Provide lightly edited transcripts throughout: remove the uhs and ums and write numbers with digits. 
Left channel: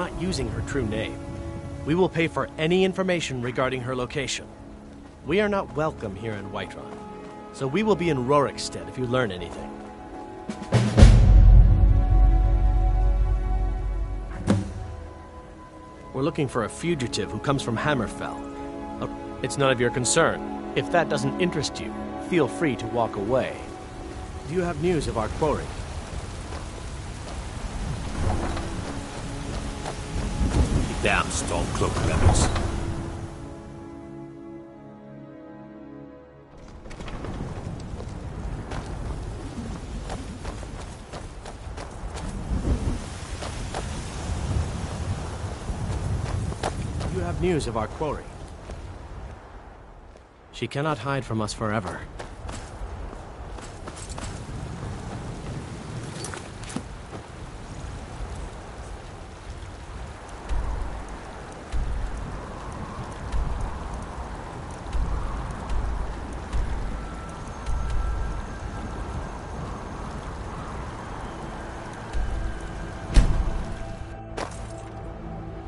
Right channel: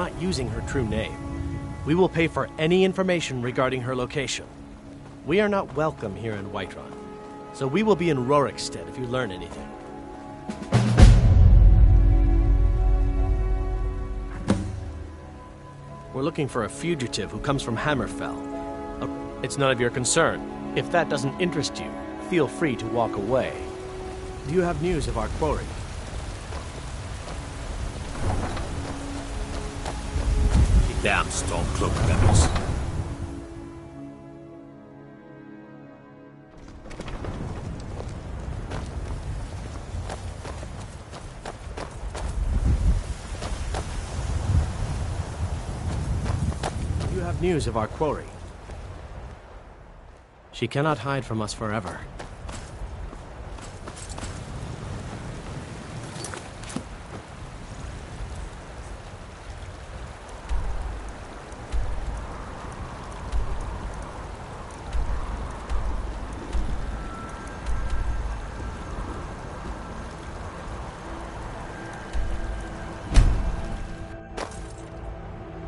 not using her true name. We will pay for any information regarding her location. We are not welcome here in Whiterun, so we will be in Rorikstead if you learn anything. We're looking for a fugitive who comes from Hammerfell. It's none of your concern. If that doesn't interest you, feel free to walk away. Do you have news of our quarry? Damn Stormcloak rebels. You have news of our quarry. She cannot hide from us forever.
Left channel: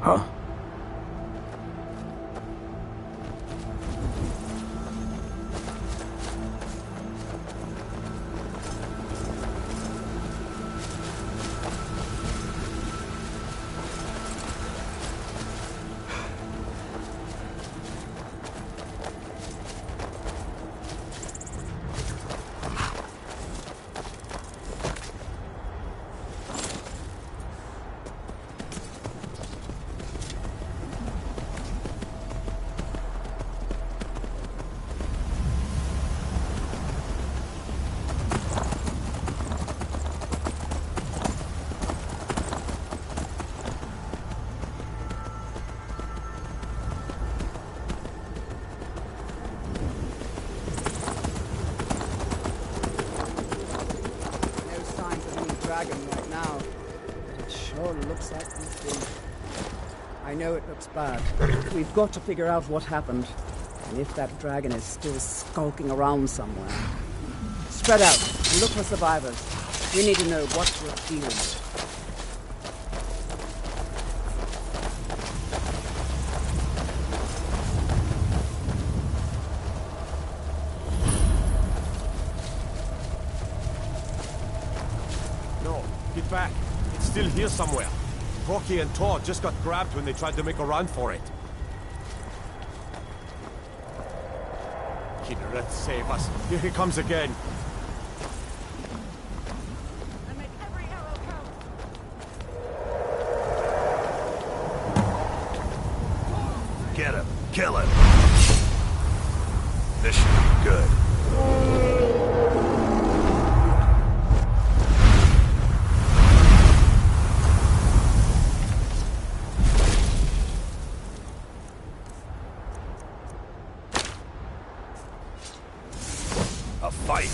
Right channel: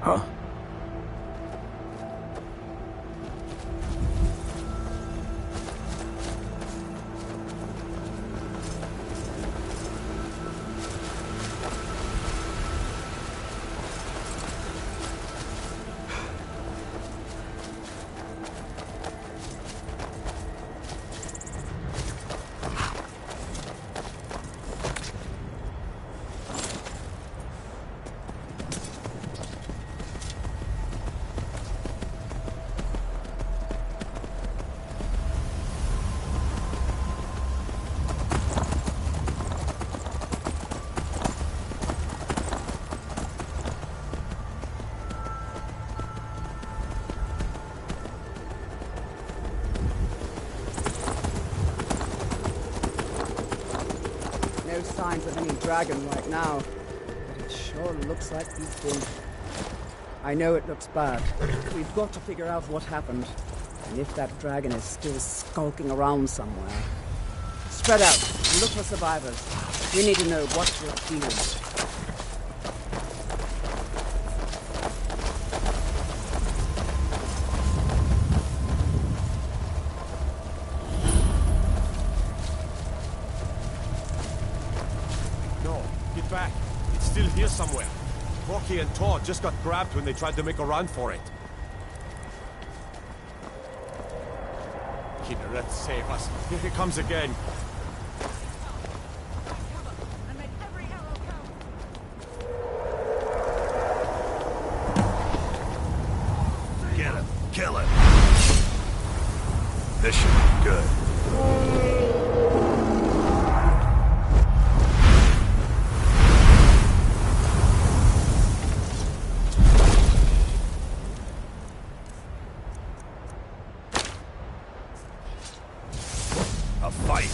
Huh? Signs of any dragon right now, but it sure looks like he's been. I know it looks bad. We've got to figure out what happened, and if that dragon is still skulking around somewhere. Spread out and look for survivors. We need to know what we're dealing with. Get back. It's still here somewhere. Rocky and Todd just got grabbed when they tried to make a run for it. Kinneret, save us. Here he comes again. And make every arrow count. Get him. Kill him. This should be good. A fight.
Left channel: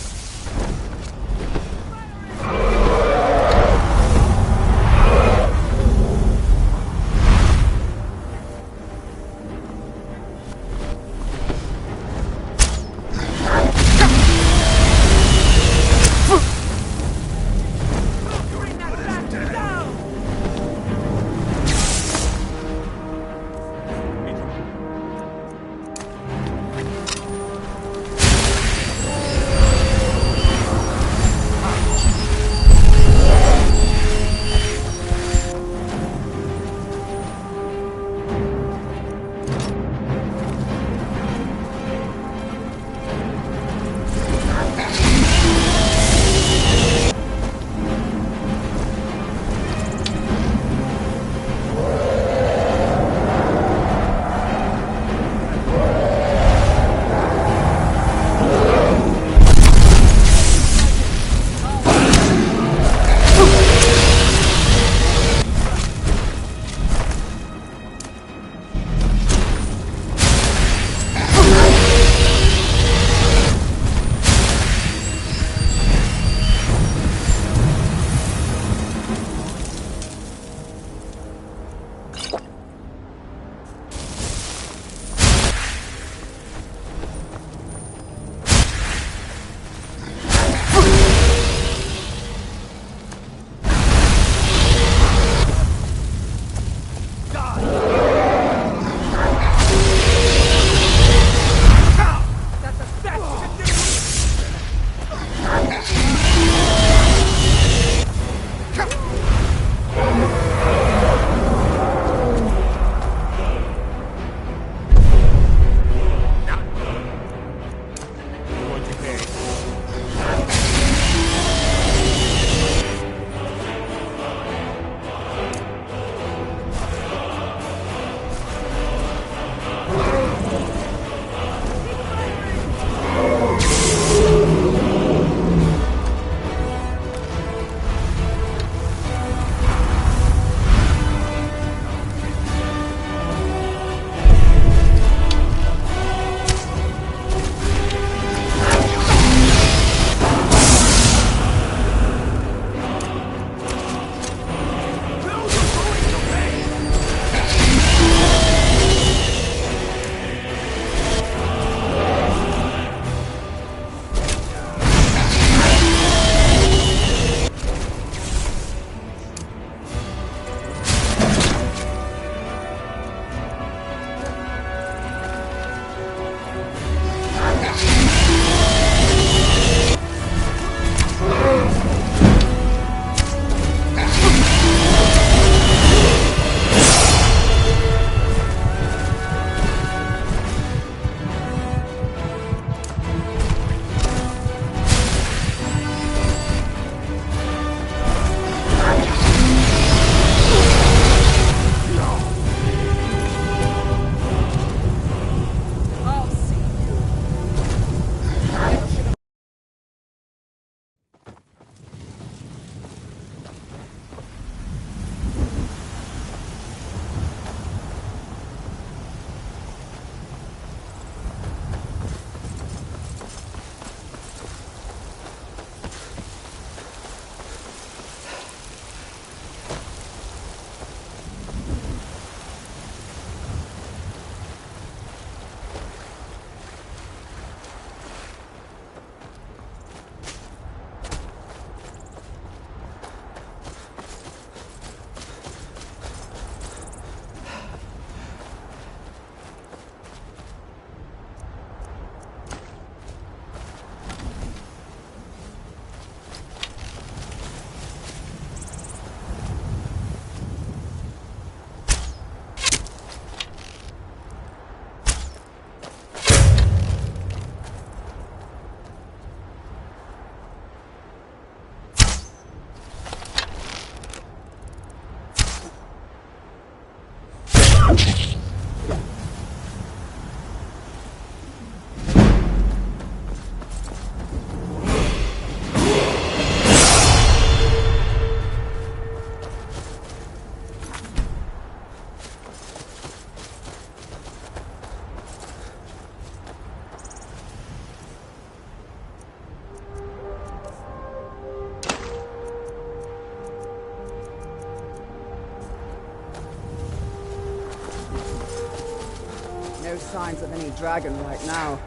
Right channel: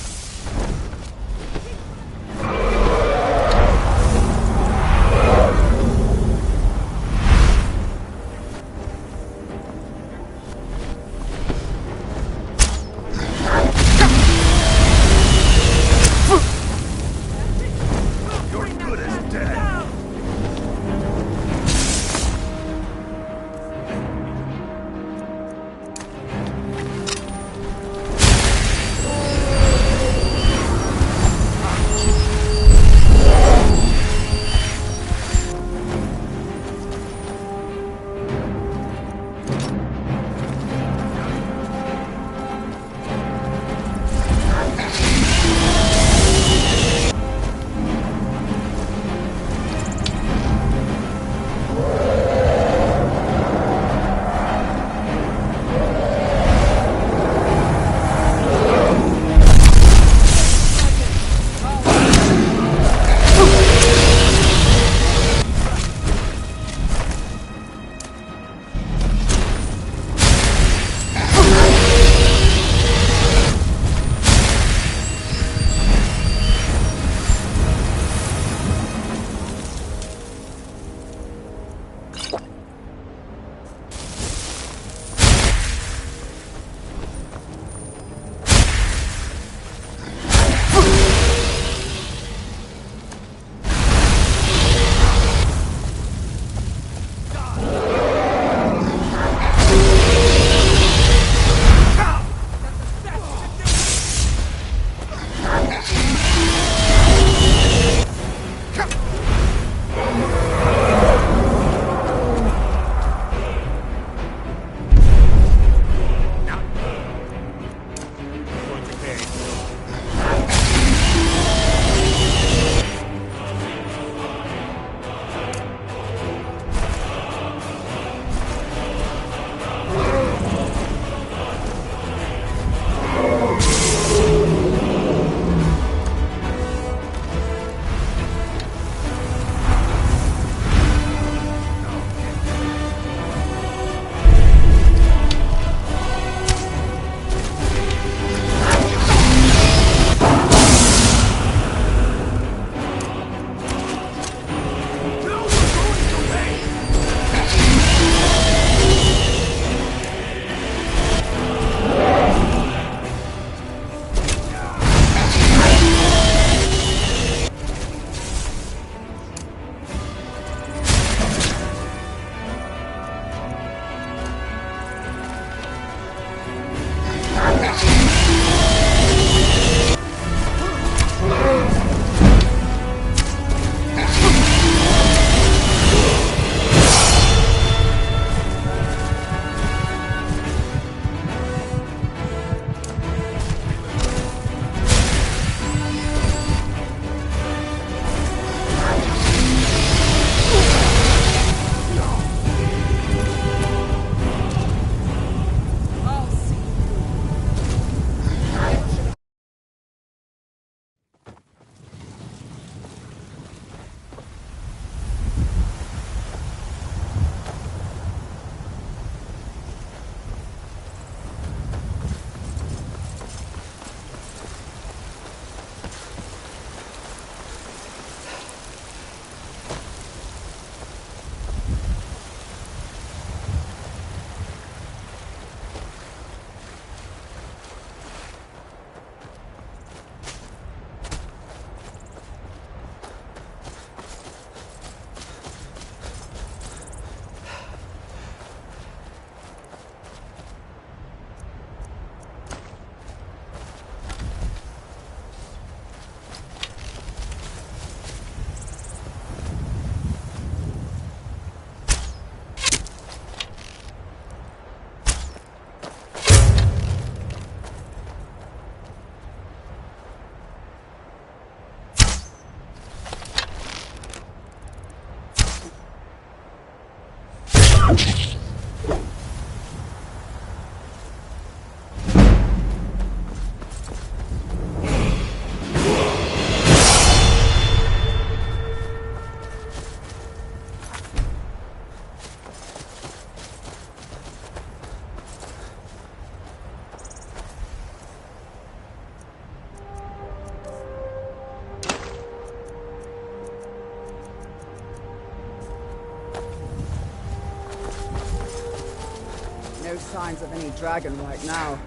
No signs of any dragon right now,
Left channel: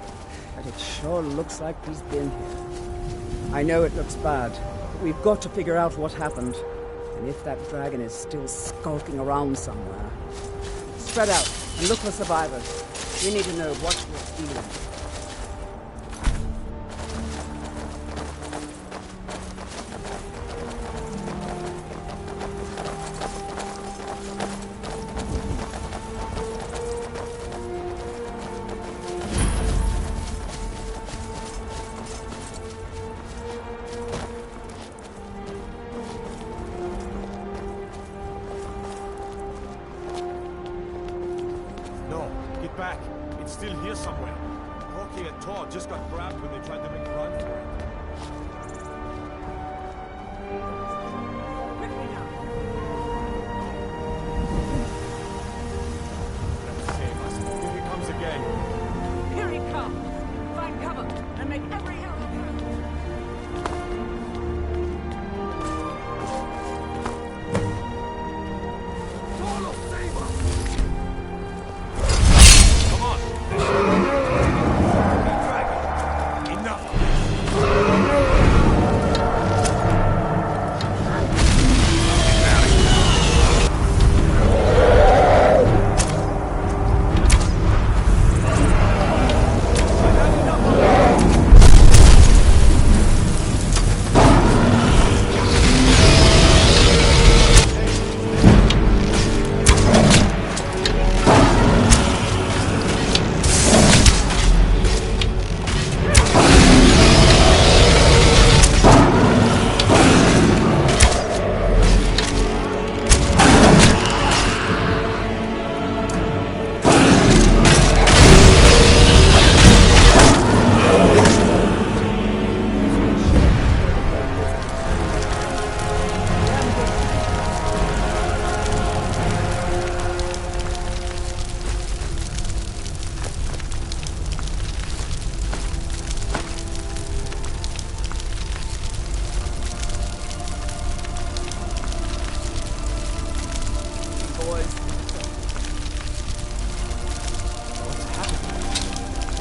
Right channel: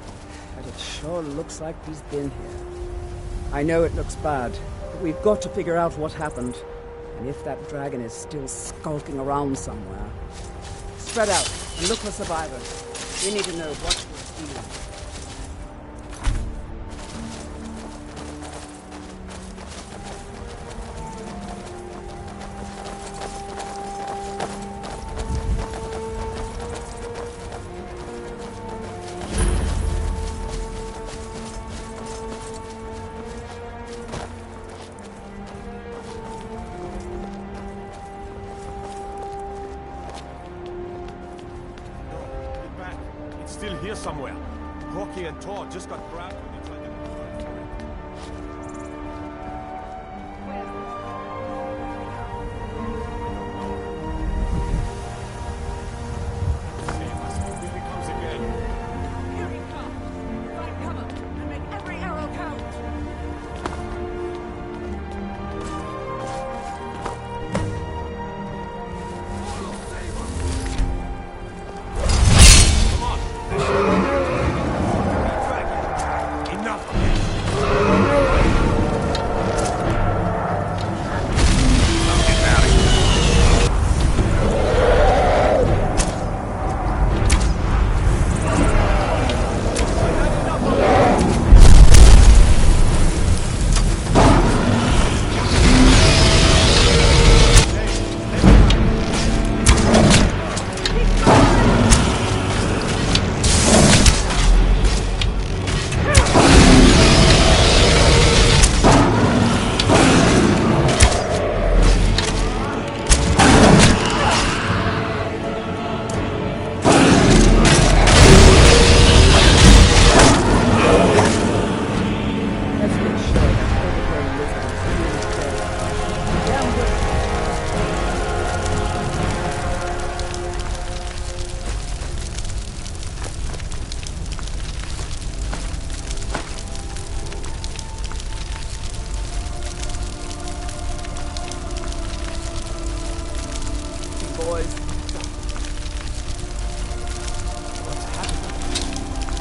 but it sure looks like he's been here. I know it looks bad, but we've got to figure out what happened. And if that dragon is still skulking around somewhere. Spread out and look for survivors. We need to know what we're dealing with. Back. It's still here somewhere. Rocky and Tor just got grabbed when they tried to make a run for it. Let's save us. Here he comes again. Here he comes. Find cover and make every arrow count. Follow, save us! Enough of this!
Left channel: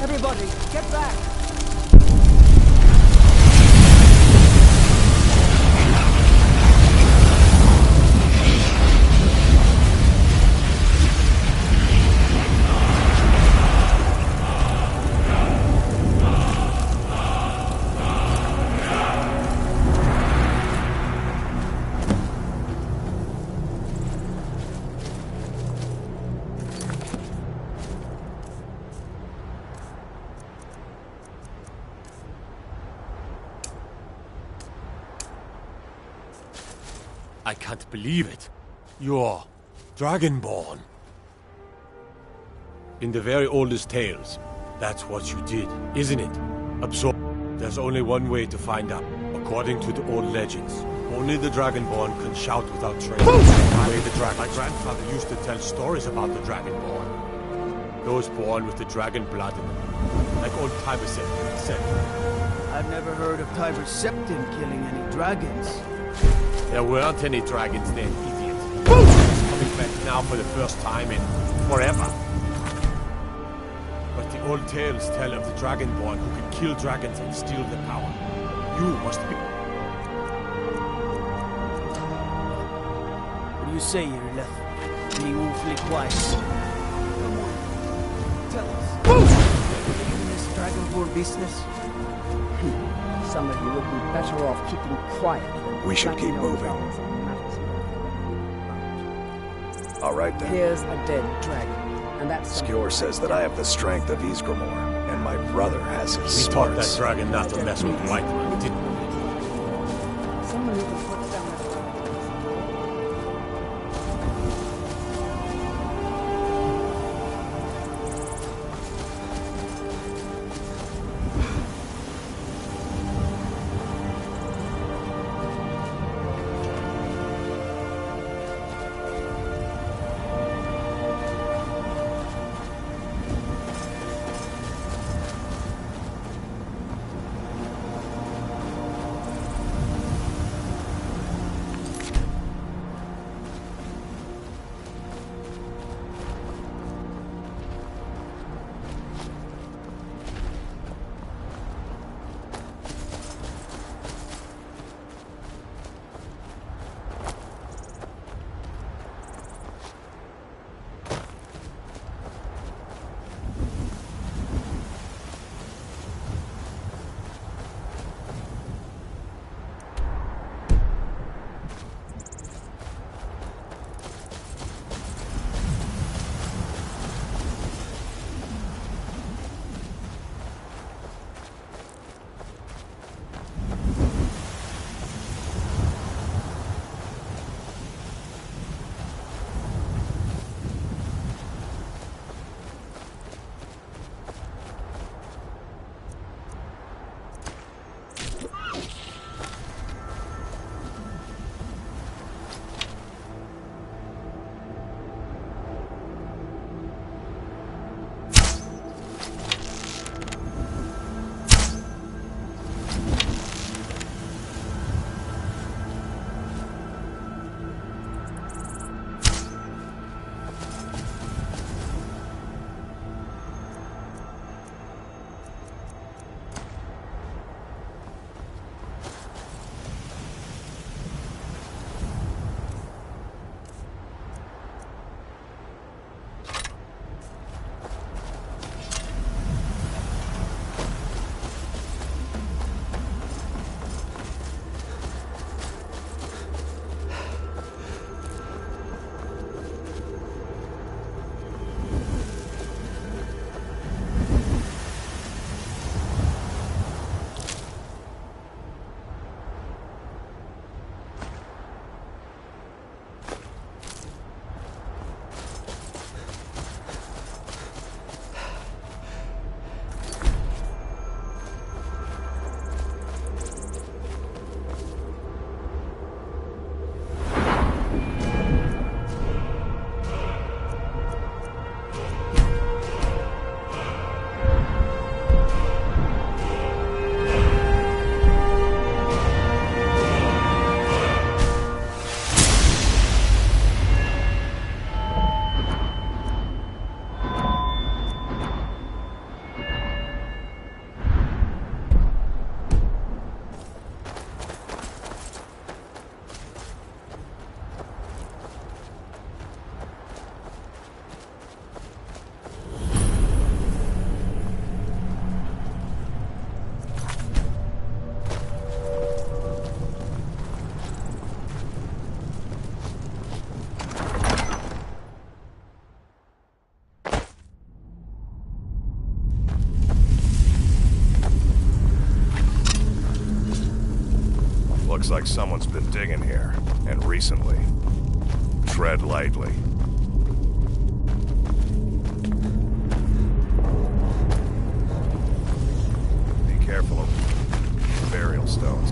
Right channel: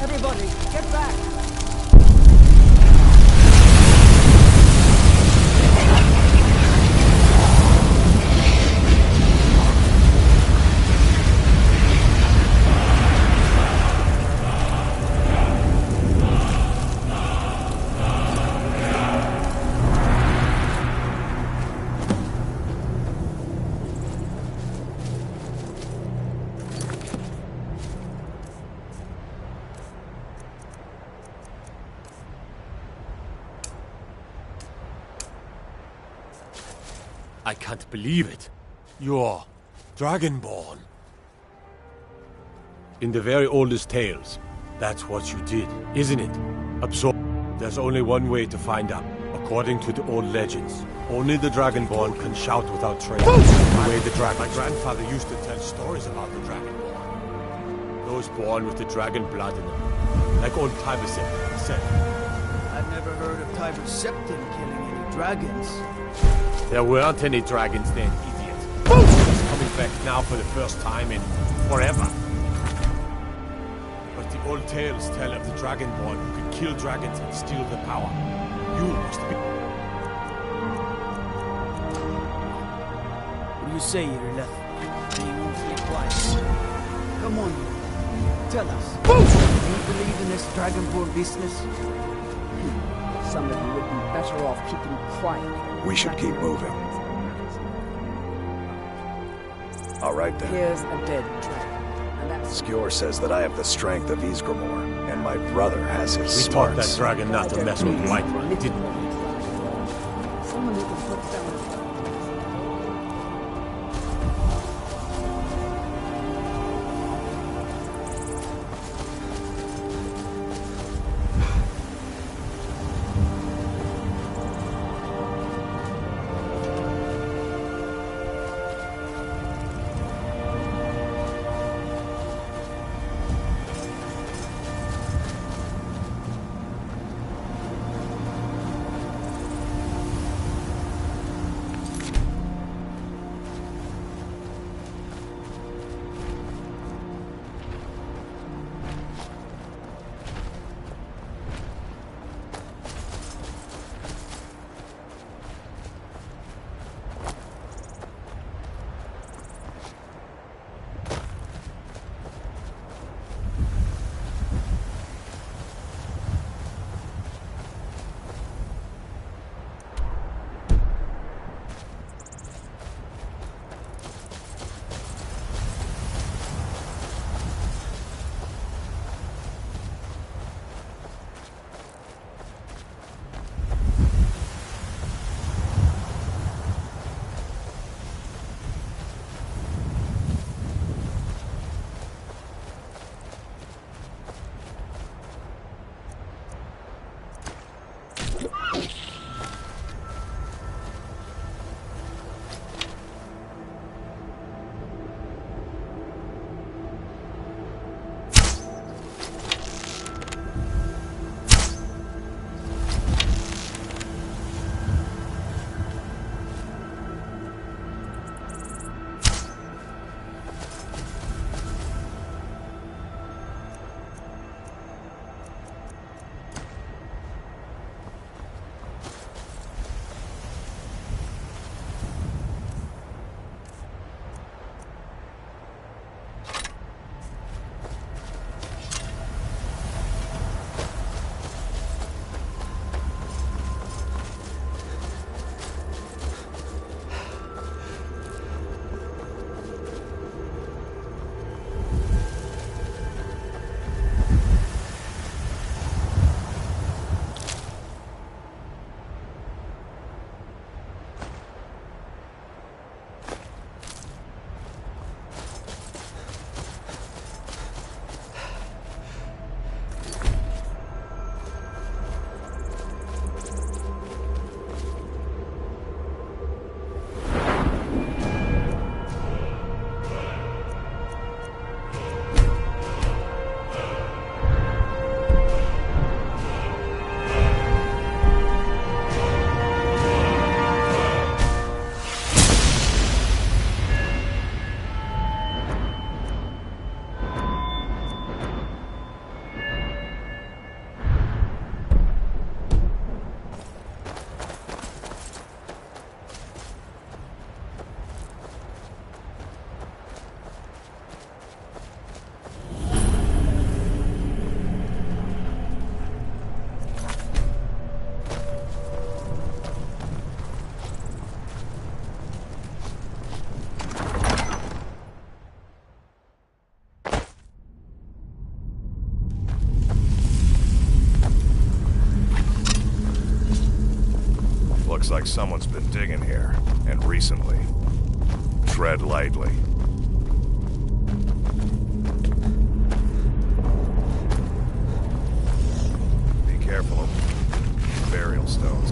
Everybody, get back! I can't believe it. You're Dragonborn. In the very oldest tales, that's what you did, isn't it? Absorb. There's only one way to find out. According to the old legends, only the Dragonborn can shout without training. The way the dragon. My grandfather used to tell stories about the Dragonborn. Those born with the dragon blood in them. Like old Tiber said. I've never heard of Tiber Septim killing any dragons. There weren't any dragons then, idiot. It's coming back now for the first time in forever. But the old tales tell of the Dragonborn who can kill dragons and steal their power. You must be... What do you say, Irileth? Being awfully quiet. Come on, tell us. Do you believe in this Dragonborn business? Some of you would be better off keeping quiet than... We should keep moving. All right then. Here's a dead dragon, and that's... Skjor says that I have the strength of Ysgramor, and my brother has his We taught that smarts. dragon not to mess with Whiterun, didn't we? Someone who can put down a dragon. Looks like someone's been digging here, and recently. Tread lightly. Be careful of burial stones.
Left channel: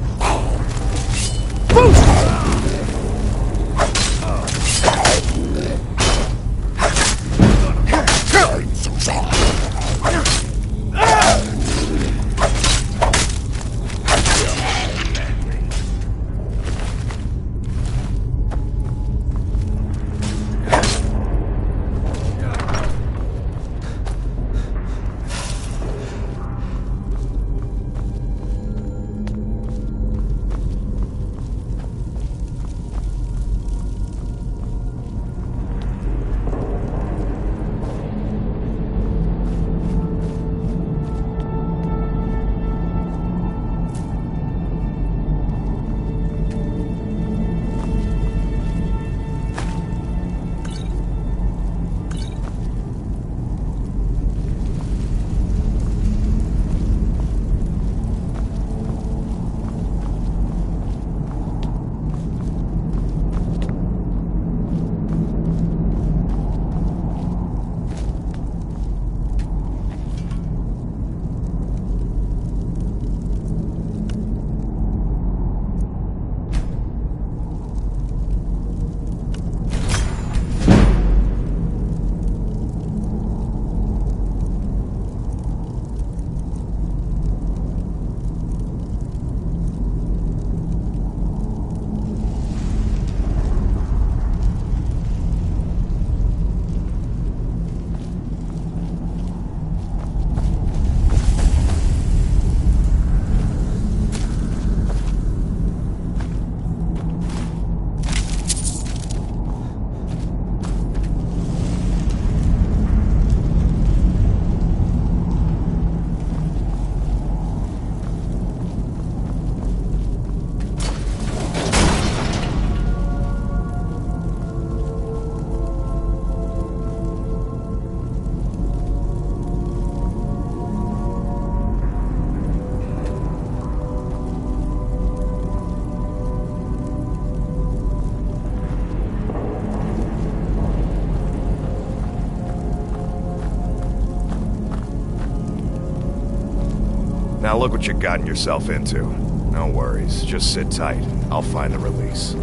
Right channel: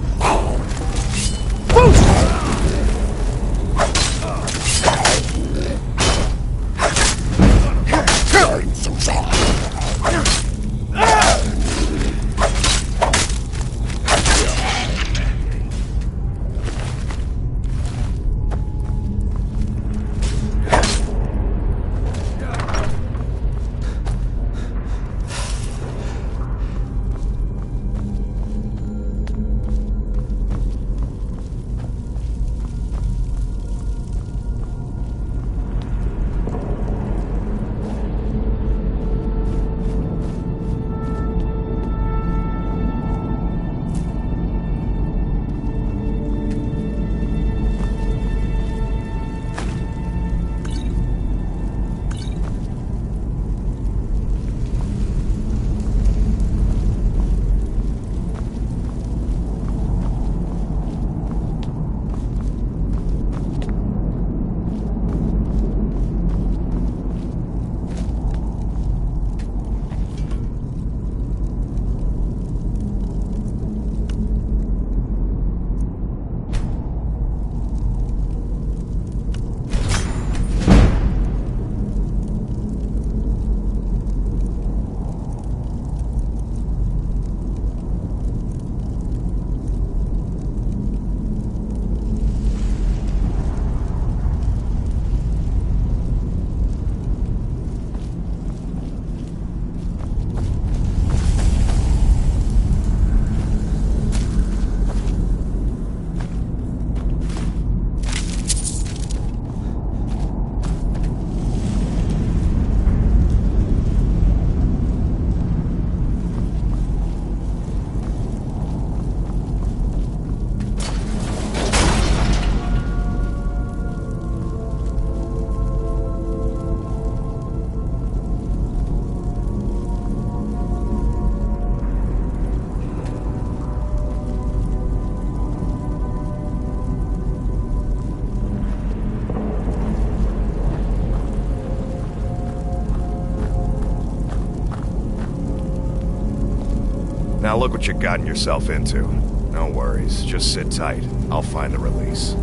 Now look what you've gotten yourself into. No worries, just sit tight. I'll find the release.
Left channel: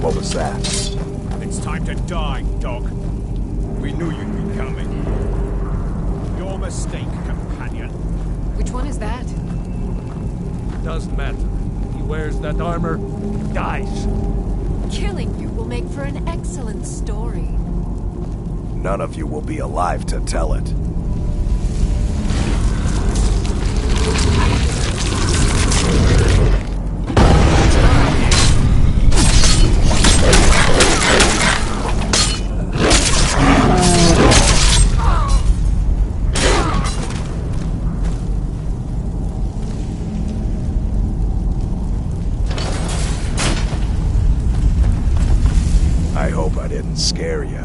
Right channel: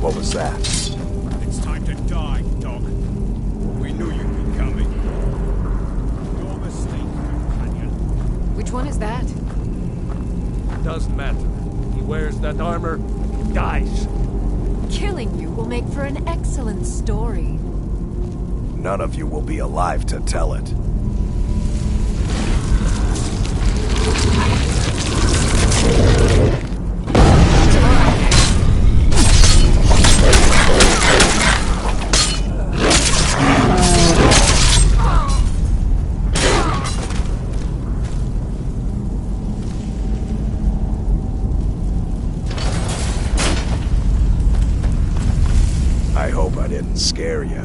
What was that? It's time to die, dog. We knew you'd be coming. Your mistake, companion. Which one is that? Doesn't matter. He wears that armor, dies. Killing you will make for an excellent story. None of you will be alive to tell it. I hope I didn't scare you.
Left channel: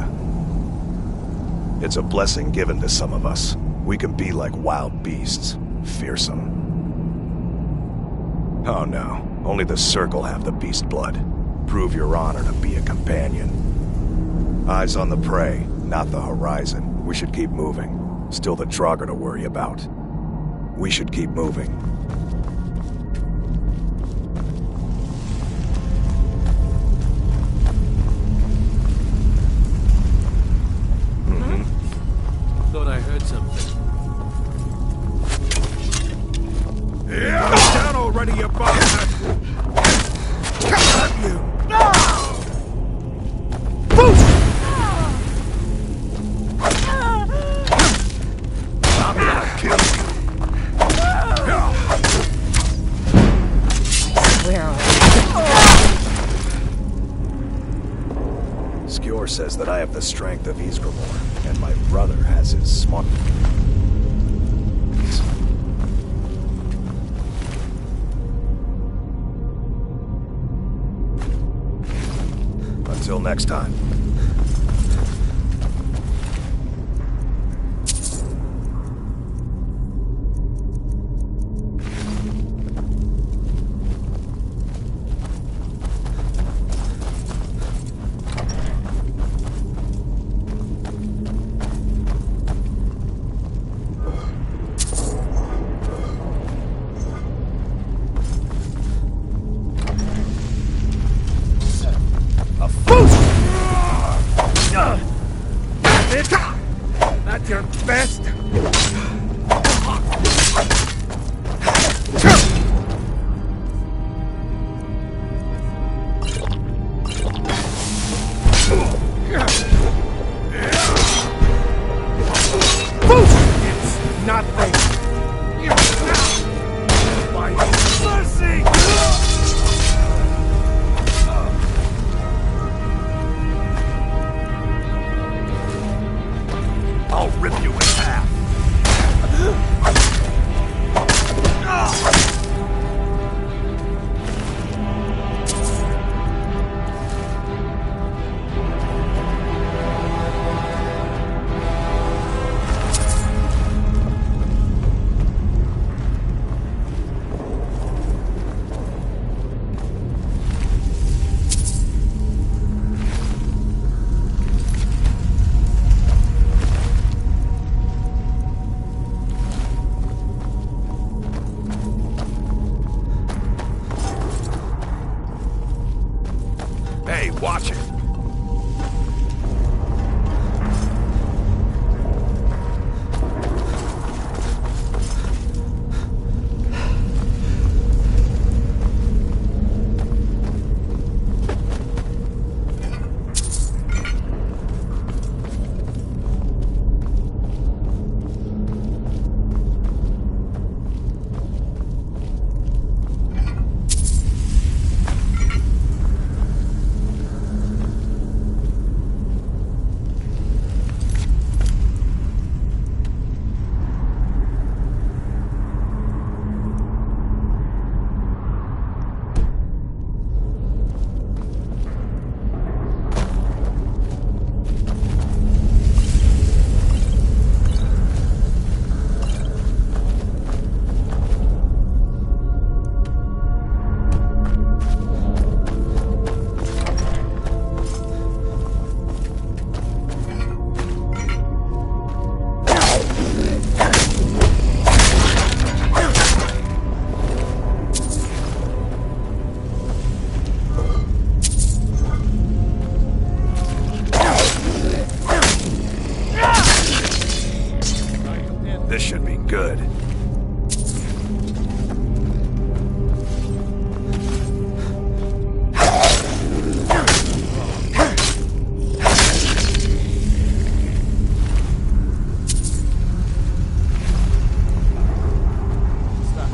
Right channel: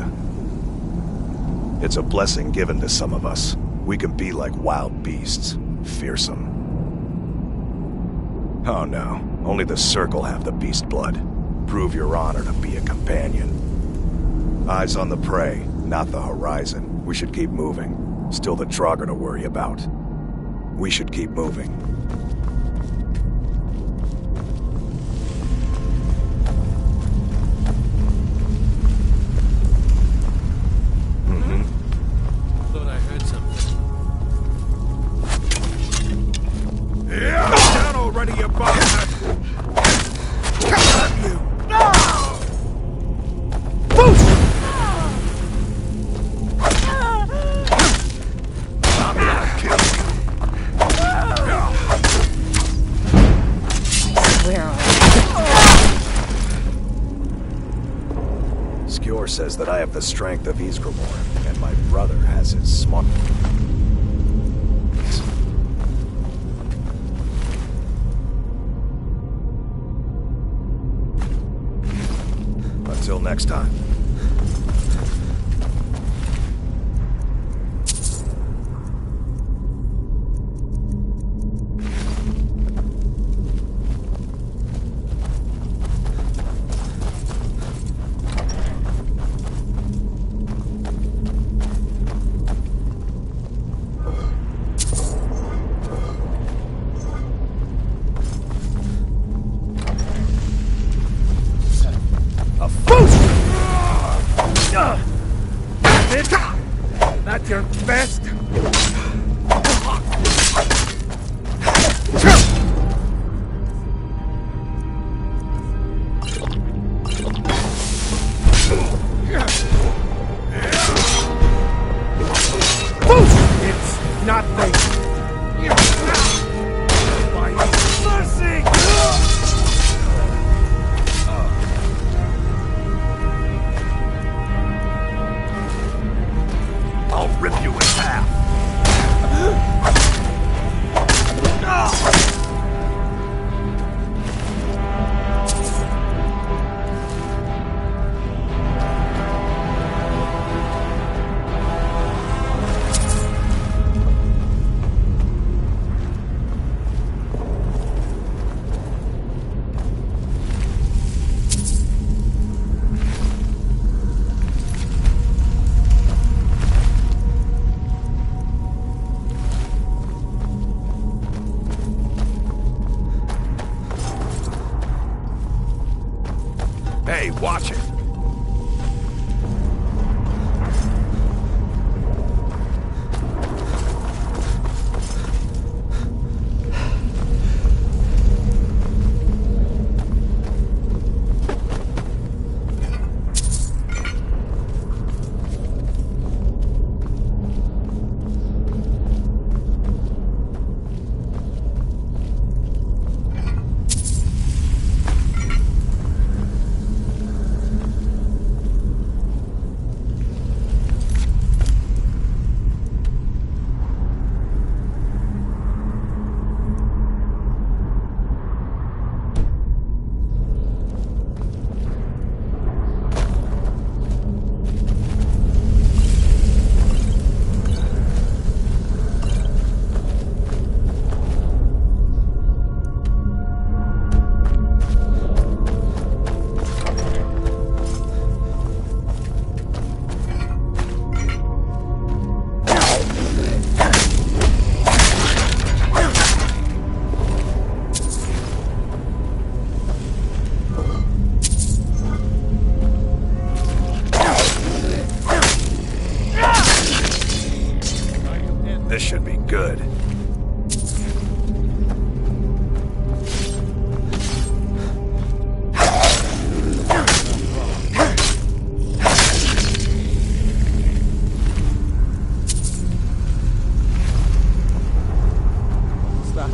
It's a blessing given to some of us. We can be like wild beasts, fearsome. Oh no, only the Circle have the beast blood. Prove your honor to be a companion. Eyes on the prey, not the horizon. We should keep moving. Still the Draugr to worry about. We should keep moving. Thought I heard something. Down already, you bastard! Damn you! I'm gonna kill you! Where are Skjor says that I have the strength of Ysgramor, and my brother has his smart... Until next time. your best. It's not there. By mercy! I'll rip you in half. Hey, watch it. This should be good. What's that?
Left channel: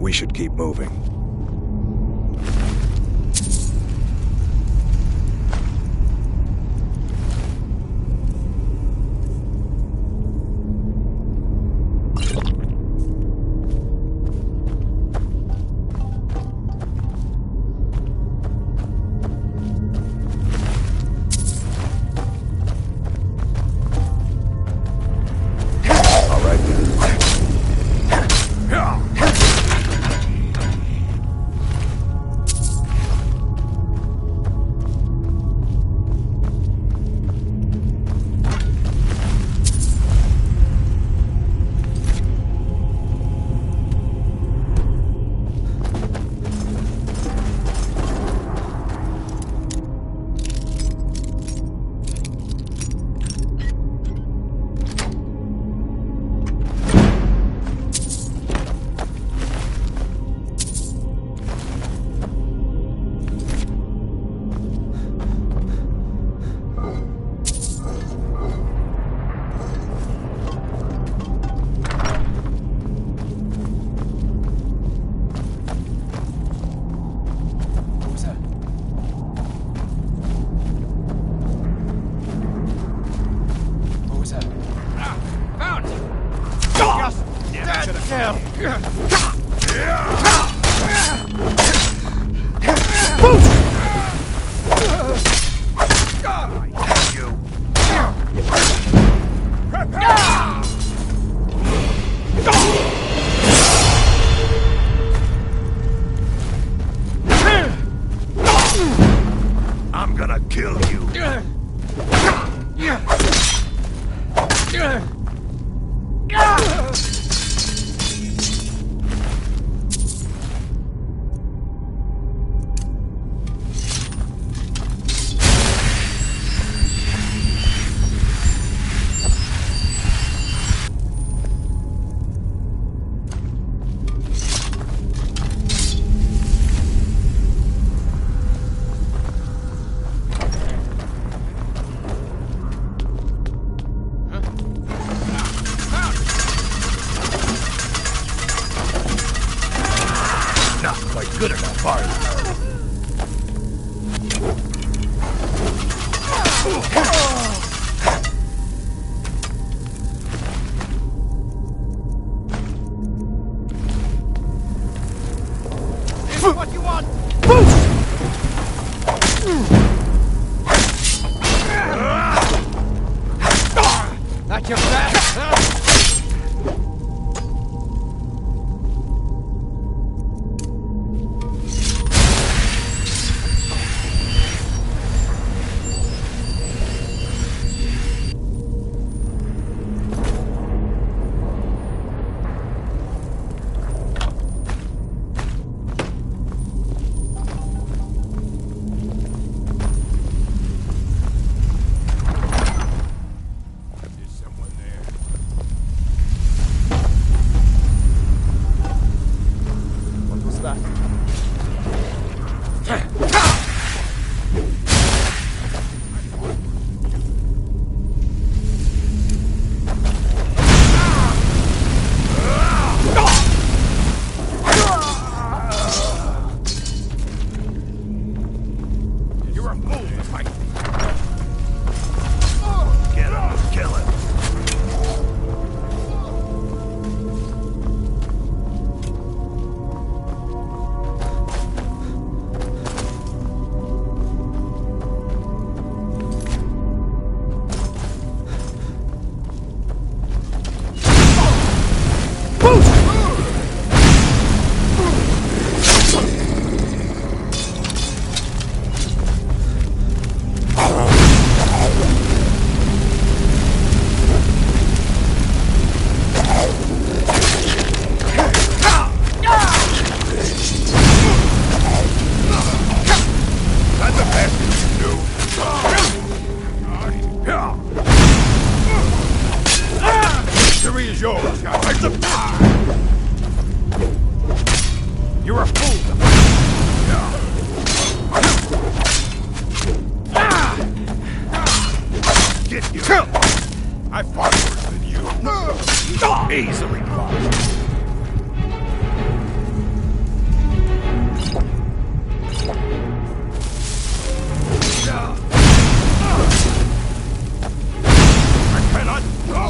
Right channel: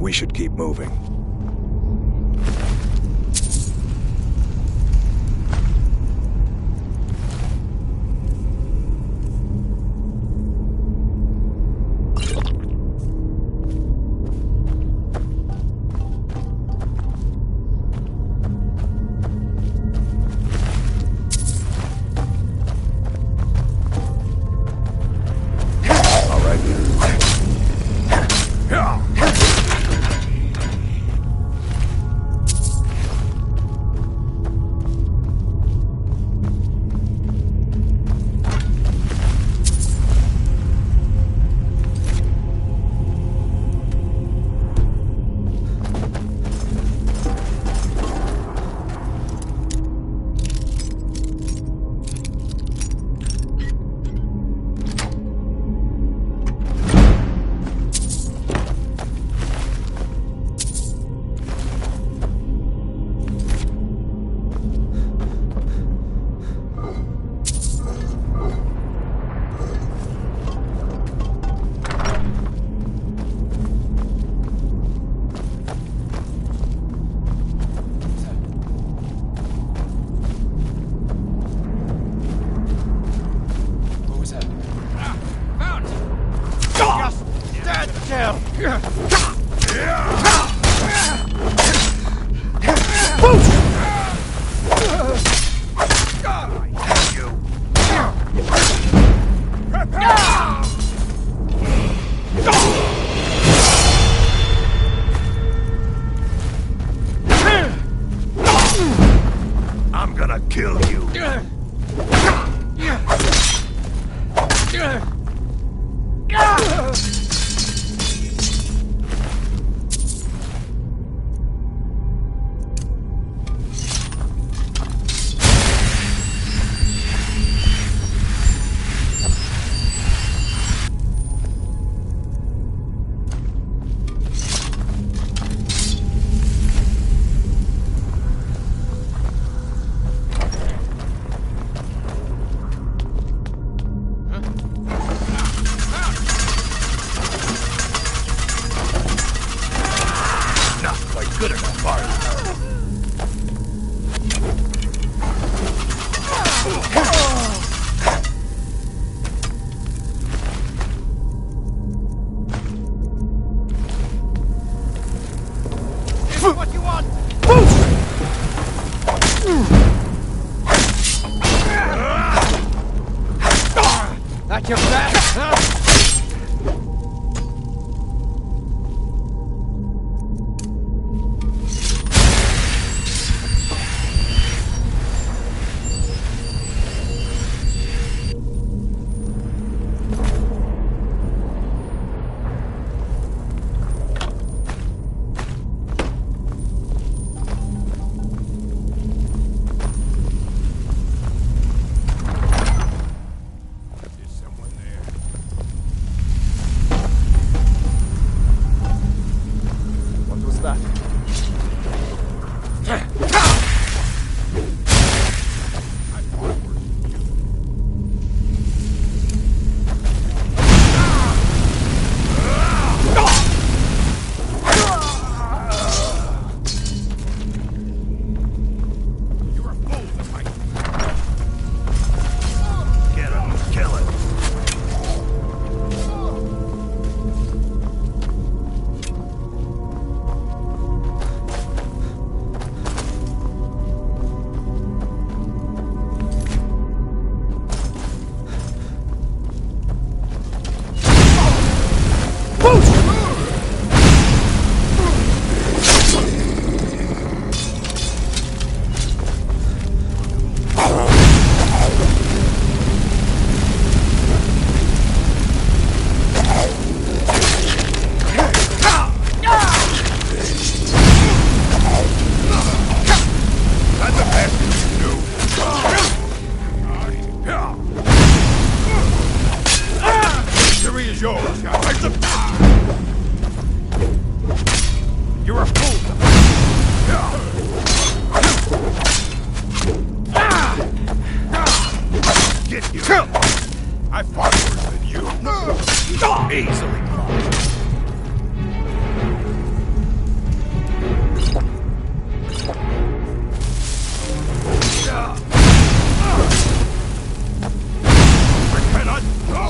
We should keep moving. All right then. I'm gonna kill you. Not quite good enough, are you? This is what you want! That's your back, huh? You're a fool! Get you! I fought worse than you! Easily blocked! I cannot go!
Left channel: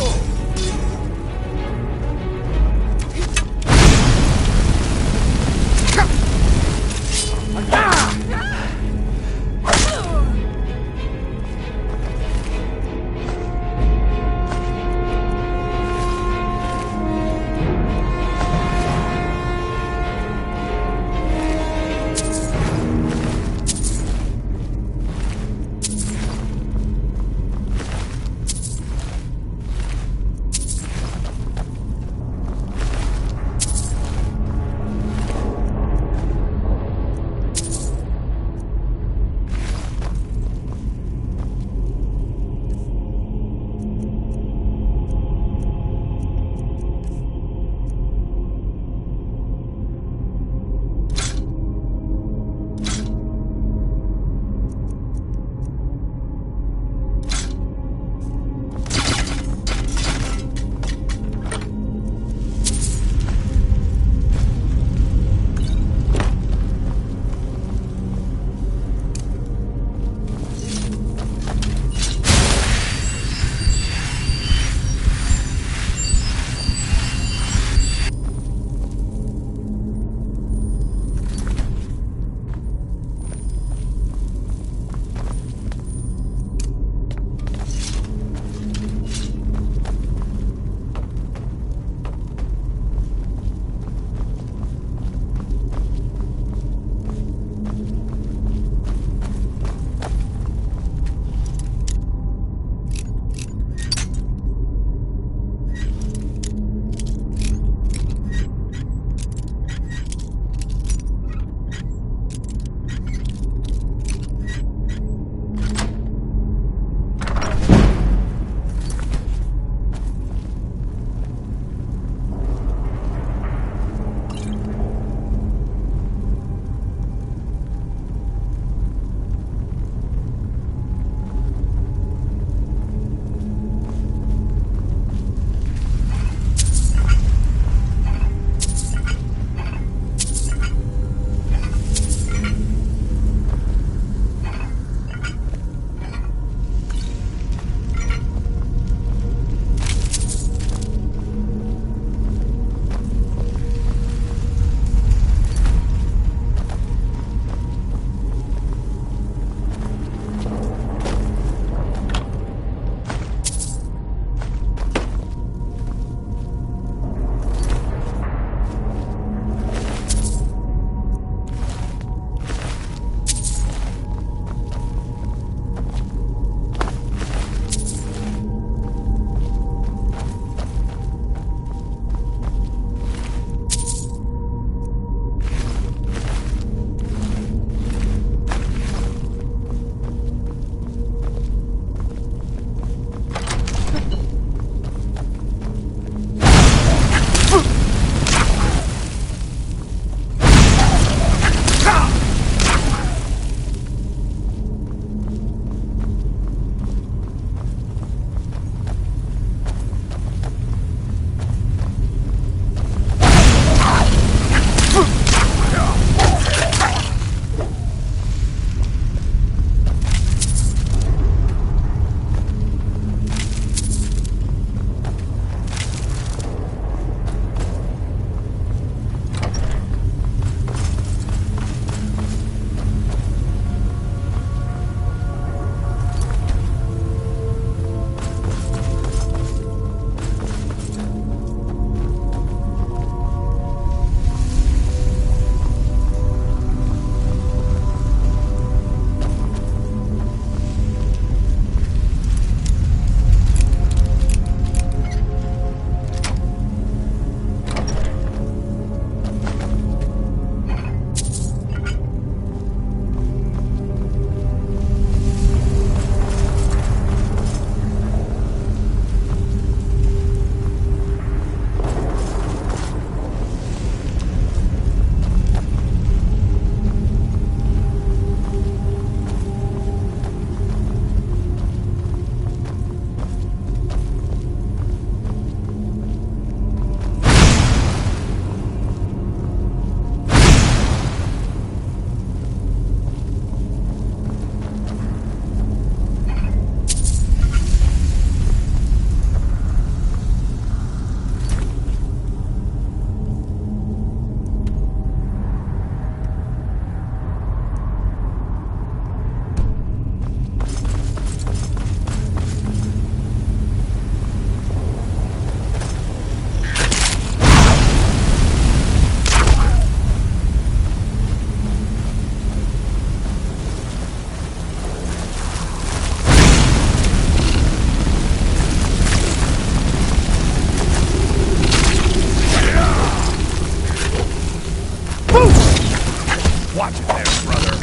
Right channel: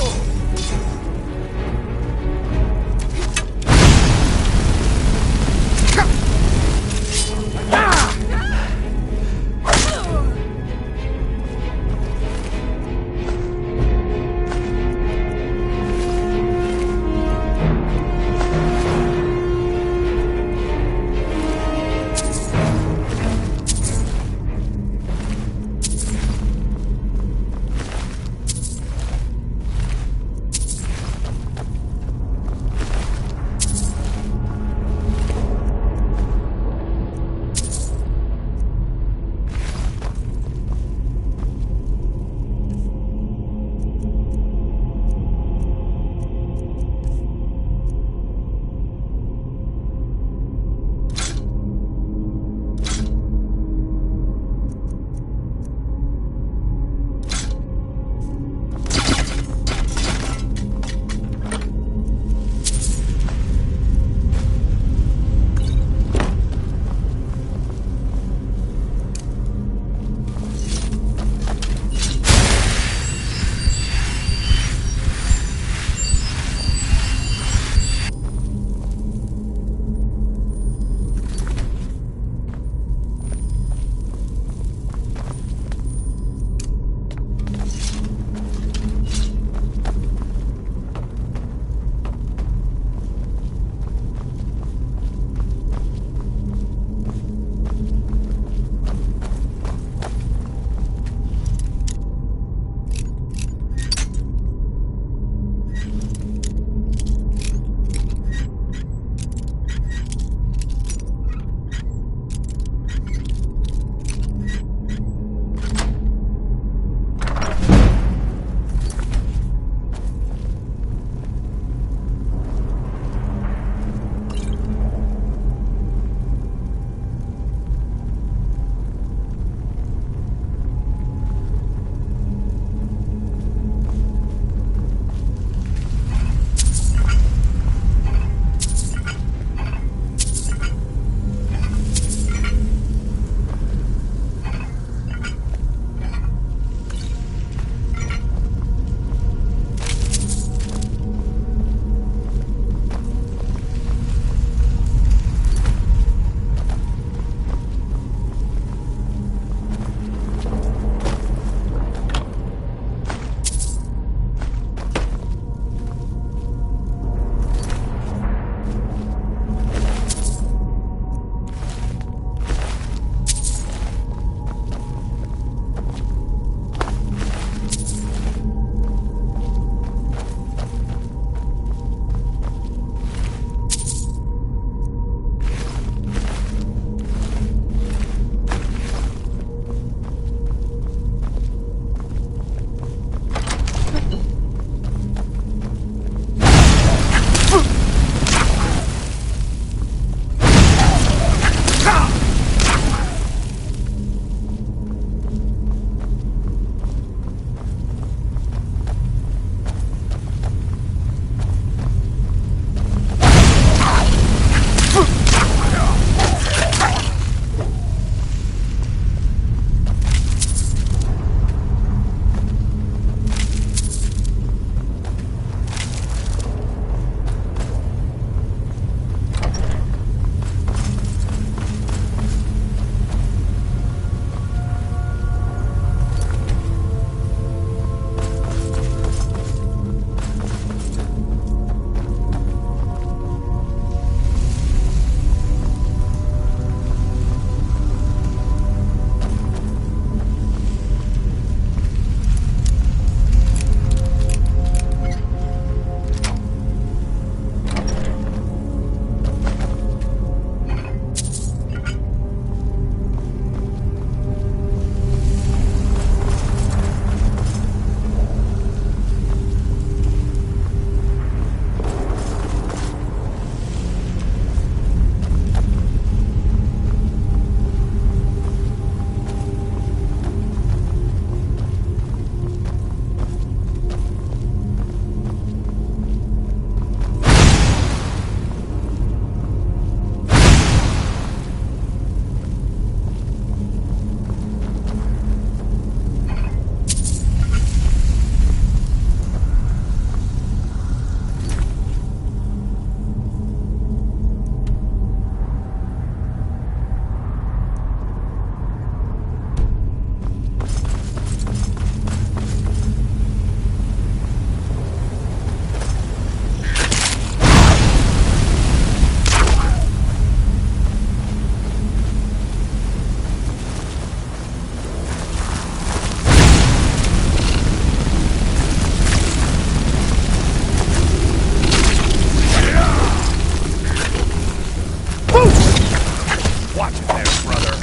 you there, brother.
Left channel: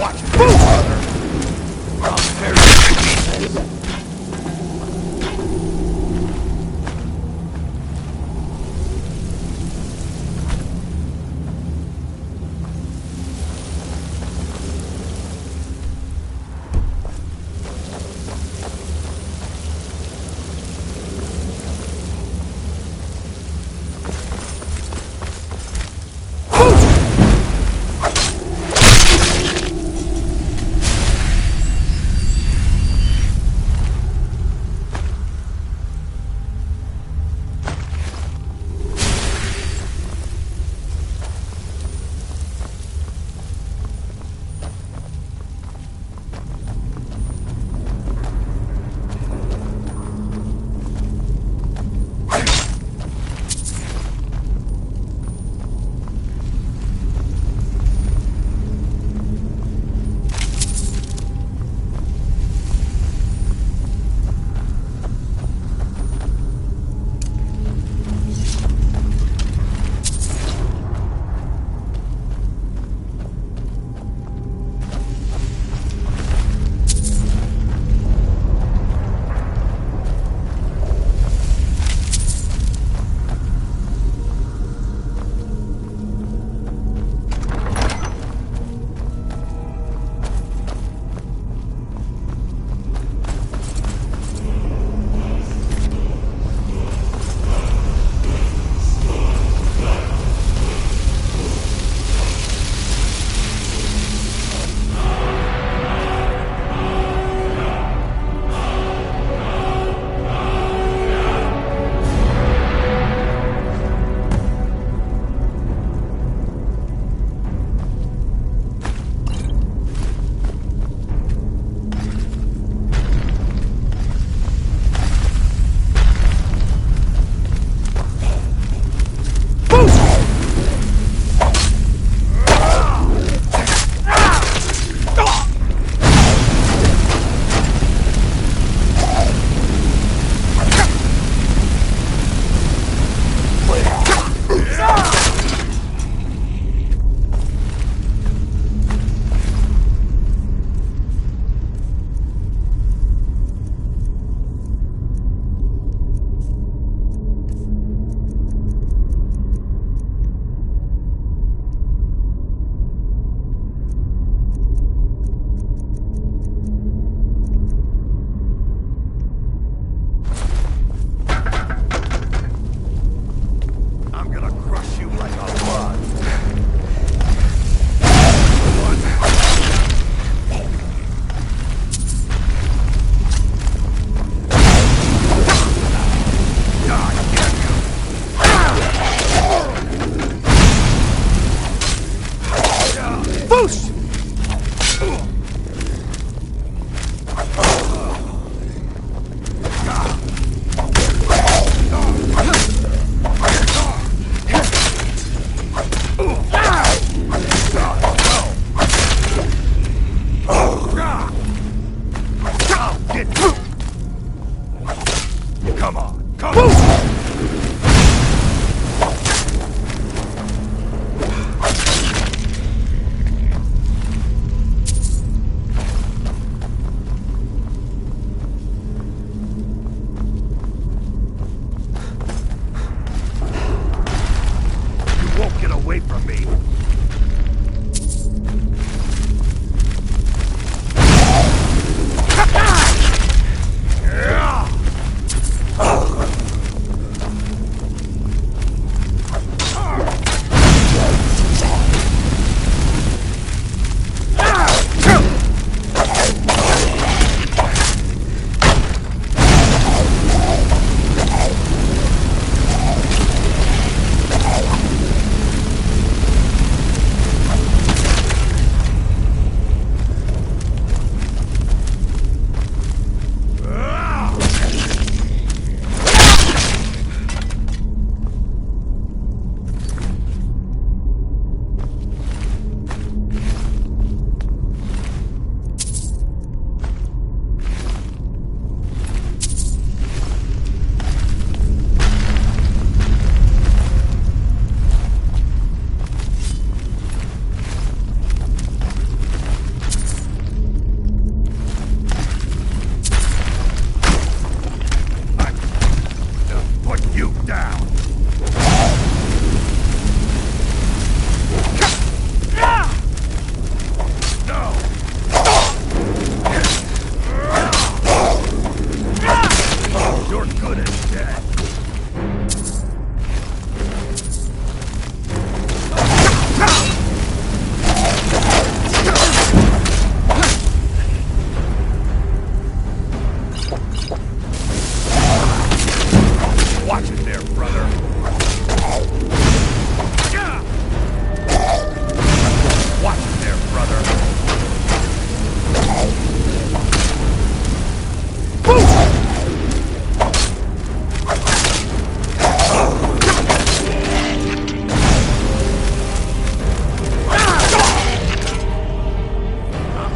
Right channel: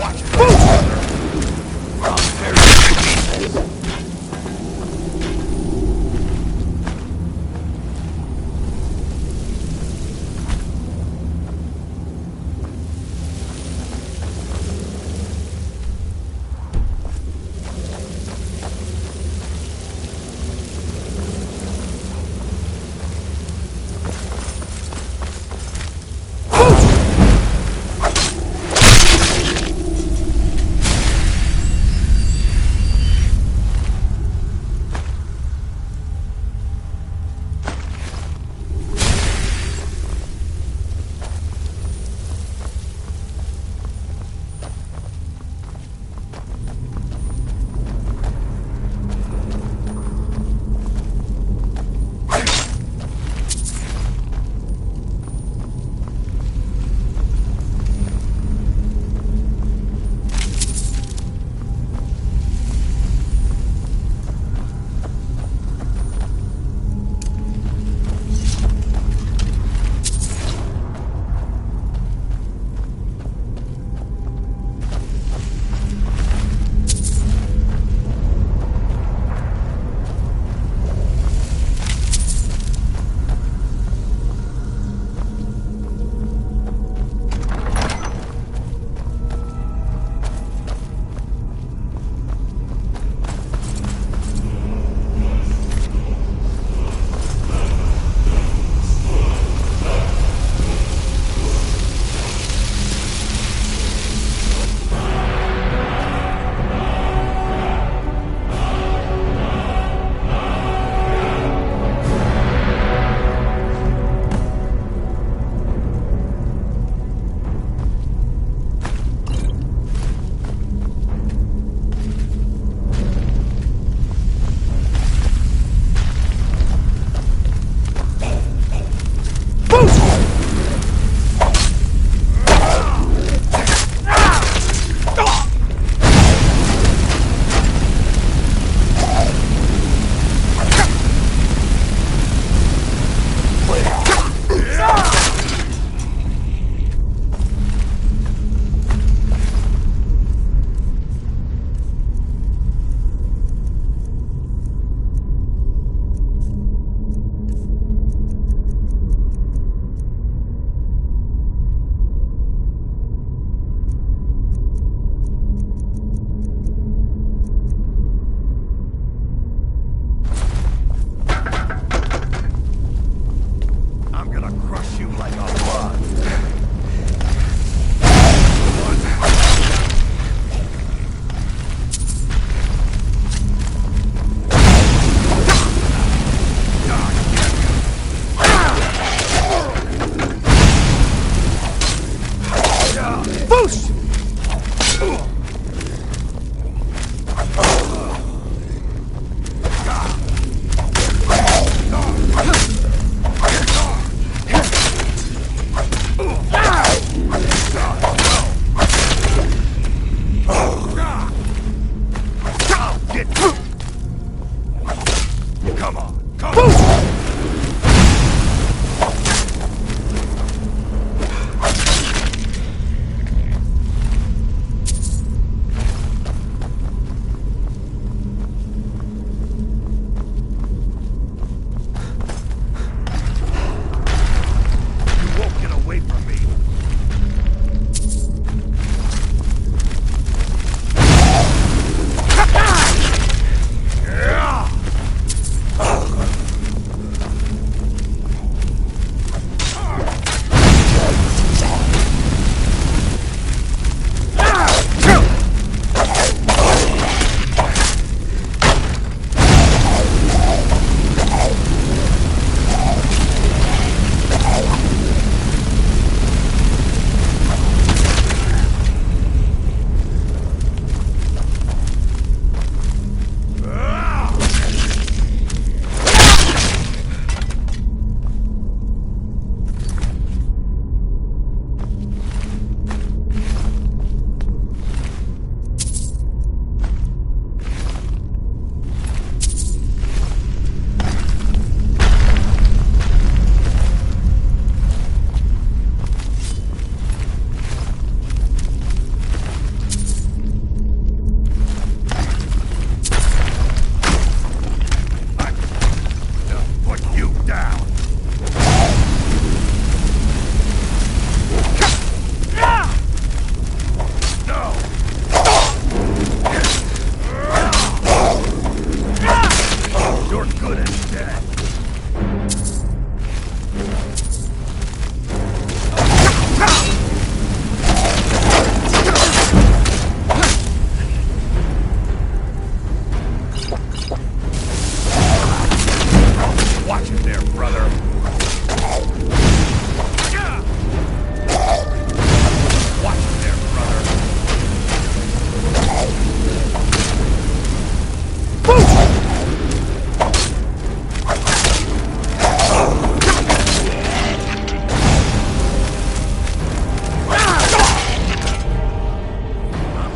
Watch it, brother. Lucky kid. down! No! You're good as dead. Watch it there, brother. Watch it there, brother. I'm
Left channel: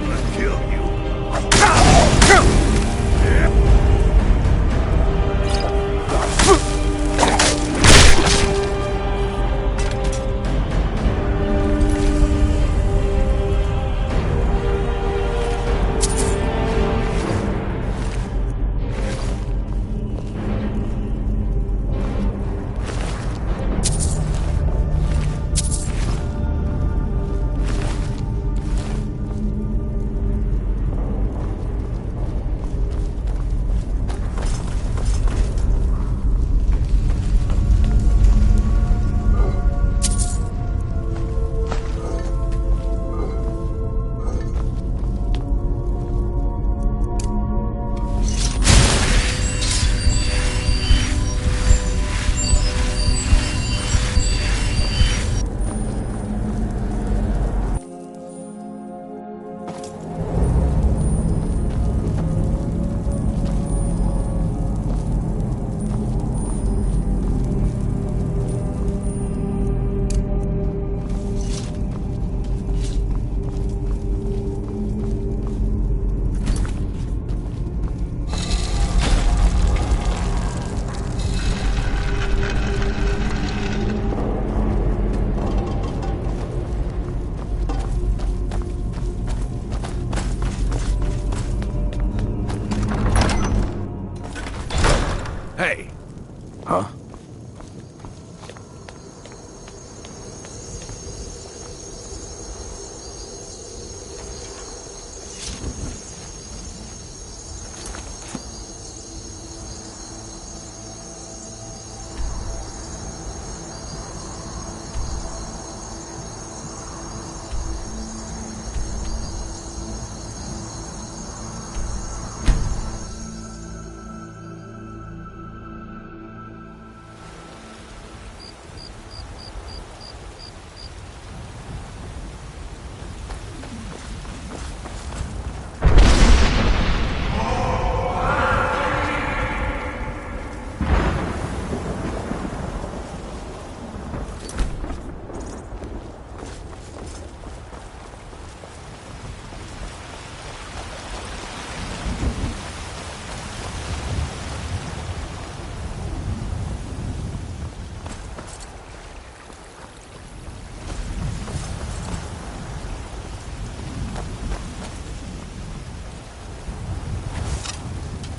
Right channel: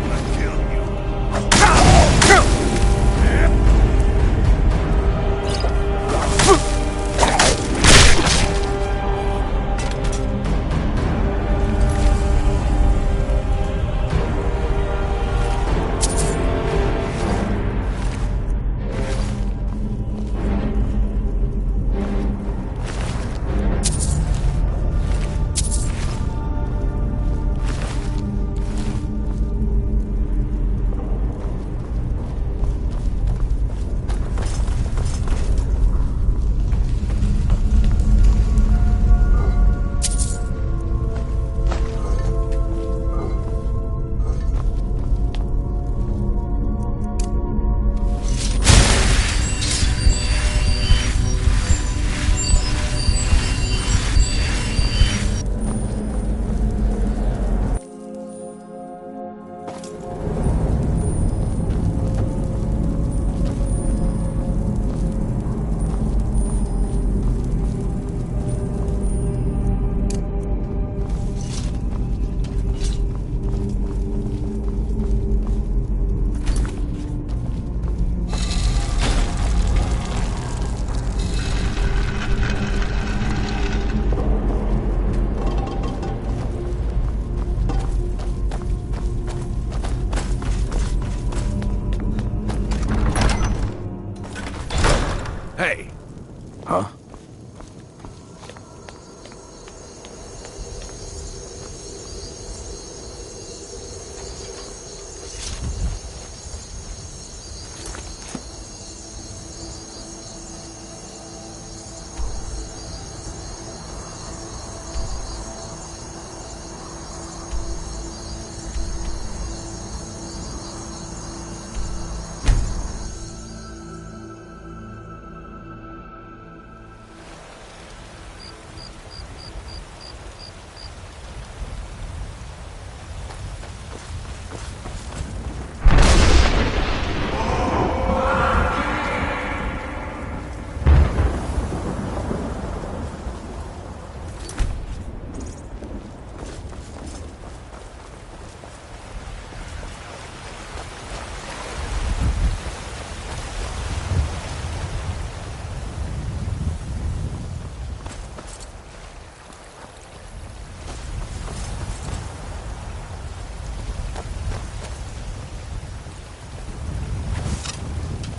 gonna kill you. Hey. Huh?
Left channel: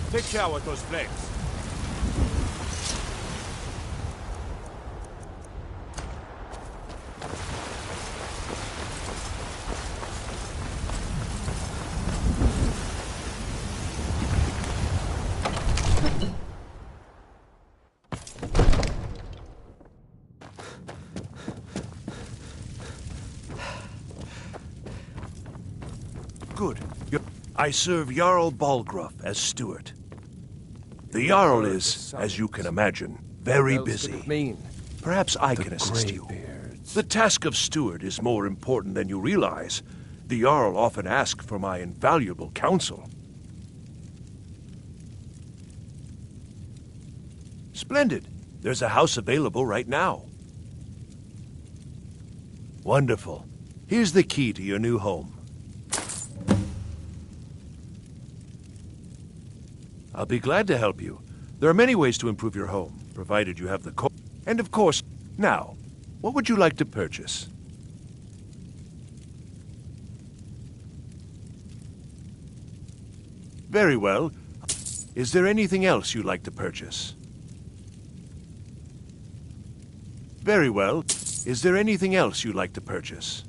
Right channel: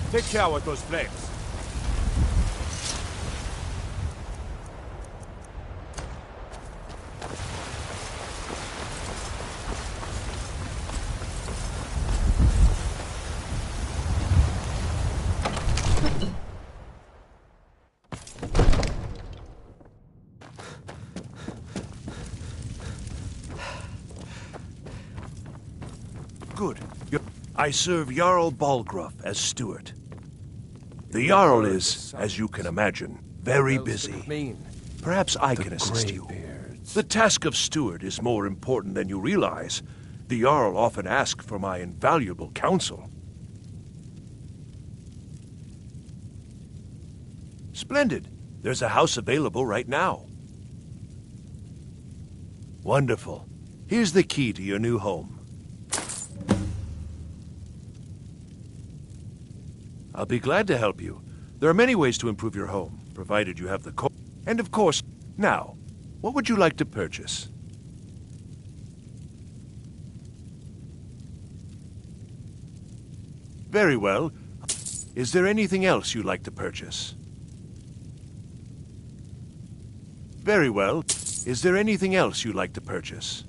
Take care with those flames. Good. I serve Jarl Balgruuf as steward. The Jarl is, as you can imagine, very busy. Perhaps I can assist you. The task of steward is more important than you realize. The Jarl often asks for my invaluable counsel. Splendid. There's a house available right now. Wonderful. Here's the key to your new home. I'll be glad to help you. There are many ways to improve your home, provided you have the and of course, now, what would you like to purchase? Very well. Is there anything else you'd like to purchase? Very well. Is there anything else you'd like to purchase?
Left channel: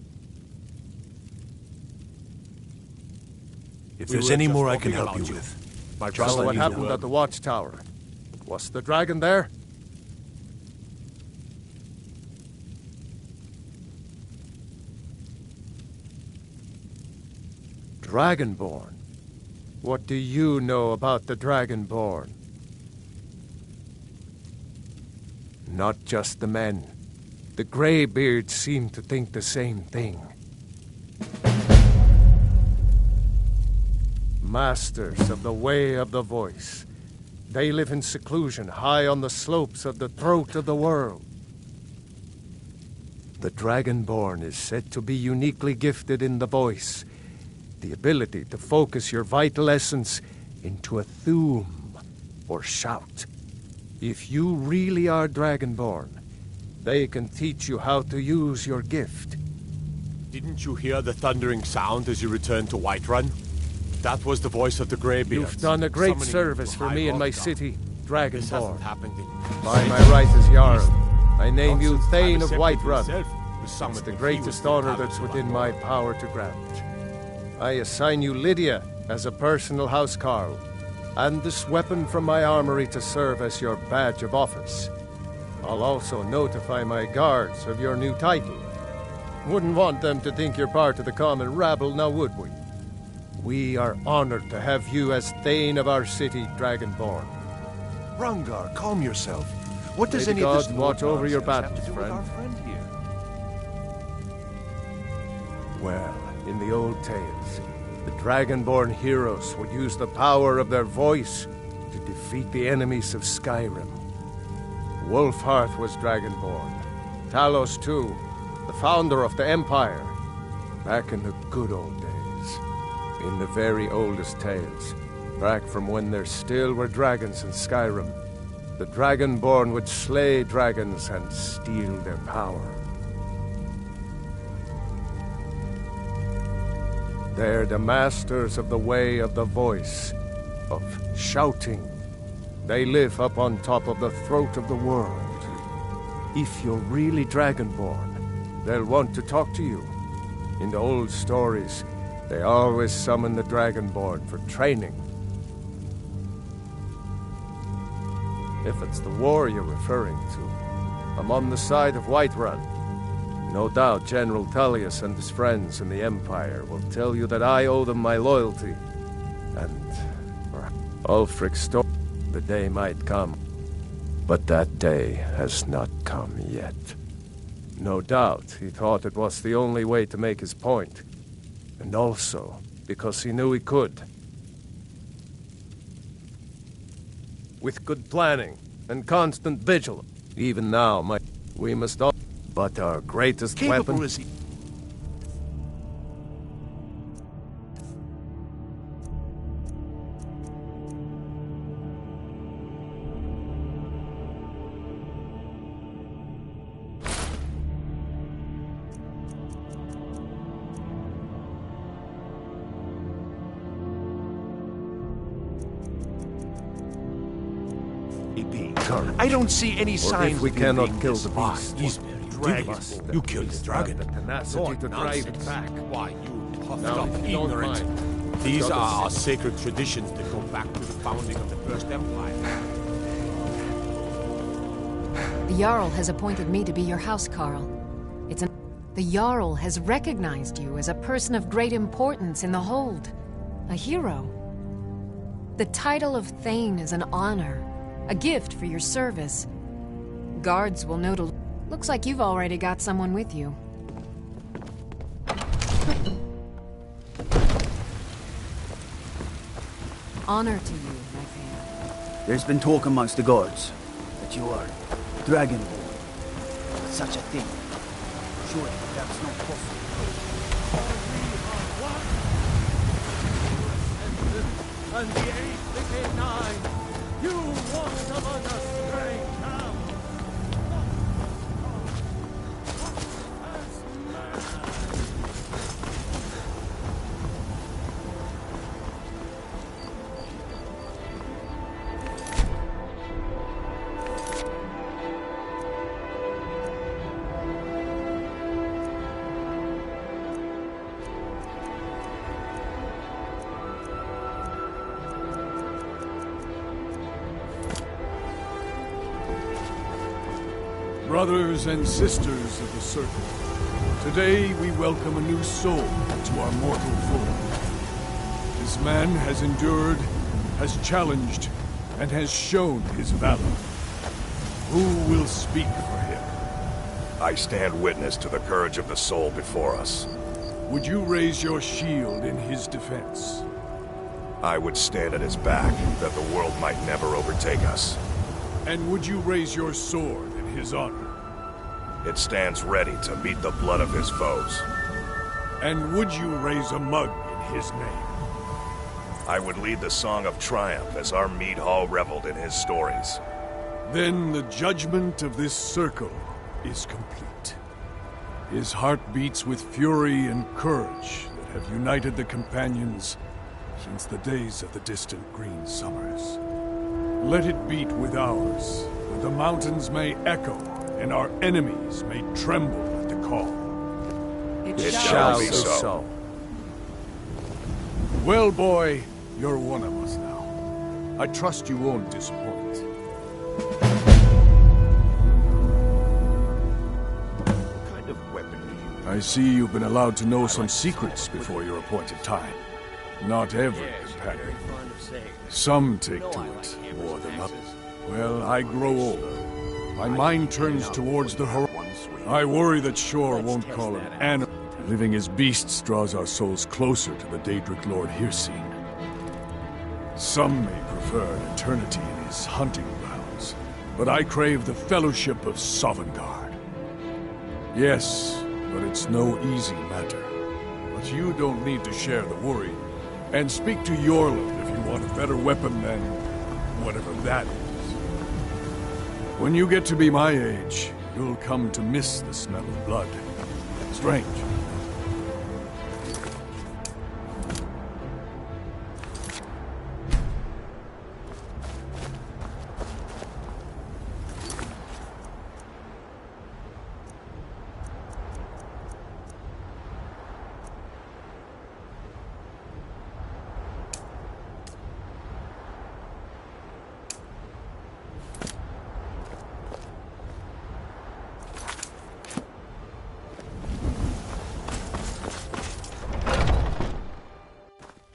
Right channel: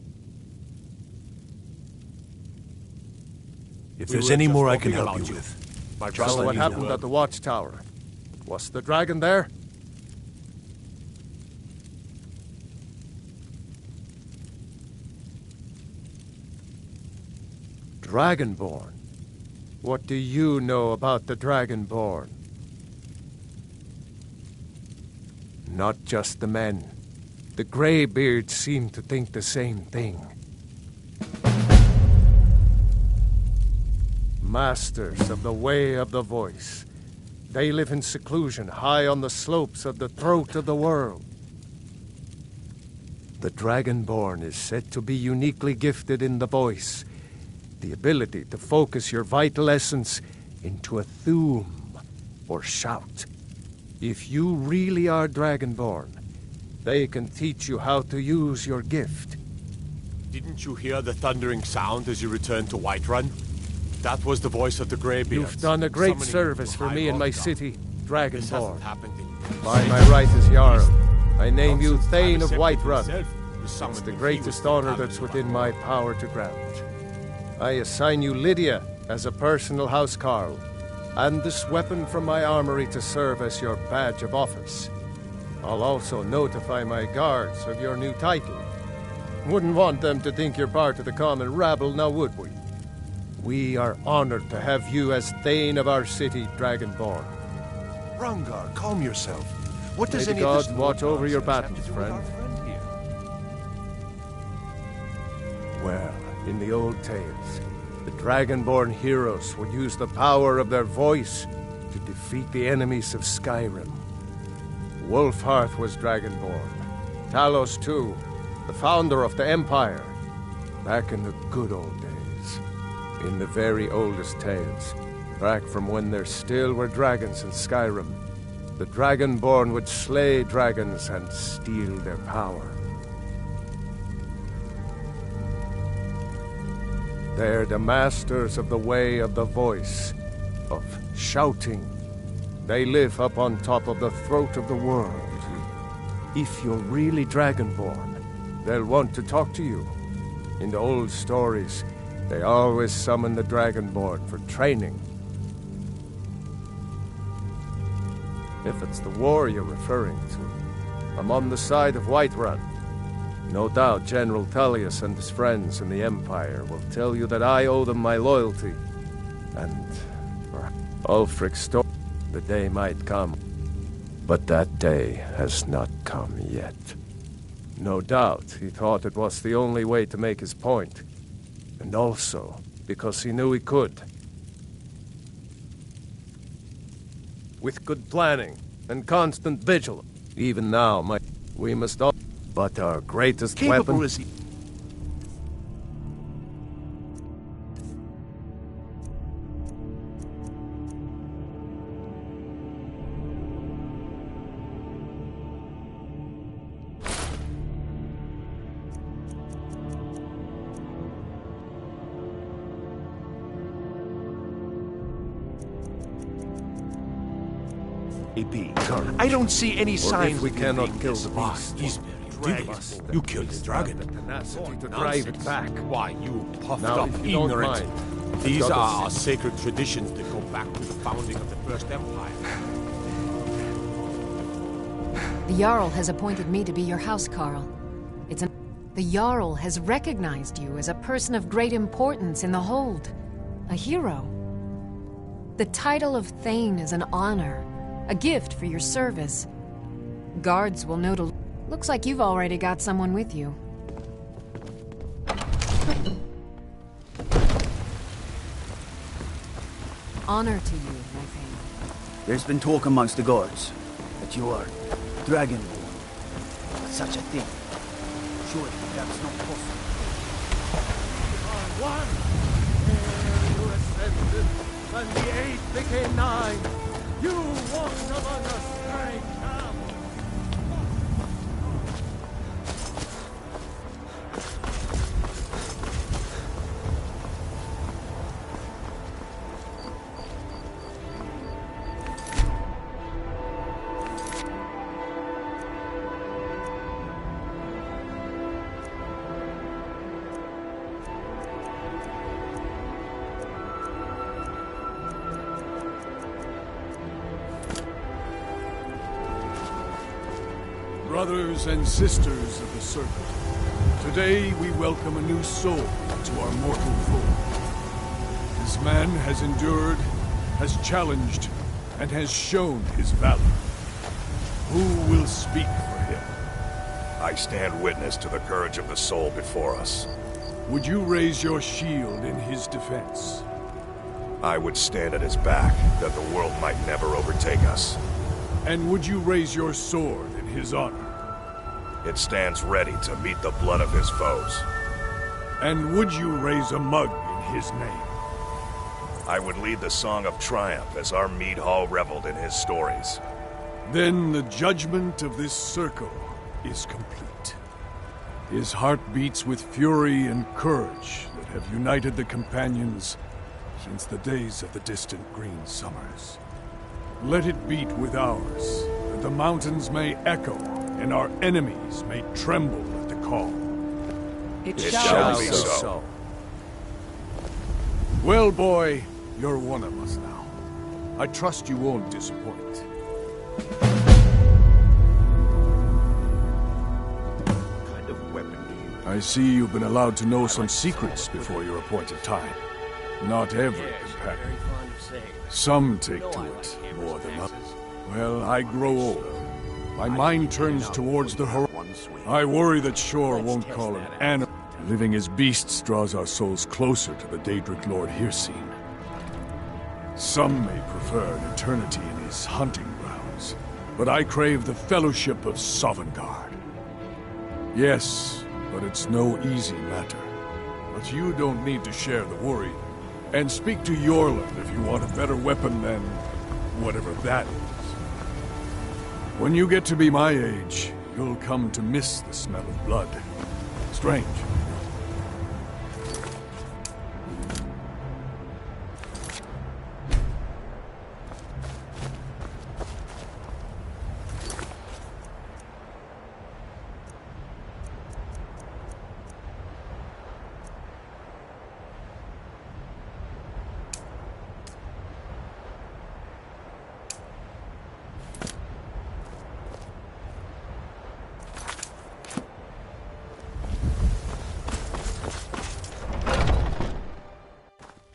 If there's any more I can help you with, My just brother let What me happened know. at the watchtower? Was the dragon there? Dragonborn? What do you know about the Dragonborn? Not just the men. The Greybeards seem to think the same thing. Masters of the Way of the Voice. They live in seclusion high on the slopes of the throat of the world. The Dragonborn is said to be uniquely gifted in the voice, the ability to focus your vital essence into a thum, or shout. If you really are Dragonborn, they can teach you how to use your gift. Didn't you hear the thundering sound as you returned to Whiterun? That was the voice of the Greybeards. You've done a great summoning you service to for High me and my Hrothgar. city, This Dragonborn. hasn't happened in By my centuries. right as Jarl, I name Not you since Thane of Ivor Whiterun. himself was It's summoned the when he greatest was the honor Paladin that's of within Whiterun. my power to grant. I assign you Lydia as a personal housecarl, and this weapon from my armory to serve as your badge of office. I'll also notify my guards of your new title. Wouldn't want them to think you're part of the common rabble, now would we? We are honored to have you as Thane of our city, Dragonborn. Rungar, calm yourself. What does May any the of this gods watch over your nonsense have battles, to do with our friend. friend here? Well, in the old tales, the Dragonborn heroes would use the power of their voice to defeat the enemies of Skyrim. Wolfhearth was Dragonborn. Talos, too, the founder of the Empire. Back in the good old days. In the very oldest tales, back from when there still were dragons in Skyrim, the Dragonborn would slay dragons and steal their power. They're the masters of the way of the voice, of shouting. They live up on top of the throat of the world. If you're really Dragonborn, they'll want to talk to you. In the old stories, they always summon the Dragonborn for training. If it's the war you're referring to, I'm on the side of Whiterun. No doubt General Tullius and his friends in the Empire will tell you that I owe them my loyalty. And for Ulfric's story, the day might come. But that day has not come yet. No doubt he thought it was the only way to make his point. And also because he knew he could. With good planning and constant vigilance. Even now, we must all... But our greatest Capable weapon... is he? I don't see any Or signs if we of him cannot being kill the disarmed. beast. He's very Must dragon. You killed the dragon. The tenacity What to drive it nonsense. back. Why, you puffed Now, up if you don't ignorant. mind, These I've got are a- our sacred traditions that go back to the founding of the First Empire. The Jarl has appointed me to be your housecarl. The Jarl has recognized you as a person of great importance in the Hold. A hero. The title of Thane is an honor. A gift for your service. Guards will know to... Looks like you've already got someone with you. Honor to you, my Thane. There's been talk amongst the guards that you are Dragonborn. Such a thing. Surely that's not possible. And the 8 became 9. You walked among us straight now. Brothers and sisters of the Circle, today we welcome a new soul to our mortal fold. This man has endured, has challenged, and has shown his valor. Who will speak for him? I stand witness to the courage of the soul before us. Would you raise your shield in his defense? I would stand at his back, that the world might never overtake us. And would you raise your sword in his honor? It stands ready to meet the blood of his foes. And would you raise a mug in his name? I would lead the song of triumph as our mead hall reveled in his stories. Then the judgment of this circle is complete. His heart beats with fury and courage that have united the companions since the days of the distant green summers. Let it beat with ours, that the mountains may echo and our enemies may tremble at the call. It It shall shall be be so. so. Well, boy, you're one of us now. I trust you won't disappoint. What kind of weapon do you... I see you've been allowed to know some secrets before your appointed time. Not every companion. Some take to it more than others. Well, I grow old. My mind turns towards the horizon. I worry that Shore won't call an animal. Living as beasts draws our souls closer to the Daedric Lord Hircine. Some may prefer an eternity in his hunting grounds, but I crave the fellowship of Sovngarde. Yes, but it's no easy matter. But you don't need to share the worry. And speak to Yorland if you want a better weapon than whatever that is. When you get to be my age, you'll come to miss the smell of blood. Strange.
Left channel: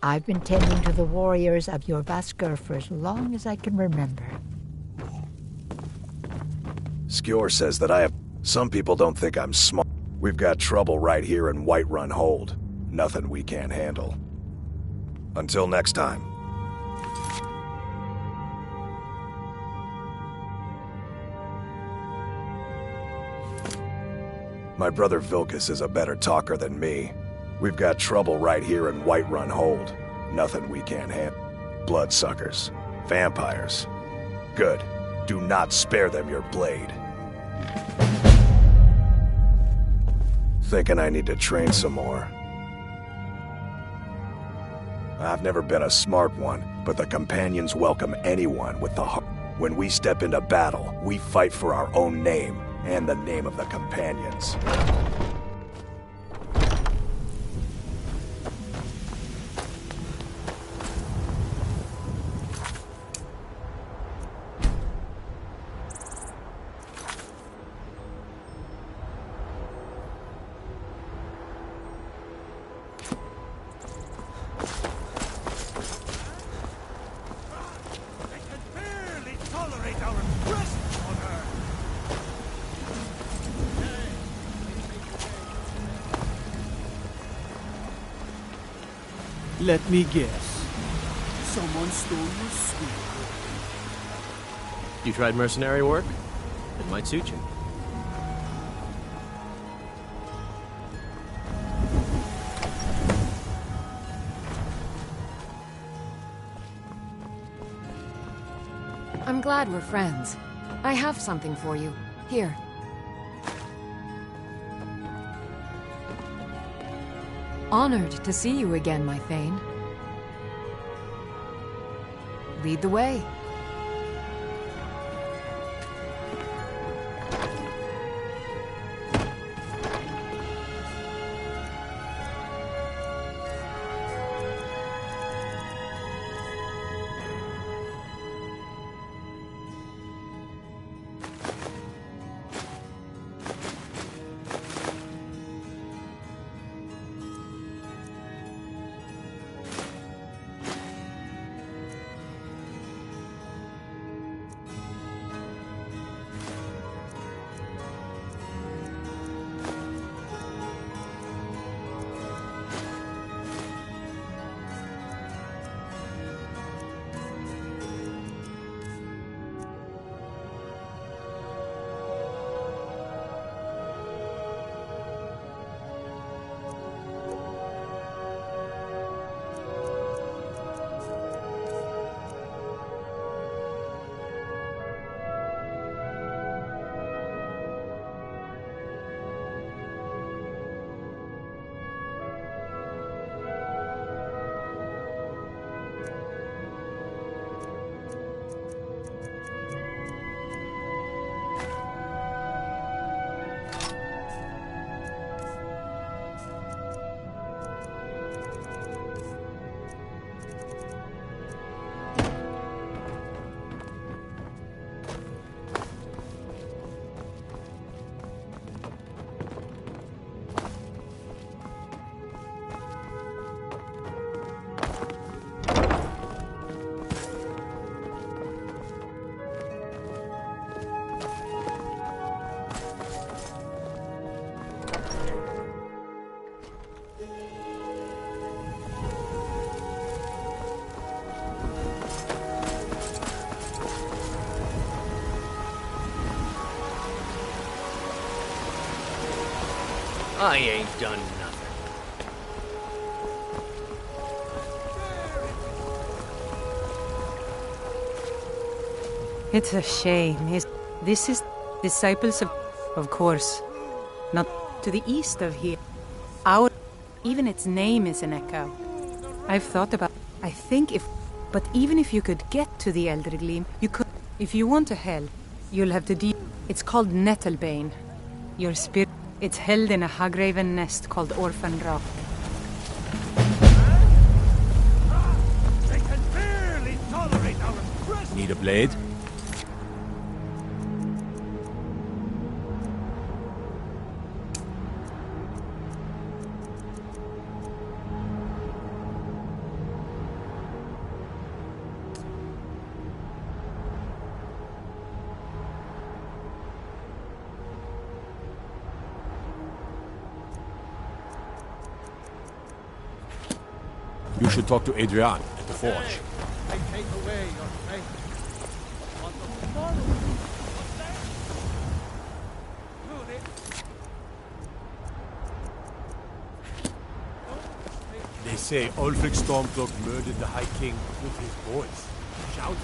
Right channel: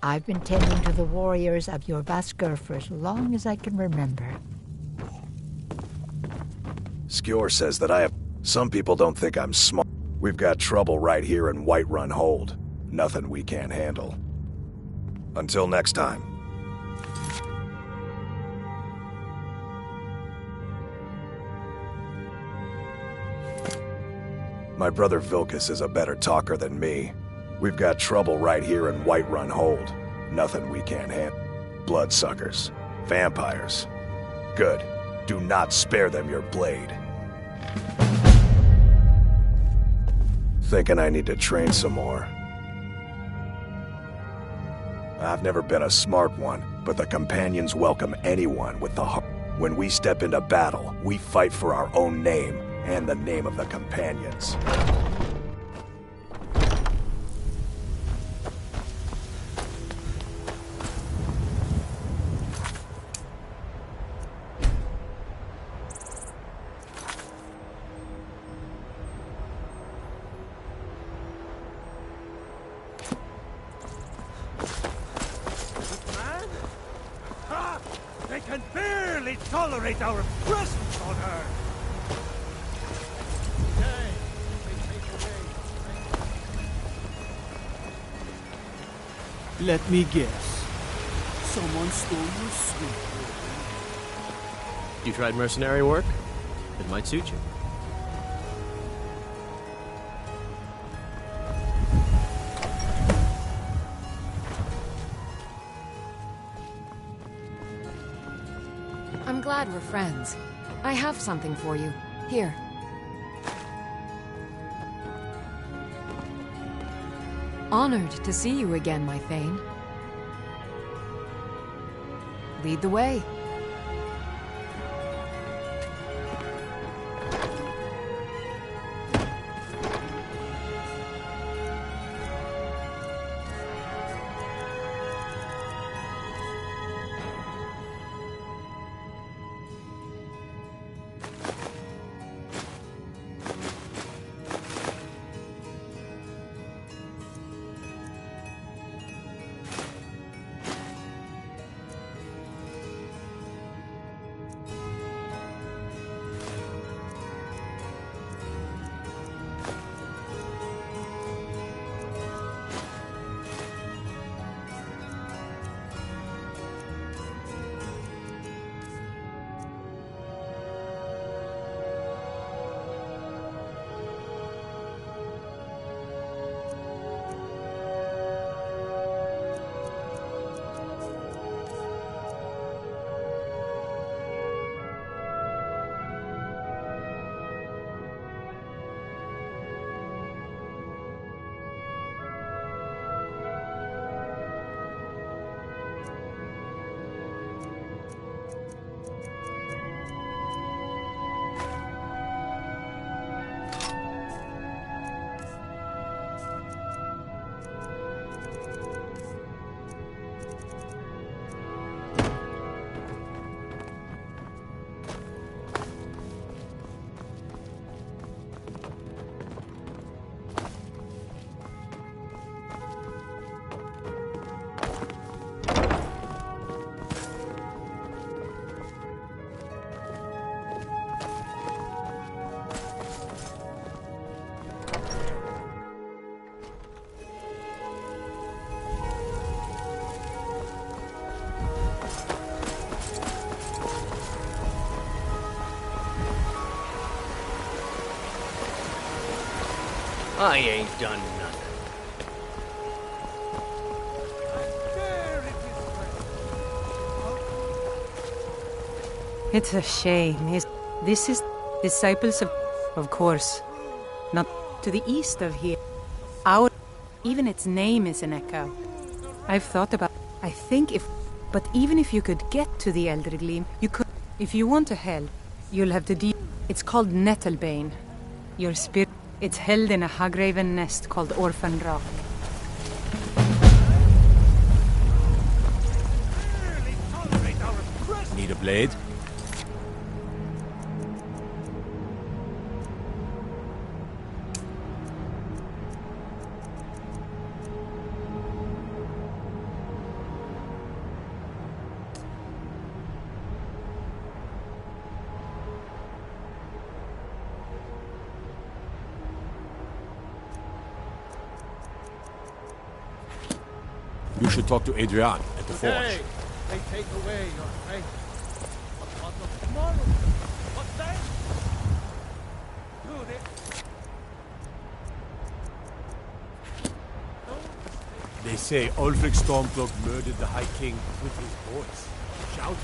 I've been tending to the warriors of your Vasker for as long as I can remember. Skjor says that I have... Some people don't think I'm smart. We've got trouble right here in Whiterun Hold. Nothing we can't handle. Until next time. My brother Vilkas is a better talker than me. We've got trouble right here in Whiterun Hold. Nothing we can't handle. Bloodsuckers. Vampires. Good. Do not spare them your blade. Thinking I need to train some more. I've never been a smart one, but the companions welcome anyone with the heart. When we step into battle, we fight for our own name and the name of the companions. They can barely tolerate our presence on Earth! Let me guess. Someone stole your sweet boy. You tried mercenary work? It might suit you. I'm glad we're friends. I have something for you. Here. Honored to see you again, my Thane. Lead the way. I ain't done nothing. It's a shame. This is disciples of course, not to the east of here. Even its name is an echo. I've thought about. I think but even if you could get to the Elder Gleam, you could. If you want to help, you'll have to deal. It's called Nettlebane. Your spirit. It's held in a Hagraven nest called Orphan Rock. They can barely tolerate our presence. Need a blade? You should talk to Adrian at the forge. They take away your faith. But what of tomorrow? What then? Do they? They say Ulfric Stormcloak murdered the High King with his voice. Shout.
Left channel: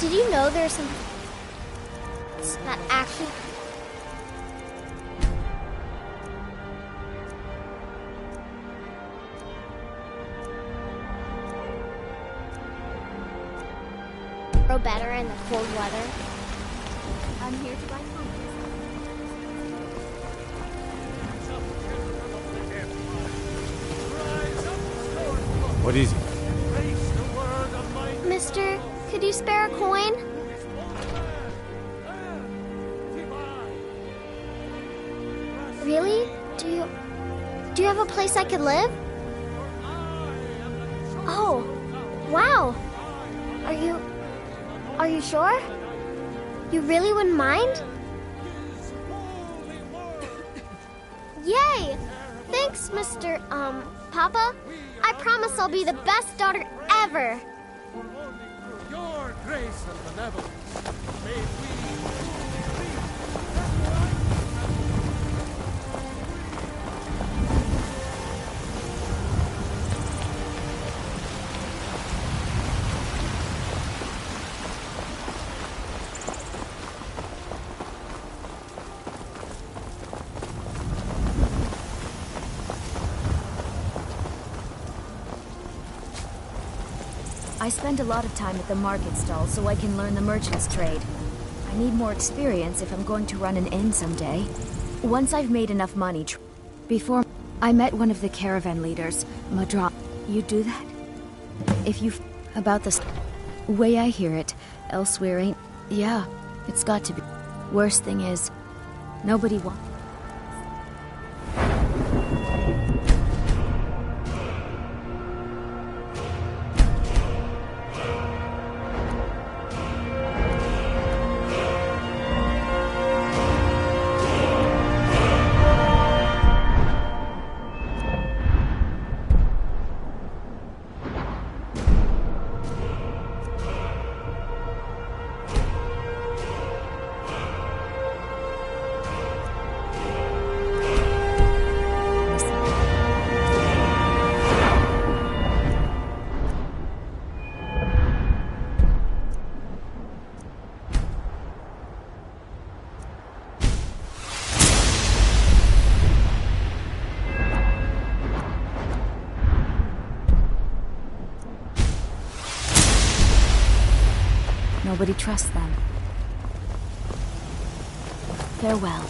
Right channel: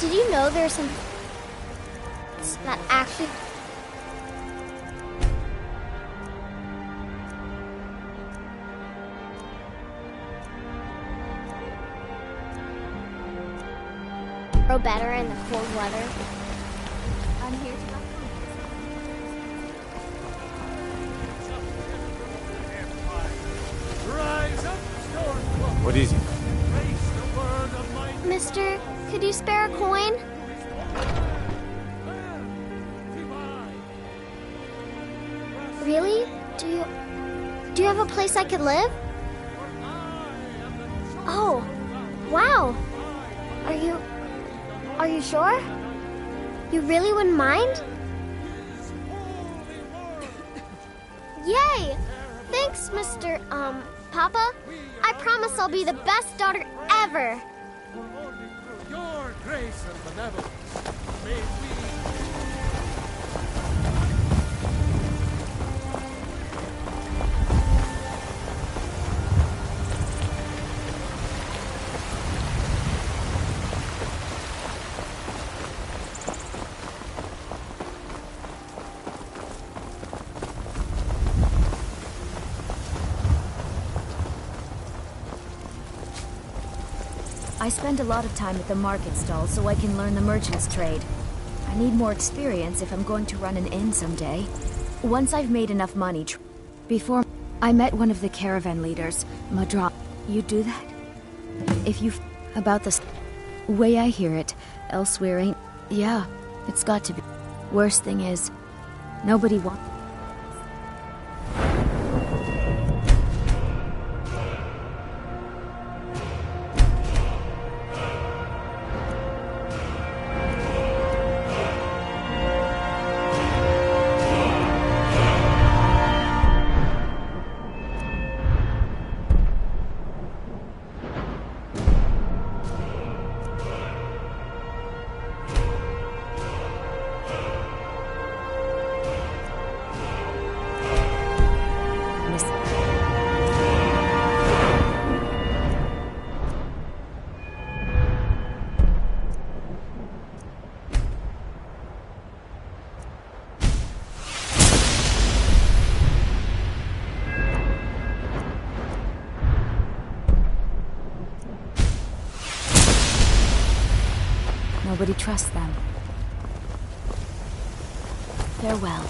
Did you know there's some that actually grow better in the cold weather? I'm here to buy food. What is it? Mister, could you spare a coin? Really? Do you have a place I could live? Oh, wow. Are you sure? You really wouldn't mind? Yay! Thanks, Mr. Papa. I promise I'll be the best daughter ever. Your grace and benevolence, may we I spend a lot of time at the market stall so I can learn the merchant's trade. I need more experience if I'm going to run an inn someday. Once I've made enough money, before I met one of the caravan leaders, Madra. You do that? If you about the way I hear it, elsewhere ain't. Yeah, it's got to be. Worst thing is, nobody wants. Nobody trusts them. Farewell.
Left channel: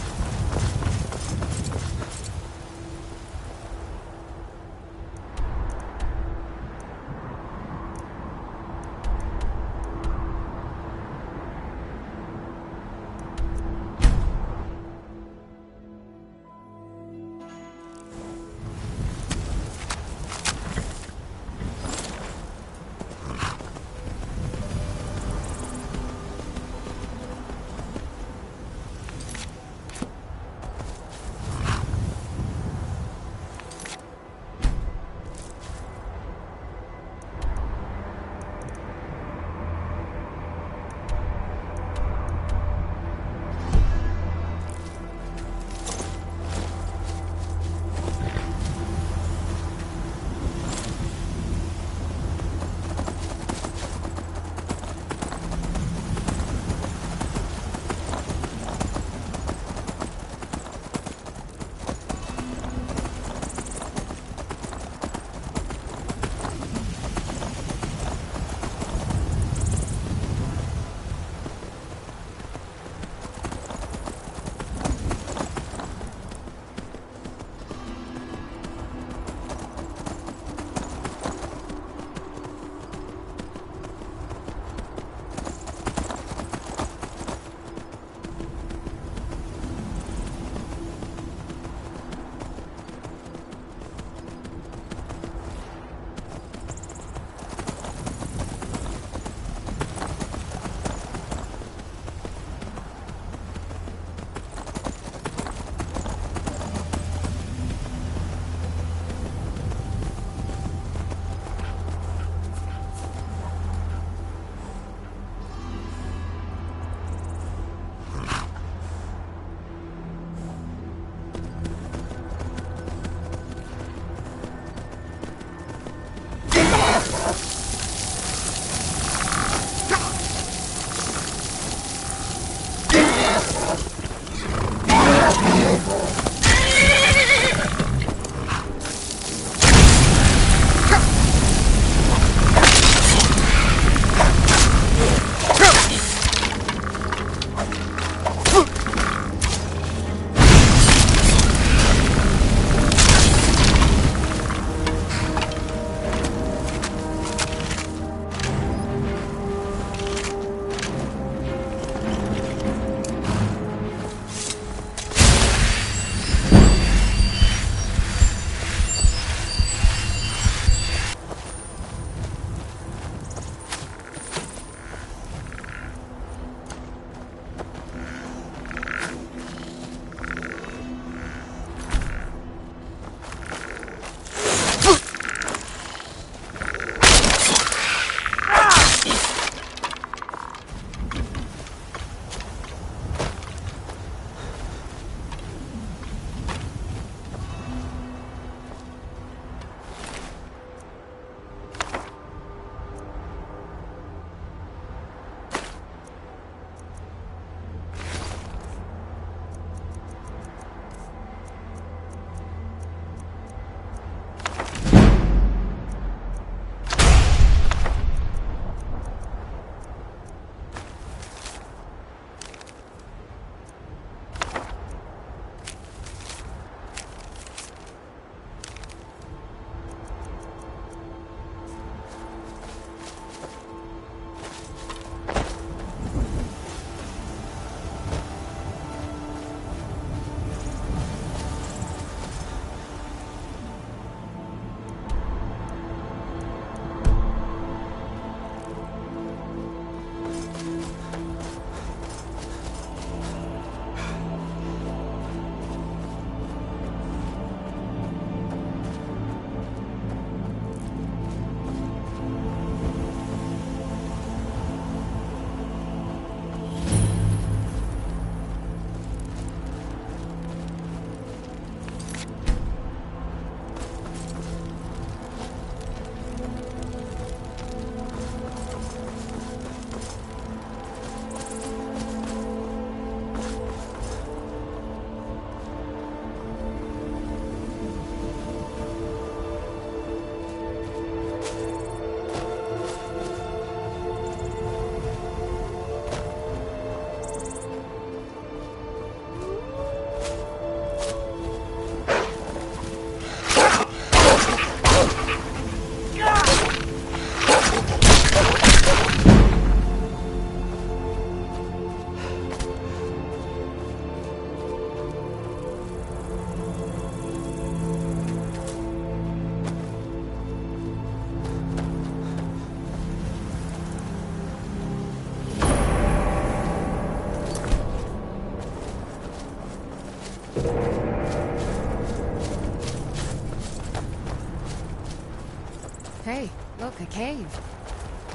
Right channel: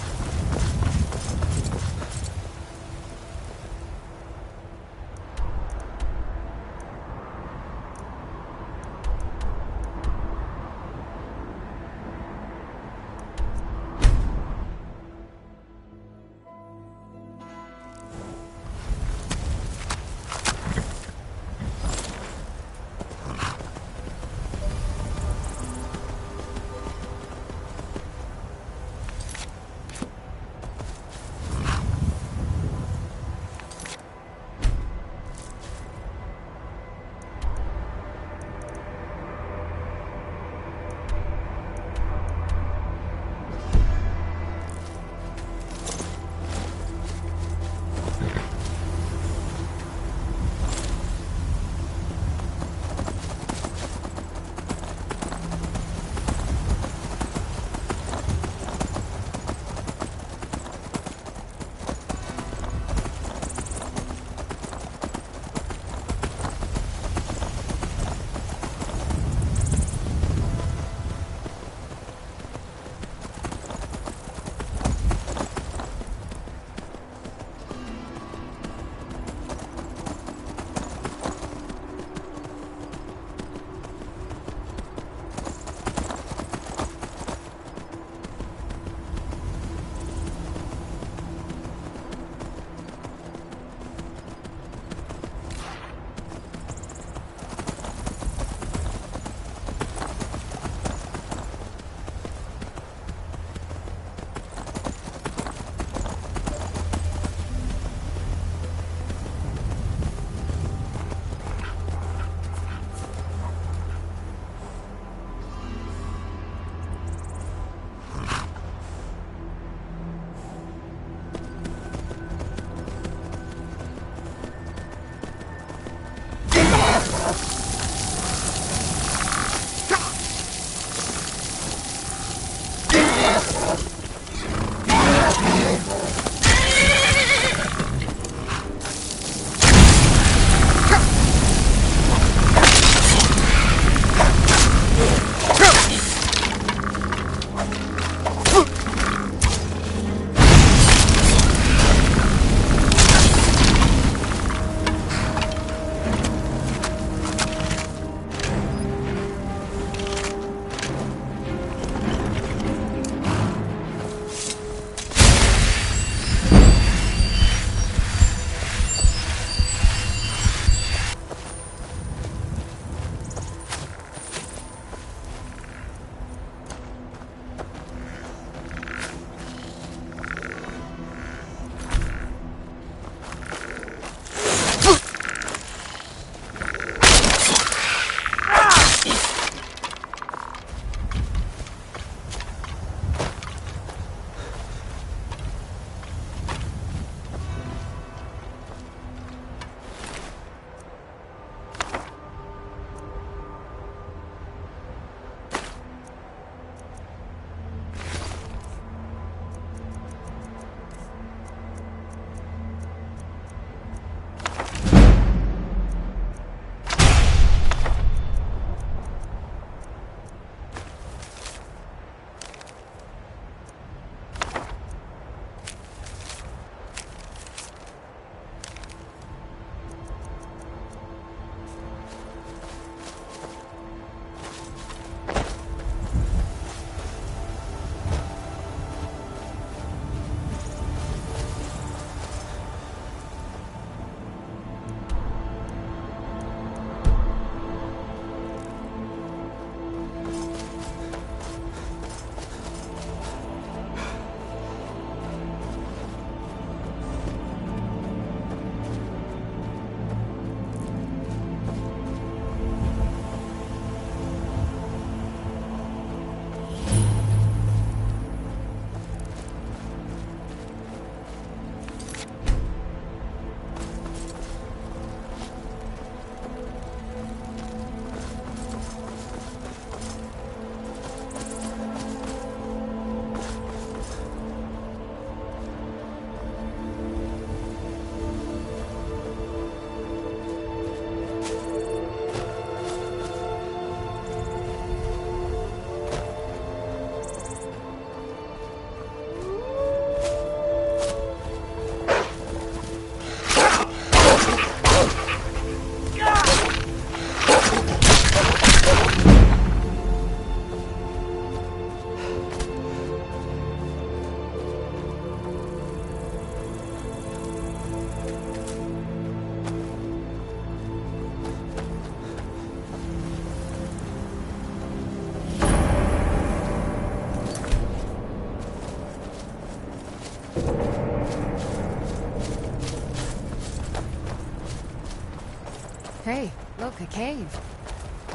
Hey, look, a cave.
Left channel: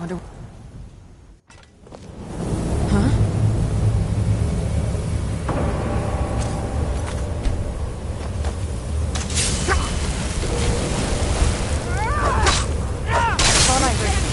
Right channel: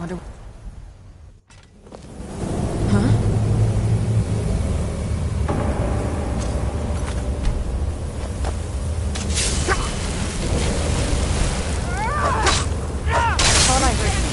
Wonder... Huh? Thought I heard...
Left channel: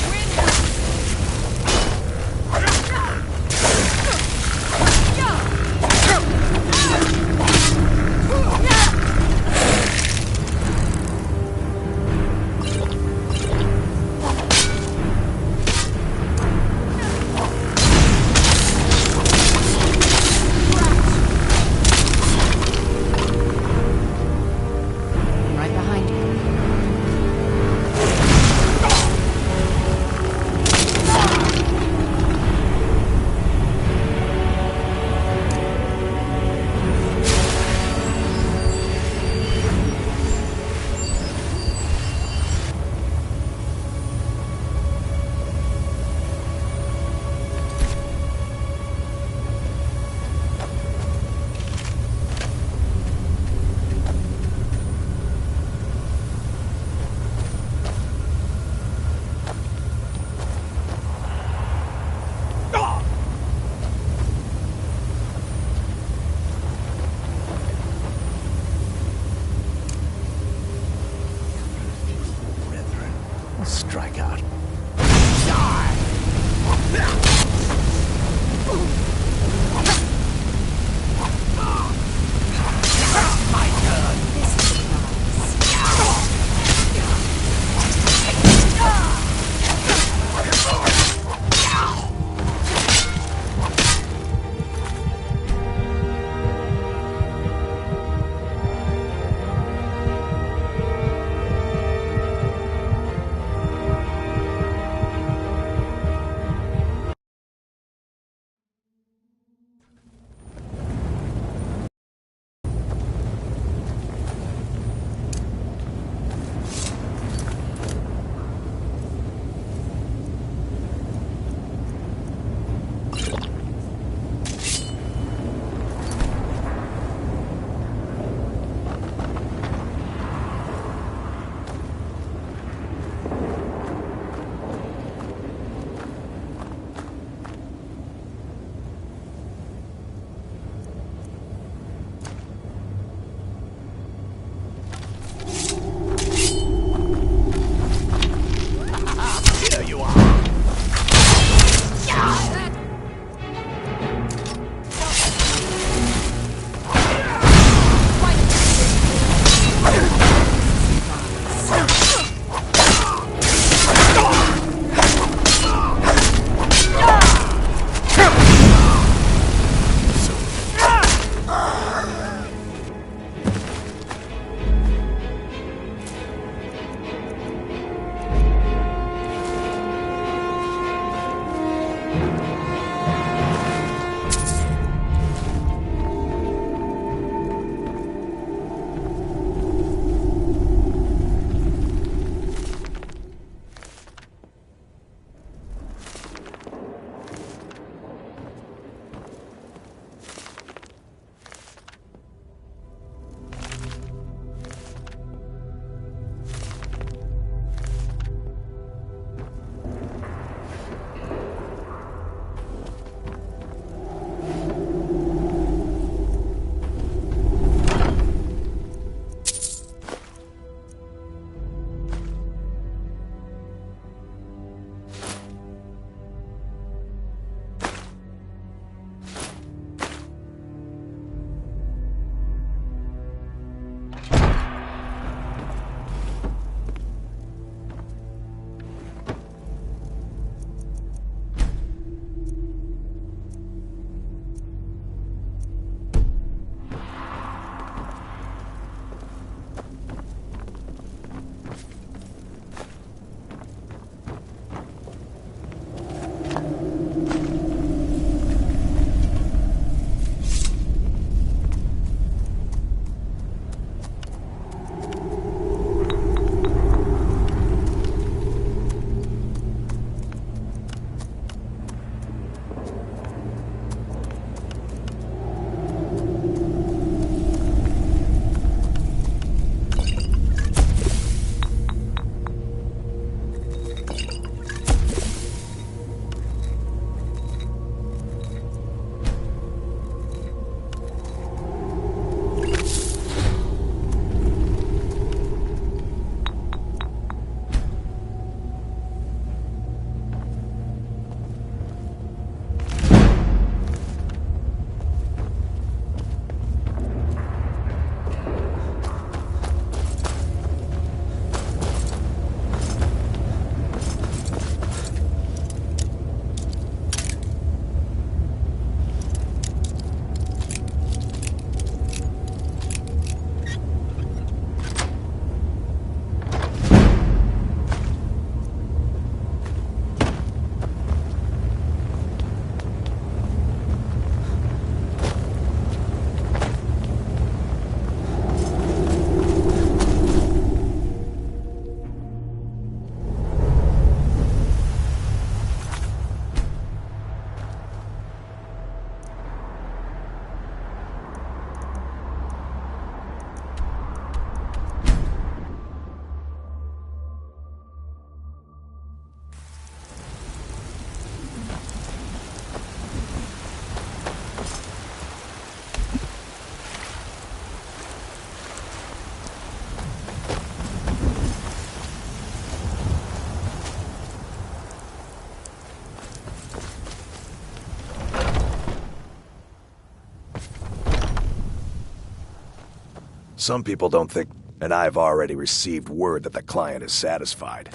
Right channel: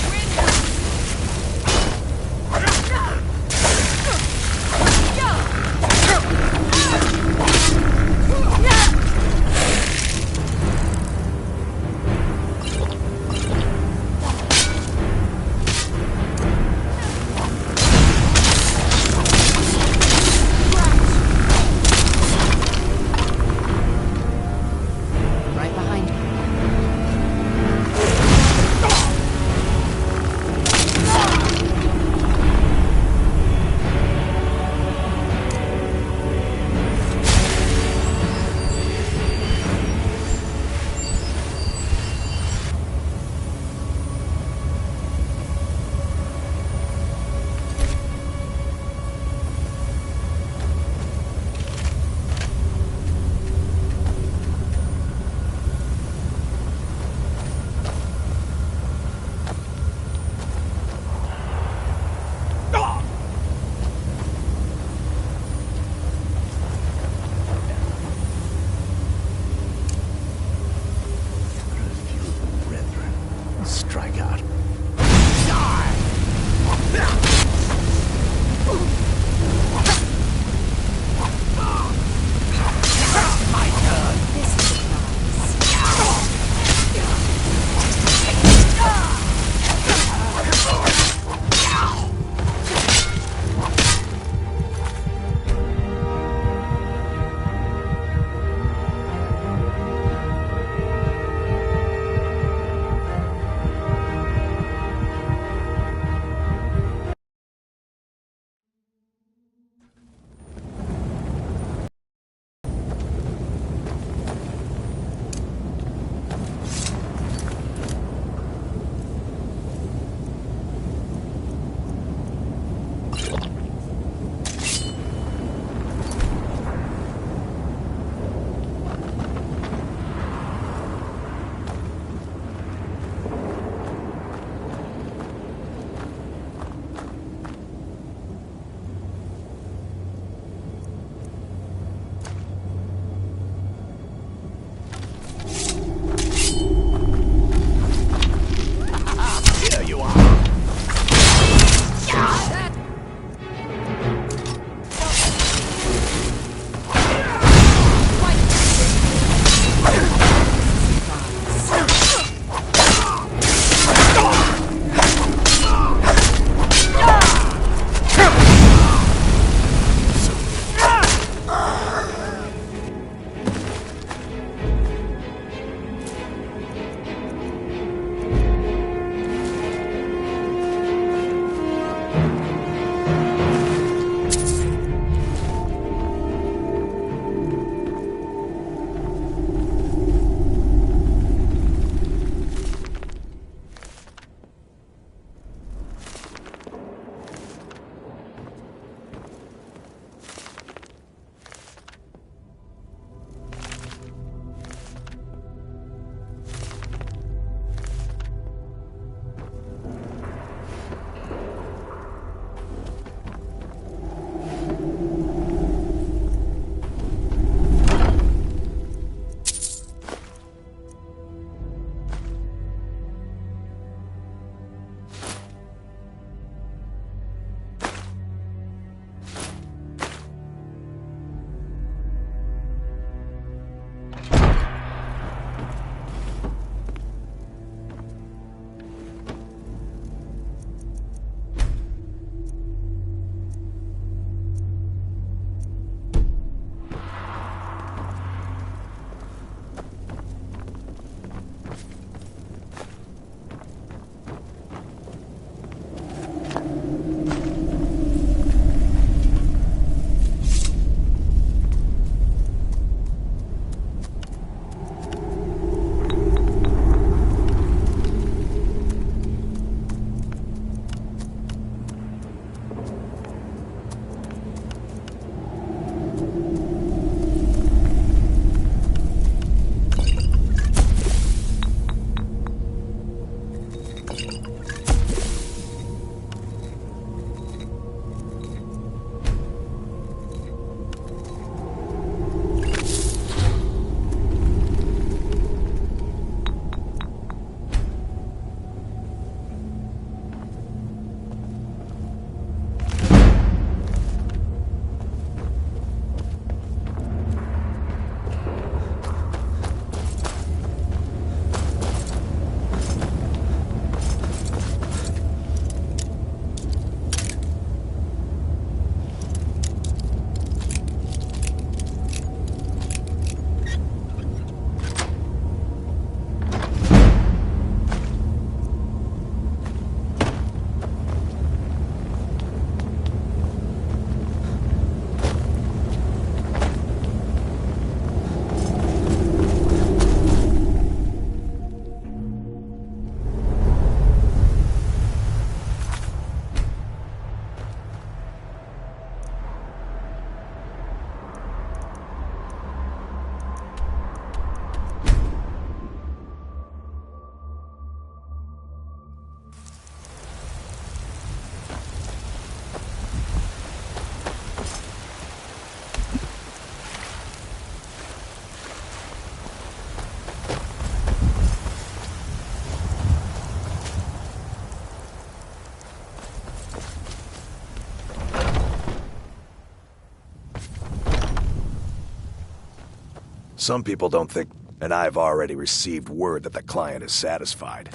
Some people don't think, and I've already received word that the client is satisfied.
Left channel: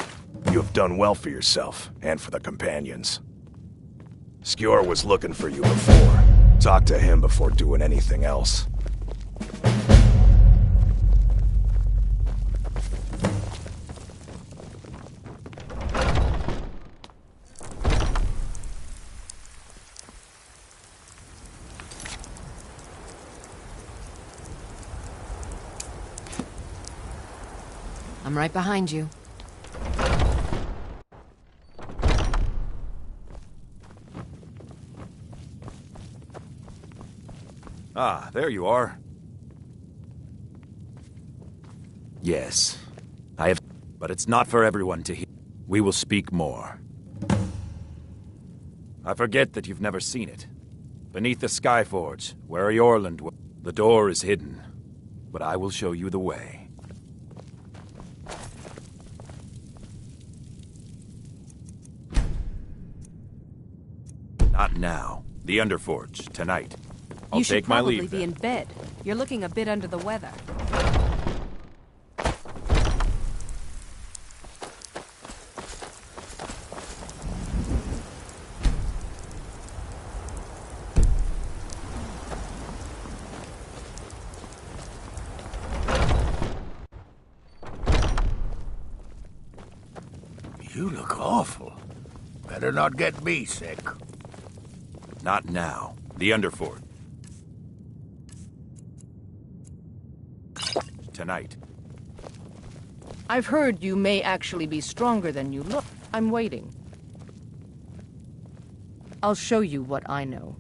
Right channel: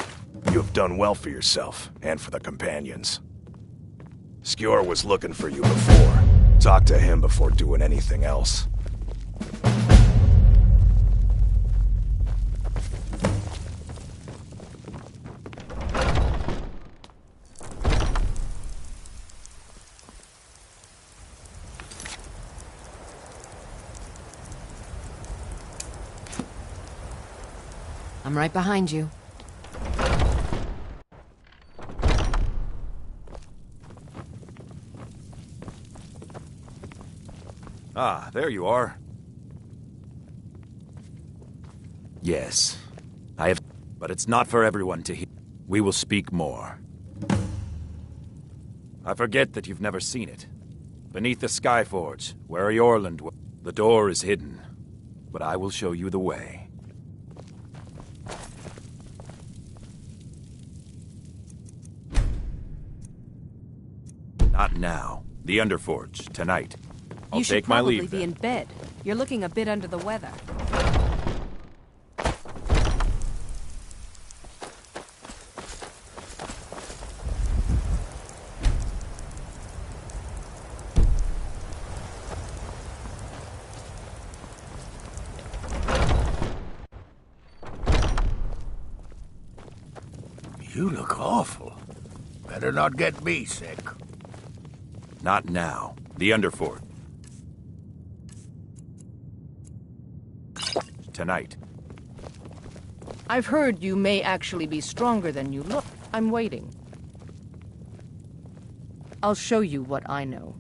You have done well for yourself, and for the companions. Skjor was looking for you before. Talk to him before doing anything else. I'm right behind you. Ah, there you are. Yes, I have... But it's not for everyone to hear. We will speak more. I forget that you've never seen it. Beneath the Skyforge, where Eorland was, the door is hidden. But I will show you the way. Not now. The Underforge, tonight. I'll take my leave. You should probably be in bed. You're looking a bit under the weather. You look awful. Better not get me sick. Not now. The Underforge. Tonight. I've heard you may actually be stronger than you look. I'm waiting. I'll show you what I know.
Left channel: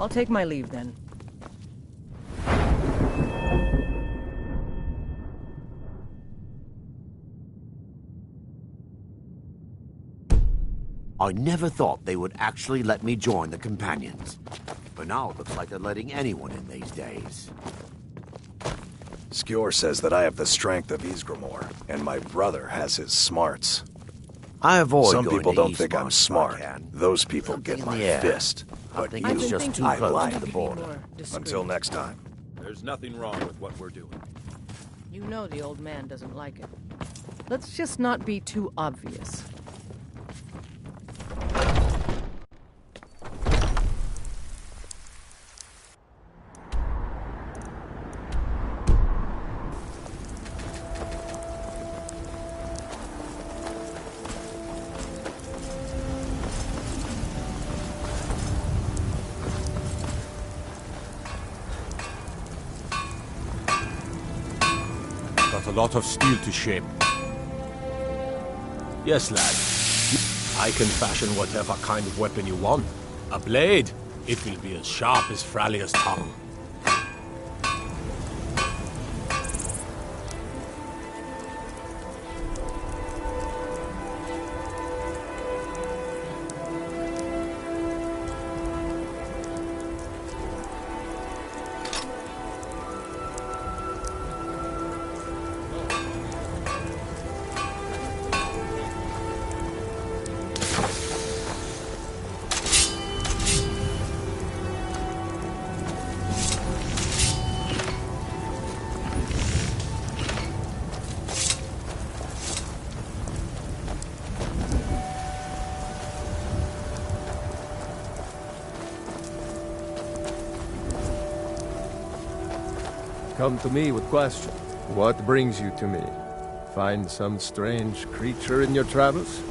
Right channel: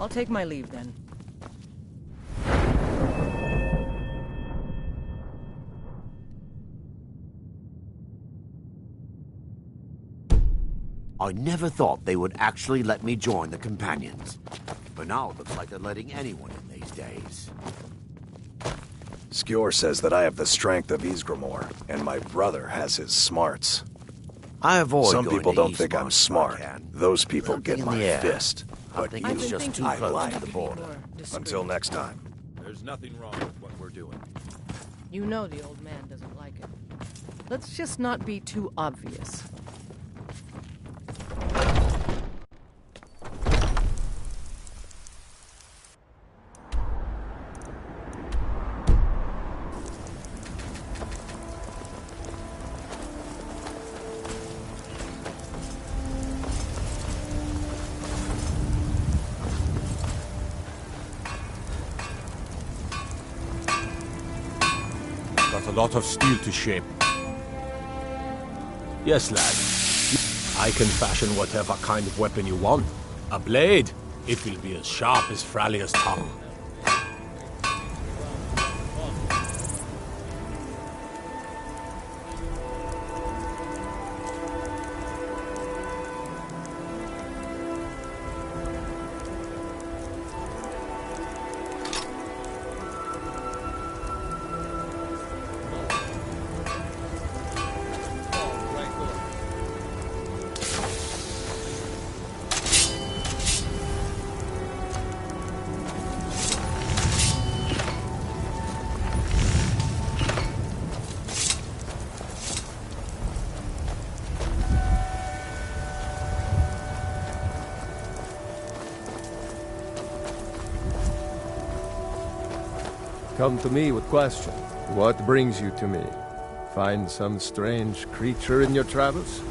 I'll take my leave then. I never thought they would actually let me join the Companions. But now it looks like they're letting anyone in these days. Skjor says that I have the strength of Ysgramor, and my brother has his smarts. I avoid Some going people to don't think Ysgramor I'm if I smart. can. Those people Something get in my the air. fist. I But think you, it's just too I close like to the border. Until next time. There's nothing wrong with what we're doing. You know the old man doesn't like it. Let's just not be too obvious. Got a lot of steel to shape. Yes, lad. I can fashion whatever kind of weapon you want. A blade, it will be as sharp as Fralia's tongue. Come to me with question. What brings you to me? Find some strange creature in your travels?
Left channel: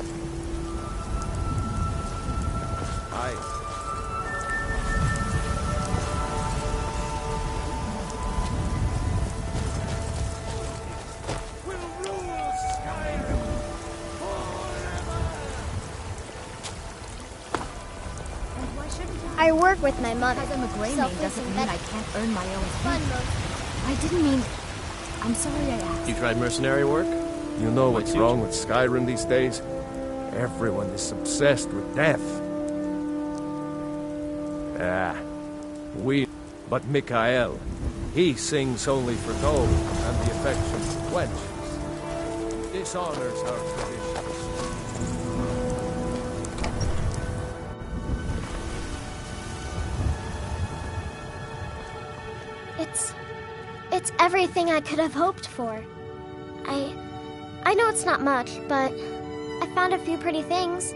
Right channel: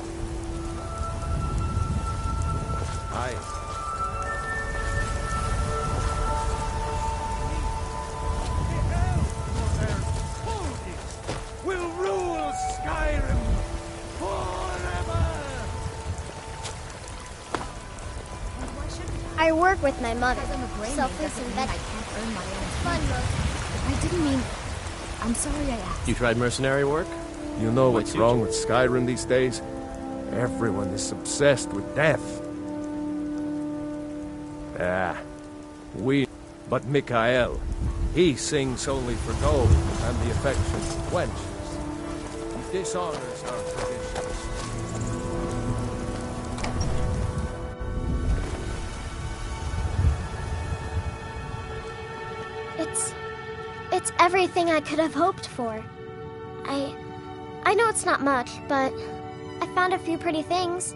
Aye. Will rule Skyrim forever! I work with my mother. Because I'm a gray Selfless doesn't and mean I can't earn my own fun keep. most. I didn't mean... I'm sorry I asked. You tried mercenary work? You know Might what's suit wrong you. with Skyrim these days? Everyone is obsessed with death. But Mikael, he sings only for gold, and the affection quenches. He dishonors our traditions. It's everything I could have hoped for. I know it's not much, but I found a few pretty things.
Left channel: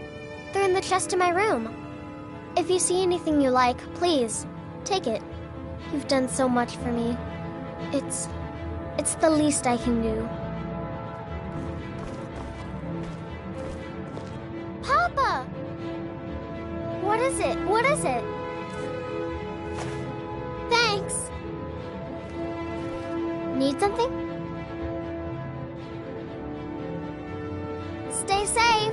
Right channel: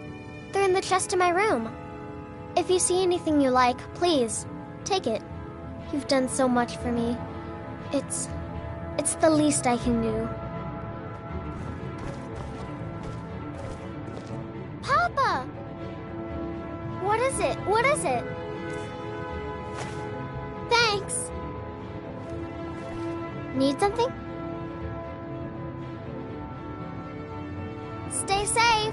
They're in the chest in my room. If you see anything you like, please, take it. You've done so much for me. It's the least I can do. Papa! What is it? What is it? Thanks. Need something? Stay safe.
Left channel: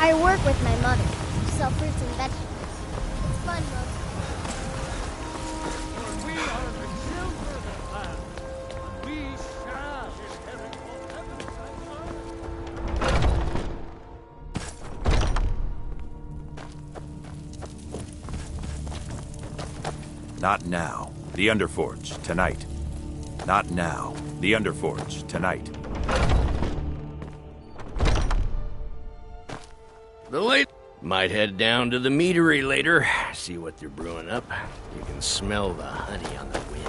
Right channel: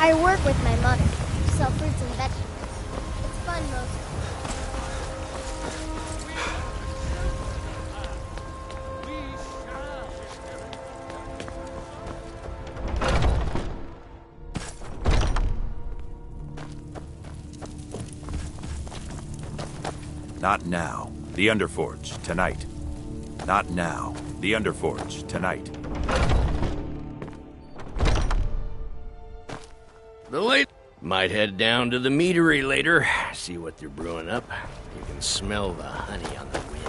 I work with my mother to sell fruits and vegetables. It's fun most of Not now. The Underforge, tonight. Not now. The Underforge, tonight. The late might head down to the meadery later, see what they're brewing up. You can smell the honey on the wind.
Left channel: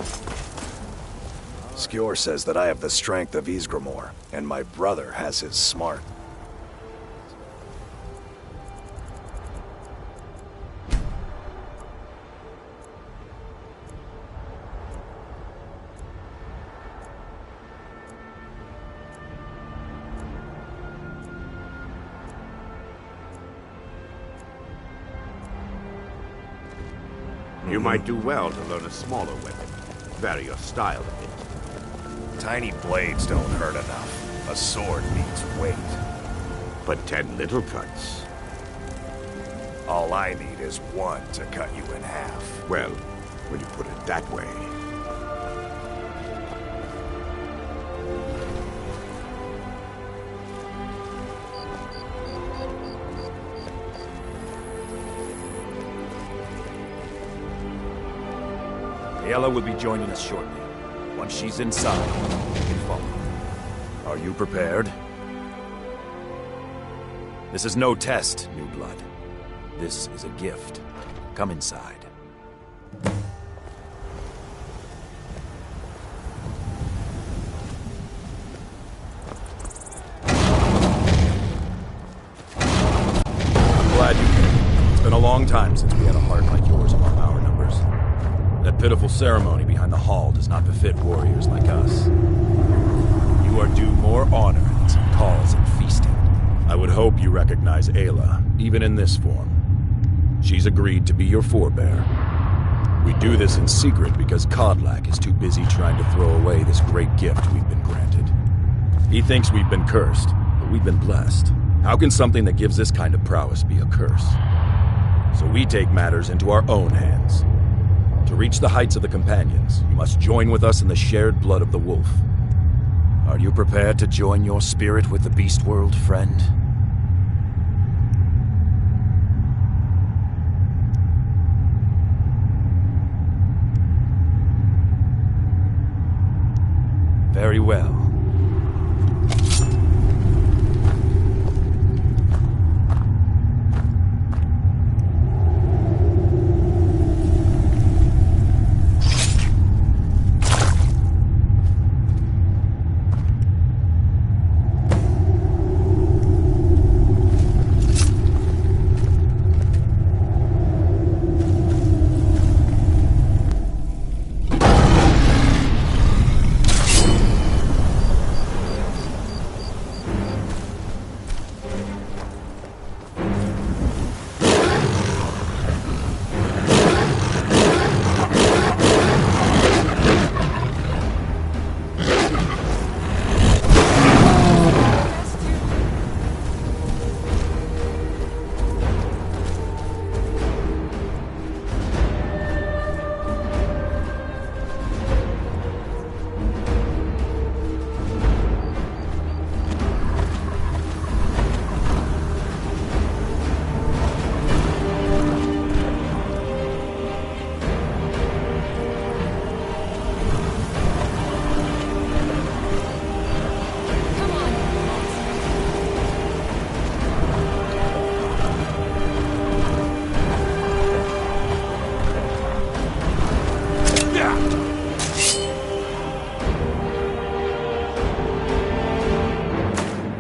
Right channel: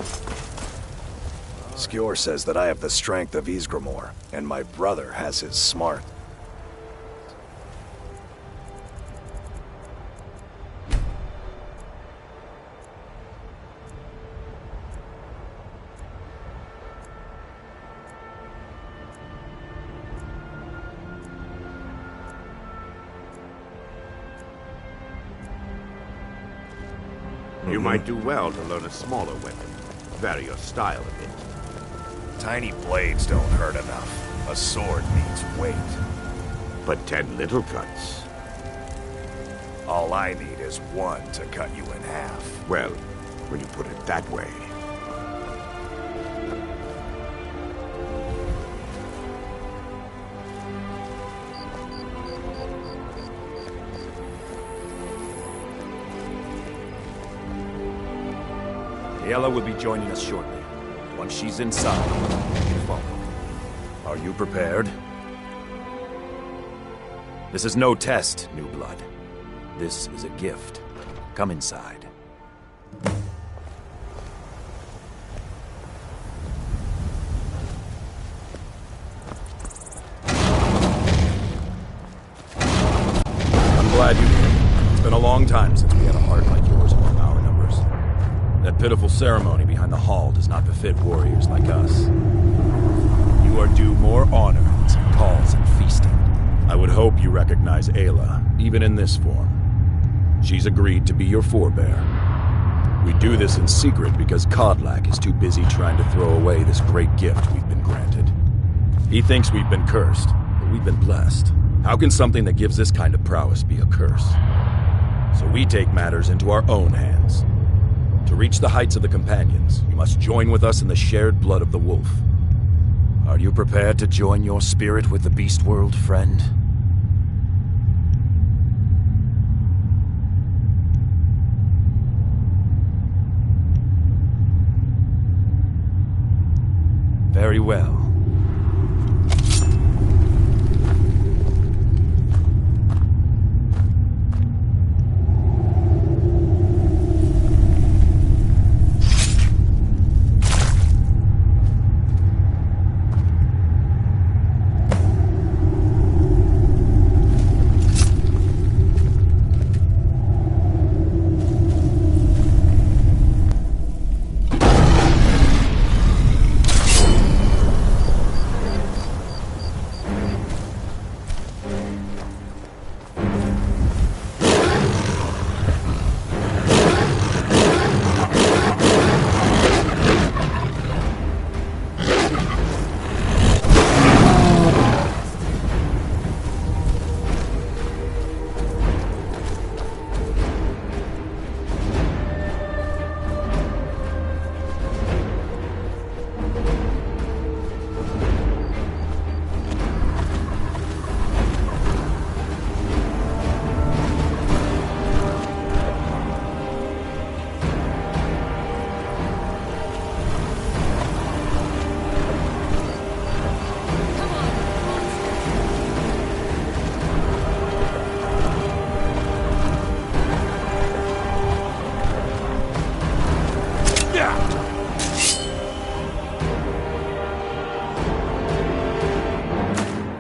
Skjor says that I have the strength of Ysgramor, and my brother has his smart. You might do well to learn a smaller weapon. Vary your style a bit. Tiny blades don't hurt enough. A sword needs weight. But 10 little cuts. All I need is one to cut you in half. Well, when you put it that way. Ayla will be joining us shortly. Once she's inside, you can follow. Are you prepared? This is no test, new blood. This is a gift. Come inside. I'm glad you came. It's been a long time since we had a heart like yours among our numbers. That pitiful ceremony behind the hall does not befit warriors like us. You are due more honor than some calls and feasting. I would hope you recognize Ayla, even in this form. She's agreed to be your forebear. We do this in secret because Kodlak is too busy trying to throw away this great gift we've been granted. He thinks we've been cursed, but we've been blessed. How can something that gives this kind of prowess be a curse? So we take matters into our own hands. To reach the heights of the Companions, you must join with us in the shared blood of the wolf. Are you prepared to join your spirit with the beast world, friend? Very well.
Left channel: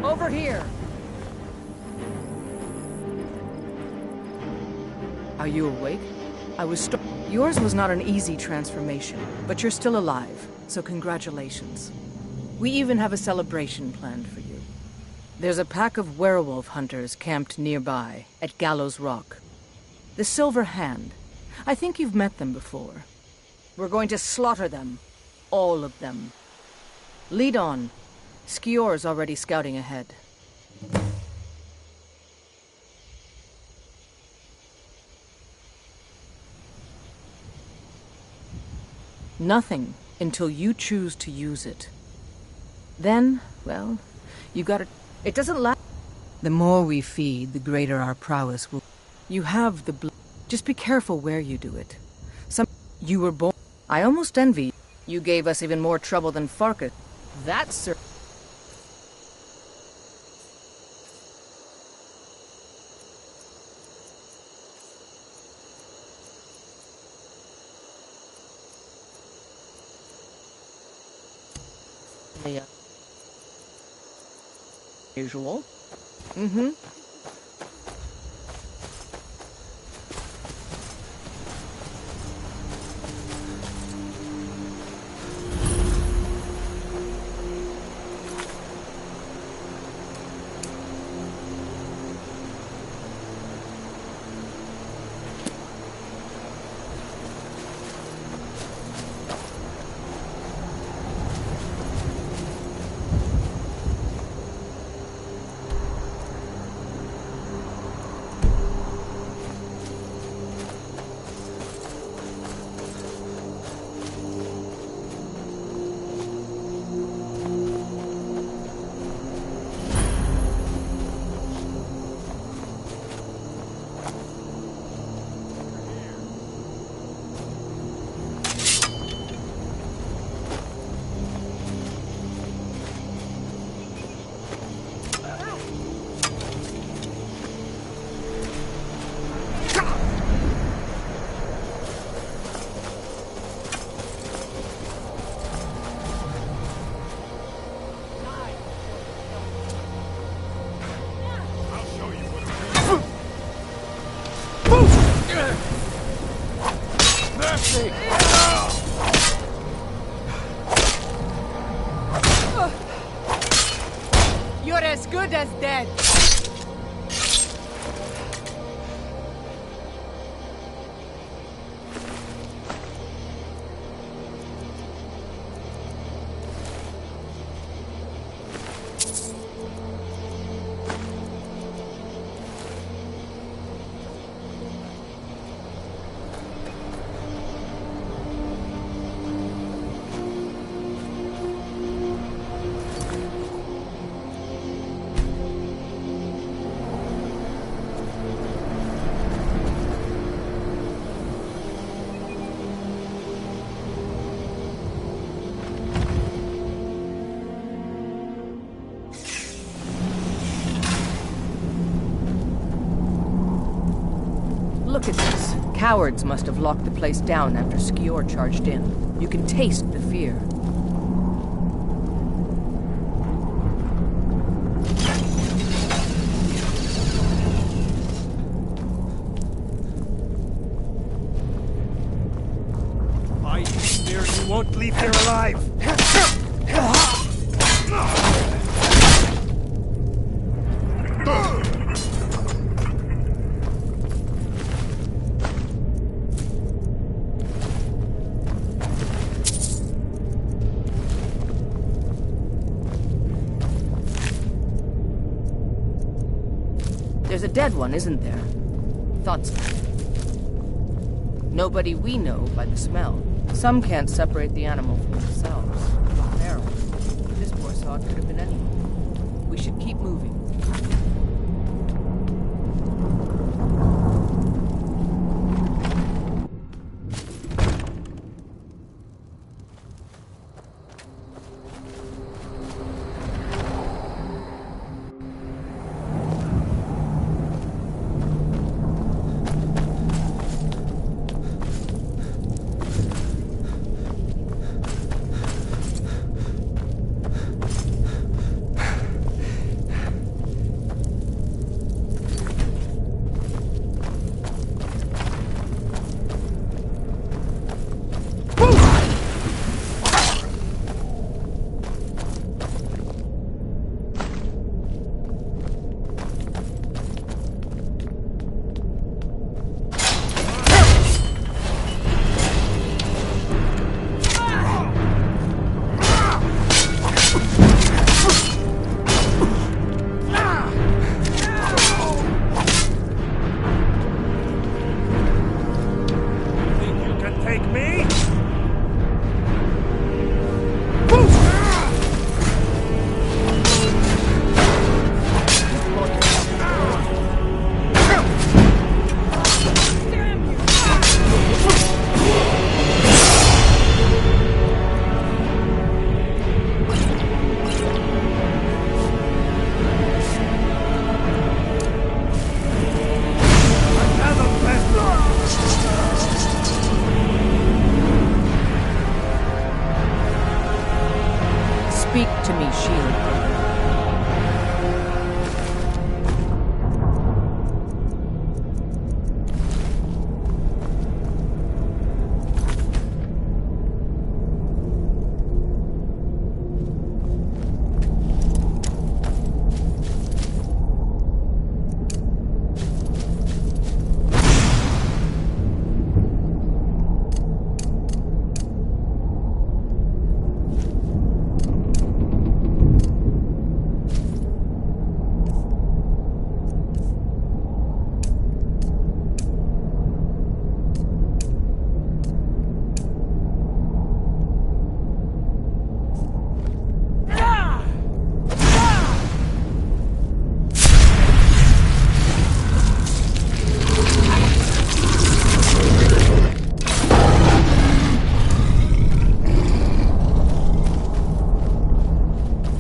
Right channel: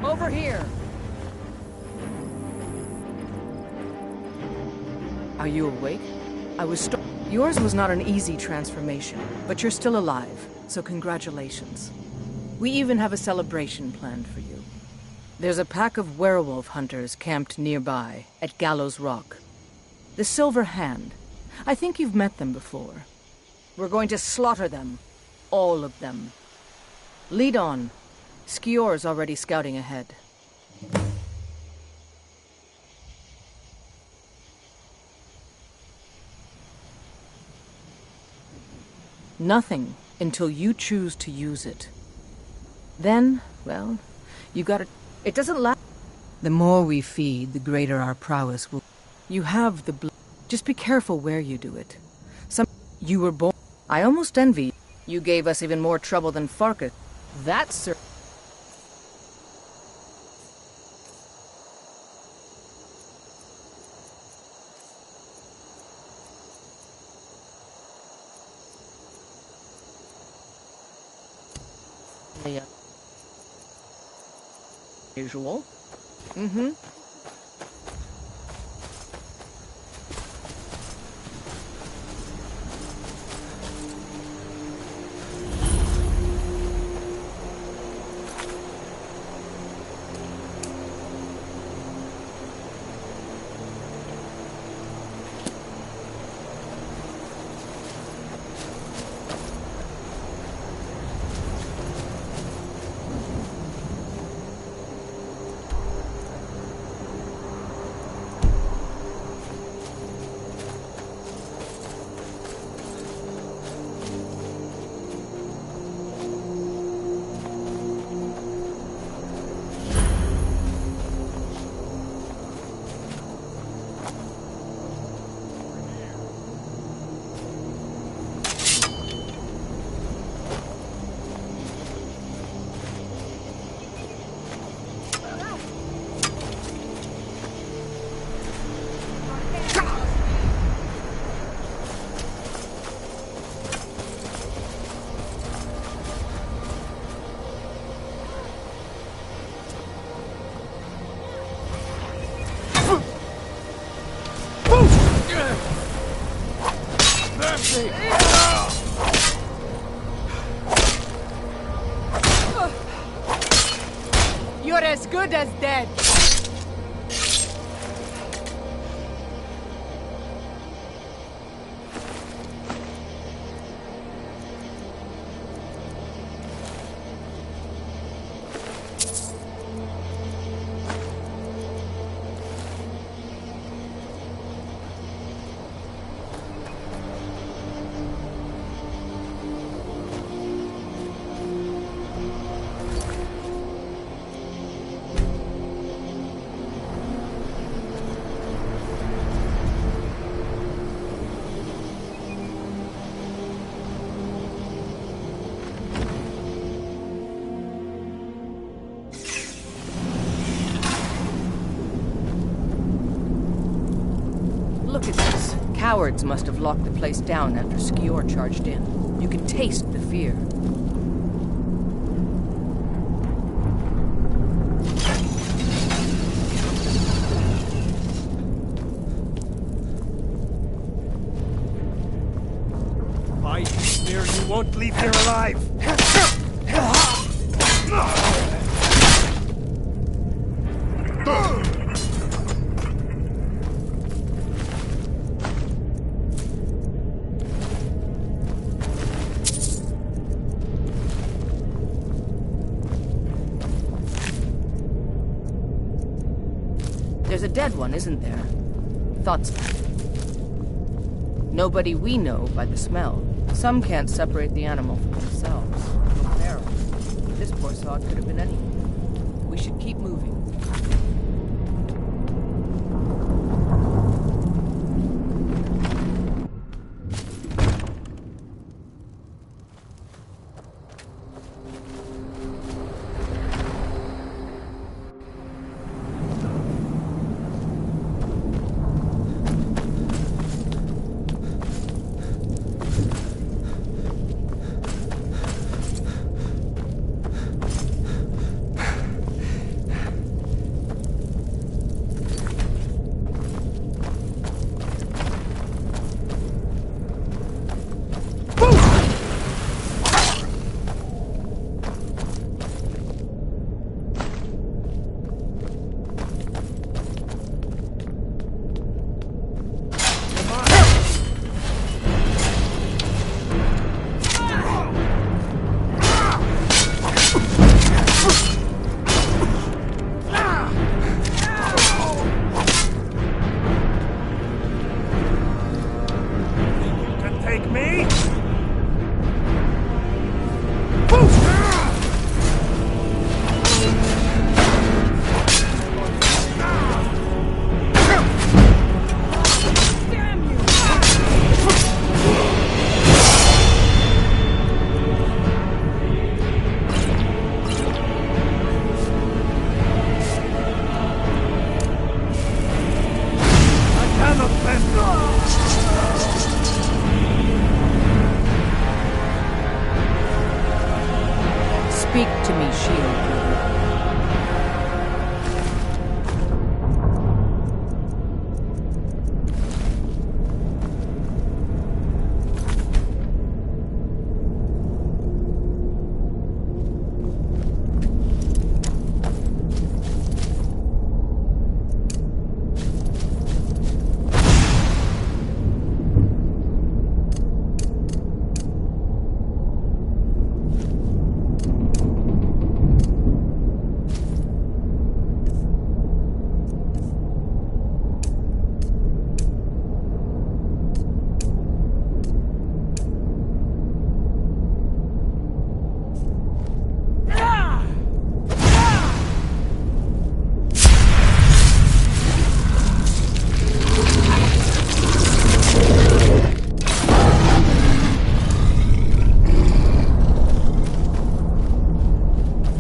Over here! Are you awake? Yours was not an easy transformation, but you're still alive, so congratulations. We even have a celebration planned for you. There's a pack of werewolf hunters camped nearby, at Gallows Rock. The Silver Hand. I think you've met them before. We're going to slaughter them. All of them. Lead on. Skior's already scouting ahead. Nothing until you choose to use it. Then, well, you gotta... It doesn't last. The more we feed, the greater our prowess will... You have the blood. Just be careful where you do it. You were born... I almost envy. You gave us even more trouble than Farkas. That's sir. Yeah. Usual. Mm-hmm. good as dead. Look at this. Cowards must have locked the place down after Skior charged in. You can taste the fear. I swear you won't leave here alive! There's a dead one, isn't there? Thought so. Nobody we know by the smell. Some can't separate the animal from themselves. Or feral. This poor sod could have been anyone. We should keep moving. Speak to me, shield brother.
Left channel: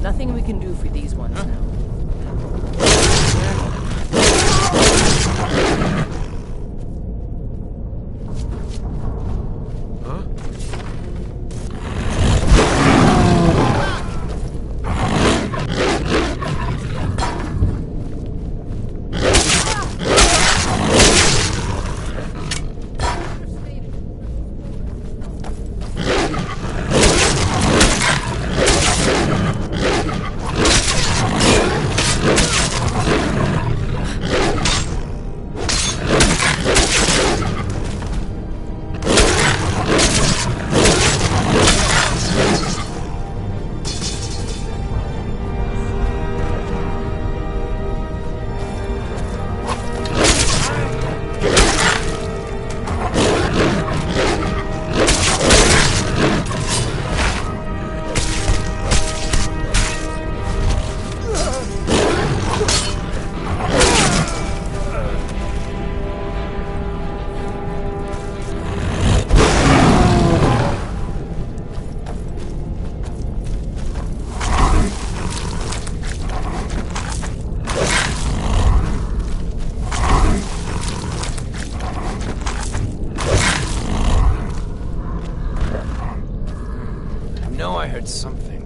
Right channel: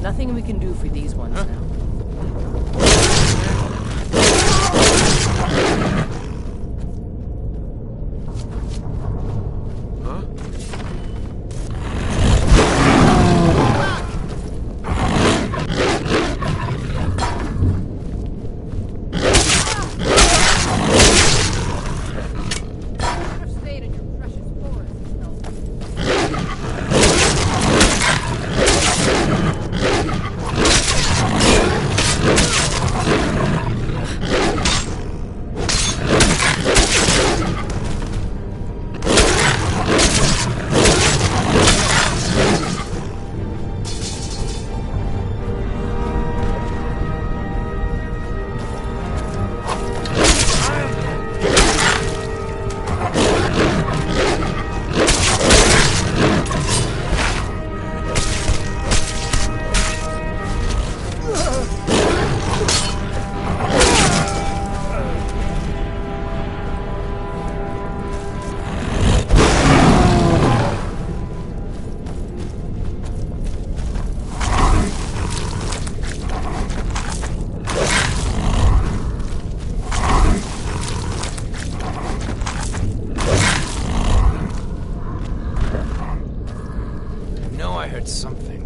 Nothing we can do for these ones now. know I heard something.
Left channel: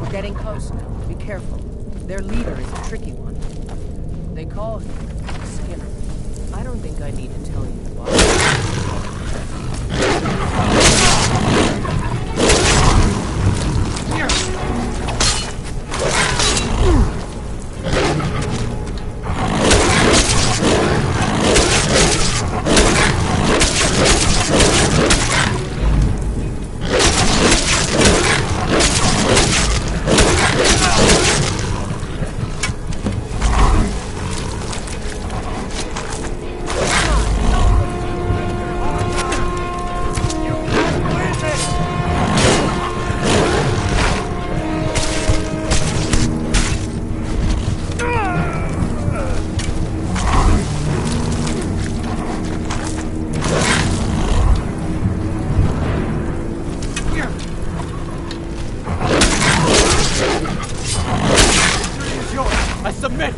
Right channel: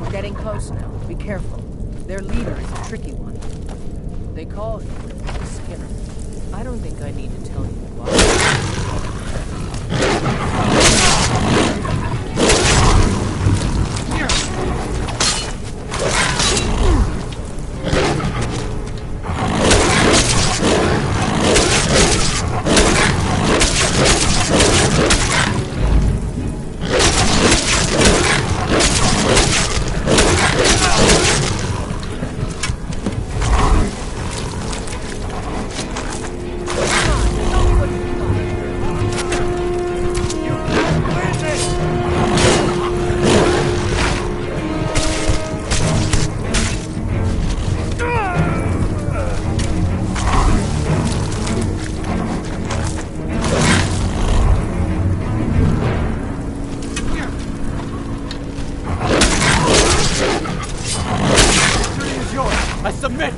We're getting close now. Be careful. Their leader is a tricky one. They call him Skinner. I don't think I need to tell you why. I submit!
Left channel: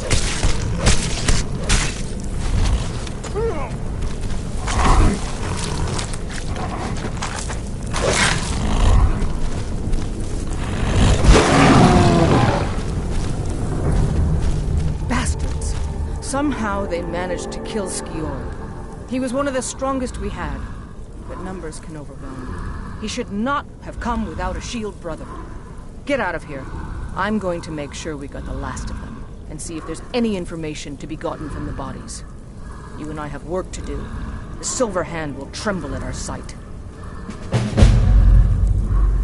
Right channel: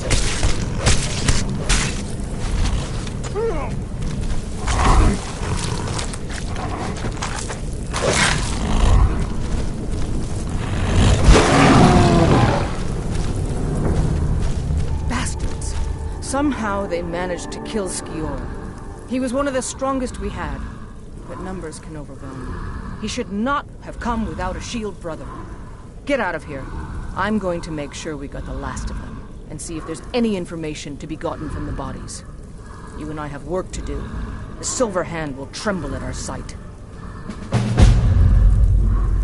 Bastards! Somehow they managed to kill Skior. He was one of the strongest we had, but numbers can overwhelm. He should not have come without a shield brother. Get out of here. I'm going to make sure we got the last of them, and see if there's any information to be gotten from the bodies. You and I have work to do. The Silver Hand will tremble at our sight.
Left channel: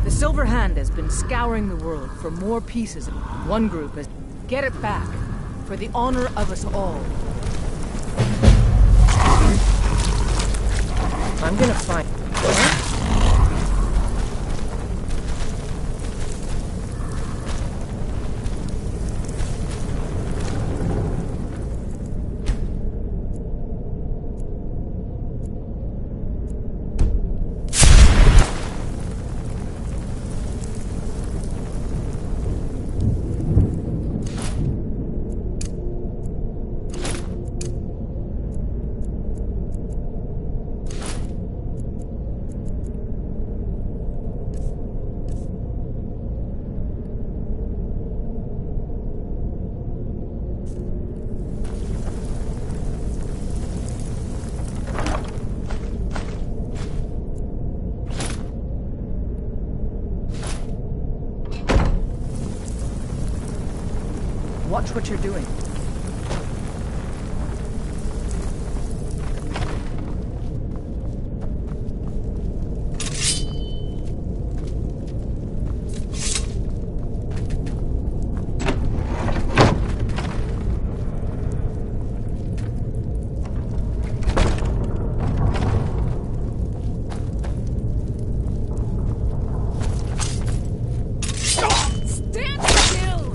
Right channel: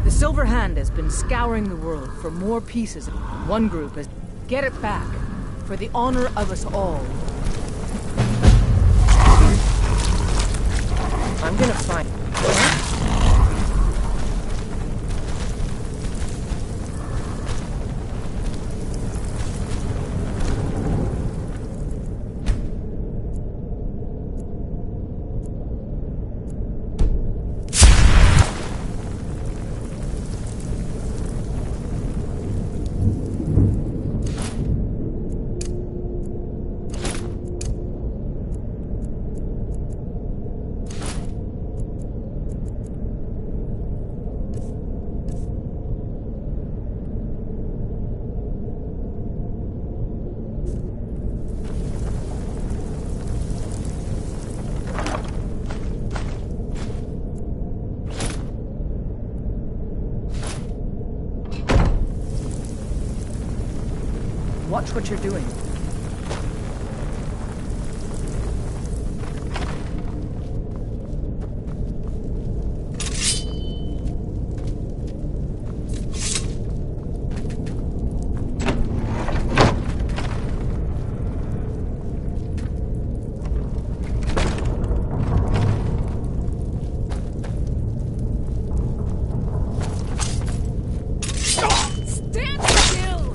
The Silver Hand has been scouring the world for more pieces. One group has... Get it back, for the honor of us all. I'm gonna find... Watch what you're doing. Stand still!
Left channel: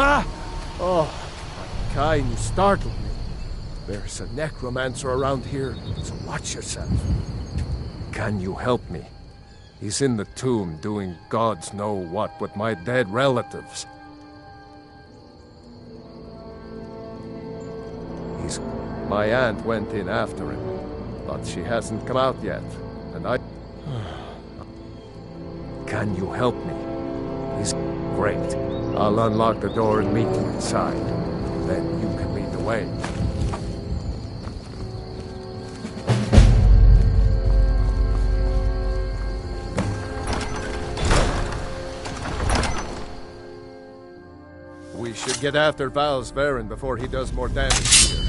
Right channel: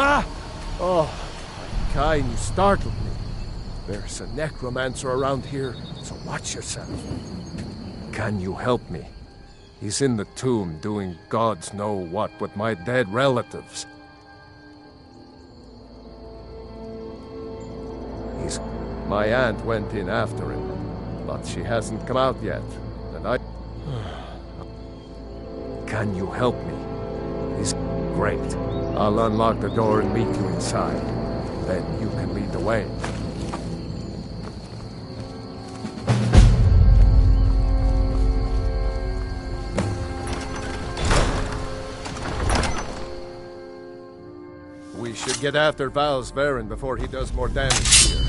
Ah! Oh, my kind, you startled me. There's a necromancer around here, so watch yourself. Can you help me? He's in the tomb doing gods know what with my dead relatives. My aunt went in after him, but she hasn't come out yet, and I... Can you help me? He's great. I'll unlock the door and meet you inside. Then you can lead the way. We should get after Val's Baron before he does more damage here.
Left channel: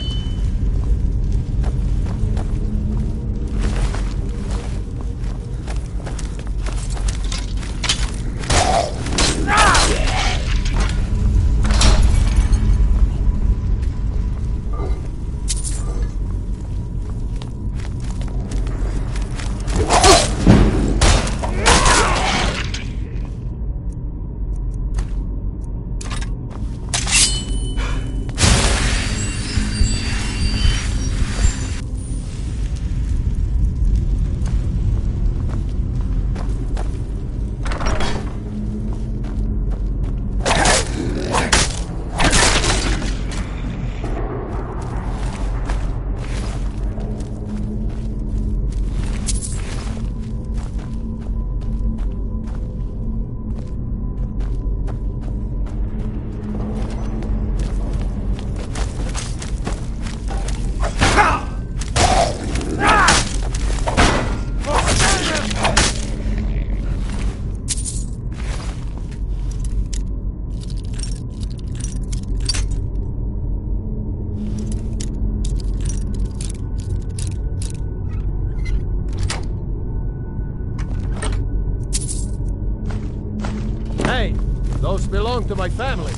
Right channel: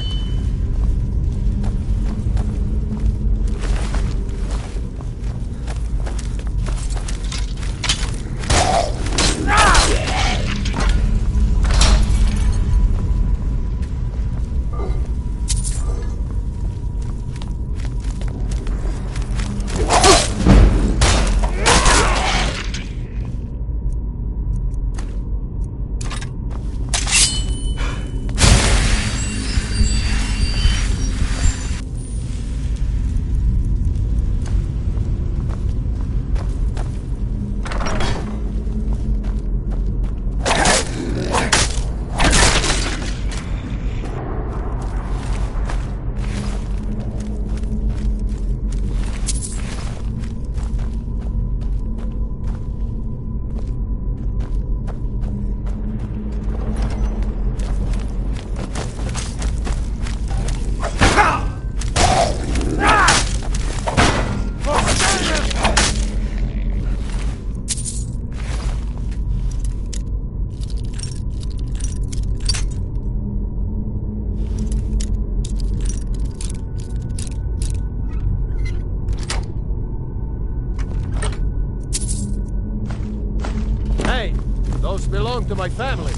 Hey, those belong to my family.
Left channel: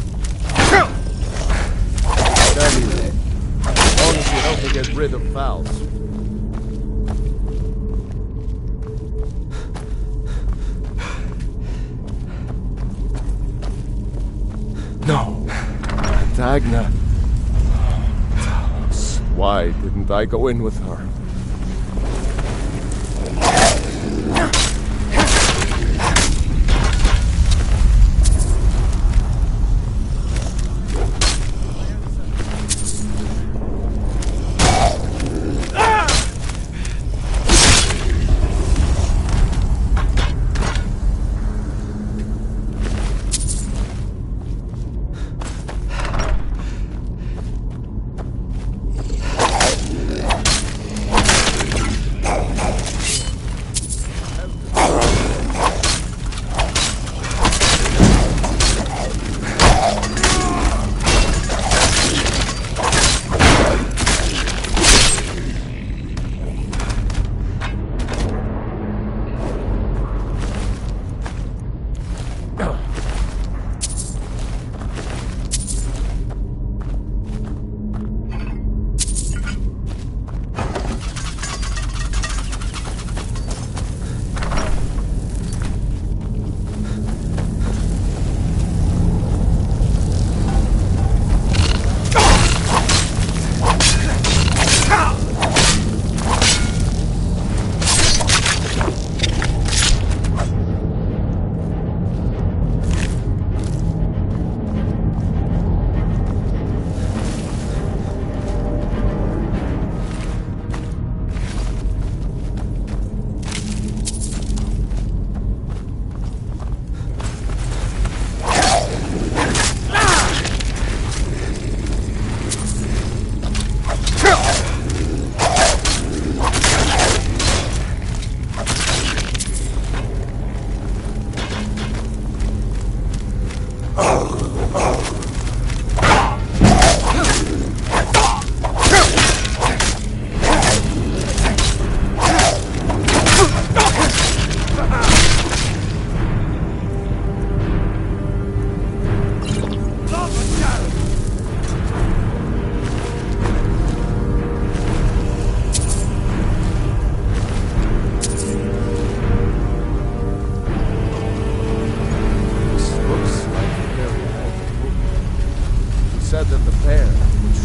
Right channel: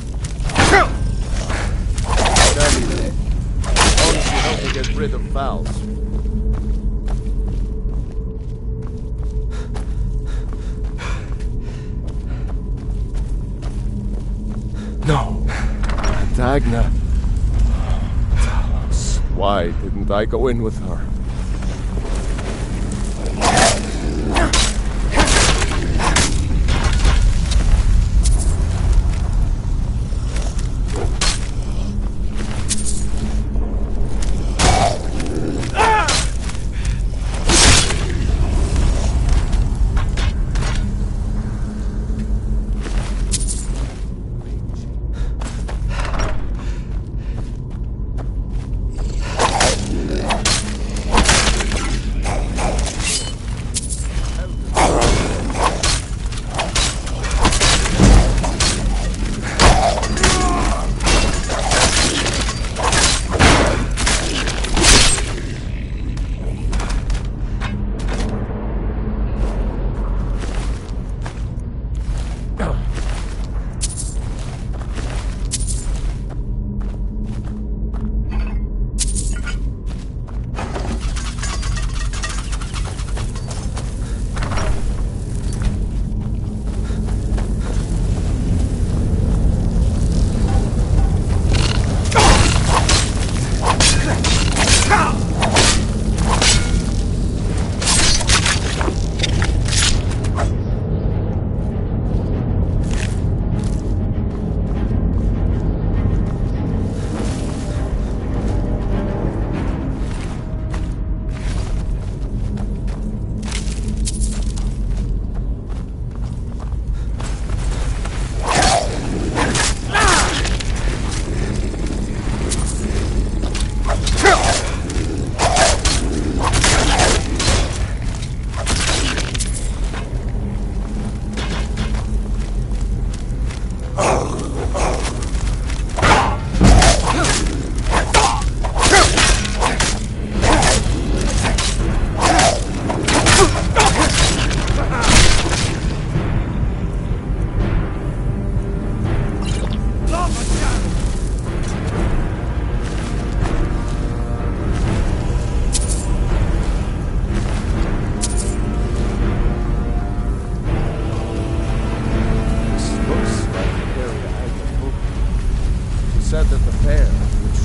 Anyway, as long as you help me get rid of Val's. No. And Agna. Talos. Why didn't I go in with her?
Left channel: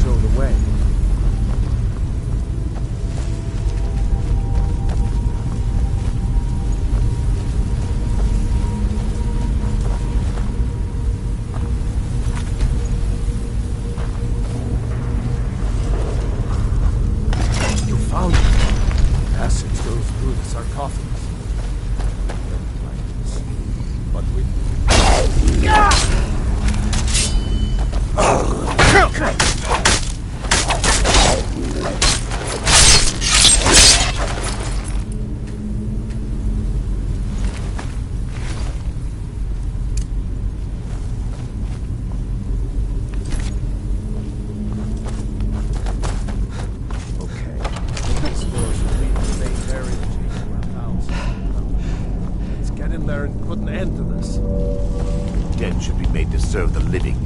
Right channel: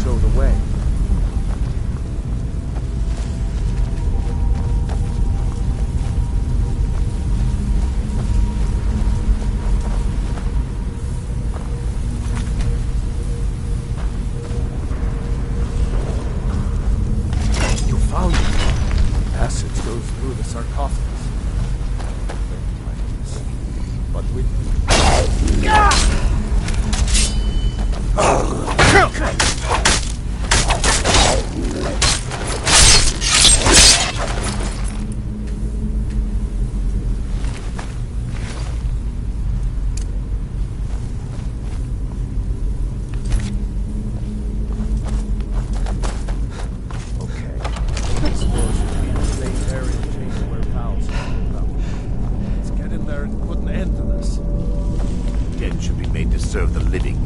show the way. You found it. Passage goes through the sarcophagus. But we... Den should be made to serve the living.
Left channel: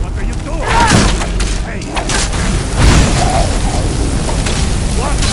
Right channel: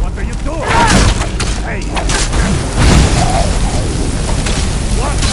What are you doing? Hey! What?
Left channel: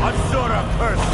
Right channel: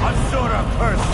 Asura curse!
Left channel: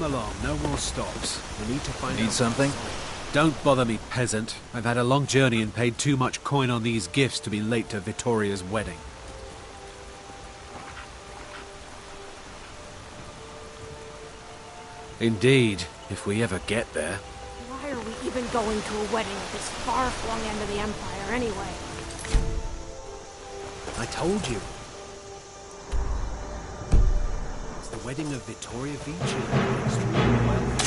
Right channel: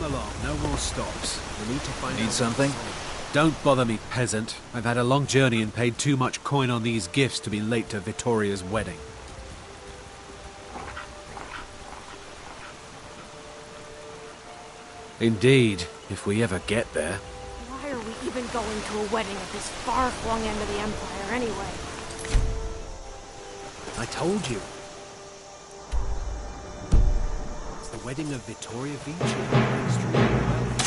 Come along, no more stops. We need to find Need something? Don't bother me, peasant. I've had a long journey and paid too much coin on these gifts to be late to Vittoria's wedding. Indeed, if we ever get there. Why are we even going to a wedding at this far-flung end of the Empire, anyway? I told you. It's the wedding of Vittoria Vici, extremely wealthy.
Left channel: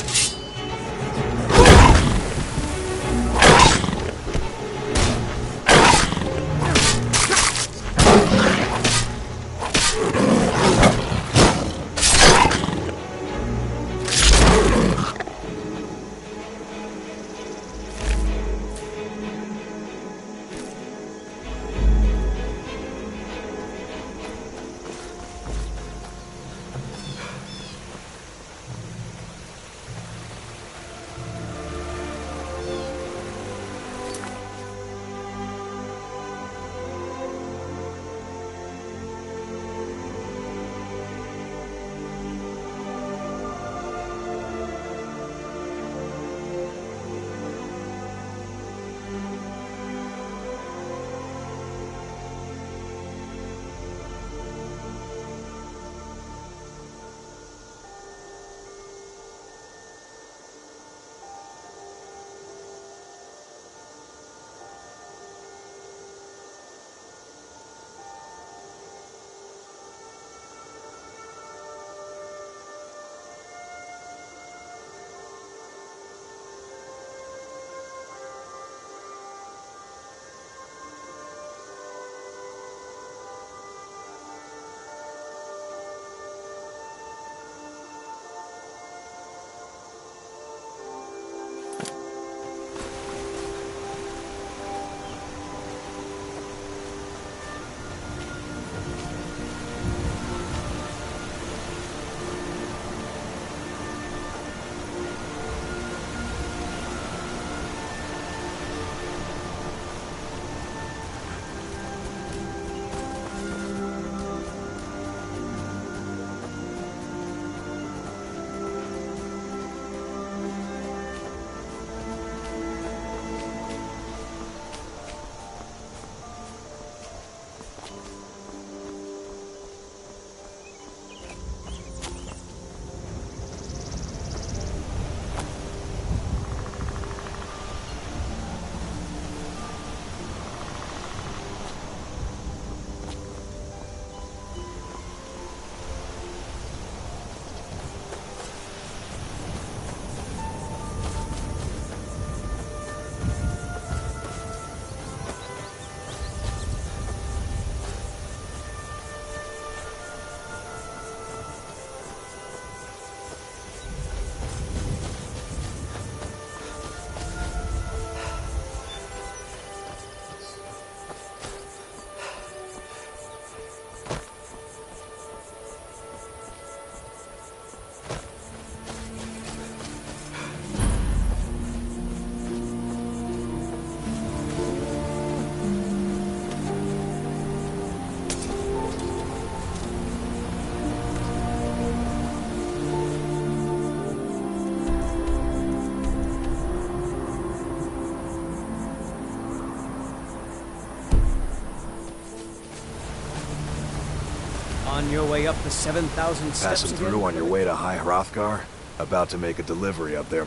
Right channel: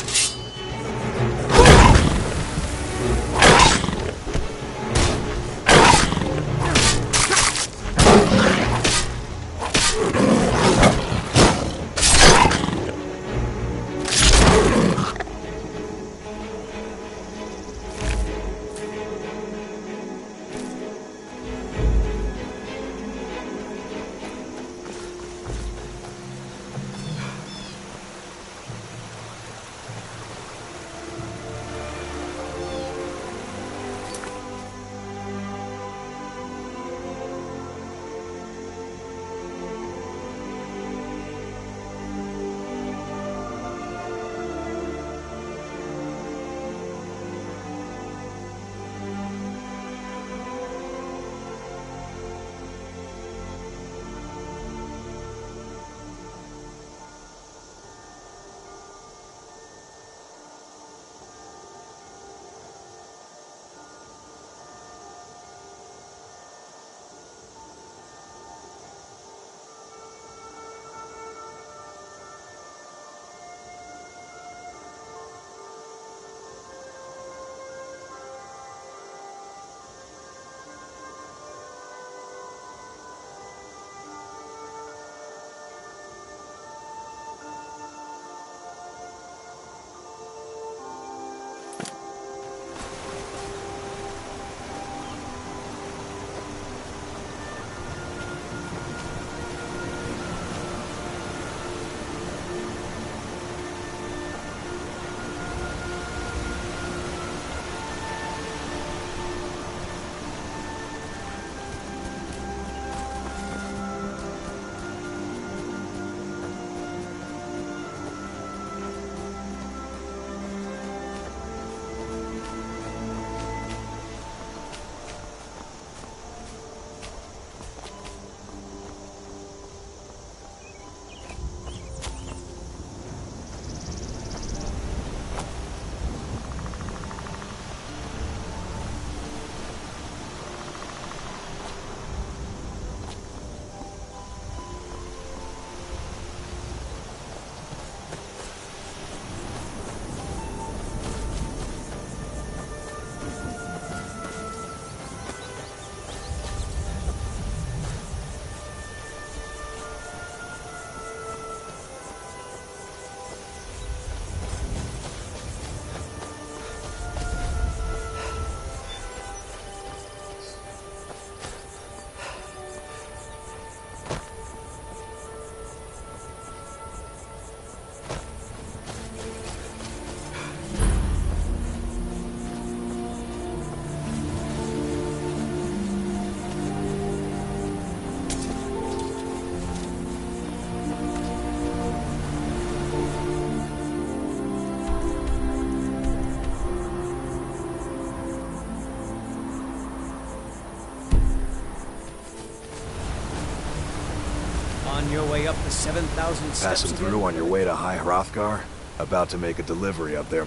On your way up the 7,000 steps Passing again? through on your way to High Hrothgar? About to make a delivery up there.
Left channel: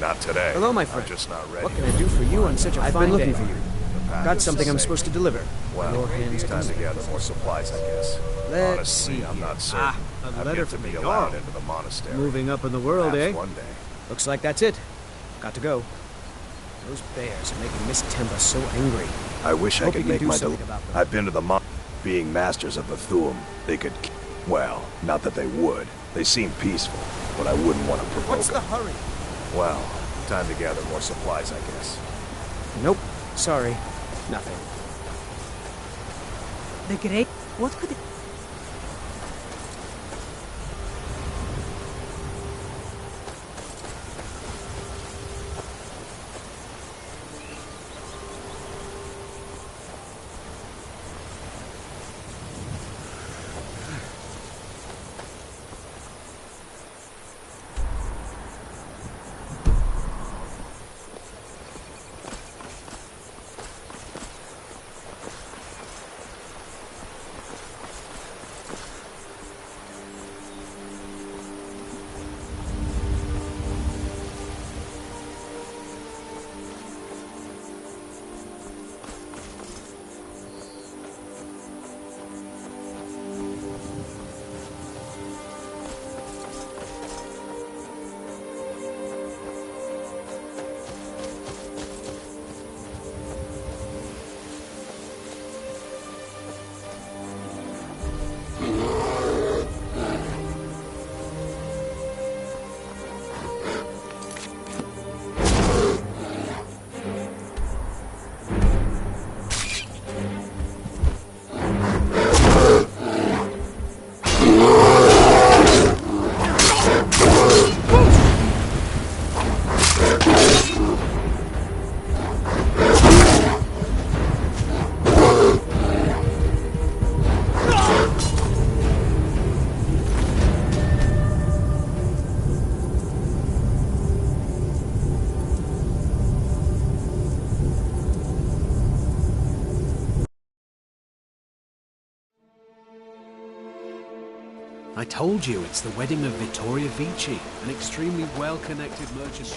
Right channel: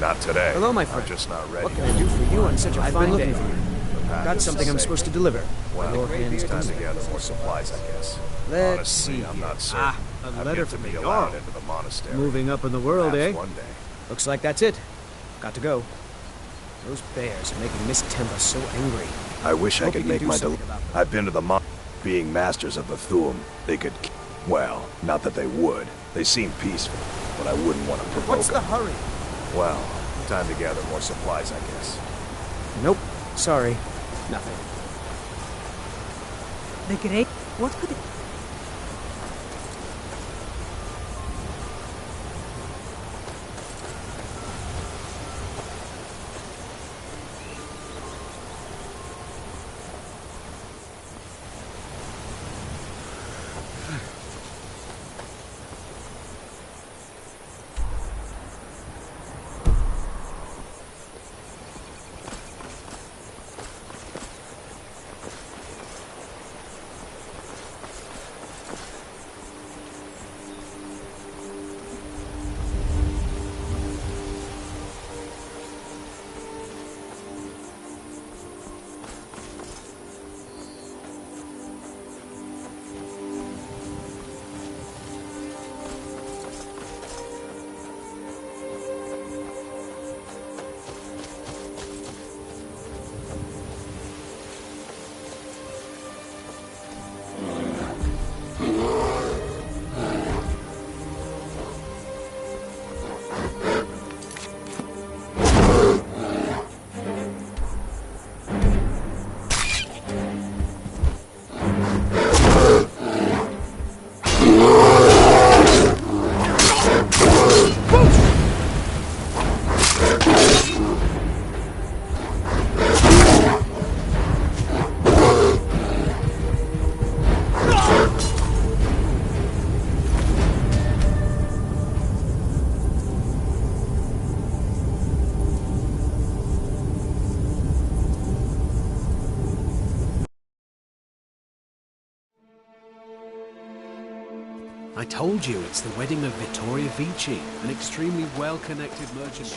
Not today. Hello, my friend. I'm just not ready. What can I do for you on such a fine day? I've been looking for you. Got something I'm supposed to deliver. Well, Your hands time to clean. gather more supplies, I guess. Let's Honestly, see I'm here. not certain. A I've letter yet to from be the allowed Jarl. into the monastery. Moving up in the world, Perhaps eh? one day. Looks like that's it. Got to go. Those bears are making Miss Temba so angry. I wish I Hope could you can make do my something about them. I've been to the being masters of the Thuum. They could... Well, not that they would. They seem peaceful, but I wouldn't want to provoke What's the them. hurry? Well, time to gather more supplies, I guess. Nope. Sorry. Nothing. The great... What could it... I told you, it's the wedding of Vittoria Vici, an extremely well-connected merchant.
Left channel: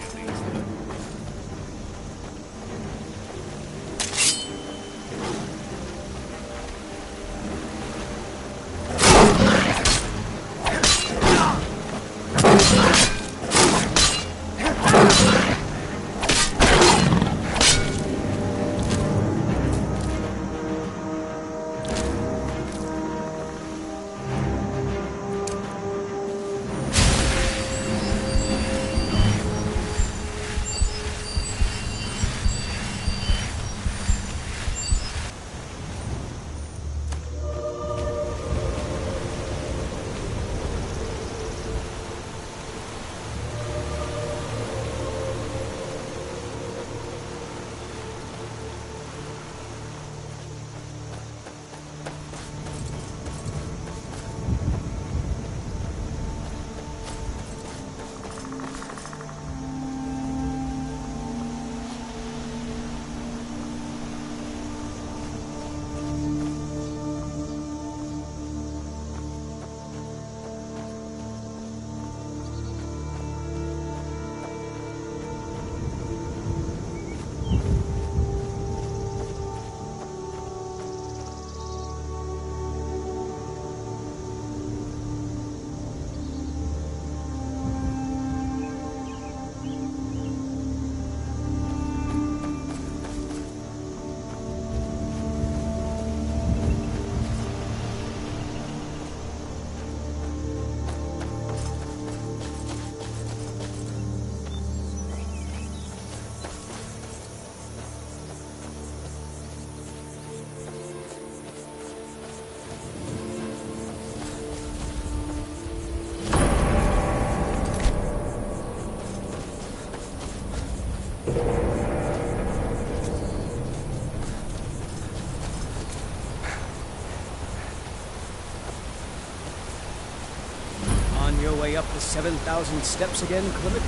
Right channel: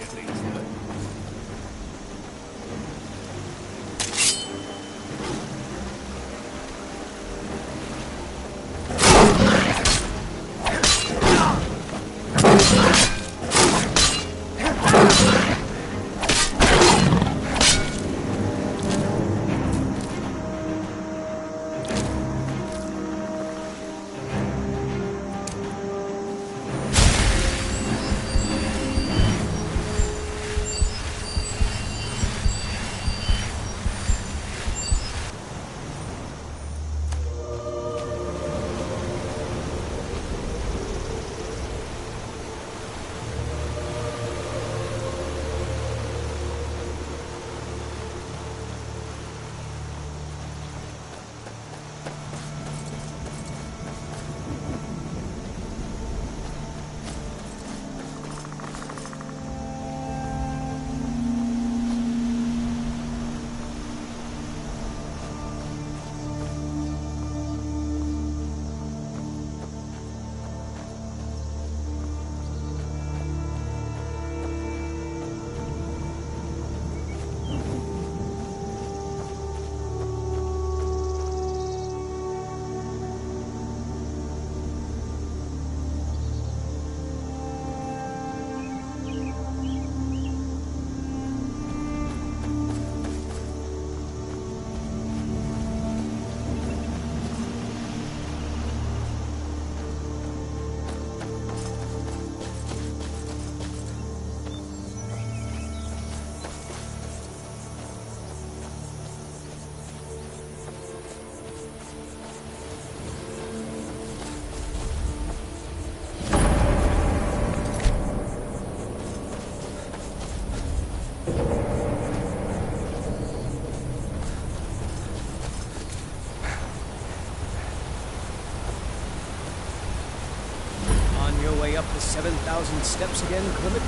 On your way up the 7,000 steps again, Clement?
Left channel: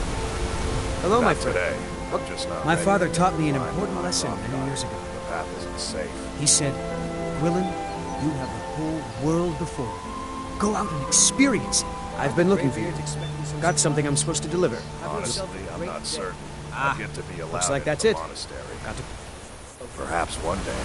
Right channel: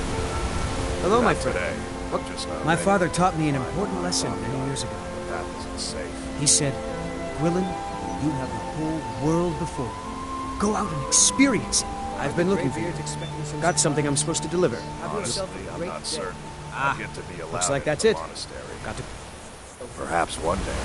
Hello, my friend. Today. I'm just not My ready. father taught me an important lesson many years ago. The path isn't safe. He said, Willen, you have the whole world before you. Go out and experience it. I've been looking for you. Got something I'm supposed to deliver. Honestly, I'm not certain. Ah, I'll get to be allowed looks like into that's the it. monastery. Got to... Perhaps one day.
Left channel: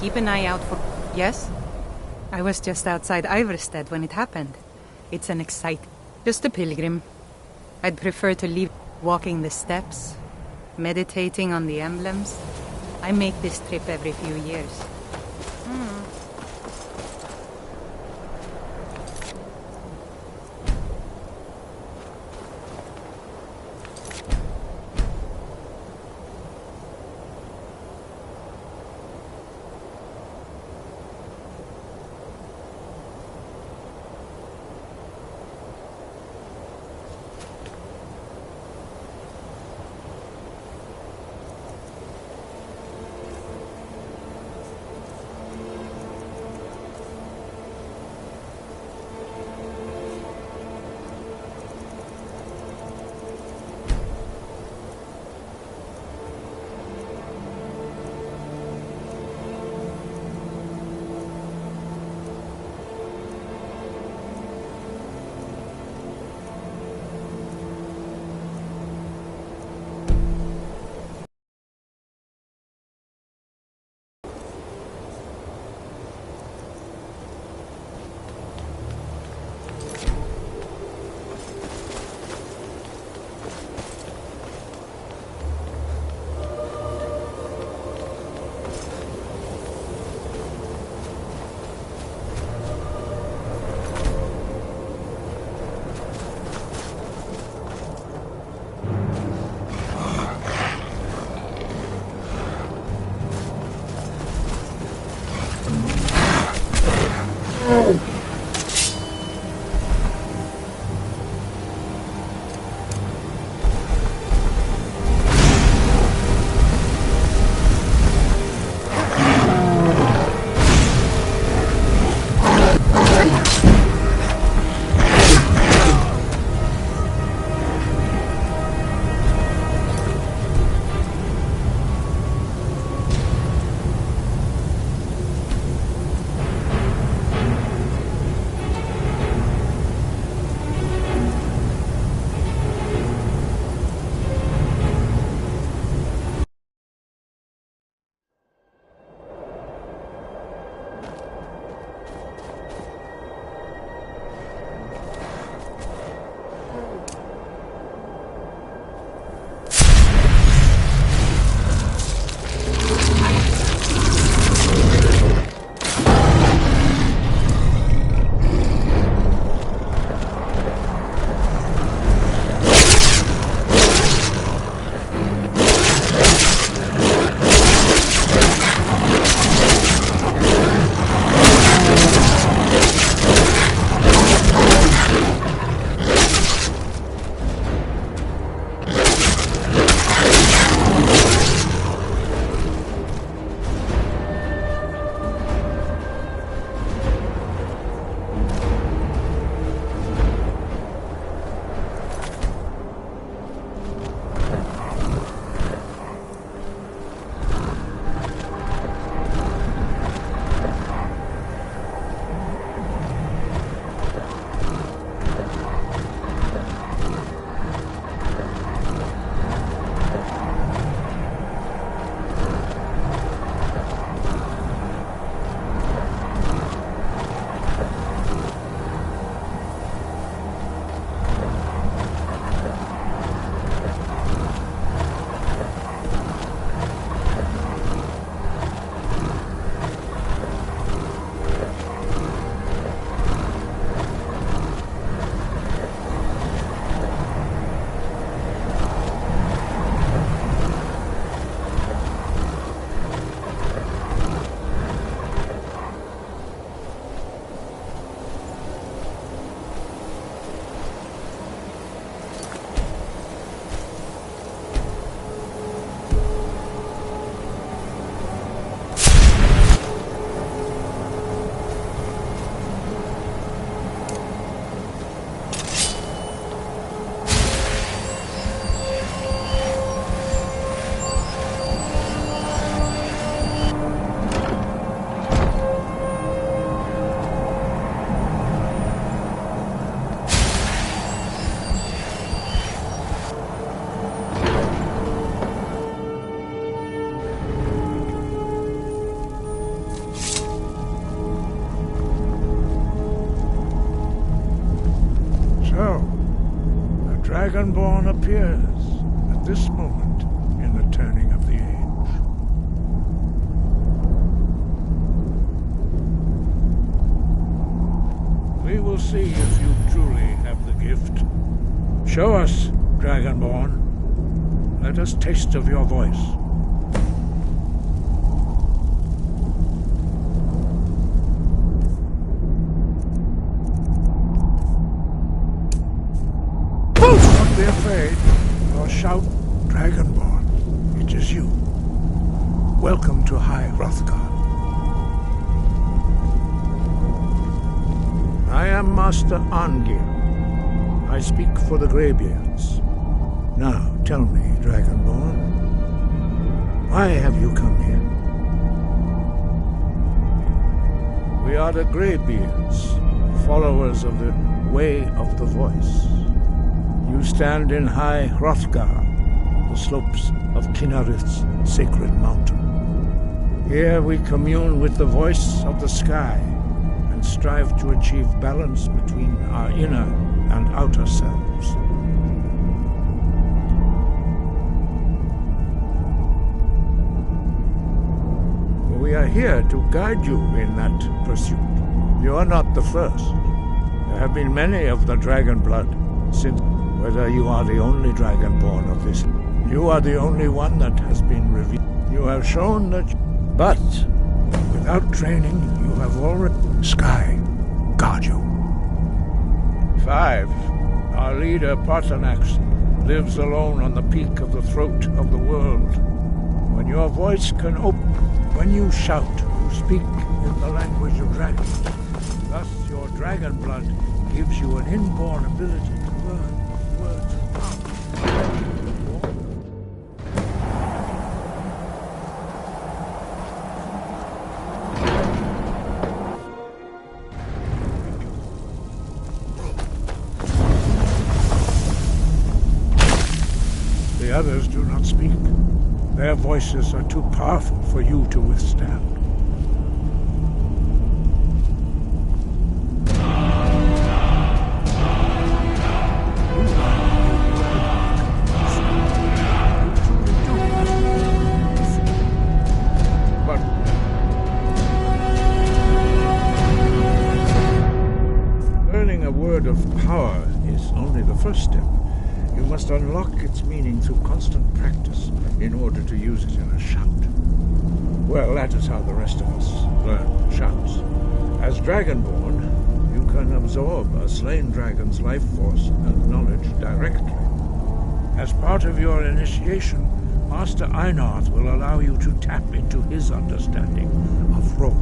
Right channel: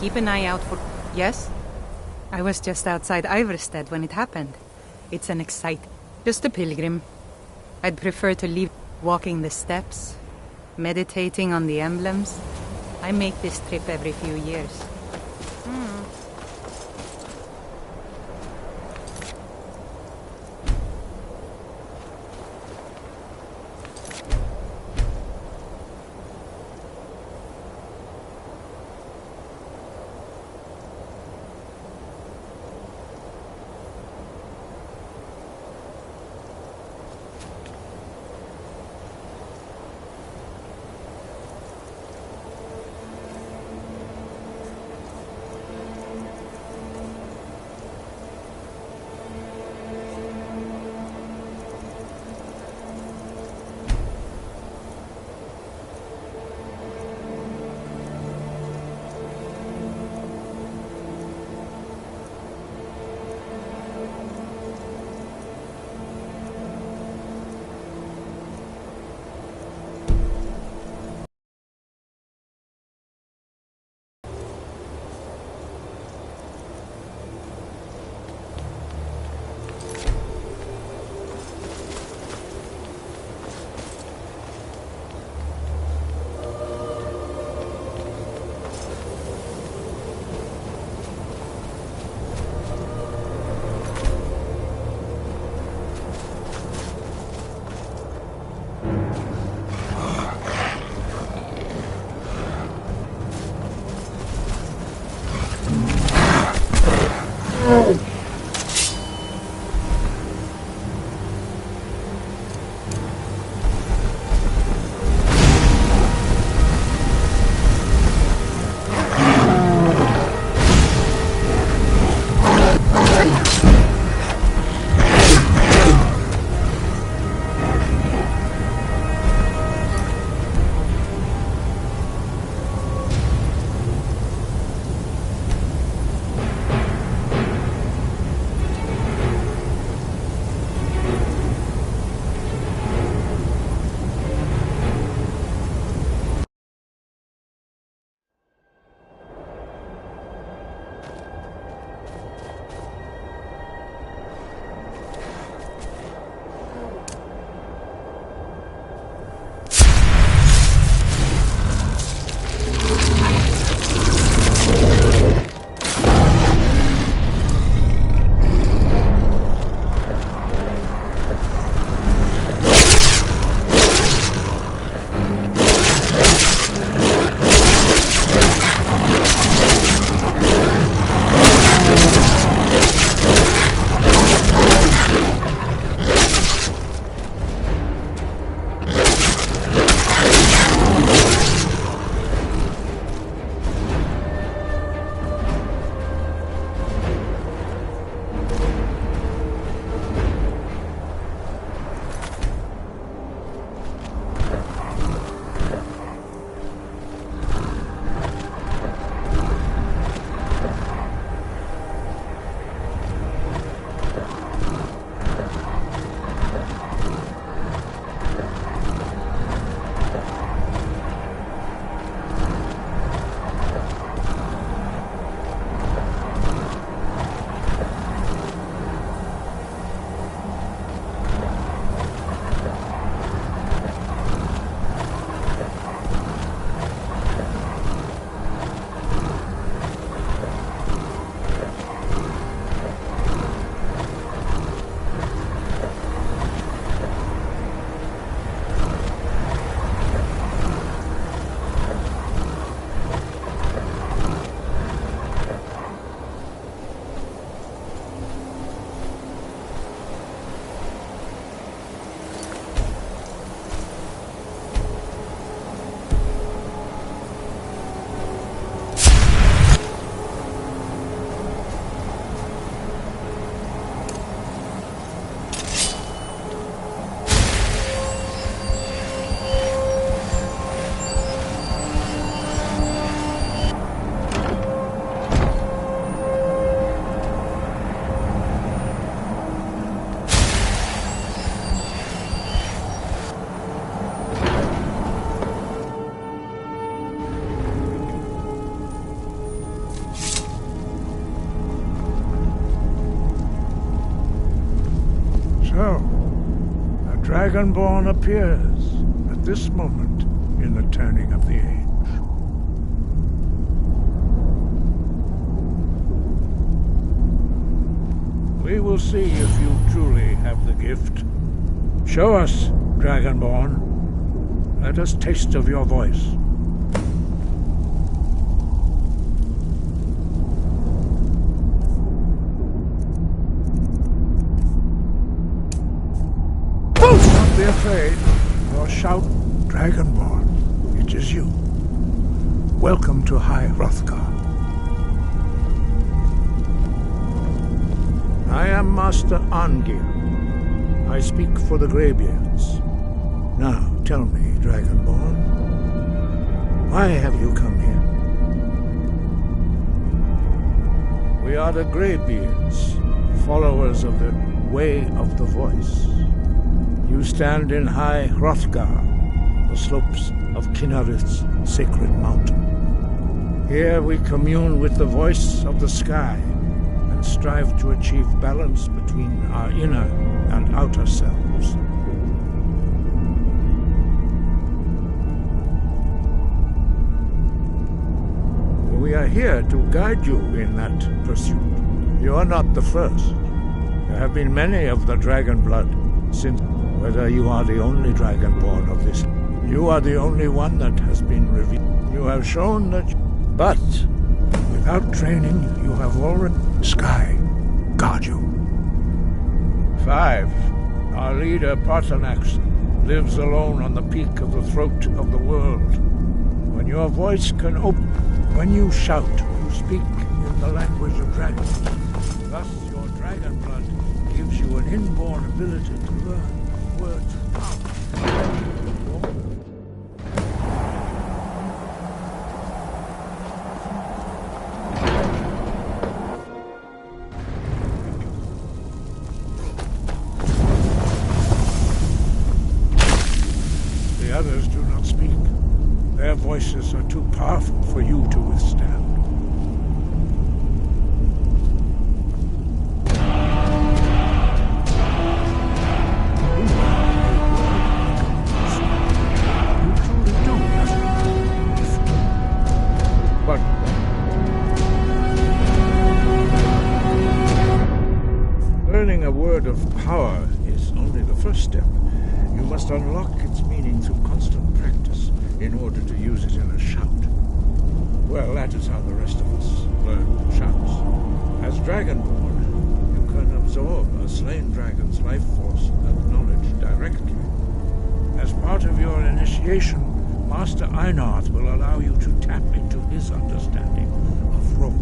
Keep an eye out for... Yes? I was just outside Iverstead when it happened. It's an exciting... Just a pilgrim. I'd prefer to leave walking the steps, meditating on the emblems. I make this trip every few years. So, a Dragonborn appears at this moment in the turning of the age. We will see if you truly have the gift. Show us, Dragonborn. Let us taste of your voice. Don't be afraid, or shout, Dragonborn. It is you. Welcome to High Hrothgar. I am Master Arngir. I speak for the Greybeards. Now, tell me, Dragonborn, why have you come here? We are the Greybeards, followers of the Way of the Voice. You stand in High Hrothgar, the slopes of Kinnarith's sacred mountain. Here we commune with the voice of the sky and strive to achieve balance between our inner and outer selves. We are here to guide you in that pursuit. You are not the first. There have been many of the dragon blood since. Whether you are the only Dragonborn of this, you are the only one that has been revealed. You have shown that, but without training, you have already. Sky, guard you. 5. Our leader, Paarthurnax, lives alone on the peak of the throat of the world. When your voice can open, when you shout, you speak in the language of dragons. Thus, your dragon blood gives you an inborn ability to learn words of power. The others do not speak. Their voices are too powerful for you to withstand. You truly do have a gift. But learning a word of power is only the first step. You must unlock its meaning through constant practice in order to use it in a shout. Well, that is how the rest of us learn shouts. As Dragonborn, you can absorb a slain dragon's life force and knowledge directly. As part of your initiation, Master Einarth will allow you to tap into his understanding of role.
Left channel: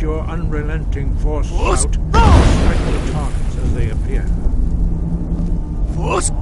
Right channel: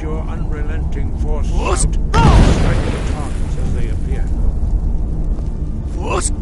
Your unrelenting force shout, strike the targets as they appear. Force!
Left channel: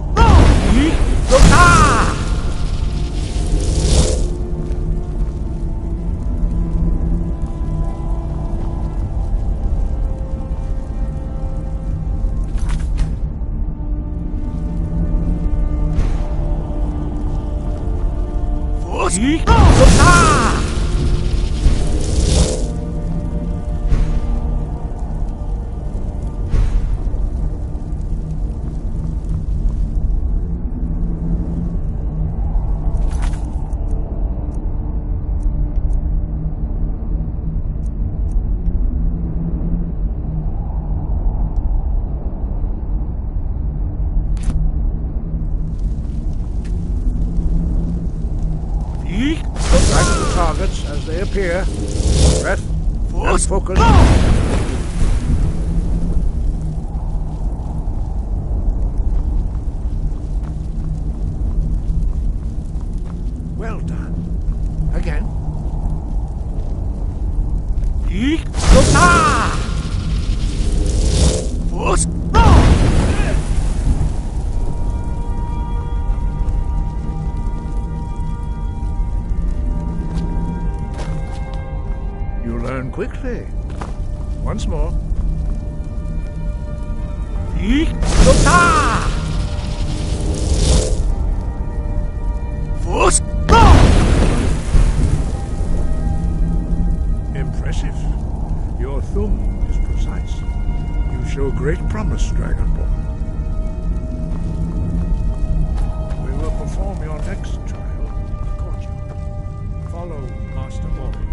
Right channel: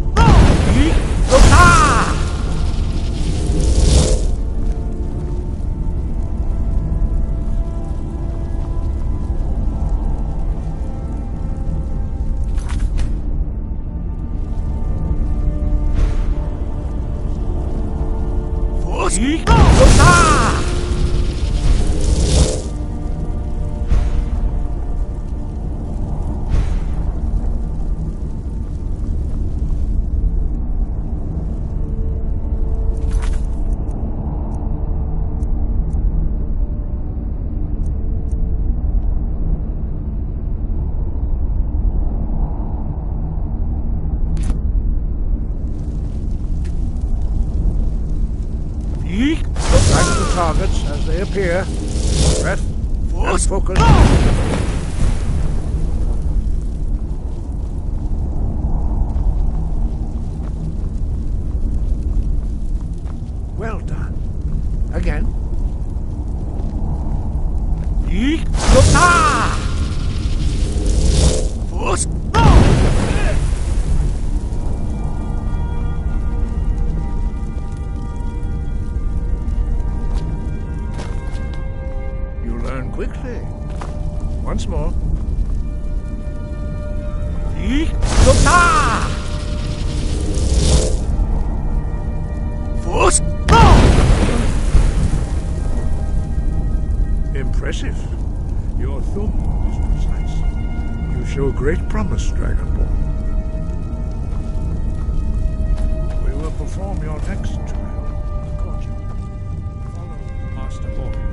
Strike the targets as they appear. Breath and focus. Well done. Again. You learn quickly. Once more. Impressive. Your thumb is precise. You show great promise, Dragonborn. We will perform your next trial in the courtyard. Follow Master Mori.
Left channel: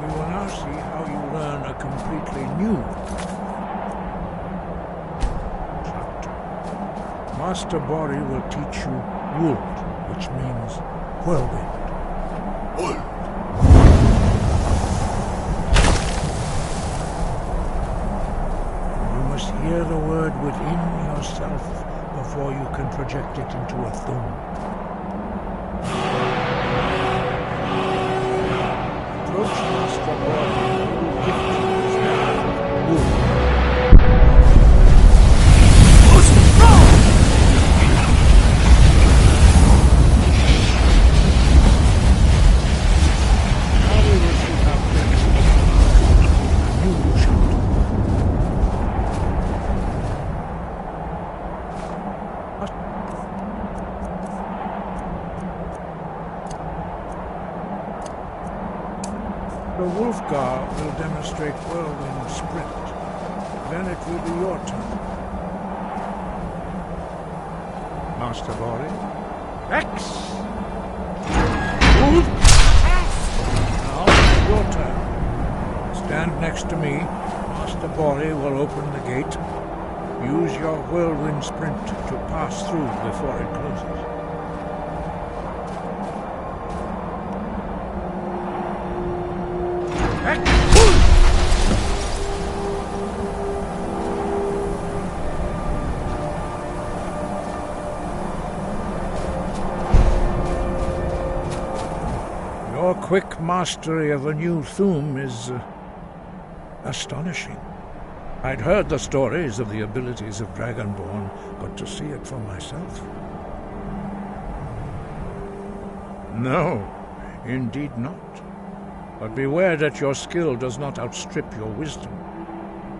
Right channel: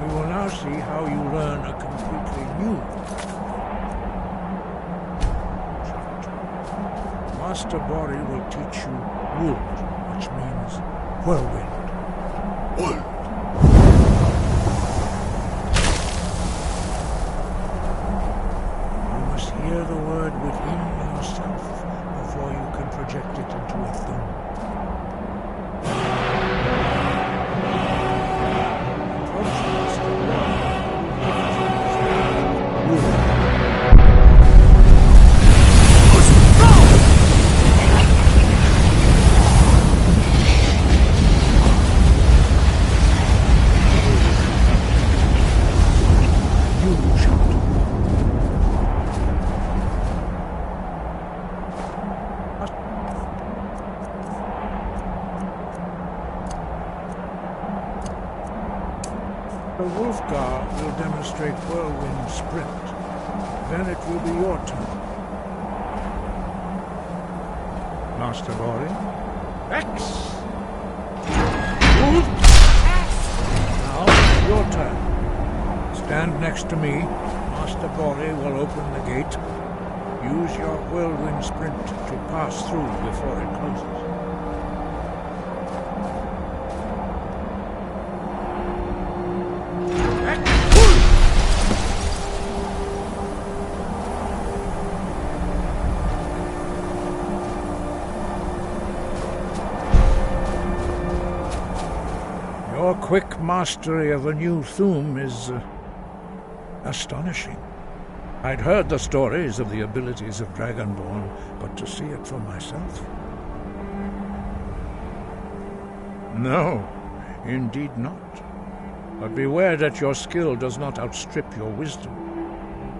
We will now see how you learn a completely new chapter. Master Bori will teach you Wold, which means whirlwind. Wold. You must hear the word within yourself before you can project it into a thumb. Approach Master Bori, who will gift you his knowledge of wood. Now we will see how quickly you shout. The Wolfgar will demonstrate whirlwind sprint. Then it will be your turn. Master Bori. X! Move! Now, your turn. Stand next to me. Master Bori will open the gate. Use your whirlwind sprint to pass through before it closes. Your quick mastery of a new thum is astonishing. I'd heard the stories of the abilities of Dragonborn, but to see it for myself... No, indeed not. But beware that your skill does not outstrip your wisdom.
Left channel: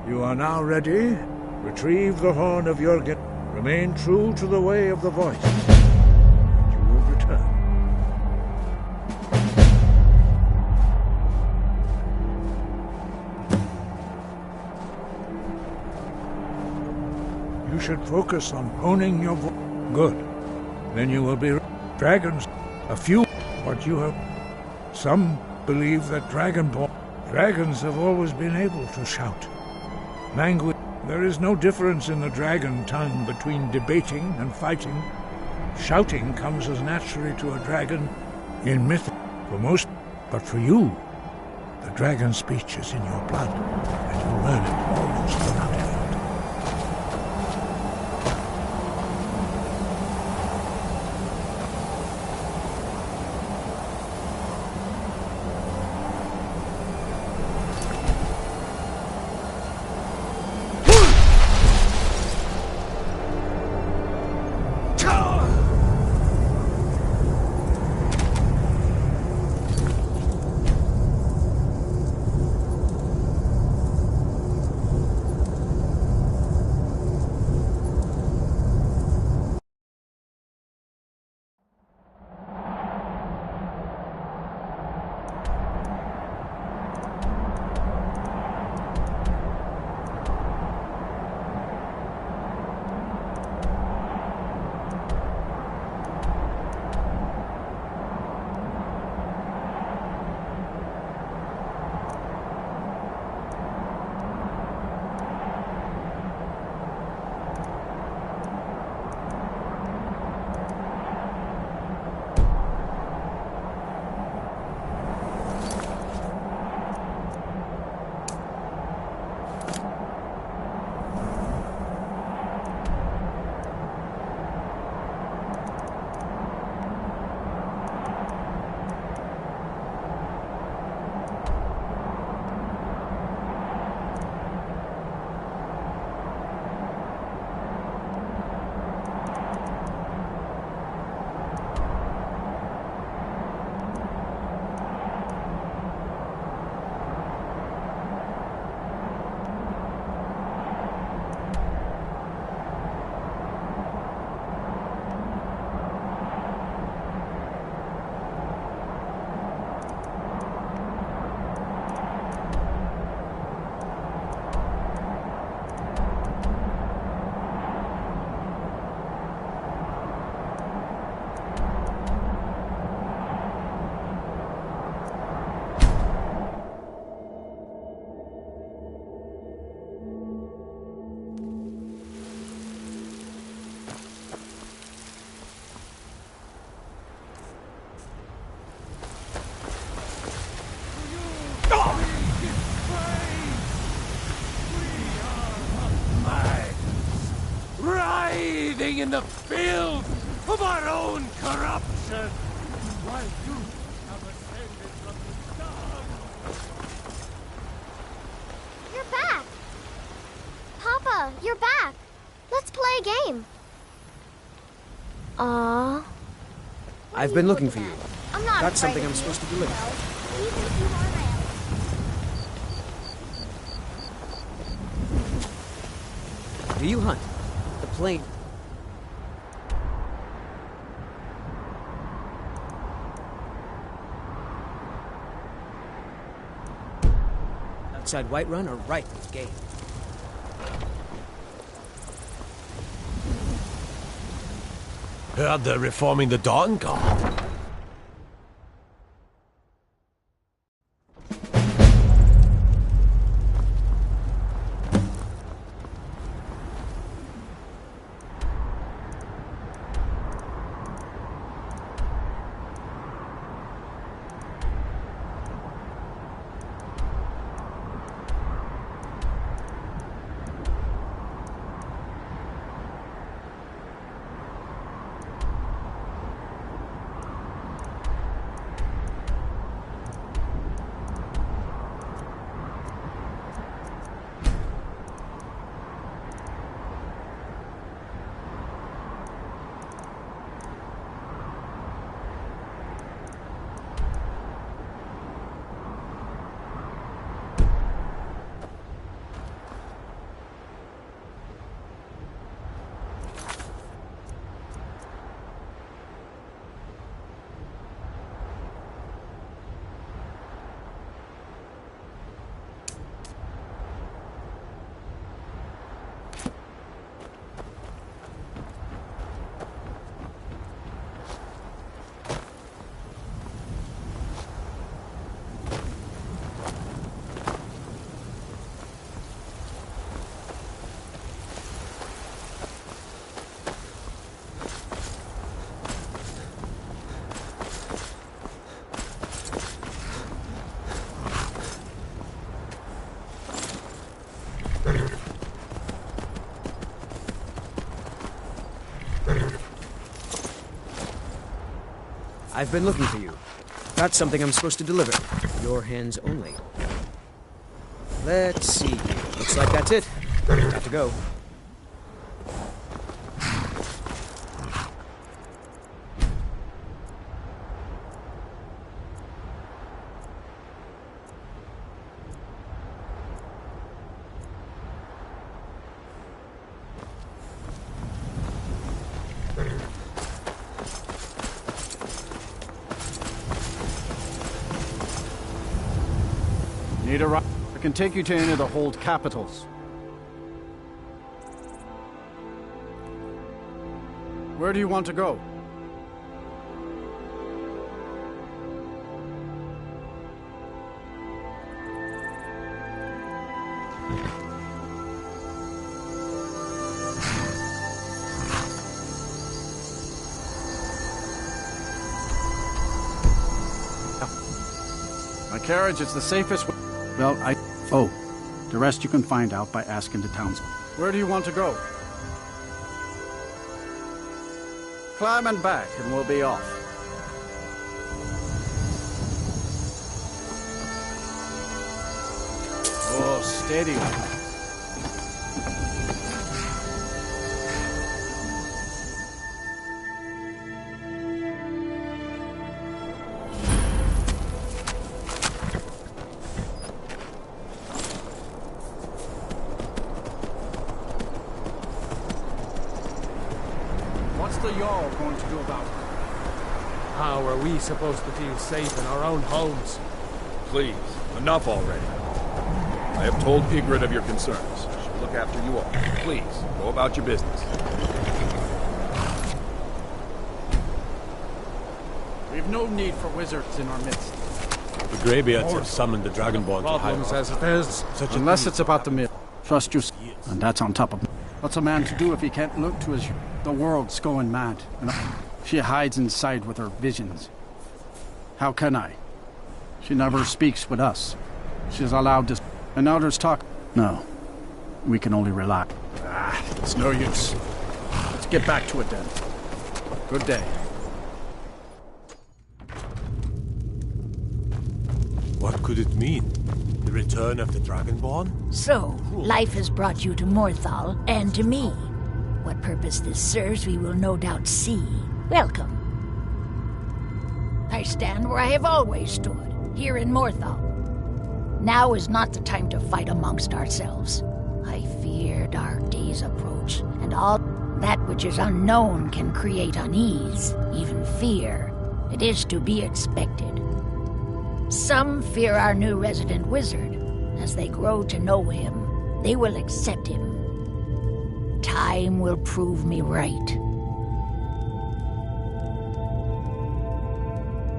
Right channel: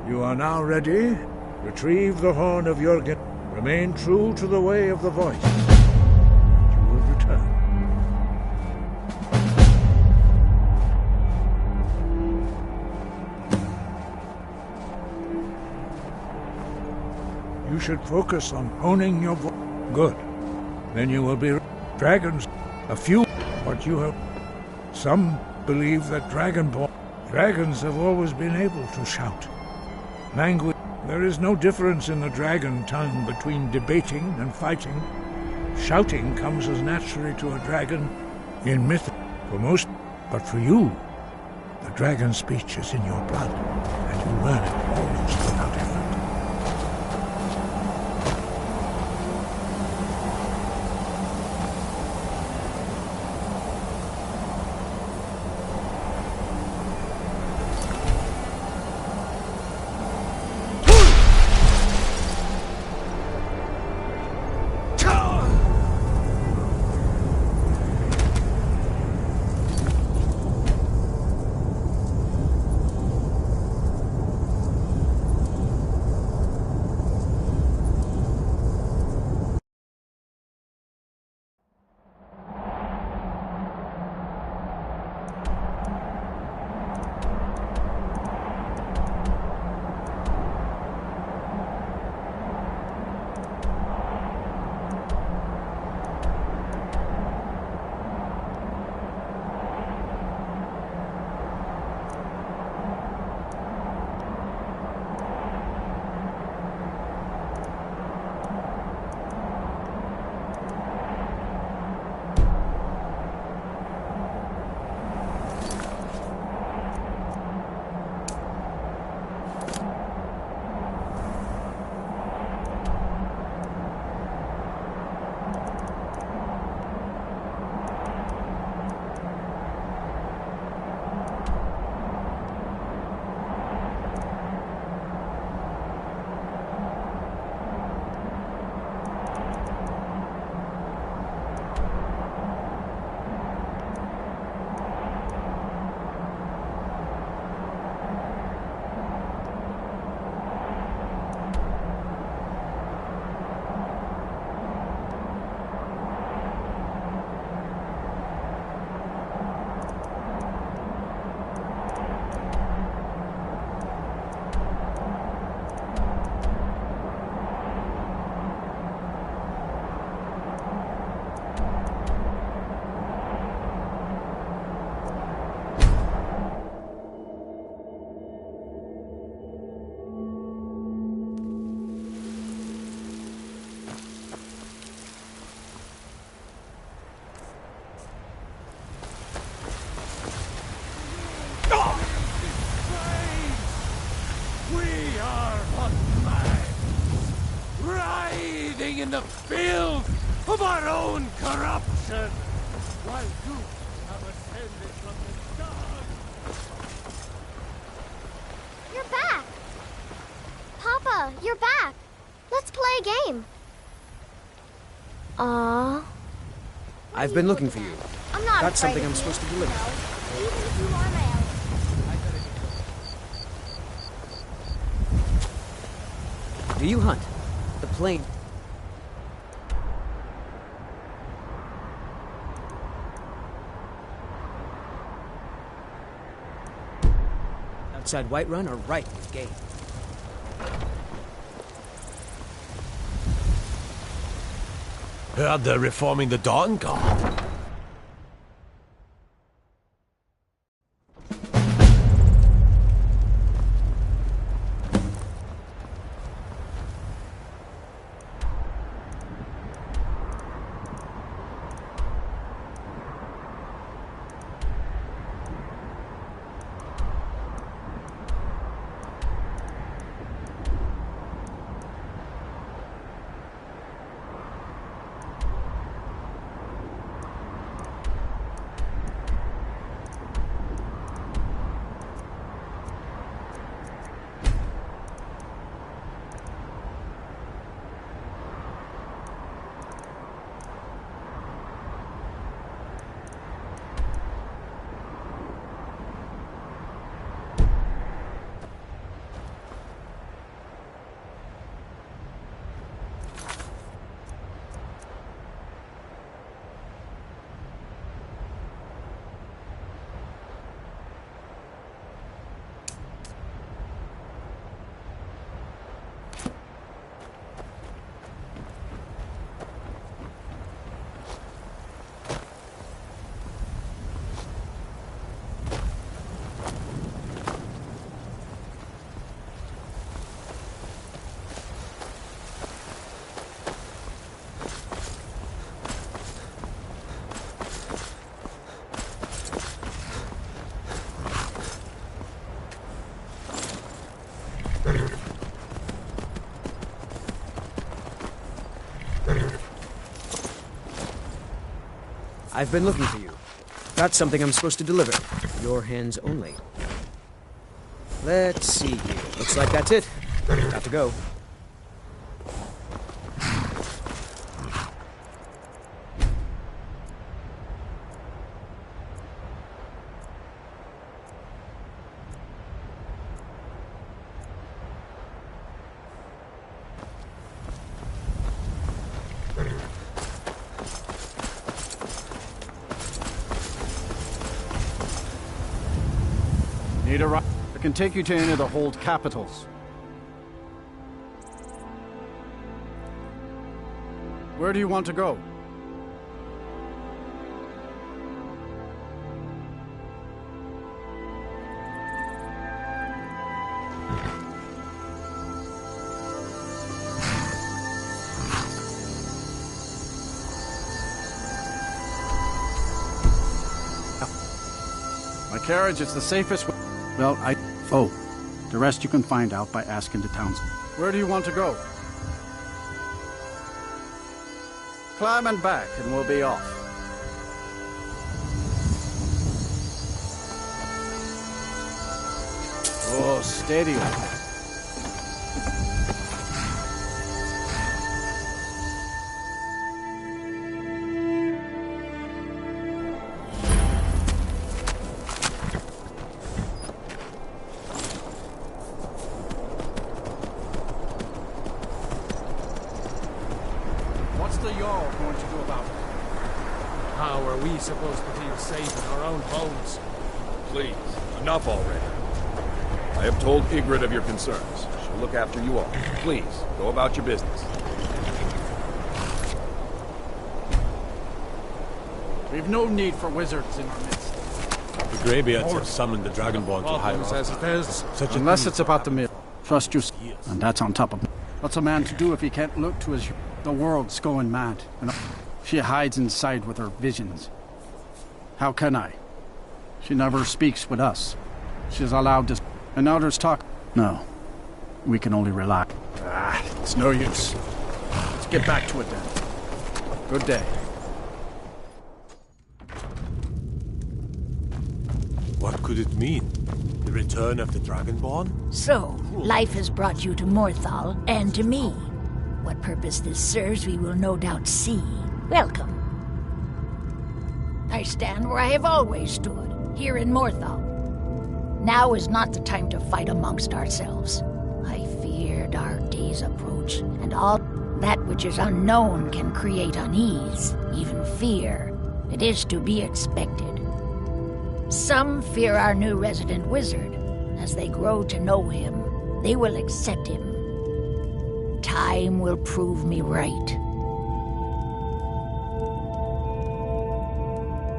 You are now ready. Retrieve the horn of Jürgen. Remain true to the way of the voice. And you will return. You should focus on honing your voice. Good. Then you will be dragons. A few, but you have... Some believe that dragons have always been able to shout. Language. There is no difference in the dragon tongue between debating and fighting. Shouting comes as naturally to a dragon in myth for most, but for you, the dragon speech is in your blood, and you learn it almost without effort. writhing in the filth of our own corruption, while you have ascended from the stars. You're back! Papa, you're back! Let's play a game. Aww. I've been looking for you. I'm not Got something afraid I'm of supposed you, to deliver. no. Even if you are my ally. Do you hunt? The plane. Outside Whiterun are ripe with game. Heard they're reforming the Dawn Guard. I've been looking for you. Got something I'm supposed to deliver. Your hands only. Let's see here. Looks like that's it. Got to go. Need a ride? I can take you to any of the hold capitals. Where do you want to go? My carriage is the safest way. Well, the rest you can find out by asking the townsmen. Where do you want to go? Climb and back, and we'll be off. Oh, steady. What's the Jarl going to do about it? How are we supposed to feel safe in our own homes? Please, enough already. I have told Ygritte of your concerns. She'll look after you all. Please, go about your business. We've no need for wizards in our midst. The Greybeards have summoned the Dragonborn to hide Problems as it is. Such Unless it's about the mill. Trust you, and that's on top of. What's a man to do if he can't look to his? The world's going mad, and she hides inside with her visions. How can I? She never speaks with us. She's allowed to. And others talk. No, we can only rely. It's no use. get back to it then. Good day. What could it mean? The return of the Dragonborn? So, life has brought you to Morthal, and to me. What purpose this serves we will no doubt see. Welcome. I stand where I have always stood, here in Morthal. Now is not the time to fight amongst ourselves. I fear dark days approach, and all that which is unknown can create unease, even fear. It is to be expected. Some fear our new resident wizard. As they grow to know him, they will accept him. Time will prove me right.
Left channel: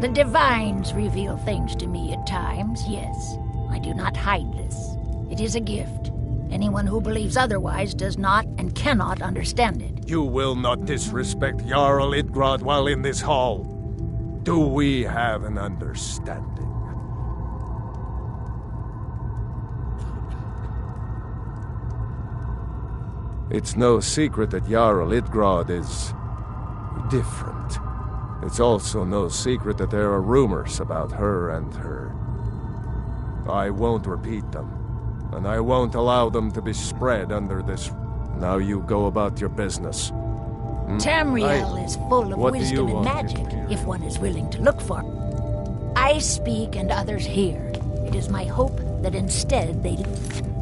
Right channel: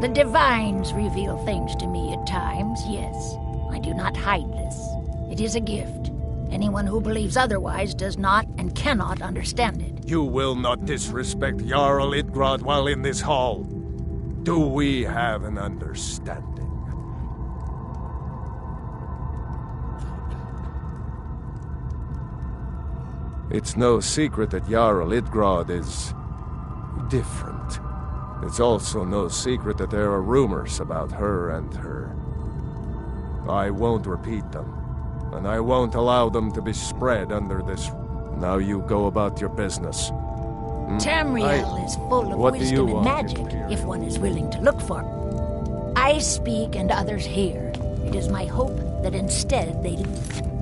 The divines reveal things to me at times, yes. I do not hide this. It is a gift. Anyone who believes otherwise does not and cannot understand it. You will not disrespect Jarl Idgrod while in this hall. Do we have an understanding? It's no secret that Jarl Idgrod is different. It's also no secret that there are rumors about her and her. I won't repeat them, and I won't allow them to be spread under this. Now you go about your business. Tamriel is full of wisdom and magic, if one is willing to look for it. I speak and others hear. It is my hope that instead they listen.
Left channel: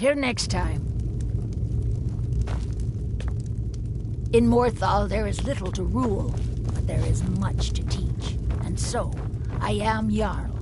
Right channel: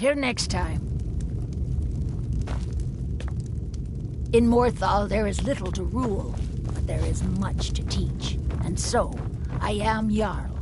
Until next time. In Morthal, there is little to rule, but there is much to teach. And so, I am Jarl.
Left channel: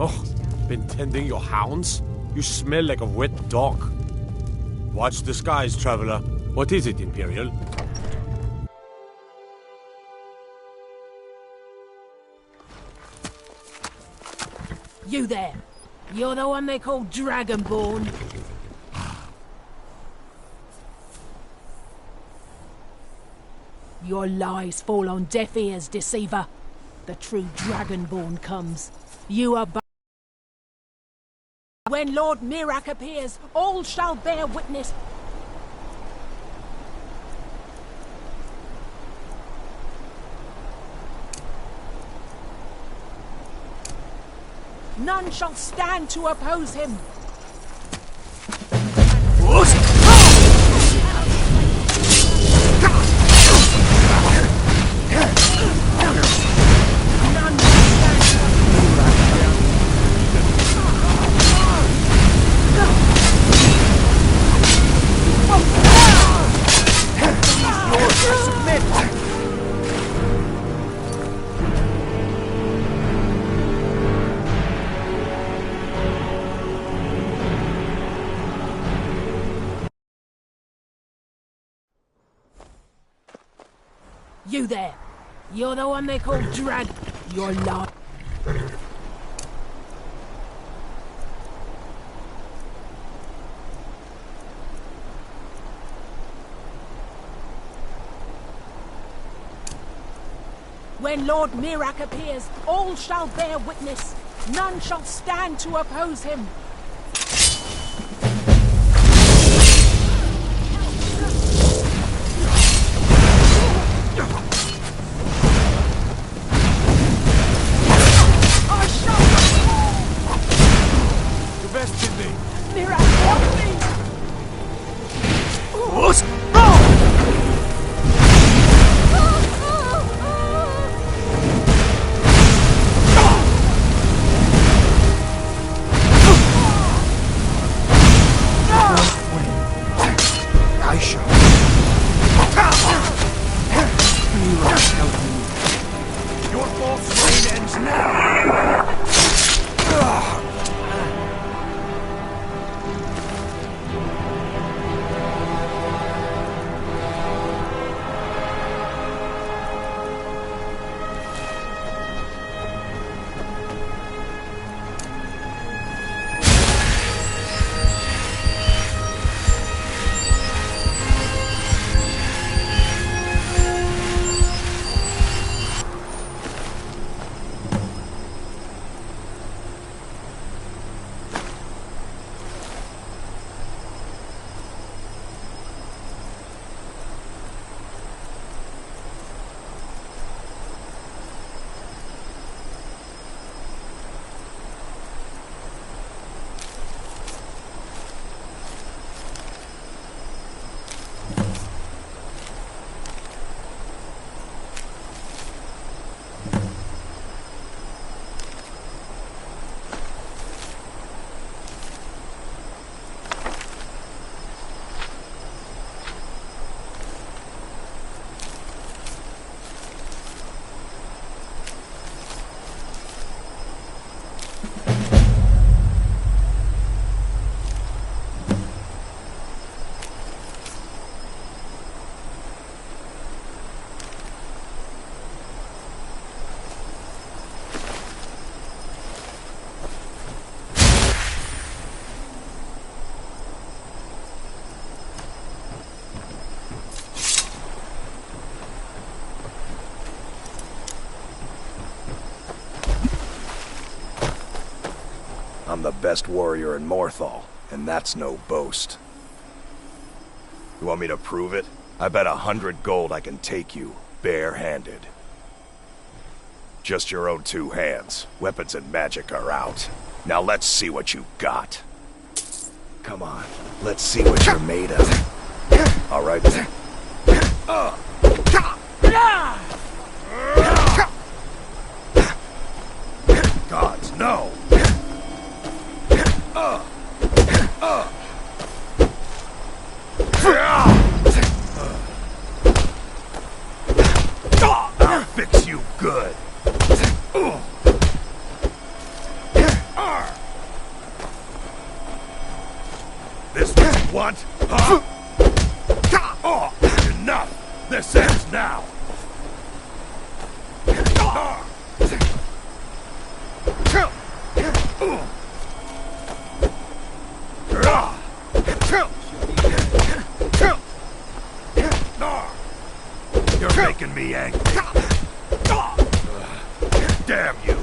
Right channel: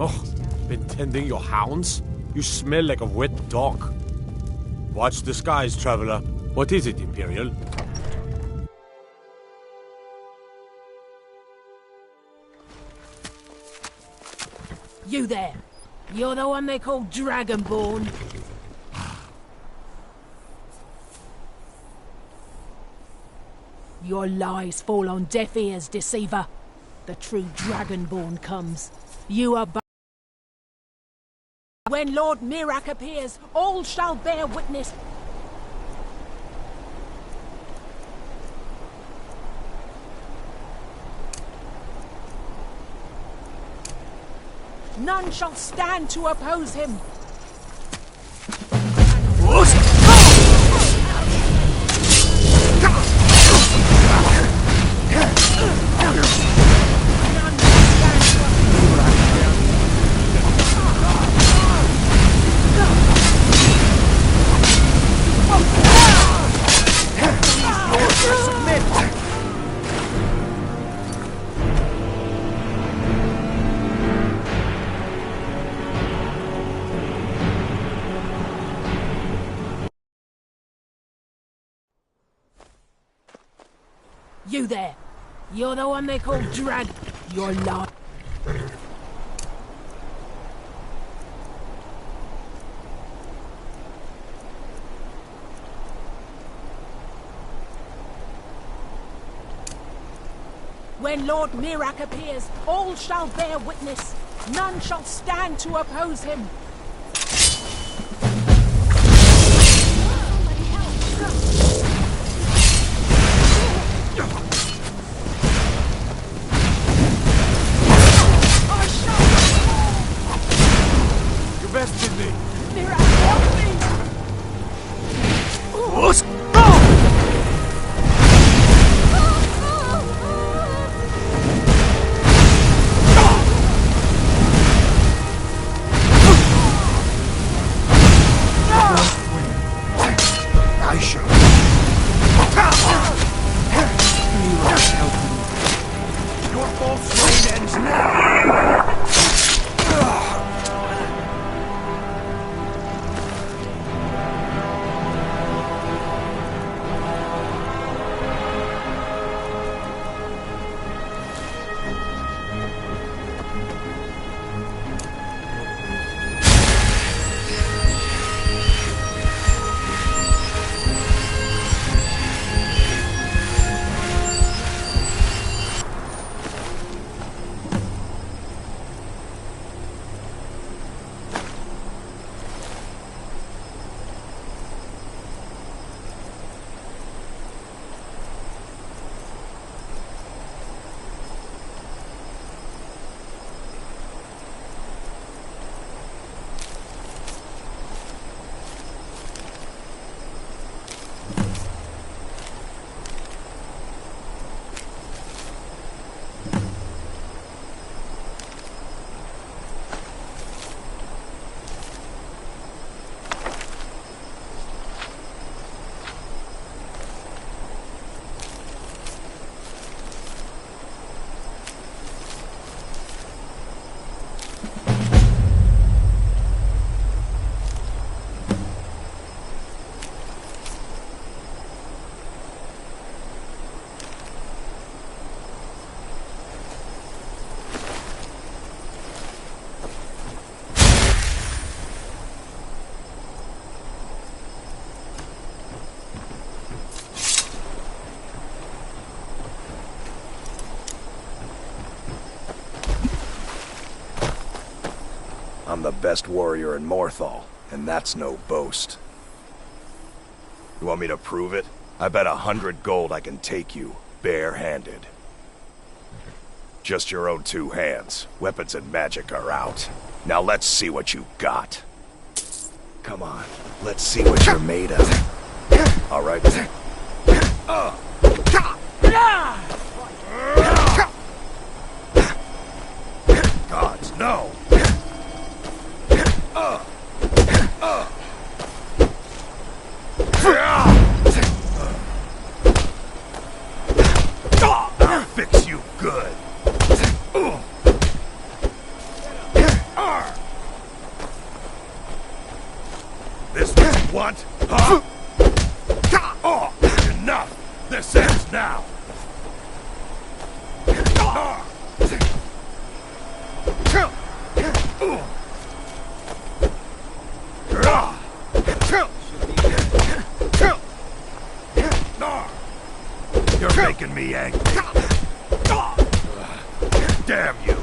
Oh, been tending your hounds? You smell like a wet dog. Watch the skies, traveler. What is it, Imperial? You there. You're the one they call Dragonborn. Your lies fall on deaf ears, deceiver. The true Dragonborn comes. You are when Lord Mirak appears, all shall bear witness. None shall stand to oppose him. You there. You're the one they call Drag. You're lying. When Lord Mirak appears, all shall bear witness. None shall stand to oppose him. I'm the best warrior in Morthal, and that's no boast. You want me to prove it? I bet 100 gold I can take you, bare-handed. Just your own 2 hands. Weapons and magic are out. Now let's see what you got. Come on, let's see what you're made of. All right. Gods, no! I'll fix you good. This what you want, huh? Oh, enough! This ends now! You're making me angry. Damn you!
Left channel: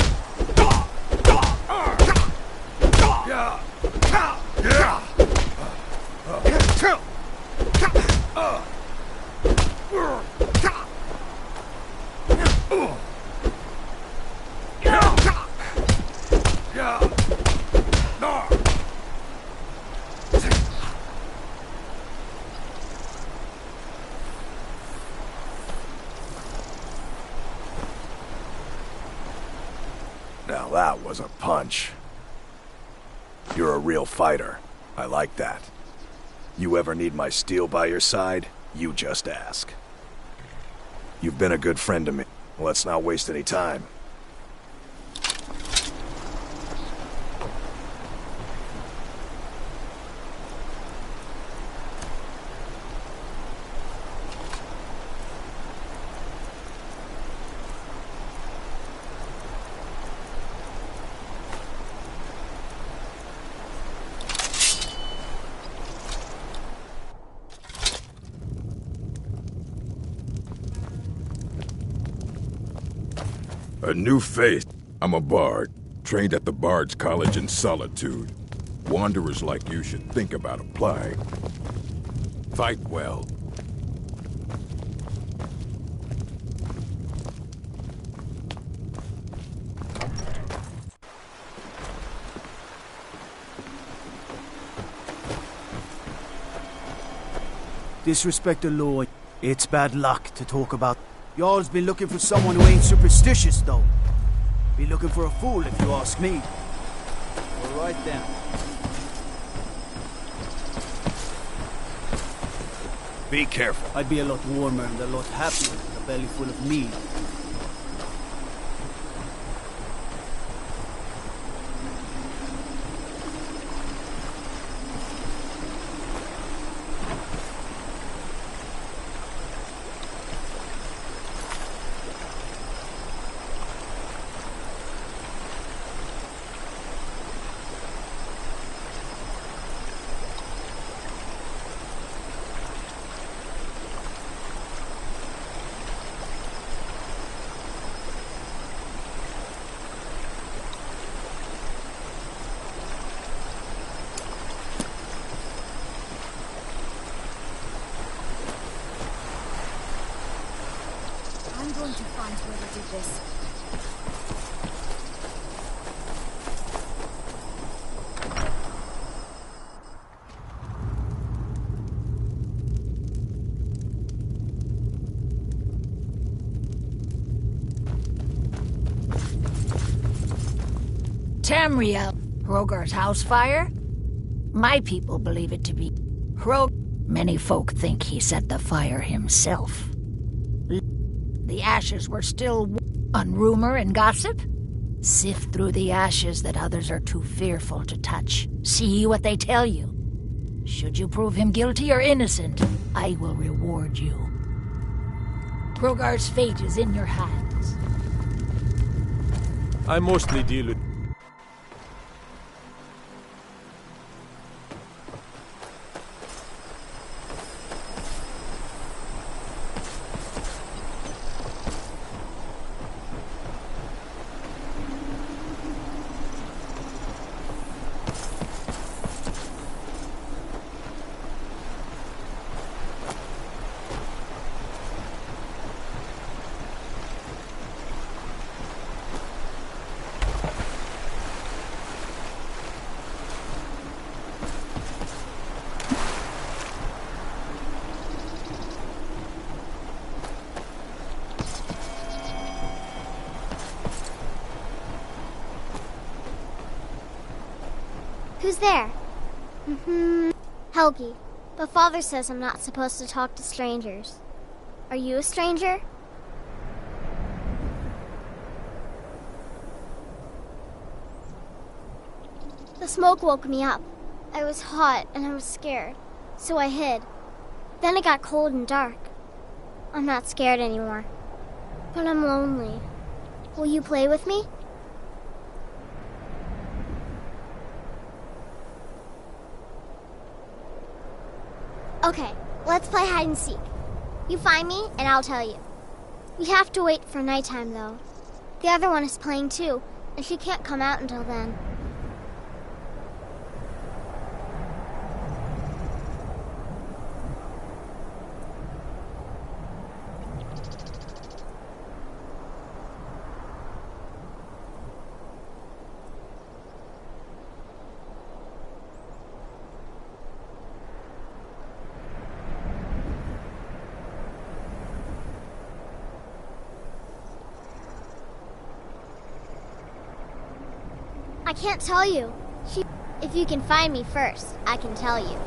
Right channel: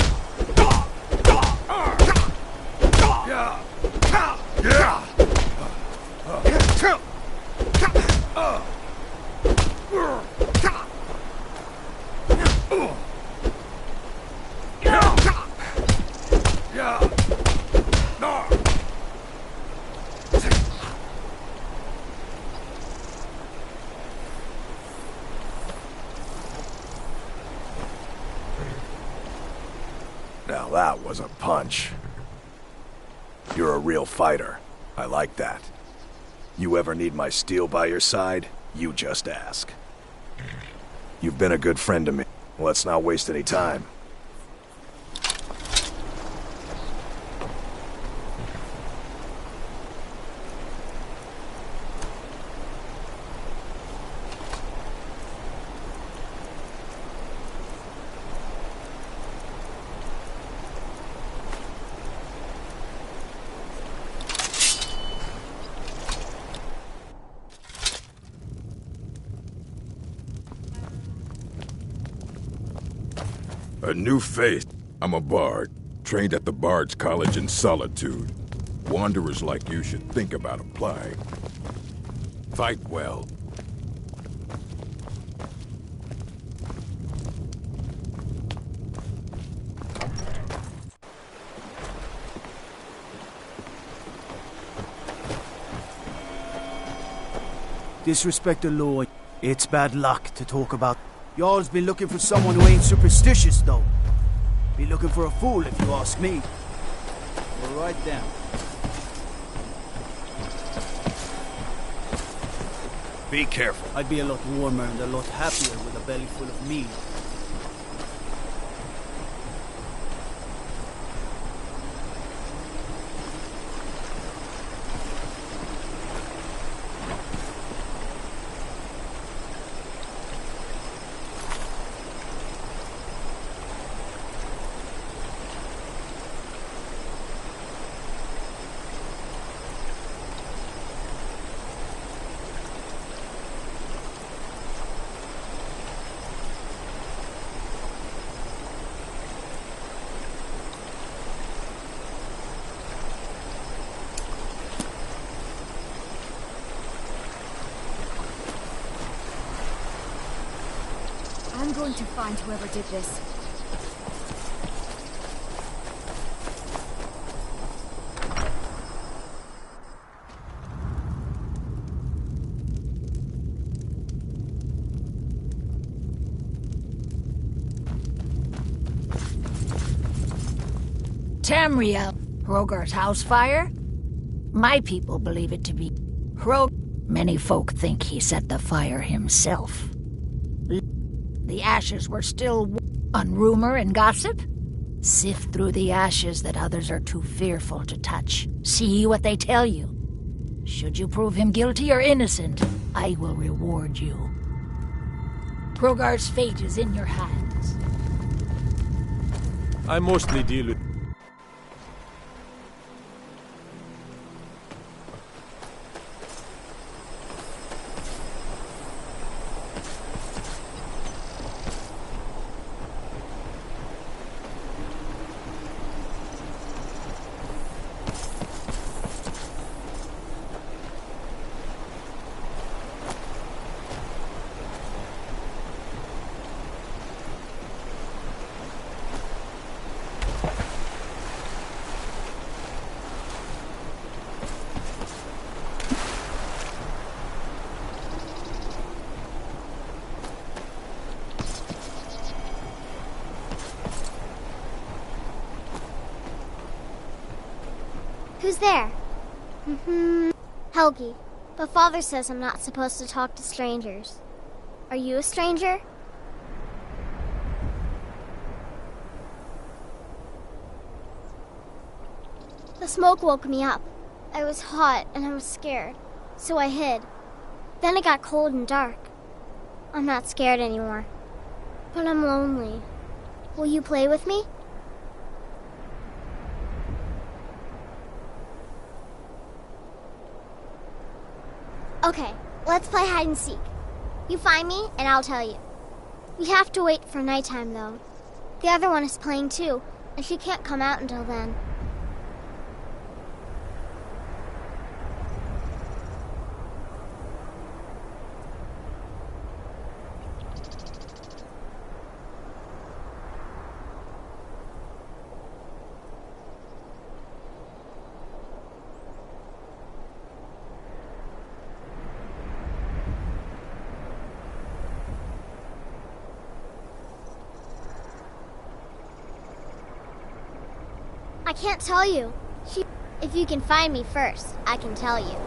Now that was a punch. You're a real fighter. I like that. You ever need my steel by your side, you just ask. You've been a good friend to me. Let's not waste any time. A new face. I'm a bard, trained at the Bard's College in Solitude. Wanderers like you should think about applying. Fight well. Disrespect the law. It's bad luck to talk about. Y'all's been looking for someone who ain't superstitious, though. Be looking for a fool, if you ask me. We're right down. Be careful. I'd be a lot warmer and a lot happier with a belly full of meat. I'm going to find whoever did this. Tamriel, Hrogar's house fire? My people believe it to be Hrog. Many folk think he set the fire himself. The ashes were still on rumor and gossip? Sift through the ashes that others are too fearful to touch. See what they tell you. Should you prove him guilty or innocent, I will reward you. Hrogar's fate is in your hands. I mostly deal with... Who's there? Helgi. But Father says I'm not supposed to talk to strangers. Are you a stranger? The smoke woke me up. I was hot and I was scared, so I hid. Then it got cold and dark. I'm not scared anymore, but I'm lonely. Will you play with me? Okay, let's play hide and seek. You find me, and I'll tell you. We have to wait for nighttime, though. The other one is playing too, and she can't come out until then. I can't tell you. If you can find me first, I can tell you.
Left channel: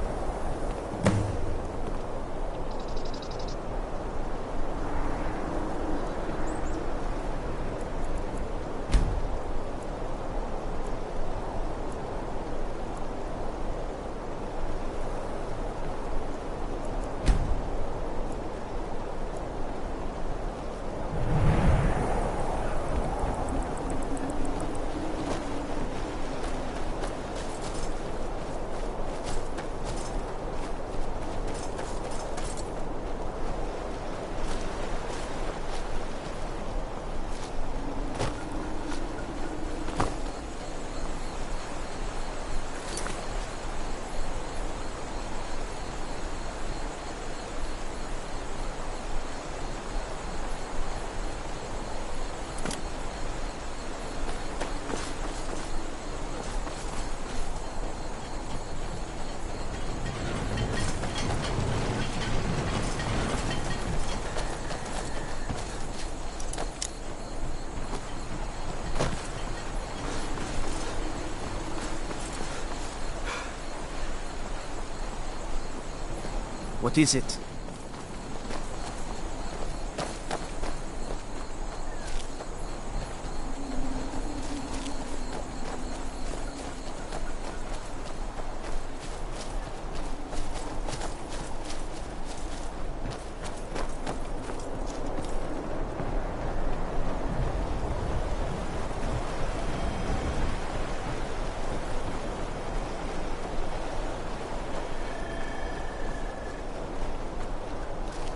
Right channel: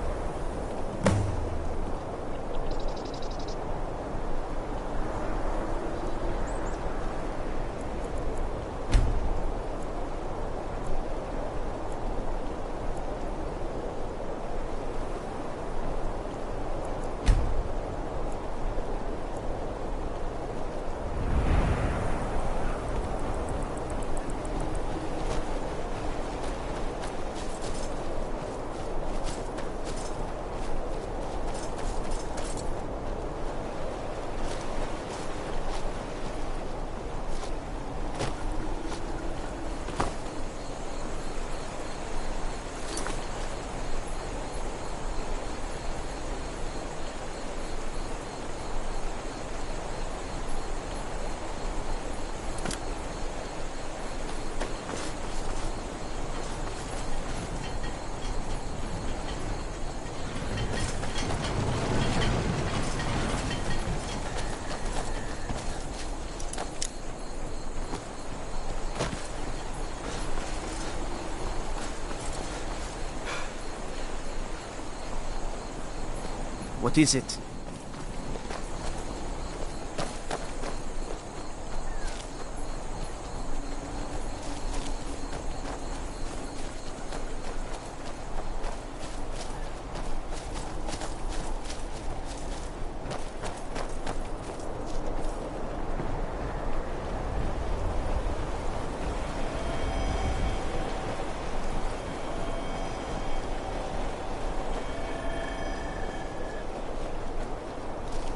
What is it?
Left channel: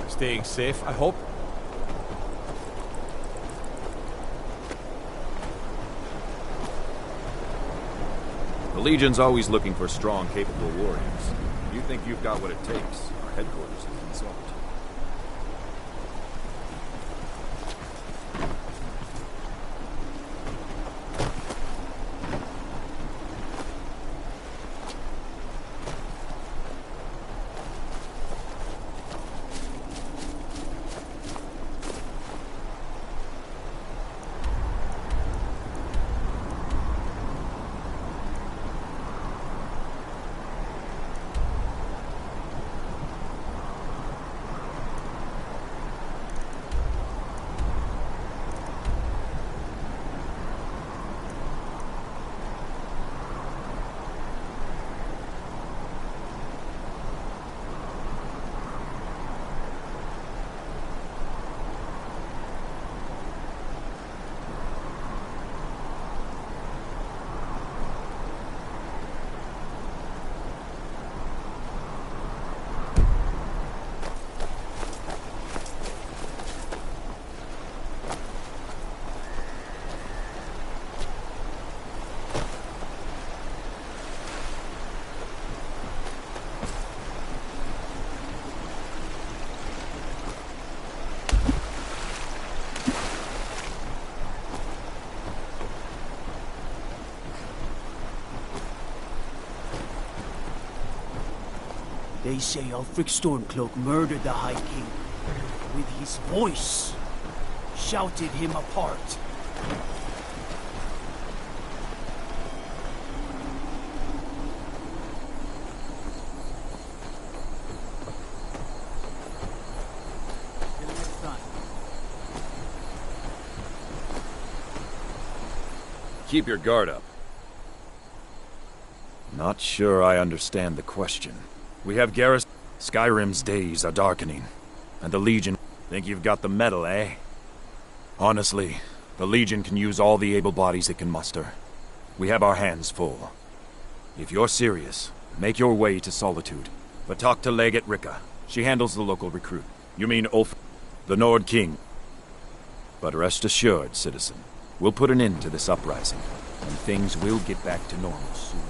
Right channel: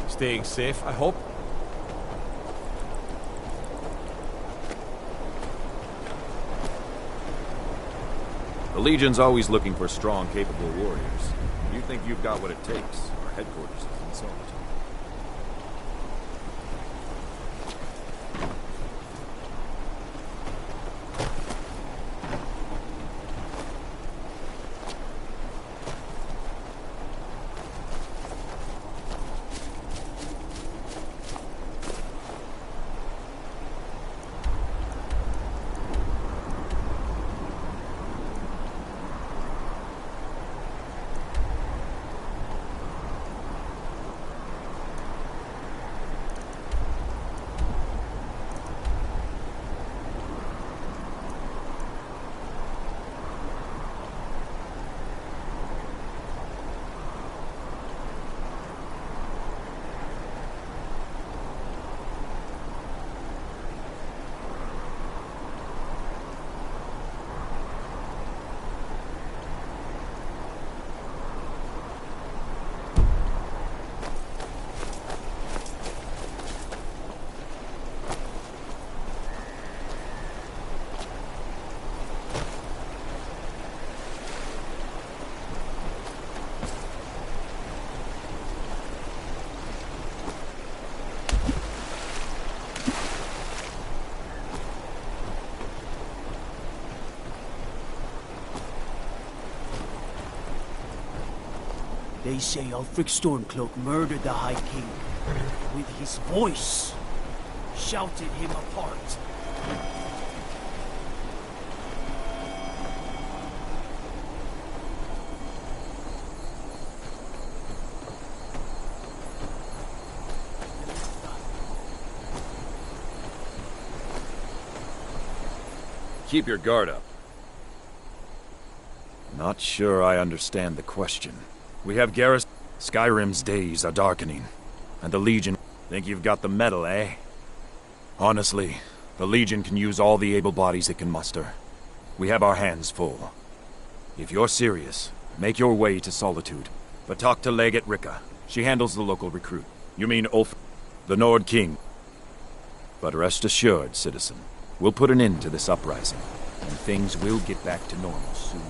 Staying safe, I hope? The Legion's always looking for strong, capable warriors. You think you've got what it takes? Our headquarters is in Solitude. They say Ulfric Stormcloak murdered the High King. With his voice, shouted him apart. keep your guard up. Not sure I understand the question. We have garrison. Skyrim's days are darkening, and the Legion... Think you've got the metal, eh? Honestly, the Legion can use all the able bodies it can muster. We have our hands full. If you're serious, make your way to Solitude, but talk to Legate Ricka. She handles the local recruit. You mean Ulf, the Nord King. But rest assured, citizen, we'll put an end to this uprising, and things will get back to normal soon.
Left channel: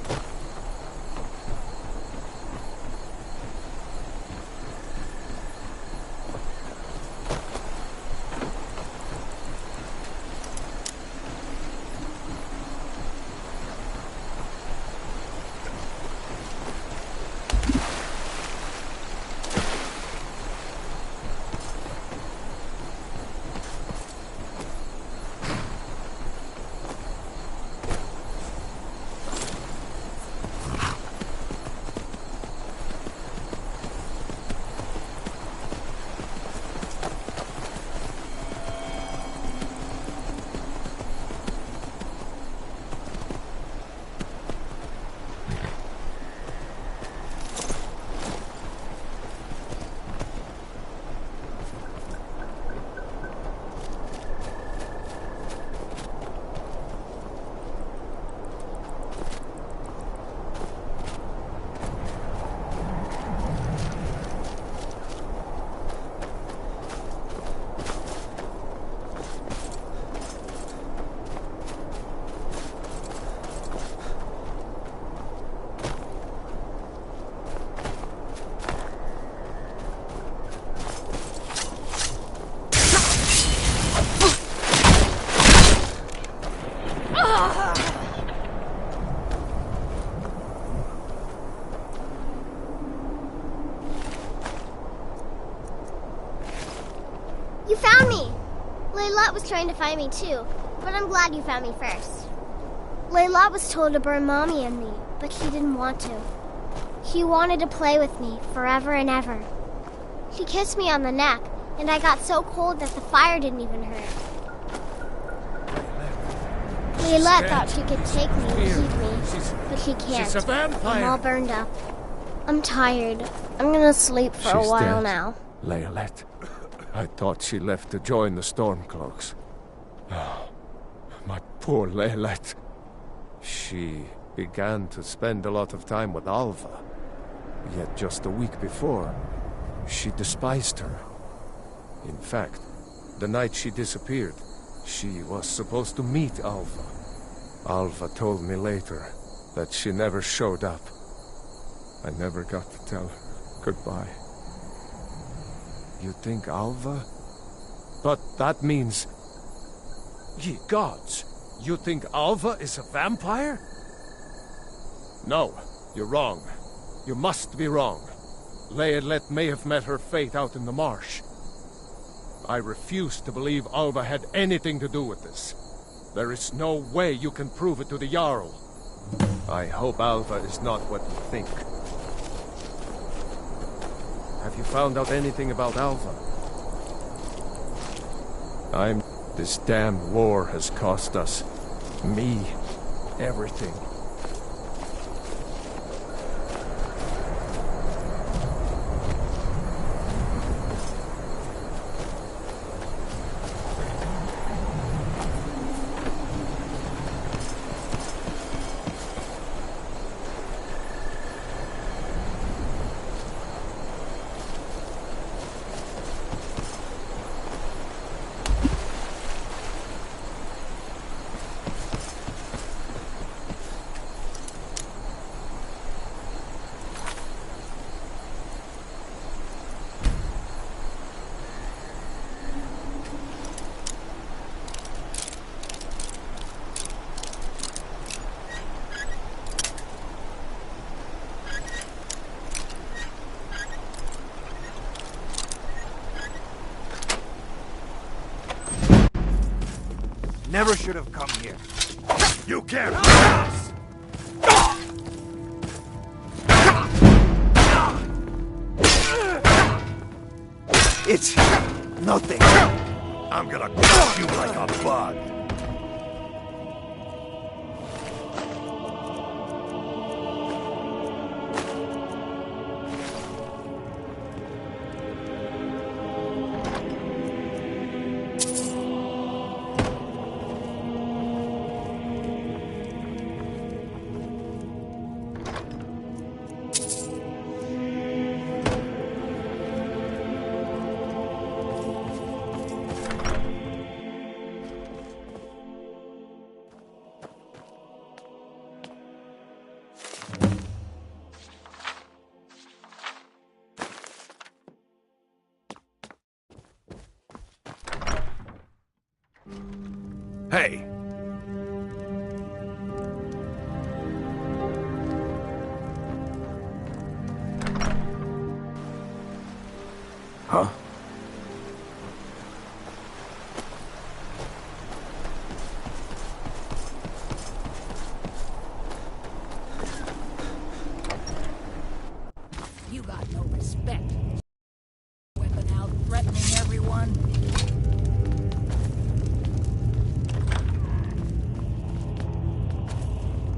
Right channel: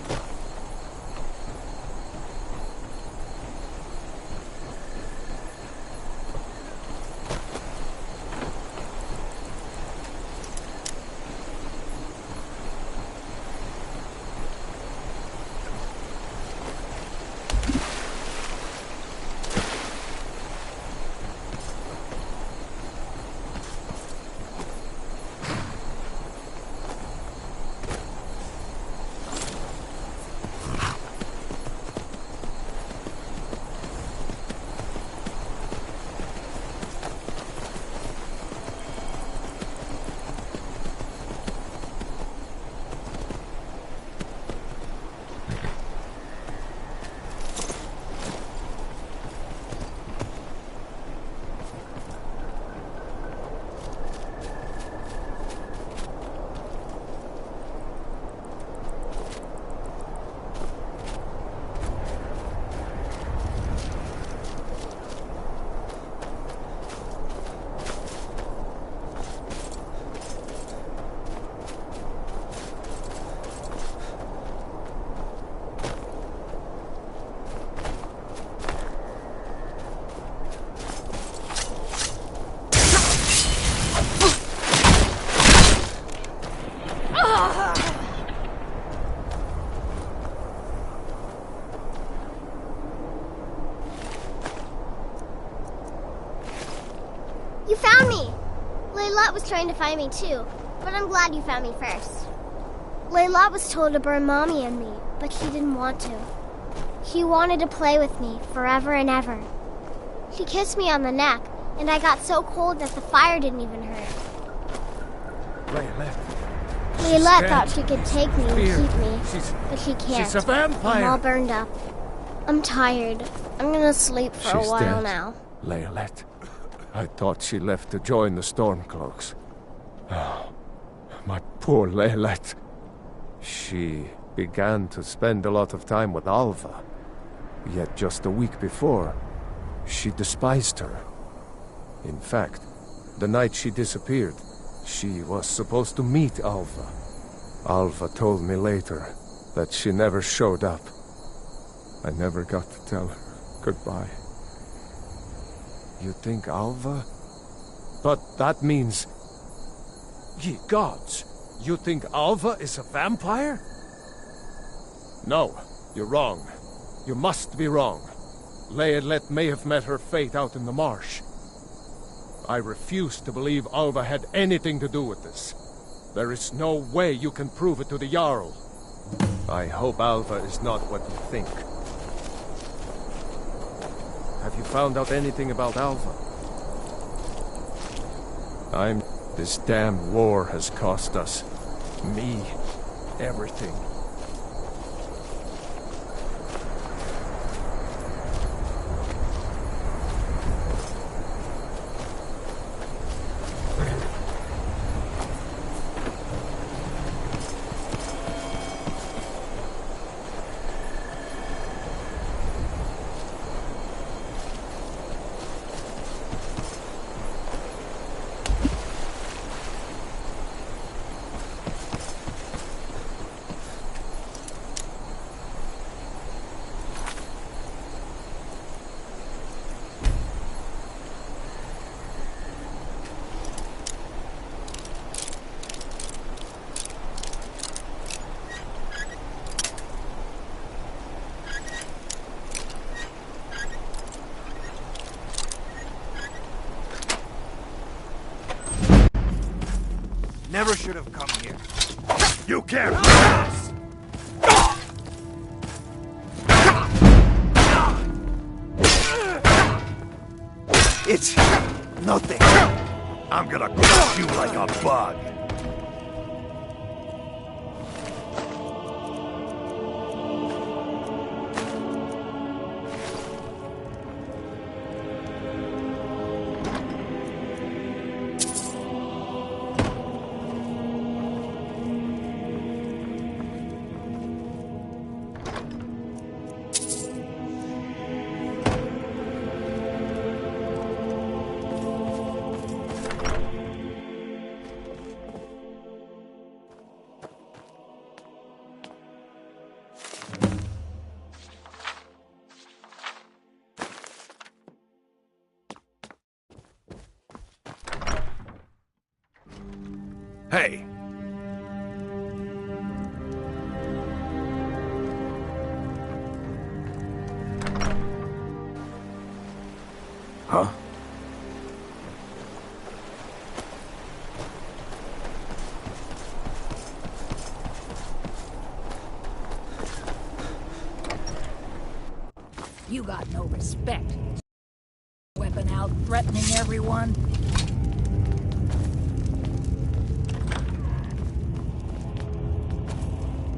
You found me! Layla was trying to find me too, but I'm glad you found me first. Layla was told to burn Mommy and me, but he didn't want to. He wanted to play with me forever and ever. She kissed me on the neck, and I got so cold that the fire didn't even hurt. Layla thought she could take me and keep me, but she can't. She's a vampire. I'm all burned up. I'm tired. I'm gonna sleep for a while now. Laylet. I thought she left to join the Stormcloaks. Oh, my poor Laylet. She began to spend a lot of time with Alva. Yet just a week before, she despised her. In fact, the night she disappeared, she was supposed to meet Alva. Alva told me later that she never showed up. I never got to tell her goodbye. You think Alva? But that means... Ye gods! You think Alva is a vampire? No, you're wrong. You must be wrong. Laylet may have met her fate out in the marsh. I refuse to believe Alva had anything to do with this. There is no way you can prove it to the Jarl. I hope Alva is not what you think. Have you found out anything about Alva? This damned war has cost us. Me. Everything. Never should have come here. You can't pass! It's nothing. I'm gonna crush you like a bug. Hey! Huh? You got no respect. Weapon out, threatening everyone.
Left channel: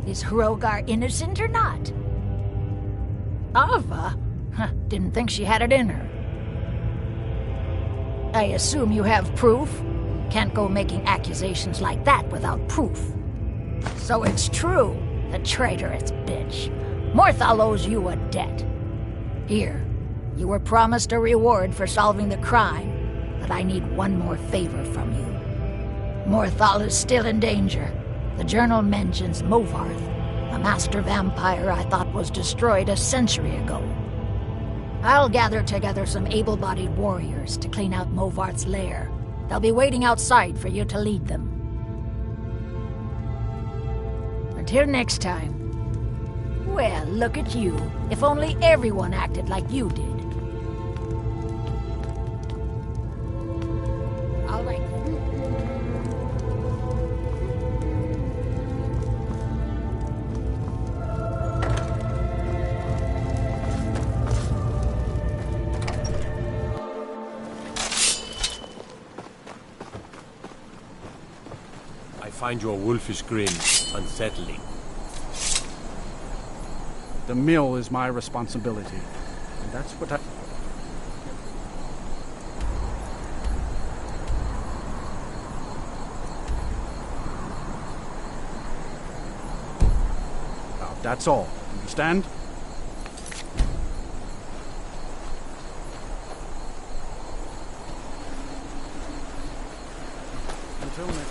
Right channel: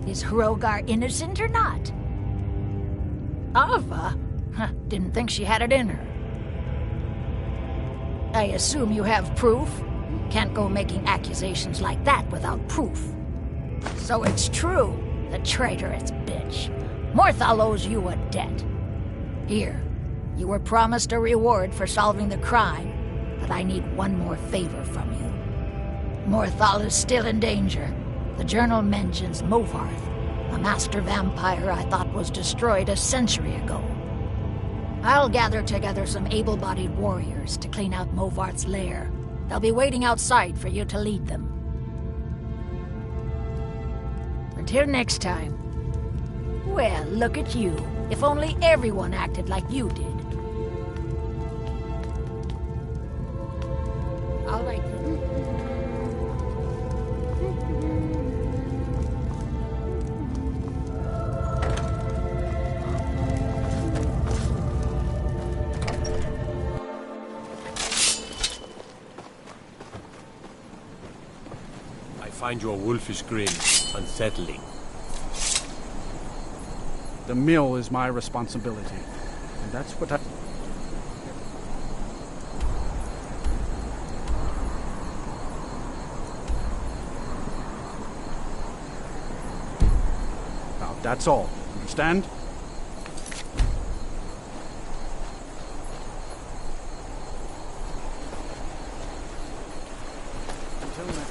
Is Hrogar innocent or not? Ava? Huh, didn't think she had it in her. I assume you have proof? Can't go making accusations like that without proof. So it's true, the traitorous bitch. Morthal owes you a debt. Here, you were promised a reward for solving the crime, but I need one more favor from you. Morthal is still in danger. The journal mentions Movarth, a master vampire I thought was destroyed a century ago. I'll gather together some able-bodied warriors to clean out Movarth's lair. They'll be waiting outside for you to lead them. Until next time. Well, look at you. If only everyone acted like you did. All right then. I find your wolfish grin unsettling. The mill is my responsibility. And that's what I... Now, that's all. Understand? Until next...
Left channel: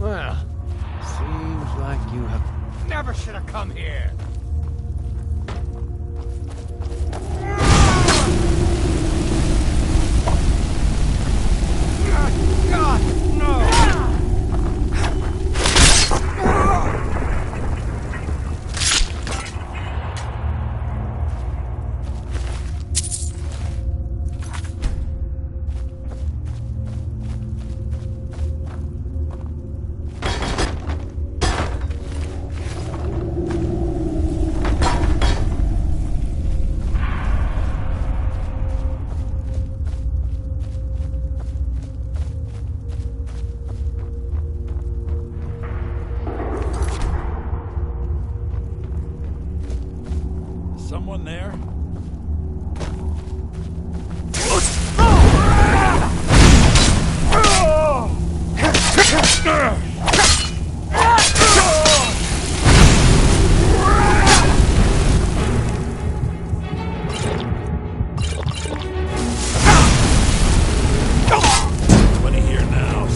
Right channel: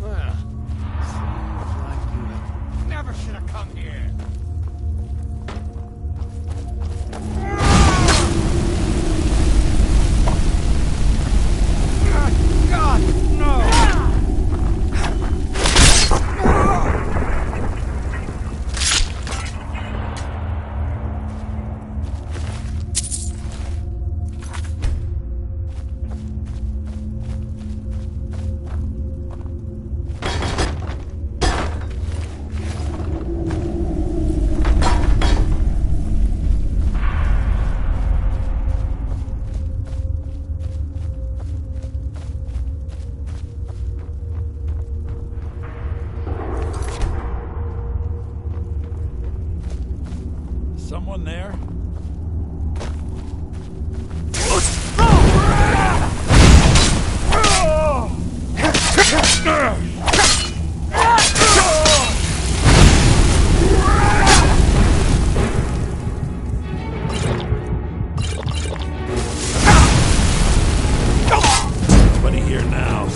Well, seems like you have... Never should have come here. God, no! Nobody here now.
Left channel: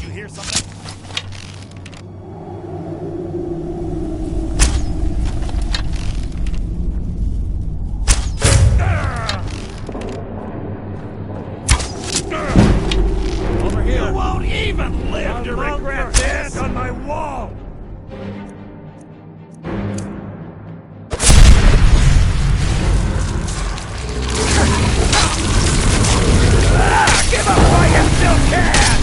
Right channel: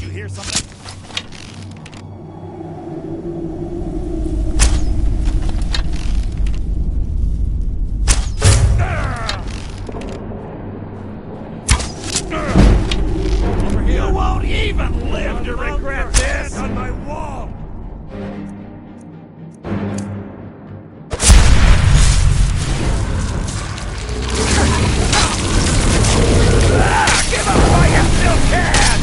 You hear something? Over here. You won't even live to regret this! On my wall! Give up while you still can!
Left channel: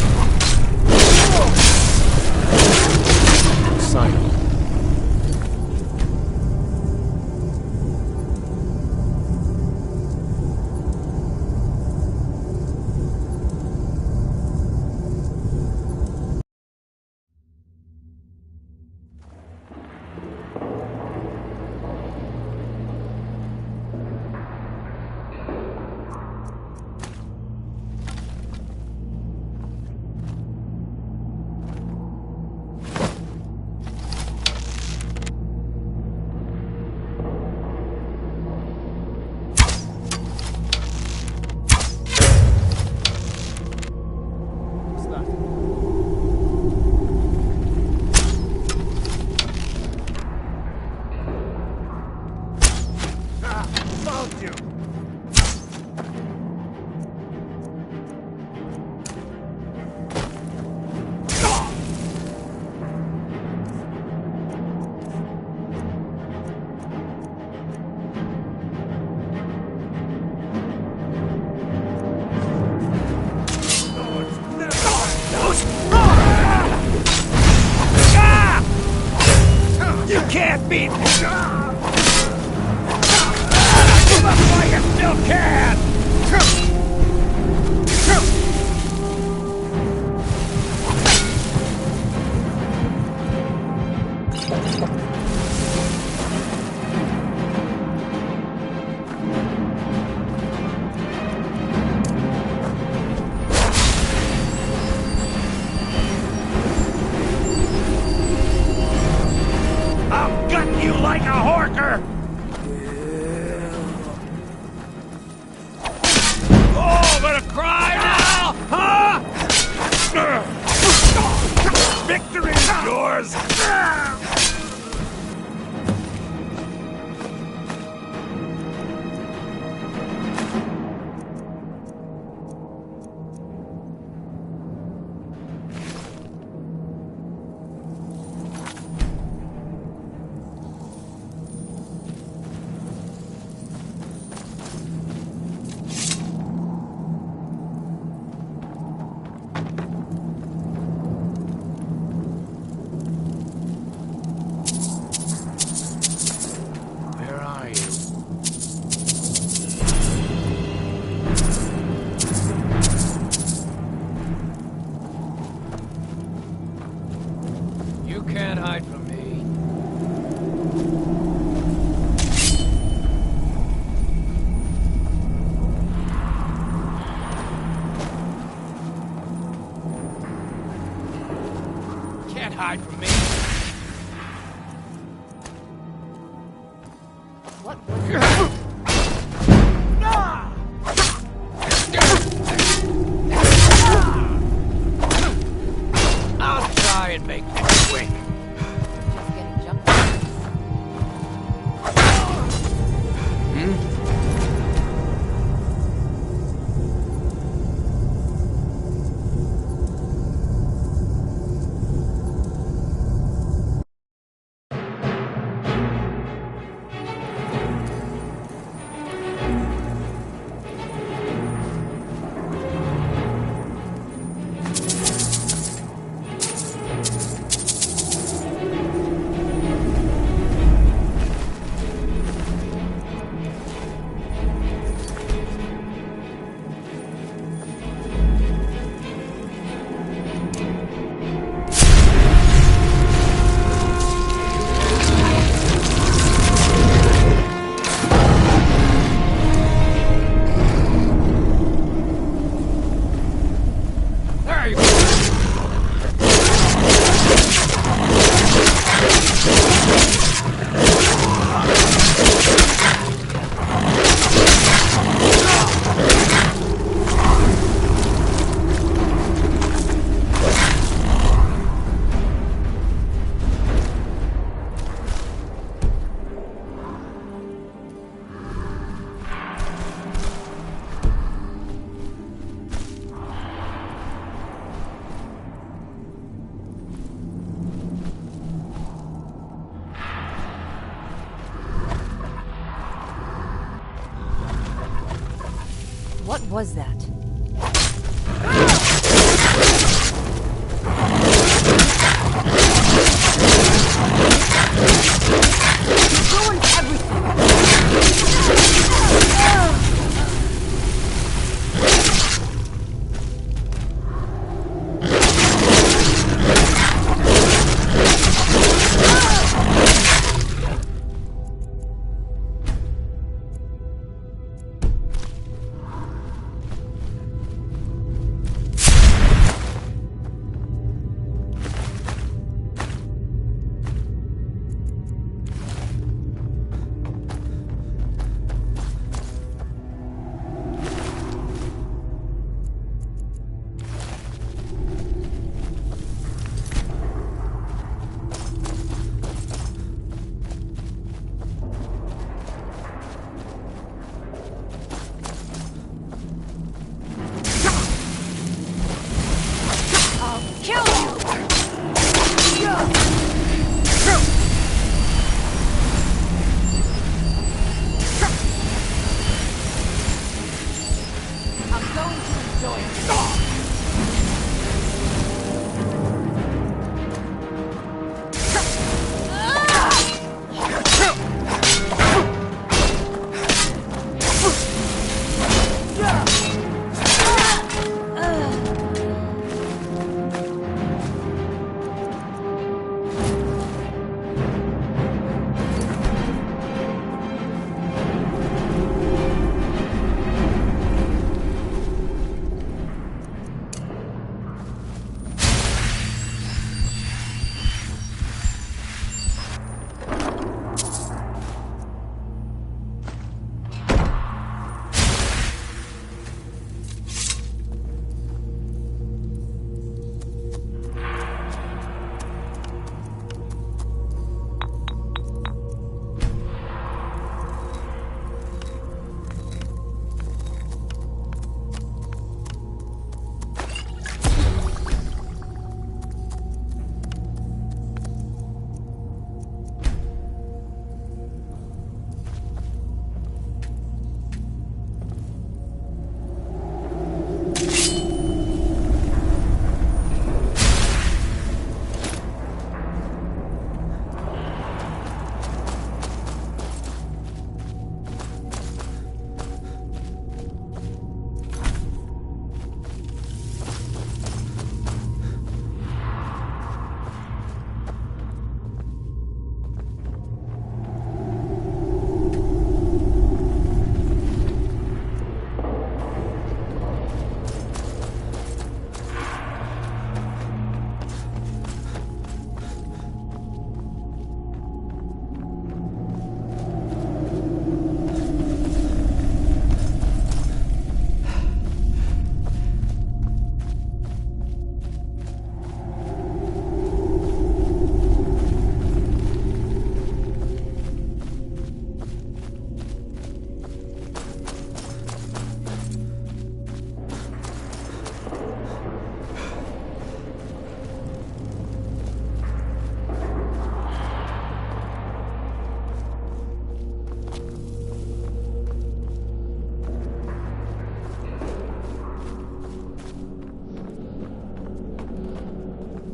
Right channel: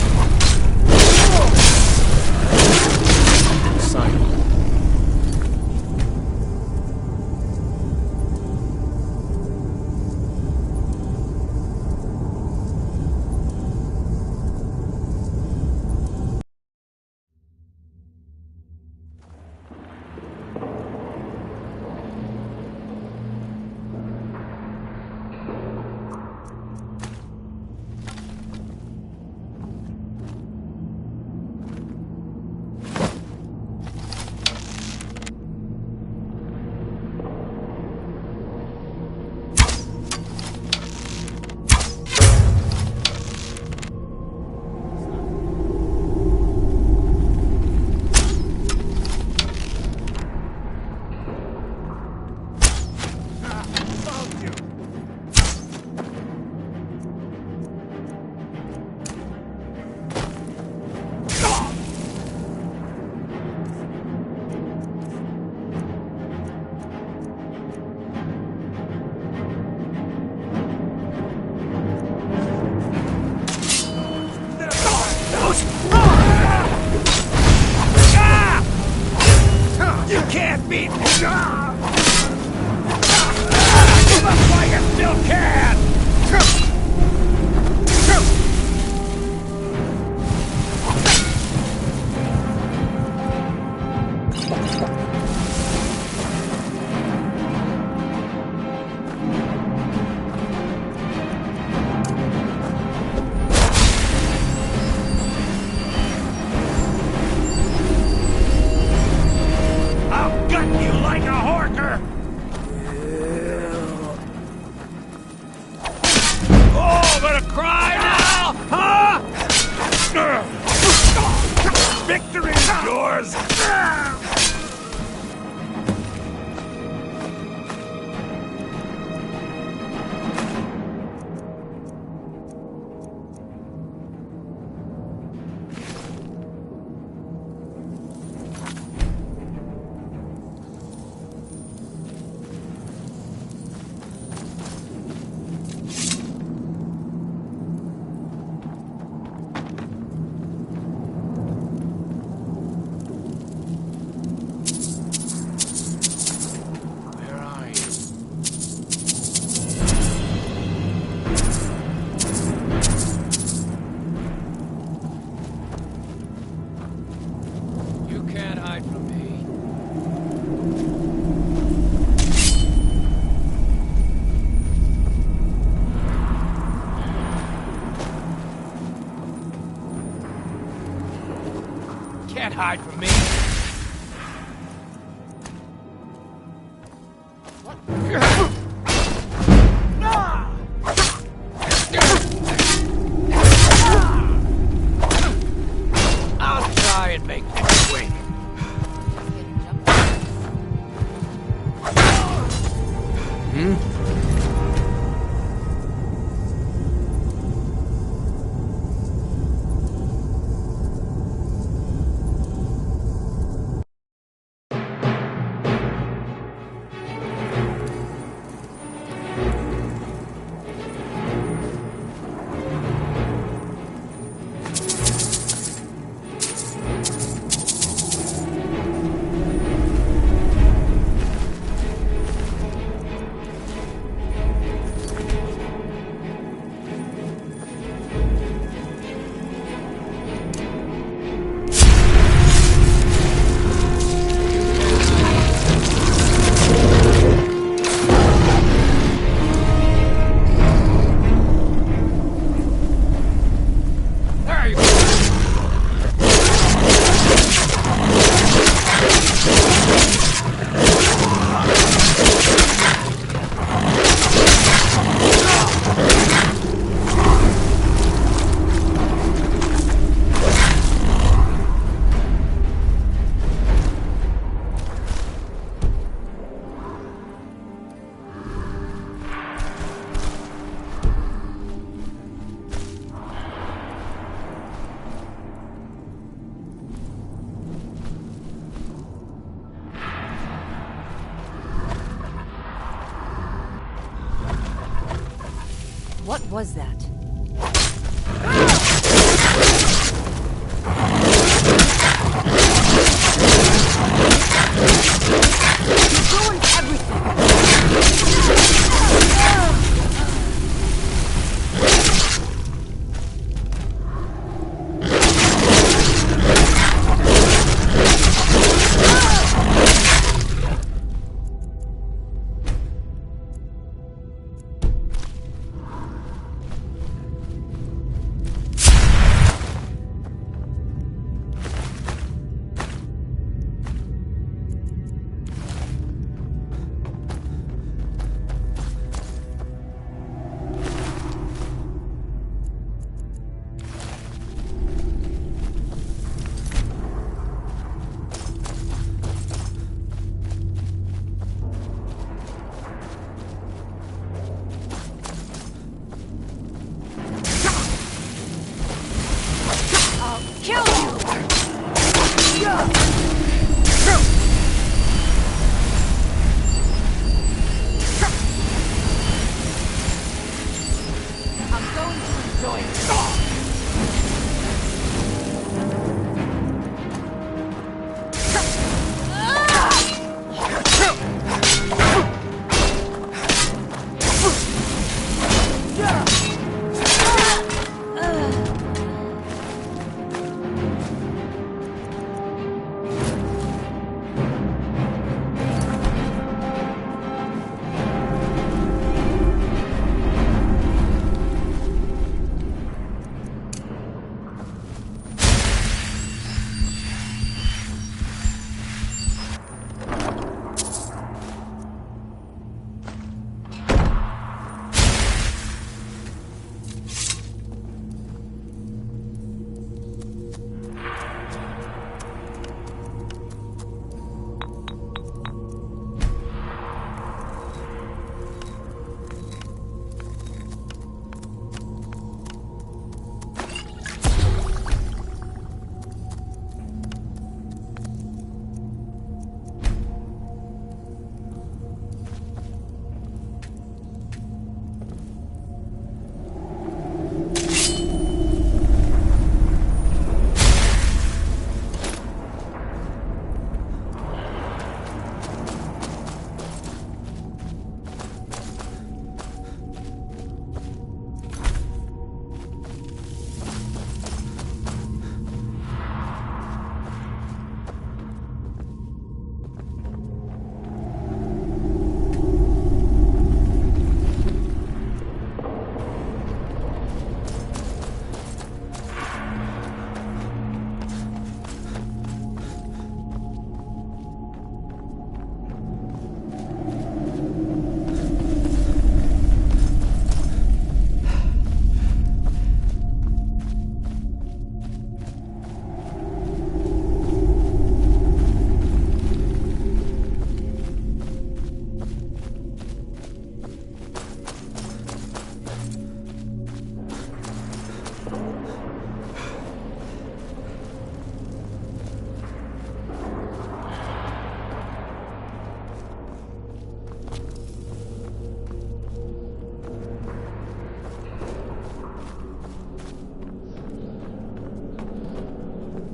Simon. Found you! You can't beat me! Give up while you still can! I'll gut you like a horker! Oh, gonna cry now, huh? Victory's yours! Can't hide from me. Can't hide from me. What? I'll try and make this quick. What was that? You're doing everything!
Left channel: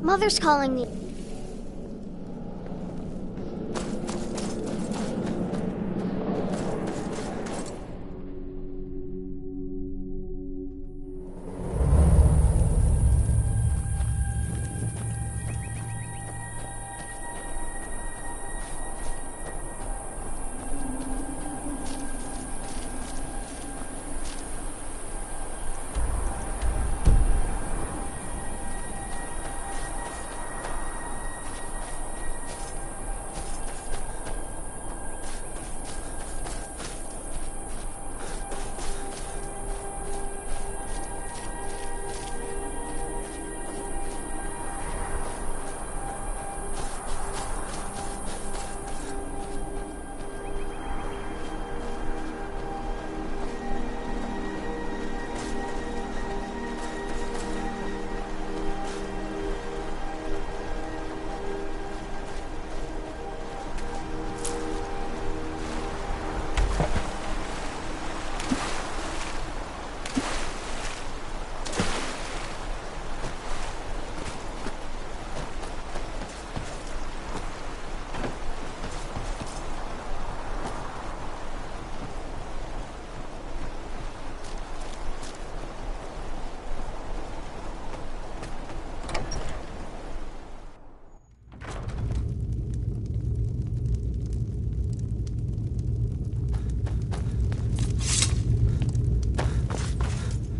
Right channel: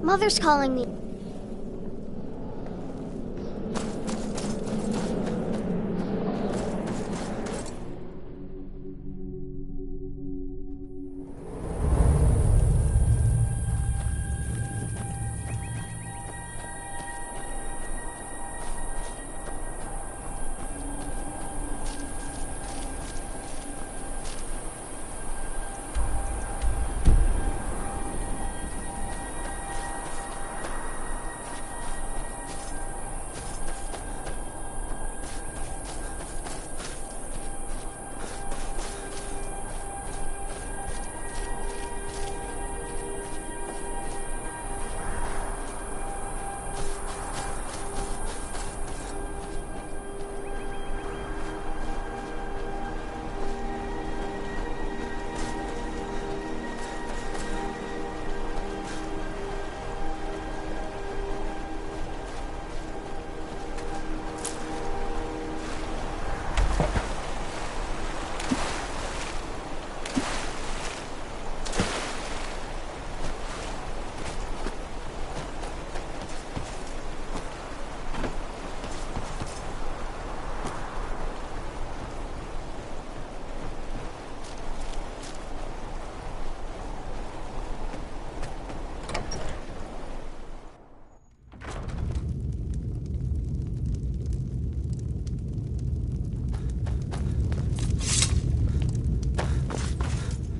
Mother's calling me.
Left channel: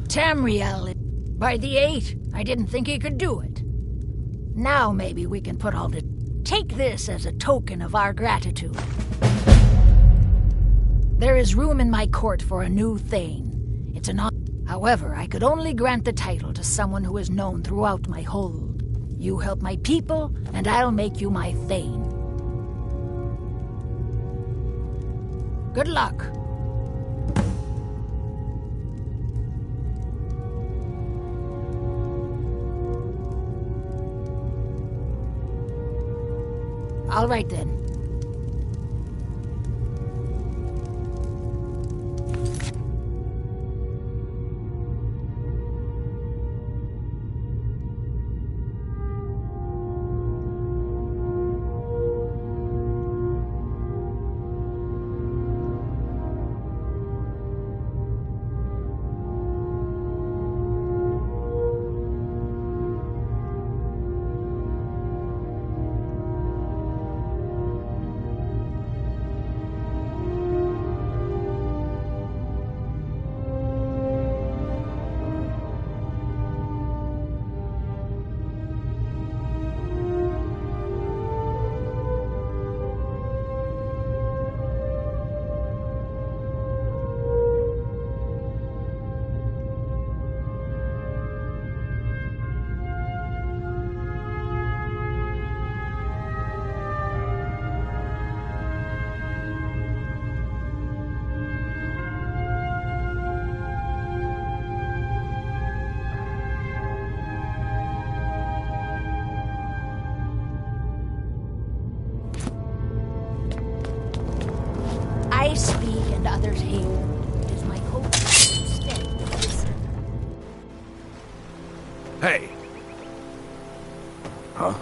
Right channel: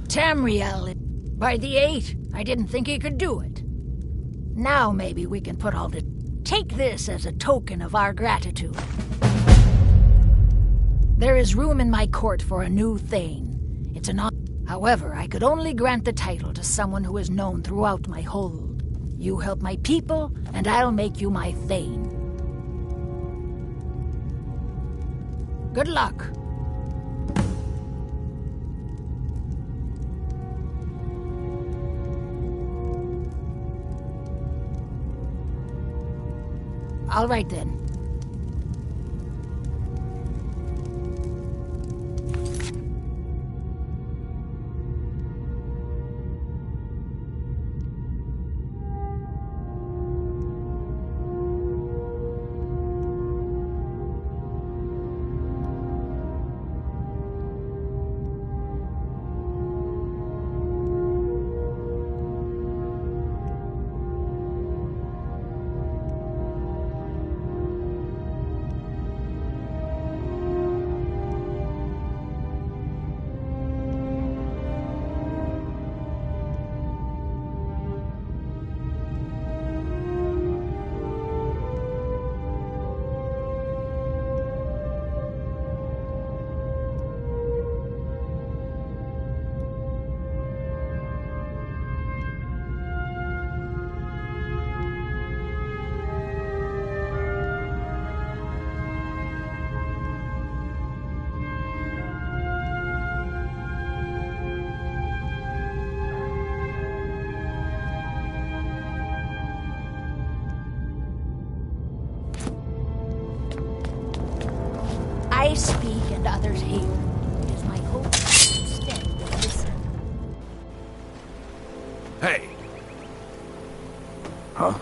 Tamriel, by the 8, I didn't think he could do it. Now maybe we can put all the... Take this as a token of our gratitude. There is room in my court for a new Thane. It's an honor. However, I could only grant the title to someone who is known throughout my hold. You help my people, and I'll make you my Thane. Good luck. All right then. I speak and others hear. It is my hope that instead they listen. Hey! Huh?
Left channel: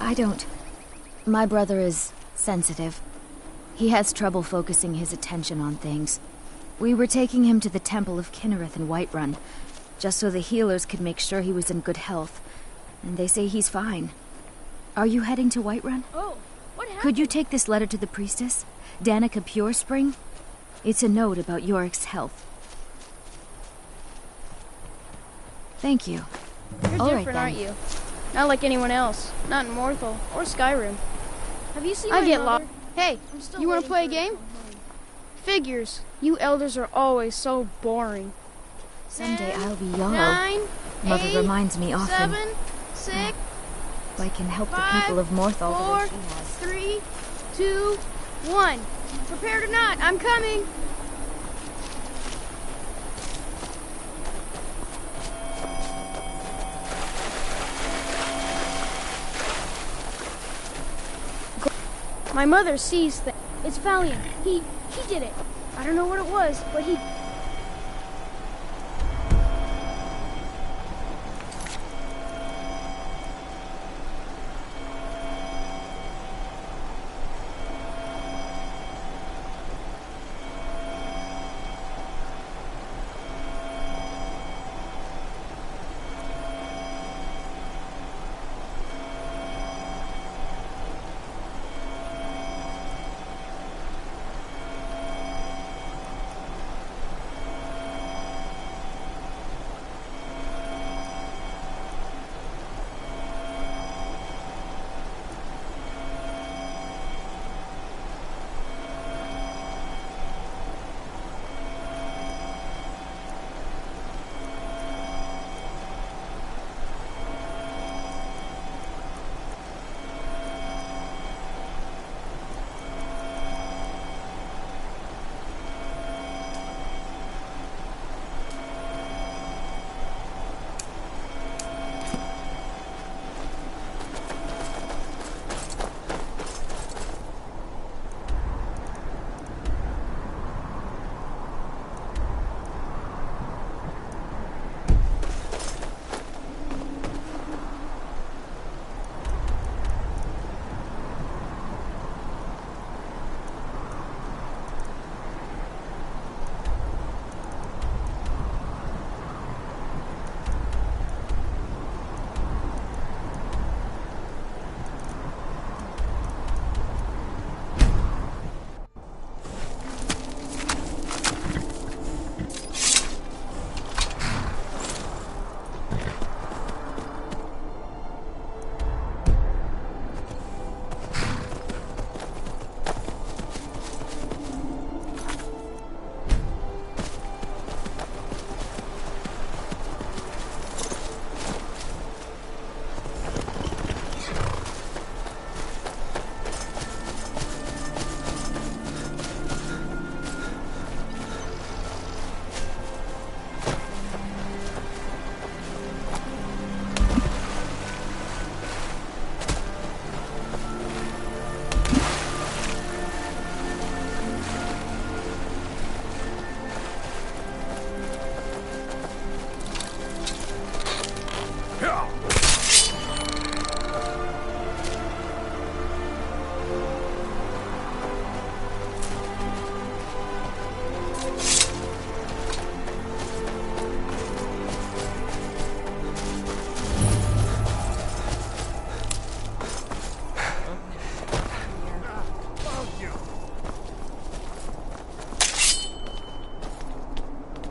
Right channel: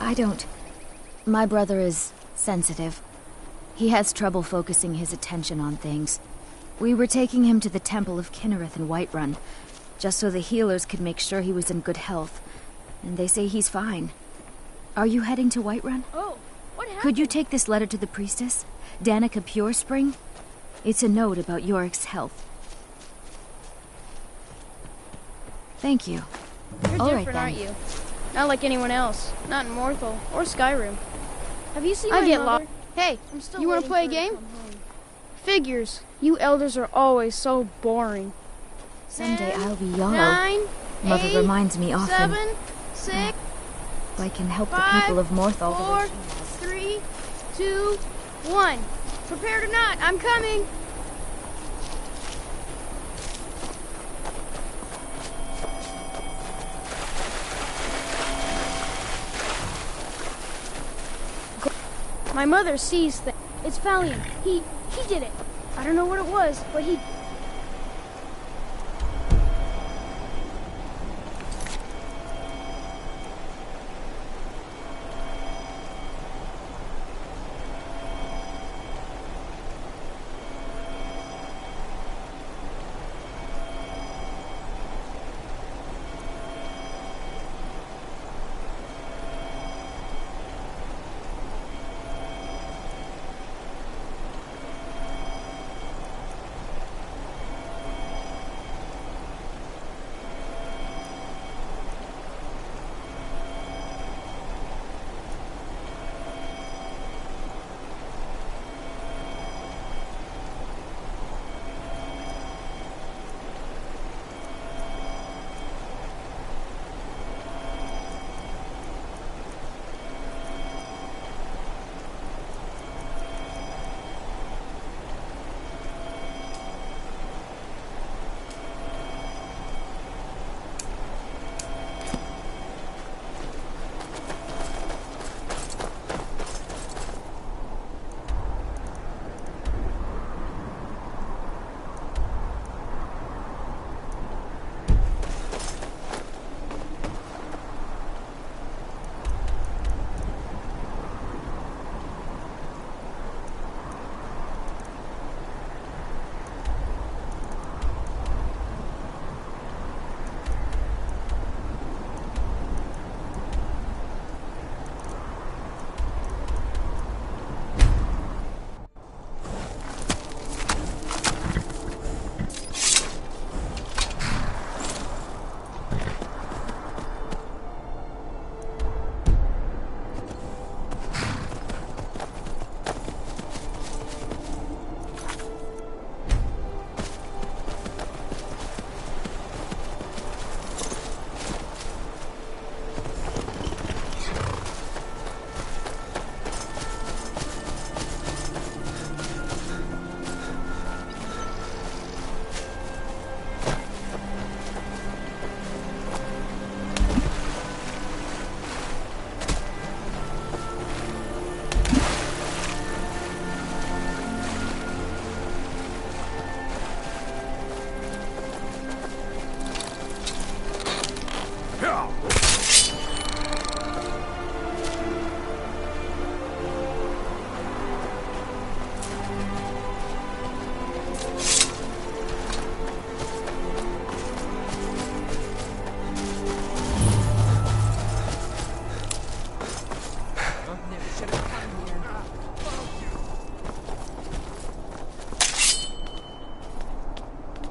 I don't. My brother is sensitive. He has trouble focusing his attention on things. We were taking him to the Temple of Kinnereth in Whiterun, just so the healers could make sure he was in good health. And they say he's fine. Are you heading to Whiterun? Oh, what happened? Could you take this letter to the priestess, Danica Purespring? It's a note about Yorick's health. Thank you. You're All right, different, then. aren't you? Not like anyone else. Not in Morthal or Skyrim. Have you seen I my get mother? lost. Hey, I'm still you want to waiting play a for her to game? come home. Figures. You elders are always so boring. Someday I'll be Jarl. 9, Mother 8, reminds me often. 7, 6, If I can help the 5, people of Morthal the way 4, she has. 3, 2, 1. Prepare to not. I'm coming. My mother sees things. It's Valiant. He did it. I don't know what it was, but he...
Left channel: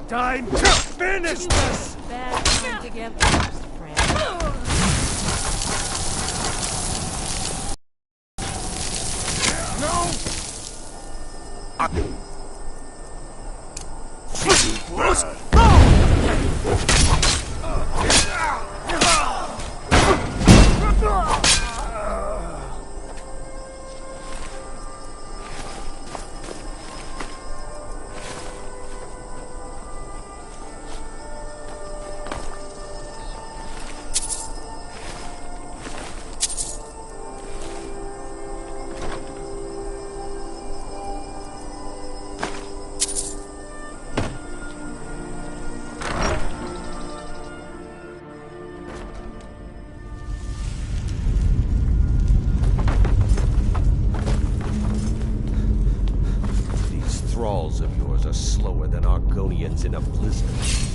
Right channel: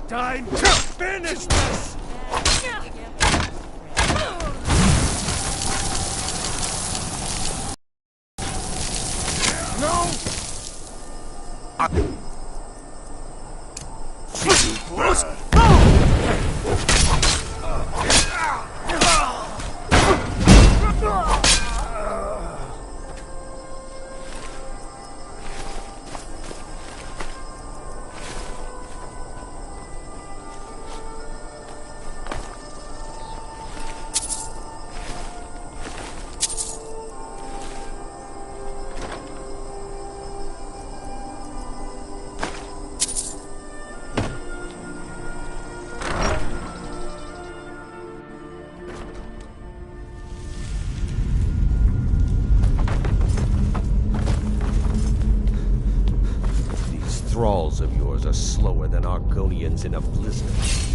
Time to finish this! No! Thralls of yours are slower than Argonians in a blizzard.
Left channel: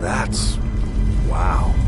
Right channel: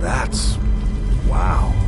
That's... wow.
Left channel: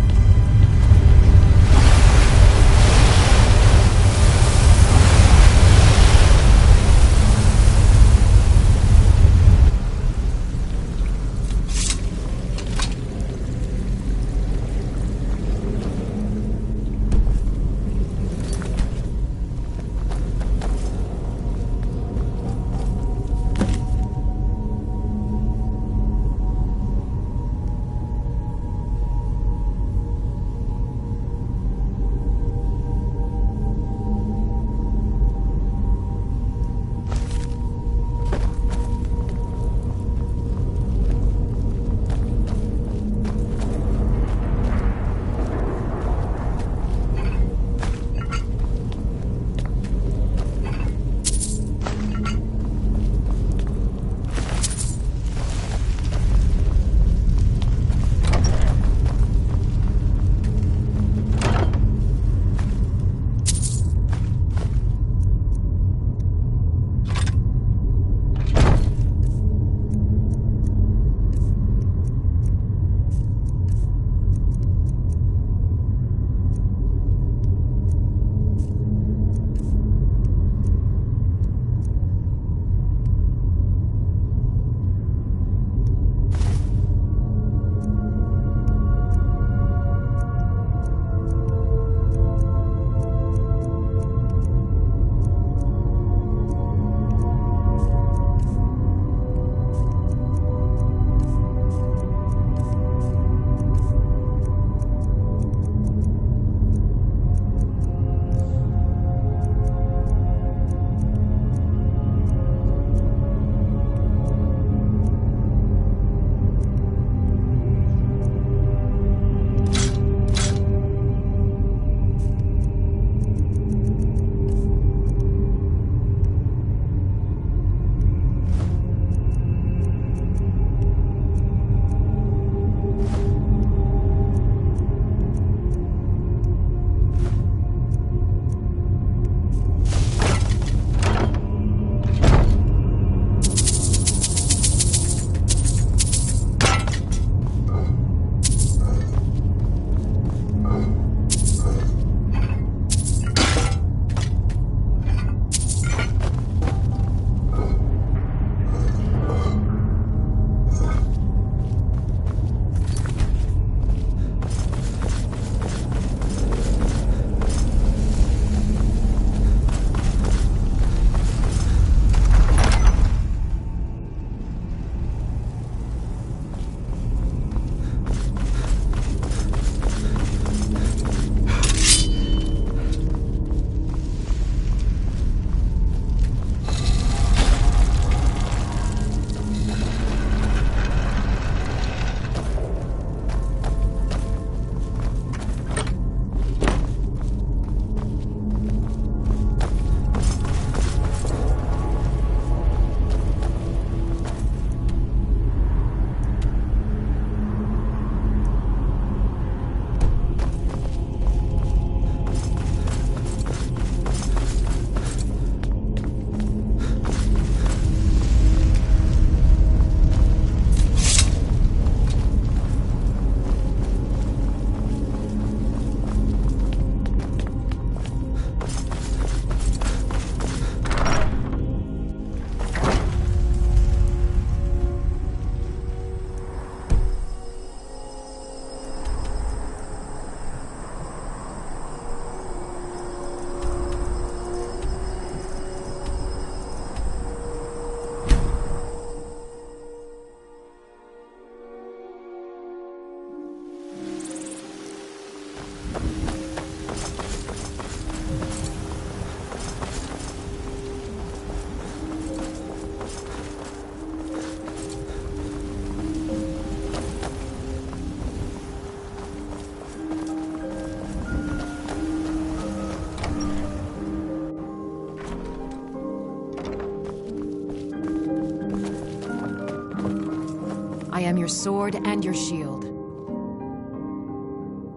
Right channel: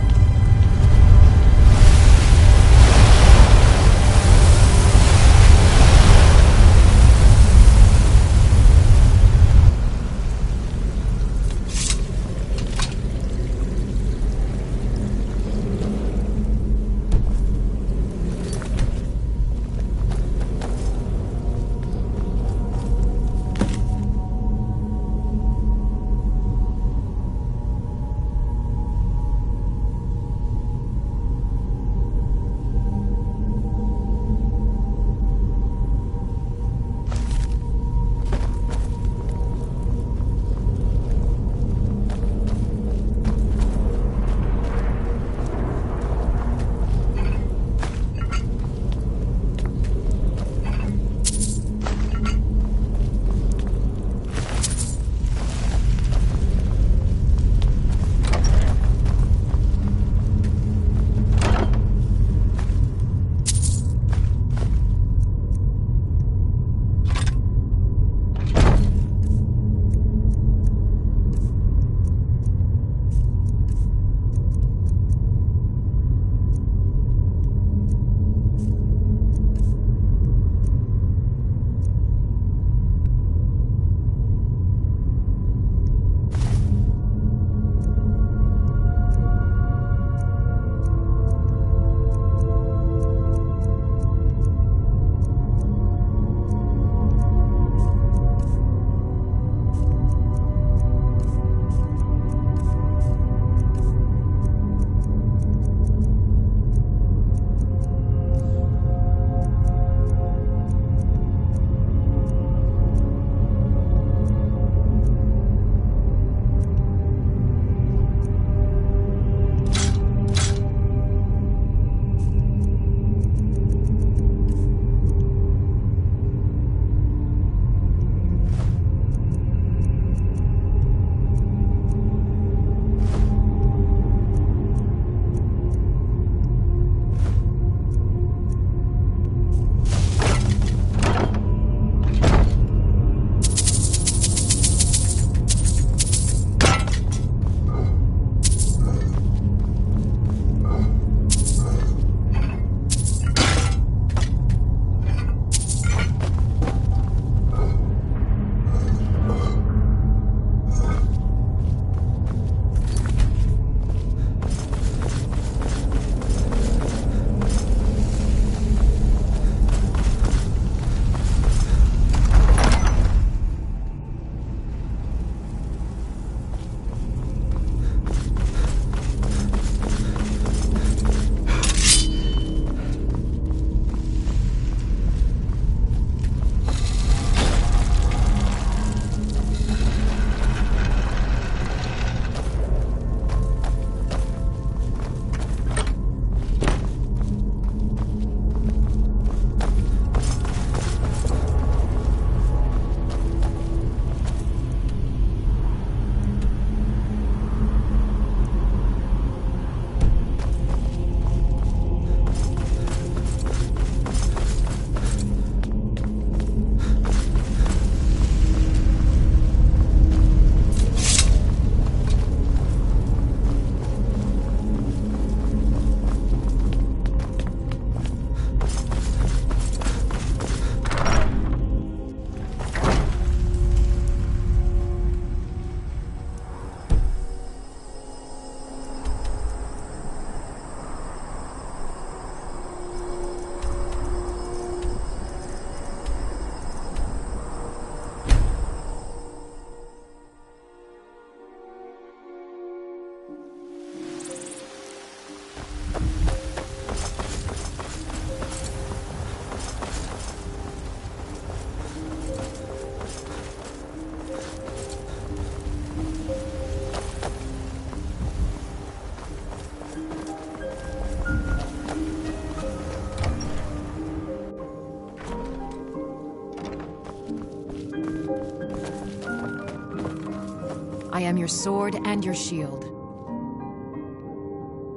I am your sword and your shield.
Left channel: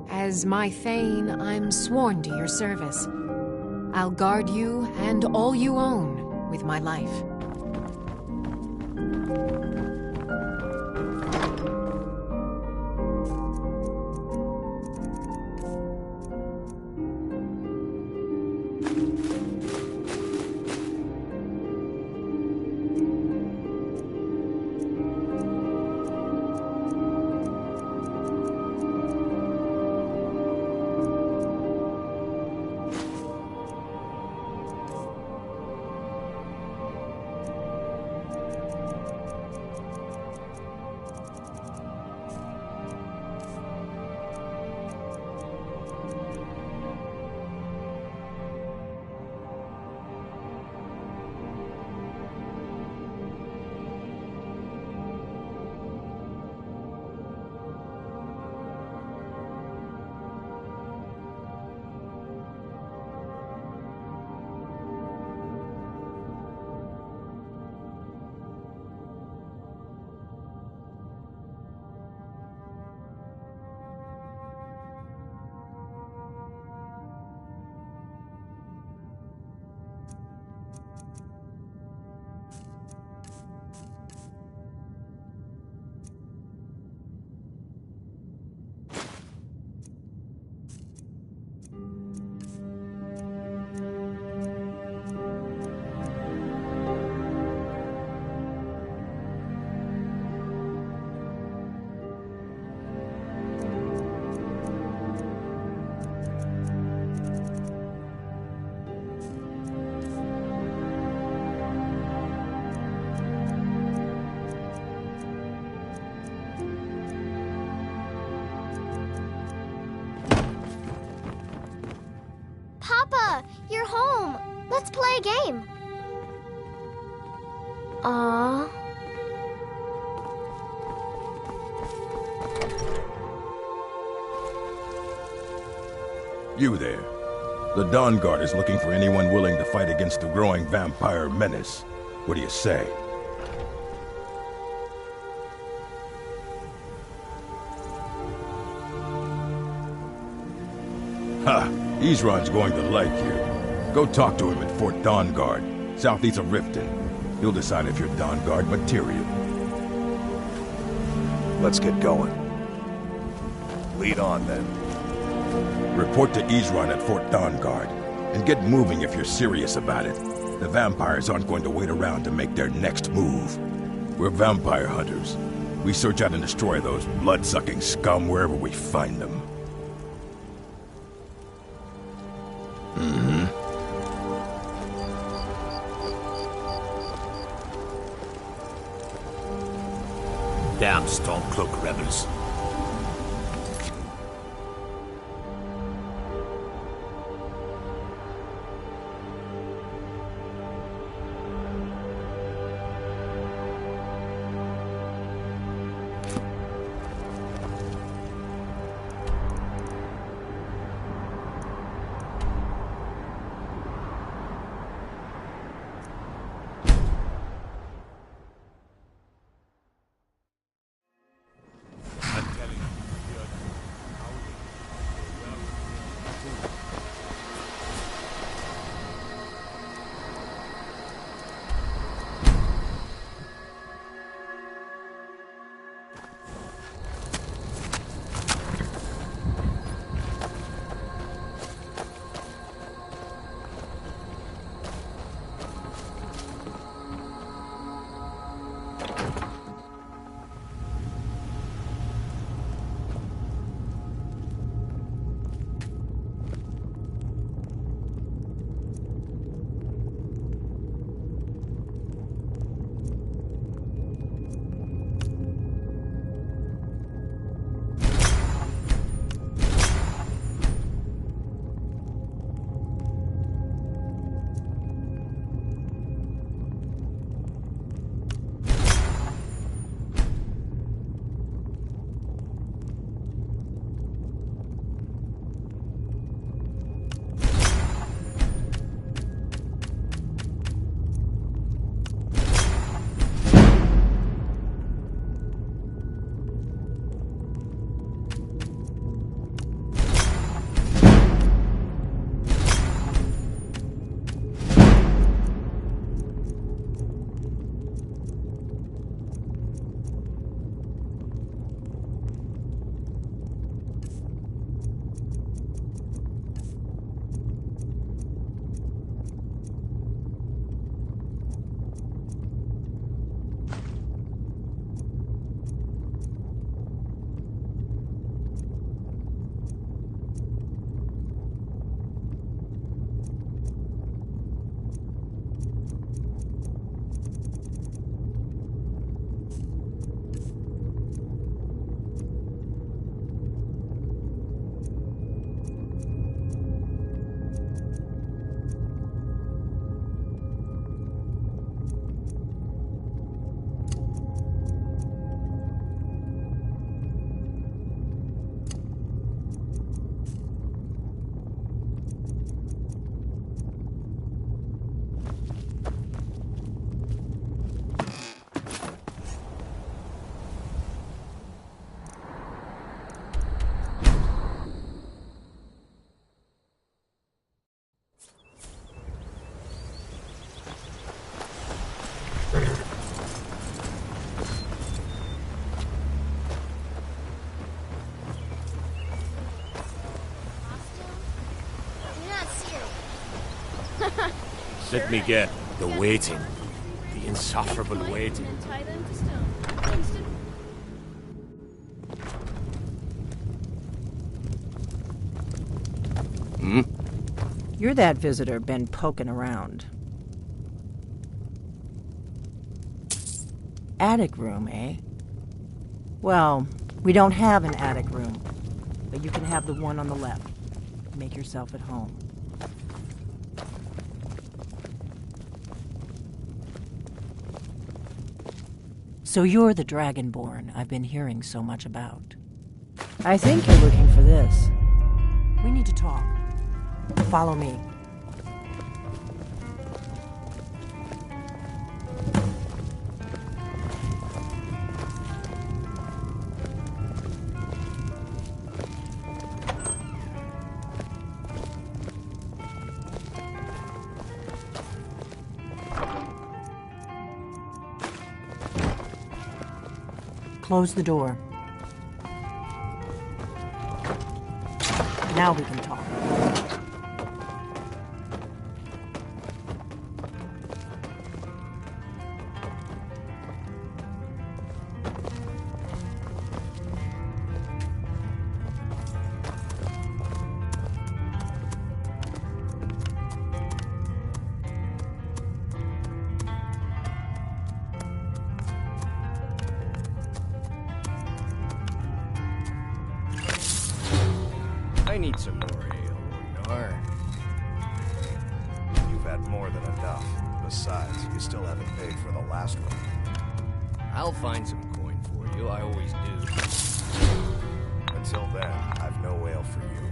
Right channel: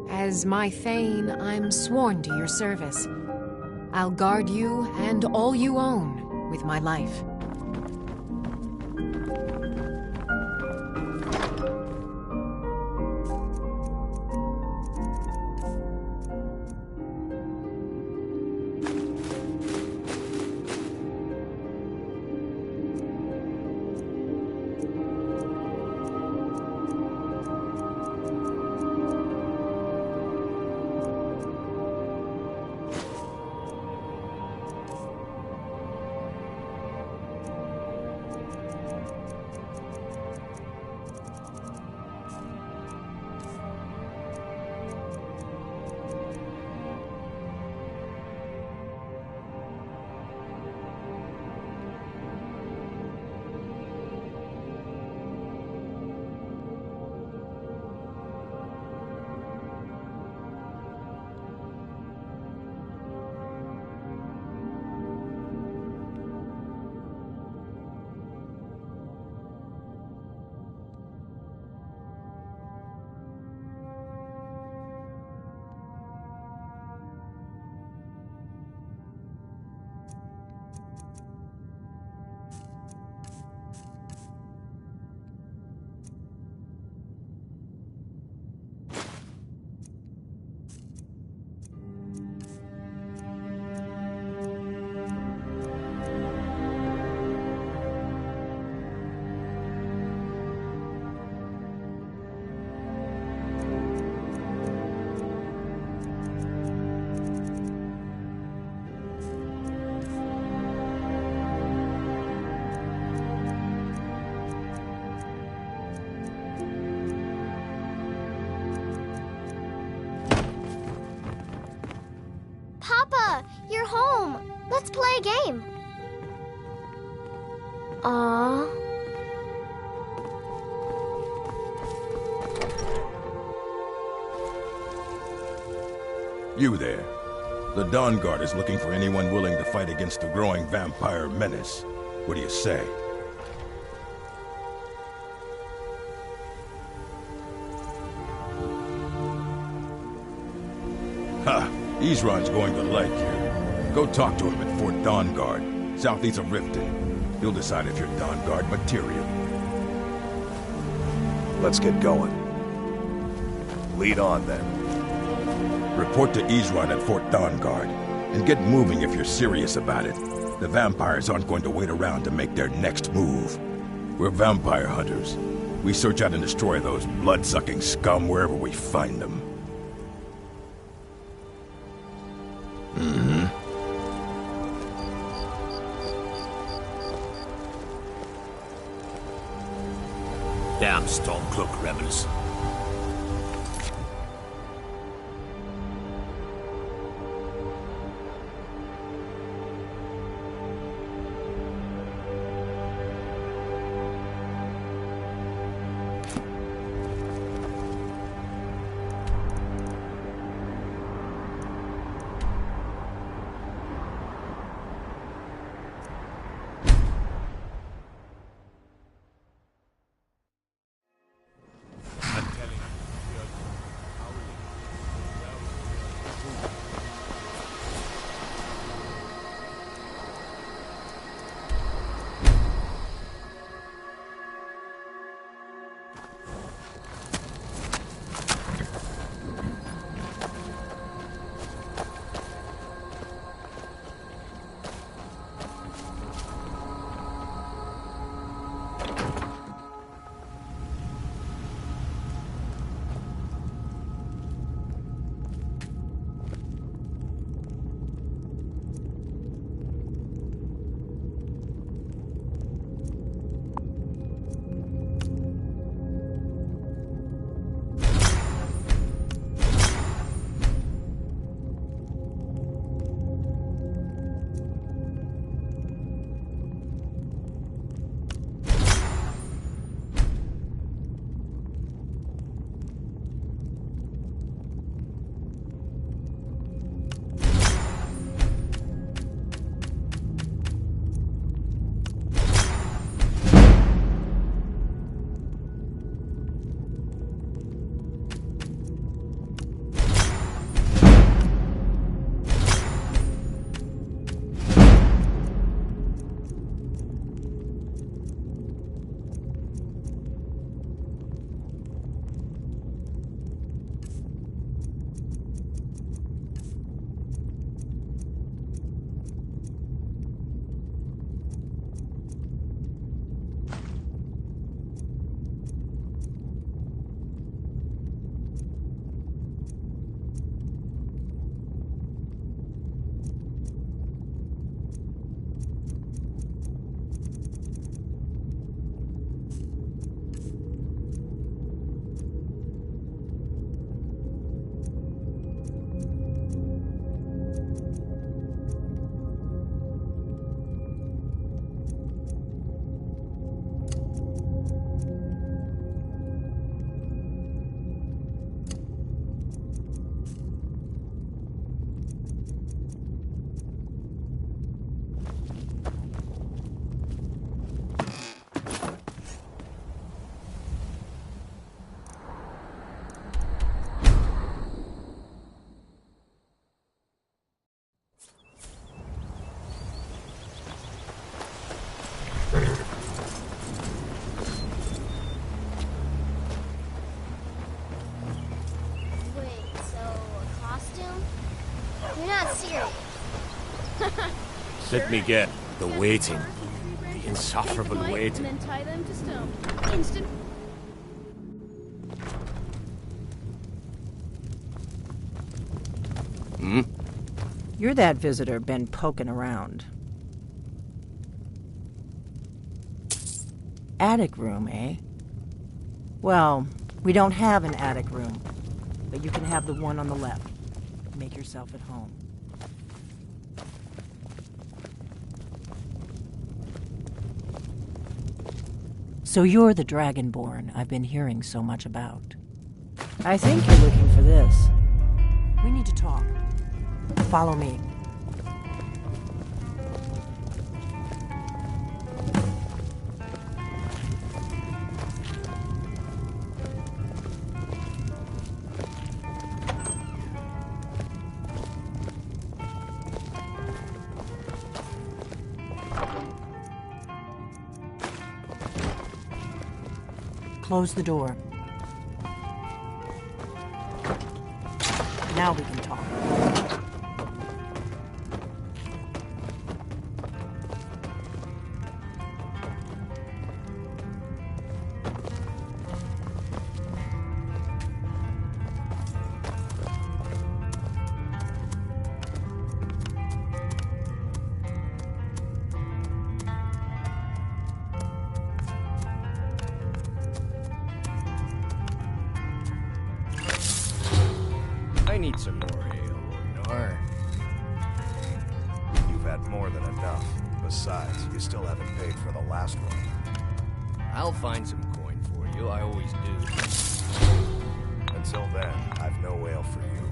As my Thane, I'm sworn to your service. I'll guard you and all you own with my life. Papa, you're home. Let's play a game. Aww. You there. The Dawn Guard is looking for anyone willing to fight against the growing vampire menace. What do you say? Ha! Isran's going to like you. Go talk to him at Fort Dawn Guard, southeast of Riften. He'll decide if you're Dawn Guard material. Let's get going. Lead on, then. Report to Isran at Fort Dawn Guard, and get moving if you're serious about it. The vampires aren't going to wait around to make their next move. We're vampire hunters. We search out and destroy those blood-sucking scum wherever we find them. Mm-hmm. Damn Stormcloak rebels. Let me get the waiting. The insufferable waiting. And then tie them to stone. Instant. Hmm? You're that visitor been poking around. Attic room, eh? Well, we don't have an attic room, but you can have the one on the left. Make yourself at home. So you're the Dragonborn I've been hearing so much about. I think you're looking for this. We need to talk. Follow me. Close the door. Now we can talk. I need some more ale, Ragnar. You've had more than enough. Besides, you still haven't paid for the last one. I'll find some coin for you, I always do. Until then, I've no ale for you.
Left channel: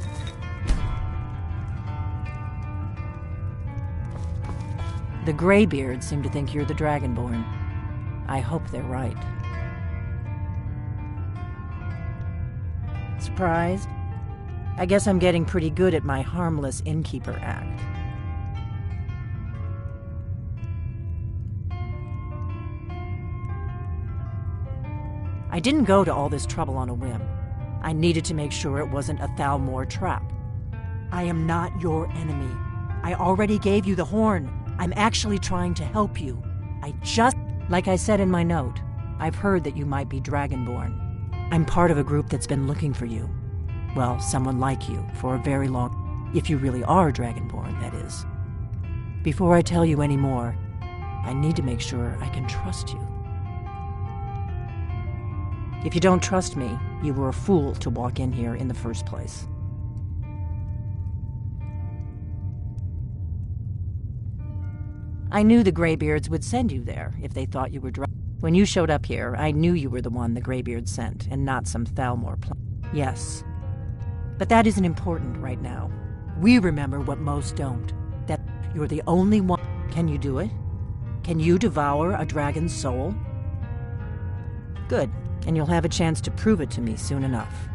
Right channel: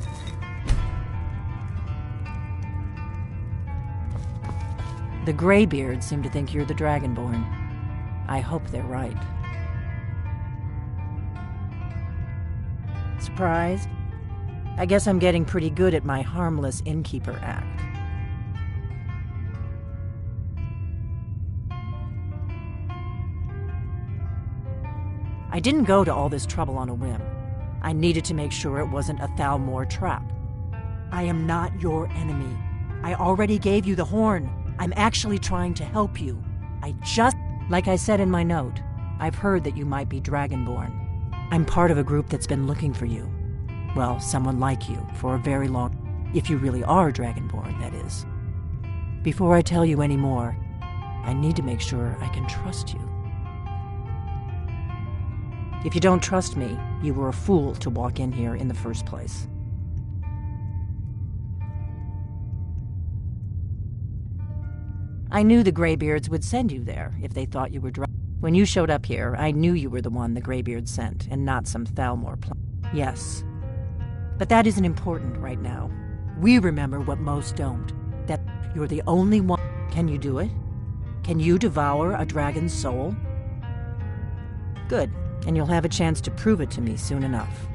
The Greybeards seem to think you're the Dragonborn. I hope they're right. Surprised? I guess I'm getting pretty good at my harmless innkeeper act. I didn't go to all this trouble on a whim. I needed to make sure it wasn't a Thalmor trap. I am not your enemy. I already gave you the horn. I'm actually trying to help you. Like I said in my note, I've heard that you might be Dragonborn. I'm part of a group that's been looking for you. Well, someone like you, for a very long... If you really are Dragonborn, that is. Before I tell you any more, I need to make sure I can trust you. If you don't trust me, you were a fool to walk in here in the first place. I knew the Greybeards would send you there if they thought you were When you showed up here, I knew you were the one the Greybeards sent, and not some Thalmor plan. Yes. But that isn't important right now. We remember what most don't. That you're the only one. Can you do it? Can you devour a dragon's soul? Good, and you'll have a chance to prove it to me soon enough.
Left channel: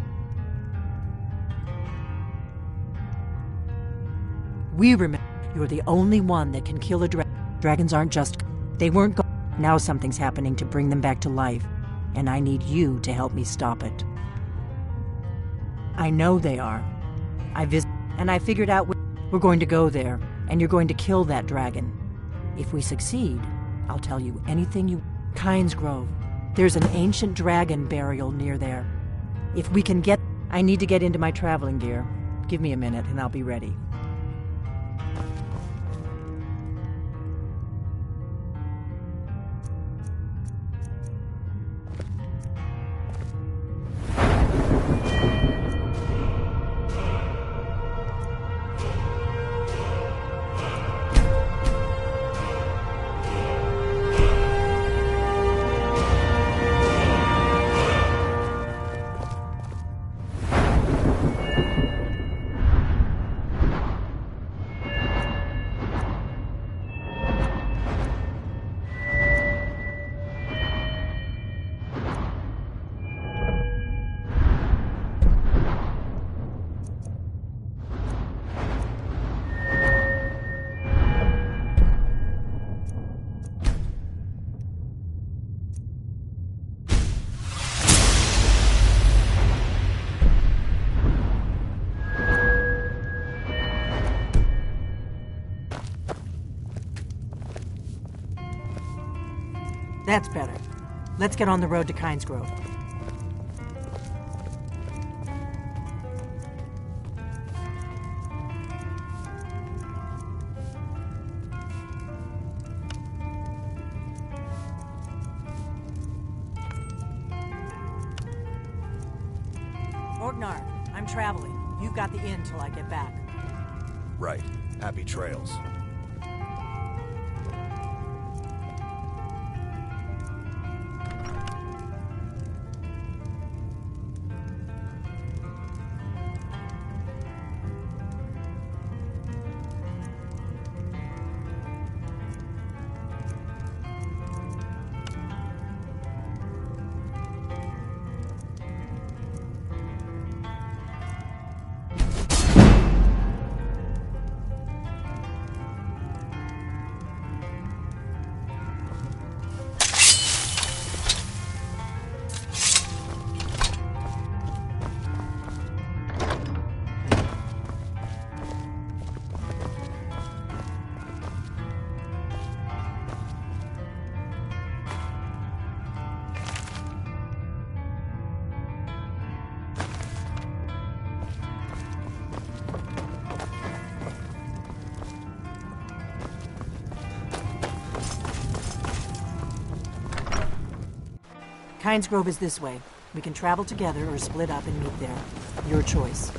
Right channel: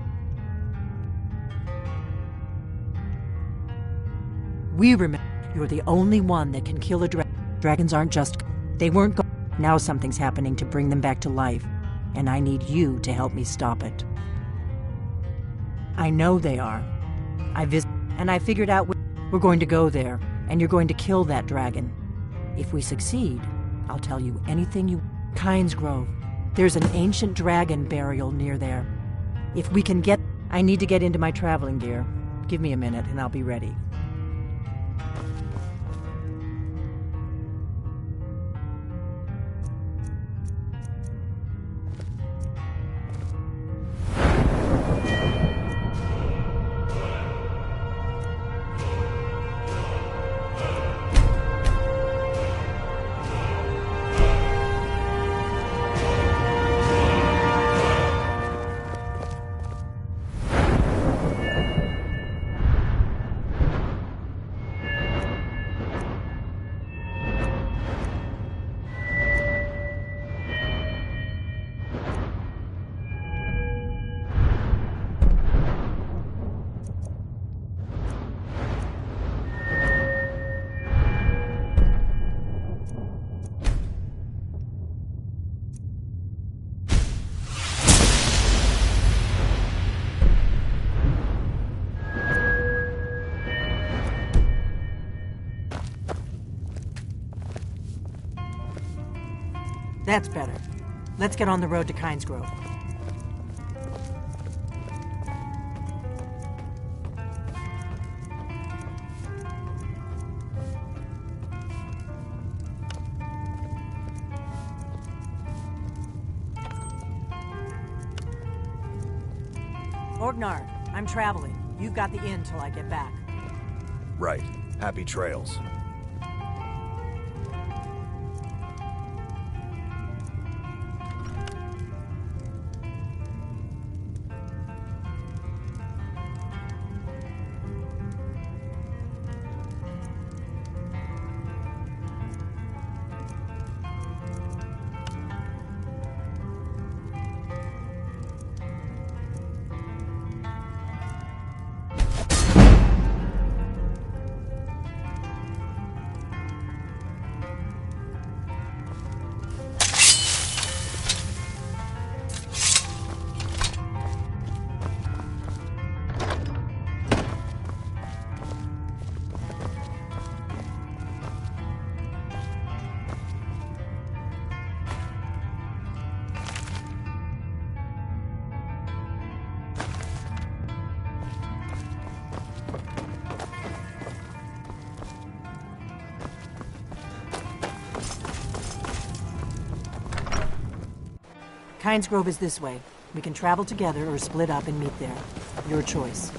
We remember you're the only one that can kill a dragon. Dragons aren't just... They weren't Now something's happening to bring them back to life, and I need you to help me stop it. I know they are. And I figured out we're going to go there, and you're going to kill that dragon. If we succeed, I'll tell you anything you... Kynes Grove. There's an ancient dragon burial near there. If we can get... I need to get into my traveling gear. Give me a minute, and I'll be ready. That's better. Let's get on the road to Kynes Grove. Orgnar, I'm traveling. You've got the inn till I get back. Right. Happy trails. Kynes Grove is this way. We can travel together or split up and meet there. Your choice.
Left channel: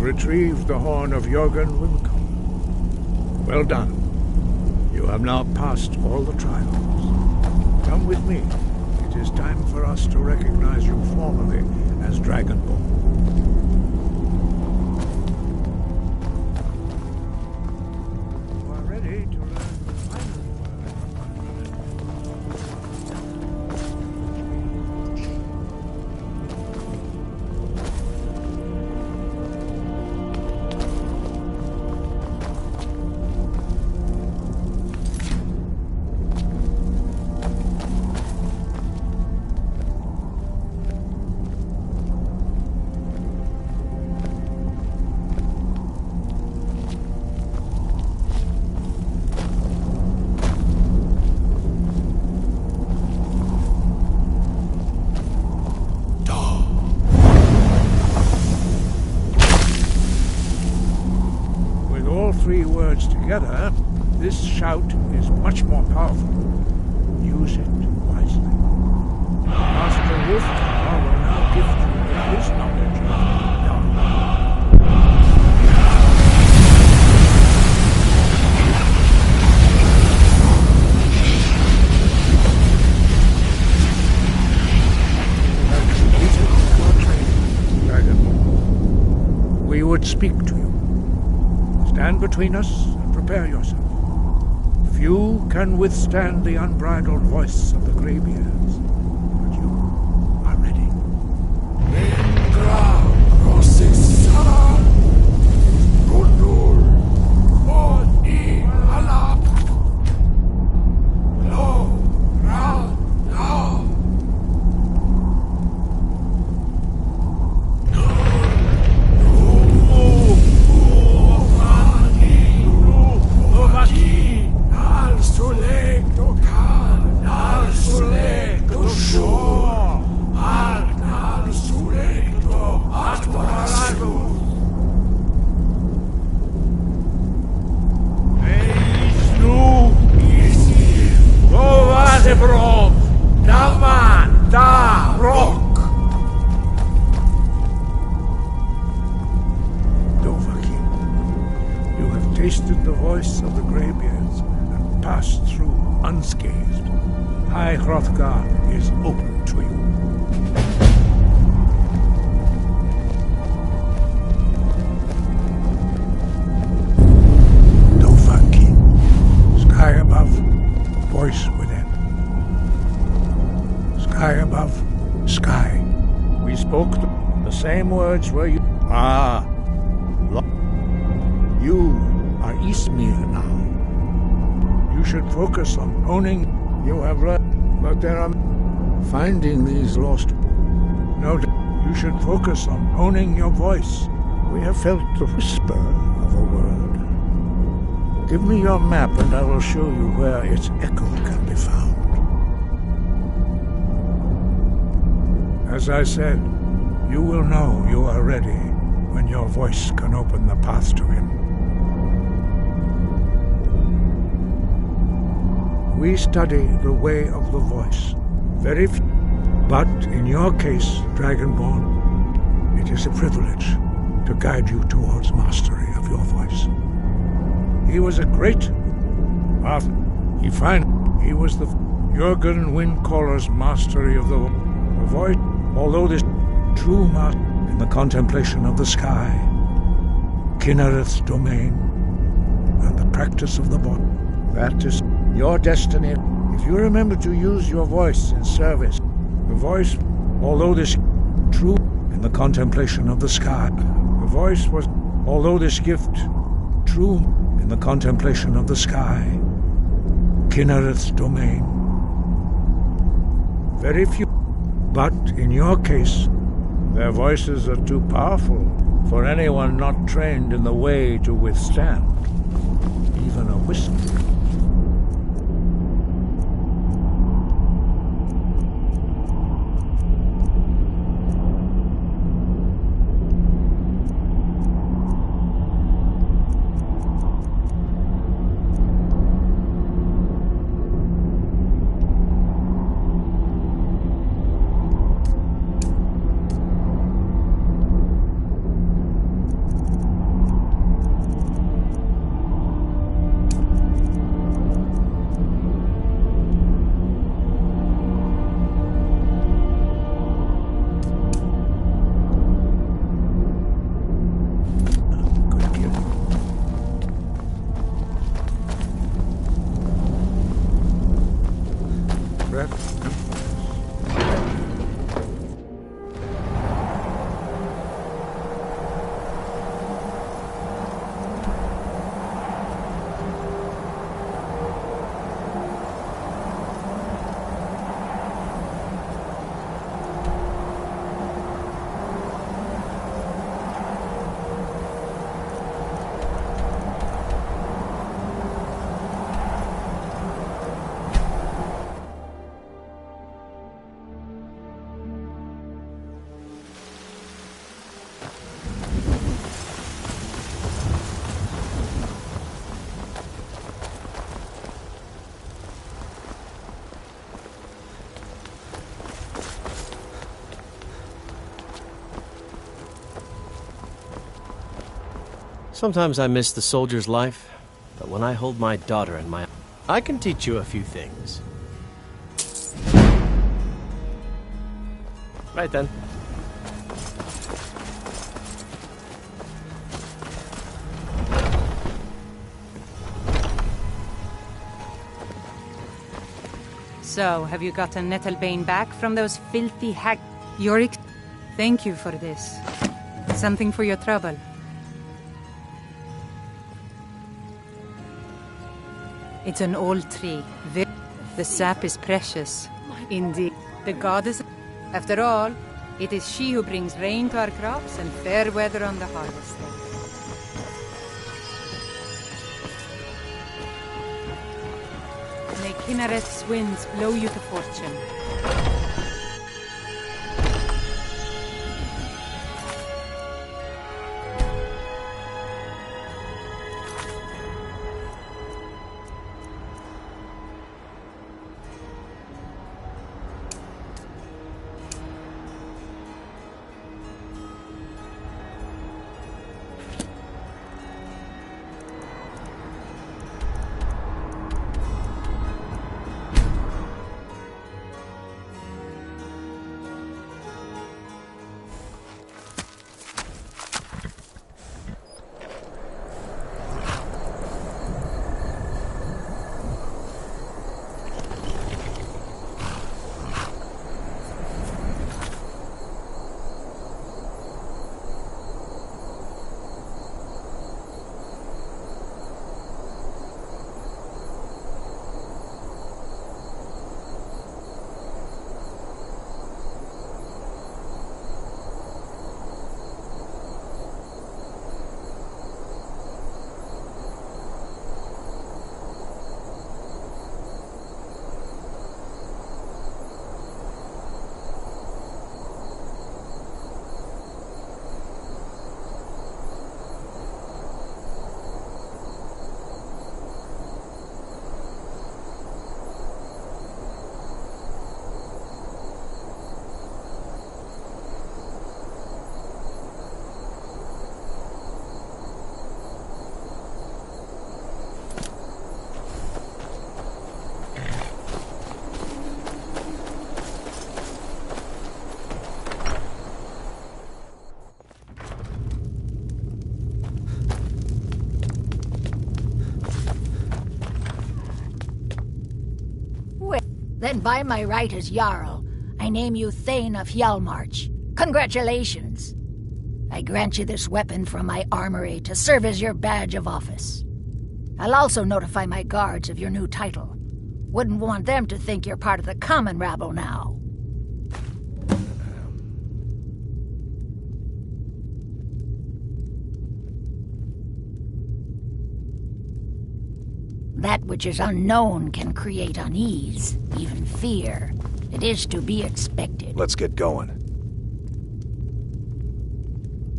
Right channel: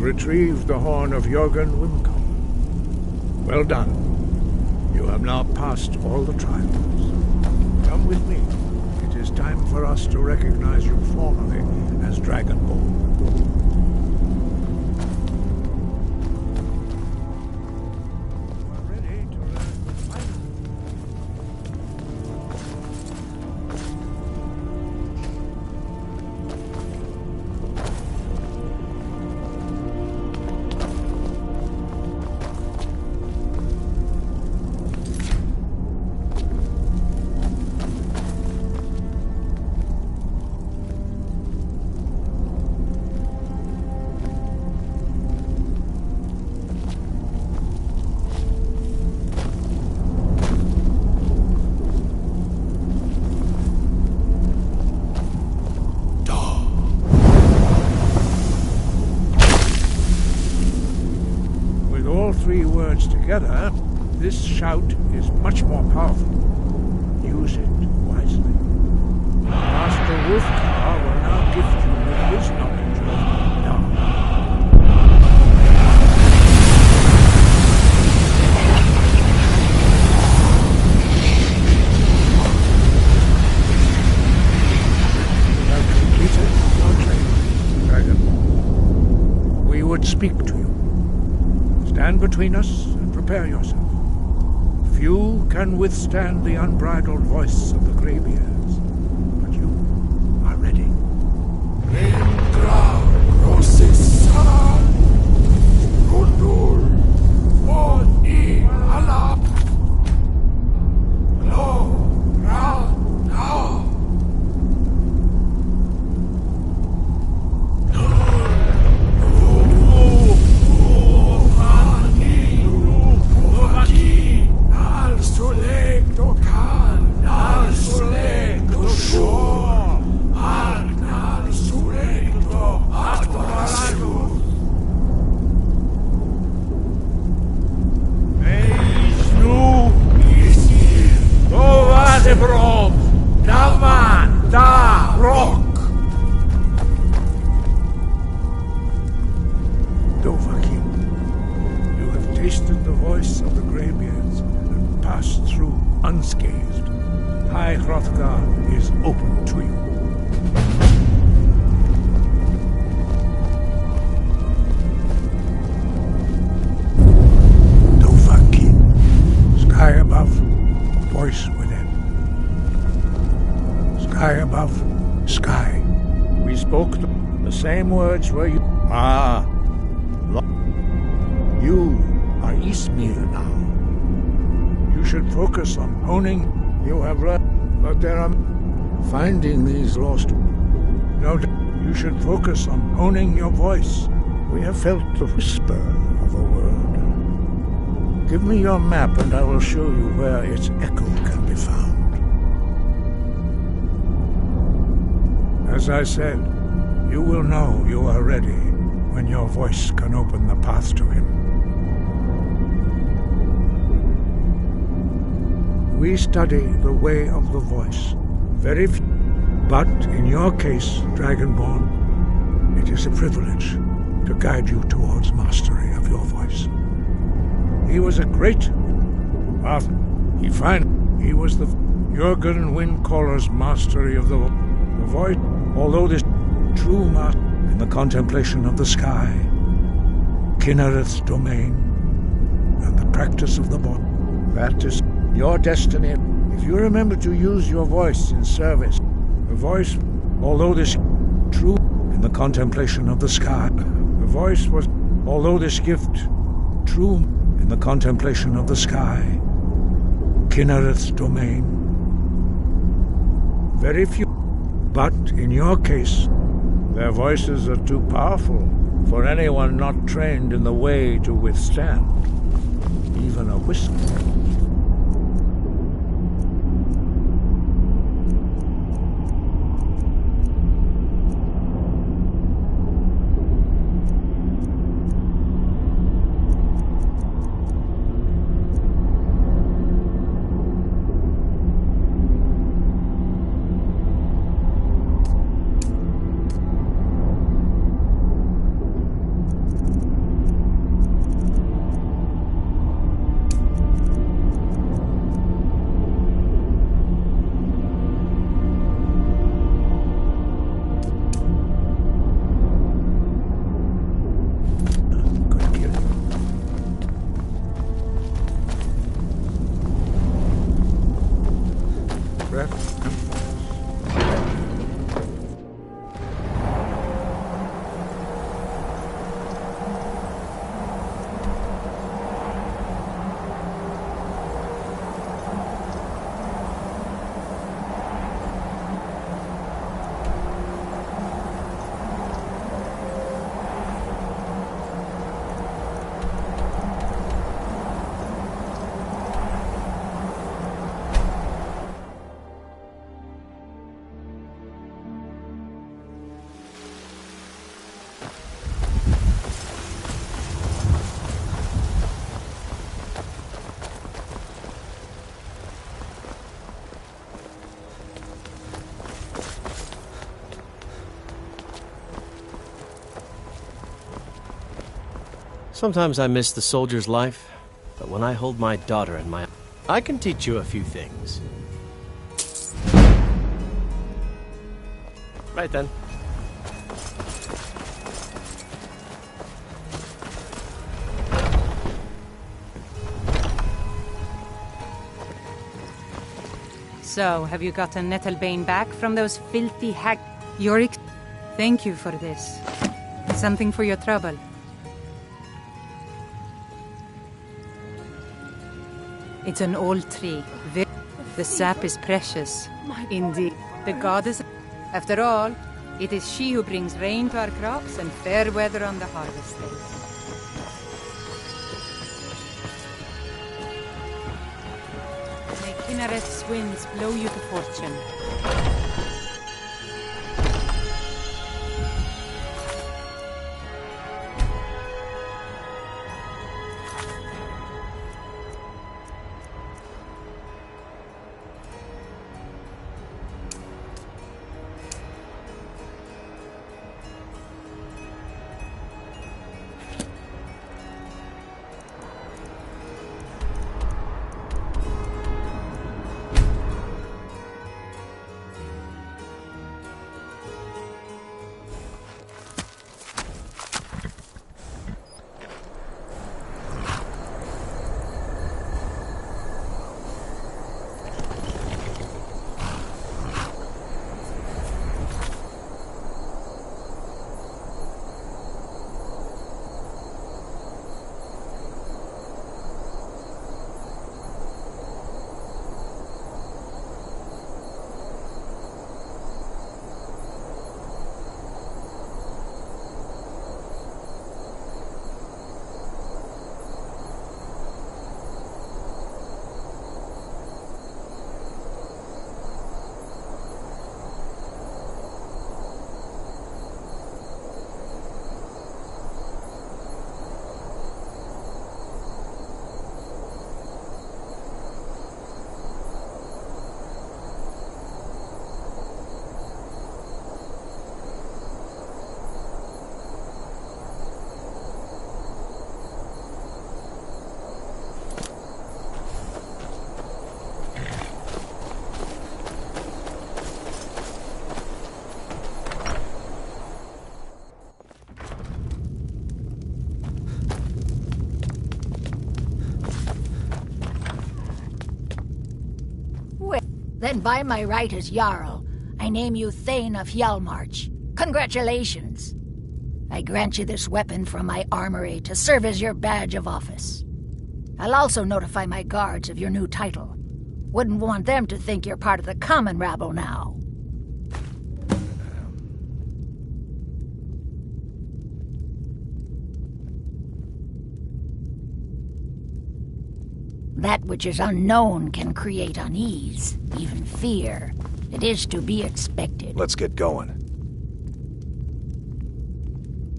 Retrieved the horn of Jörgen Wimcombe. Well done. You have now passed all the trials. Come with me. It is time for us to recognize you formally as Dragonborn. You are ready to learn the final. Three words together, this shout is much more powerful. Use it wisely. Master Wolfgar will now gift you with his knowledge of Dark. You have completed your training, Dragonborn. We would speak to you. Stand between us and prepare yourself. Few can withstand the unbridled voice of the Greybeards, but you are ready. Ingra Rosissan Rundu tasted the voice of the Greybeards and passed through unscathed. High Hrothgar is open to you. Dovahki. Sky above, voice within. Sky above, sky. We spoke the same words were you. You are Eastmere now. You should focus on honing. You have learned, but there are finding these lost. No, you should focus on honing your voice. We have felt the whisper of a word. Give me your map and I will show you where its echo can be found. As I said, you will know you are ready when your voice can open the path to him. We study the way of the voice. Very few. But in your case, Dragonborn, it is a privilege to guide you towards mastery of your voice. He was a great... He was the Jurgen Windcaller's mastery of the voice. Although this true master in the contemplation of the sky, Kinnereth's domain, and the practice of the body. That is your destiny. If you remember to use your voice in service, the voice, although this true in the contemplation of the sky, the voice was, although this gift true in the contemplation of the sky, Kinnereth's domain. Very few, but in your case, their voices are too powerful for anyone not trained in the way to withstand even a whisper. Sometimes I miss the soldier's life, but when I hold my daughter in my... I can teach you a few things. Right then. So, have you gotten Nettlebane back from those filthy hack... Yorick, thank you for this. Something for your trouble. It's an old tree. The sap is precious. Indeed. The goddess... After all, it is she who brings rain to our crops and fair weather on the harvesting. May Kinnereth's winds blow you to fortune. Then by my right as Jarl, I name you Thane of Hjalmarch. Congratulations! I grant you this weapon from my armory to serve as your badge of office. I'll also notify my guards of your new title. Wouldn't want them to think you're part of the common rabble now. That which is unknown can create unease, even fear. It is to be expected. Let's get going.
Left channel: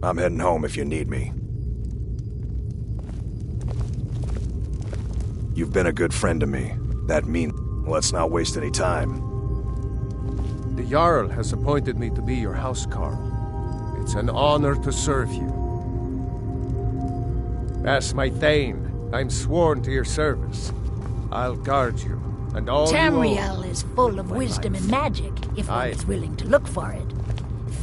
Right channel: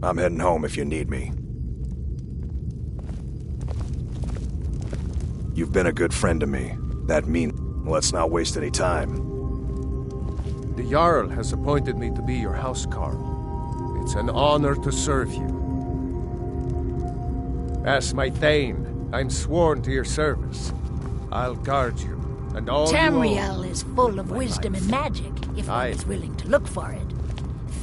I'm heading home if you need me. You've been a good friend to me. That means let's not waste any time. The Jarl has appointed me to be your housecarl. It's an honor to serve you. As my Thane, I'm sworn to your service. I'll guard you, and all Tamriel is full of wisdom and magic, if one is willing to look for it.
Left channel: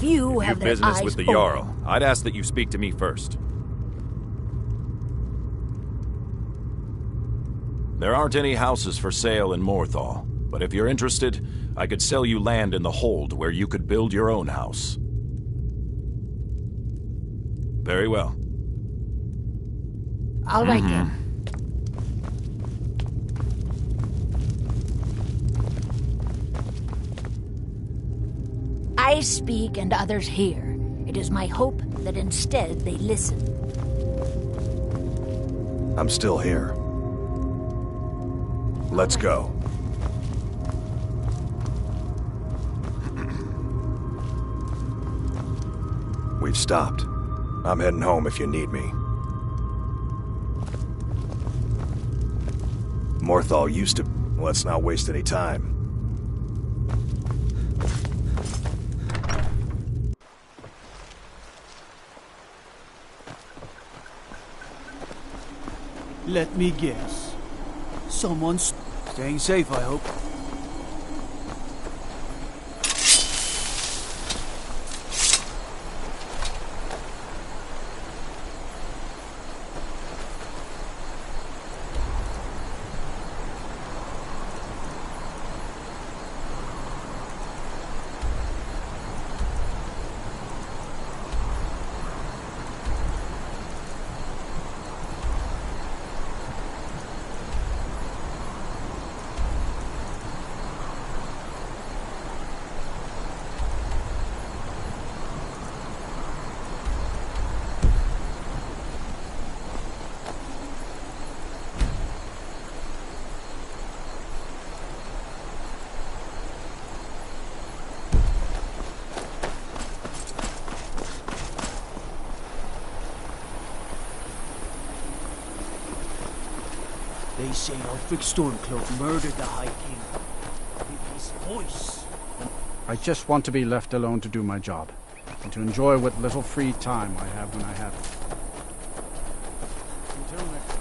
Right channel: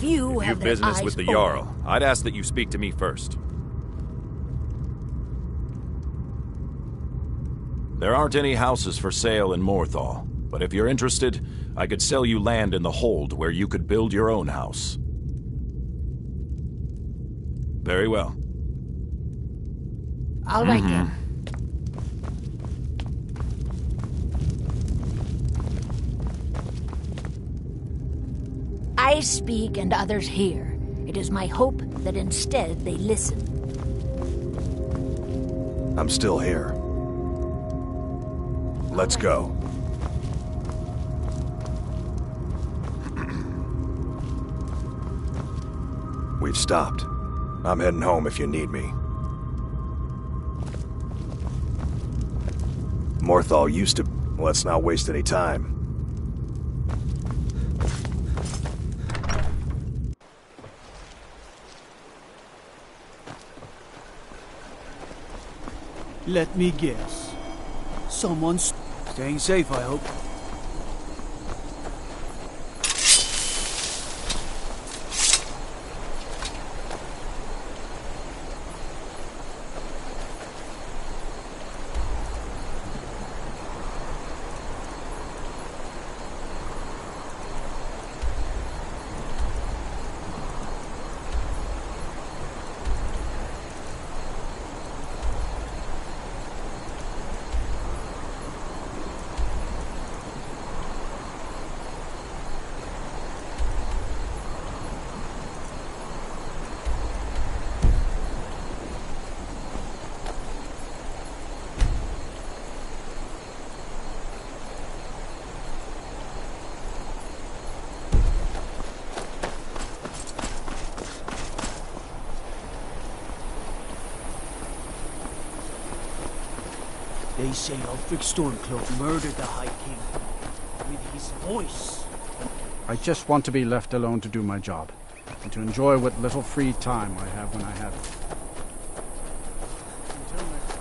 Few If have you've their business eyes with the open. Jarl, I'd ask that you speak to me first. There aren't any houses for sale in Morthal, but if you're interested, I could sell you land in the Hold where you could build your own house. Very well. All right then. I speak and others hear. It is my hope that instead they listen. I'm still here. Let's go. We've stopped. I'm heading home if you need me. Morthal used to... Let's not waste any time. Let me guess. Someone's staying safe, I hope. They say Ulfric Stormcloak murdered the High King with his voice. I just want to be left alone to do my job, and to enjoy what little free time I have when I have it. Until next time.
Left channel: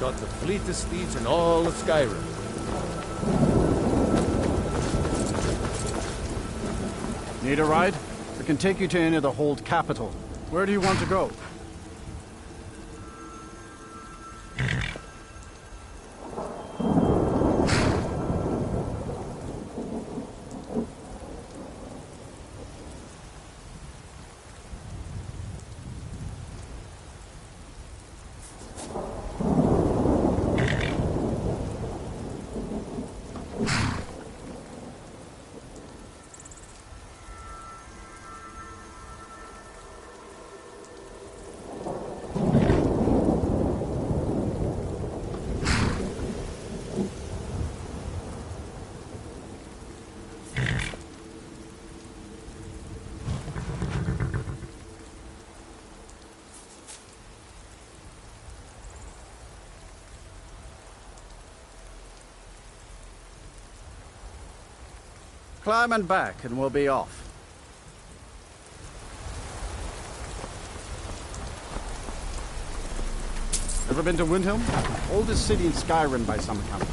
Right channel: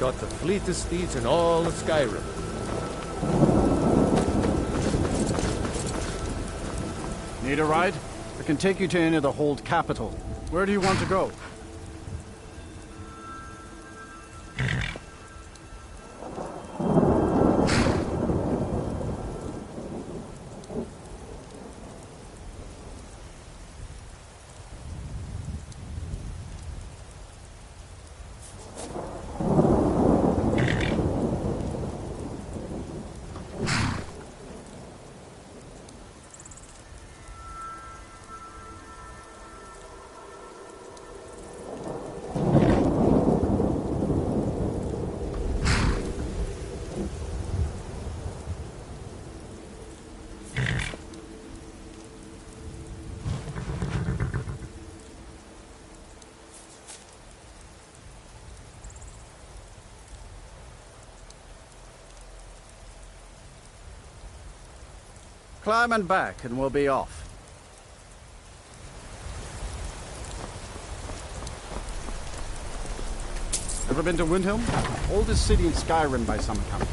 Got the fleetest steeds in all of Skyrim. Need a ride? I can take you to any of the Hold capital. Where do you want to go? Climbing back and we'll be off. Ever been to Windhelm? Oldest city in Skyrim by some account.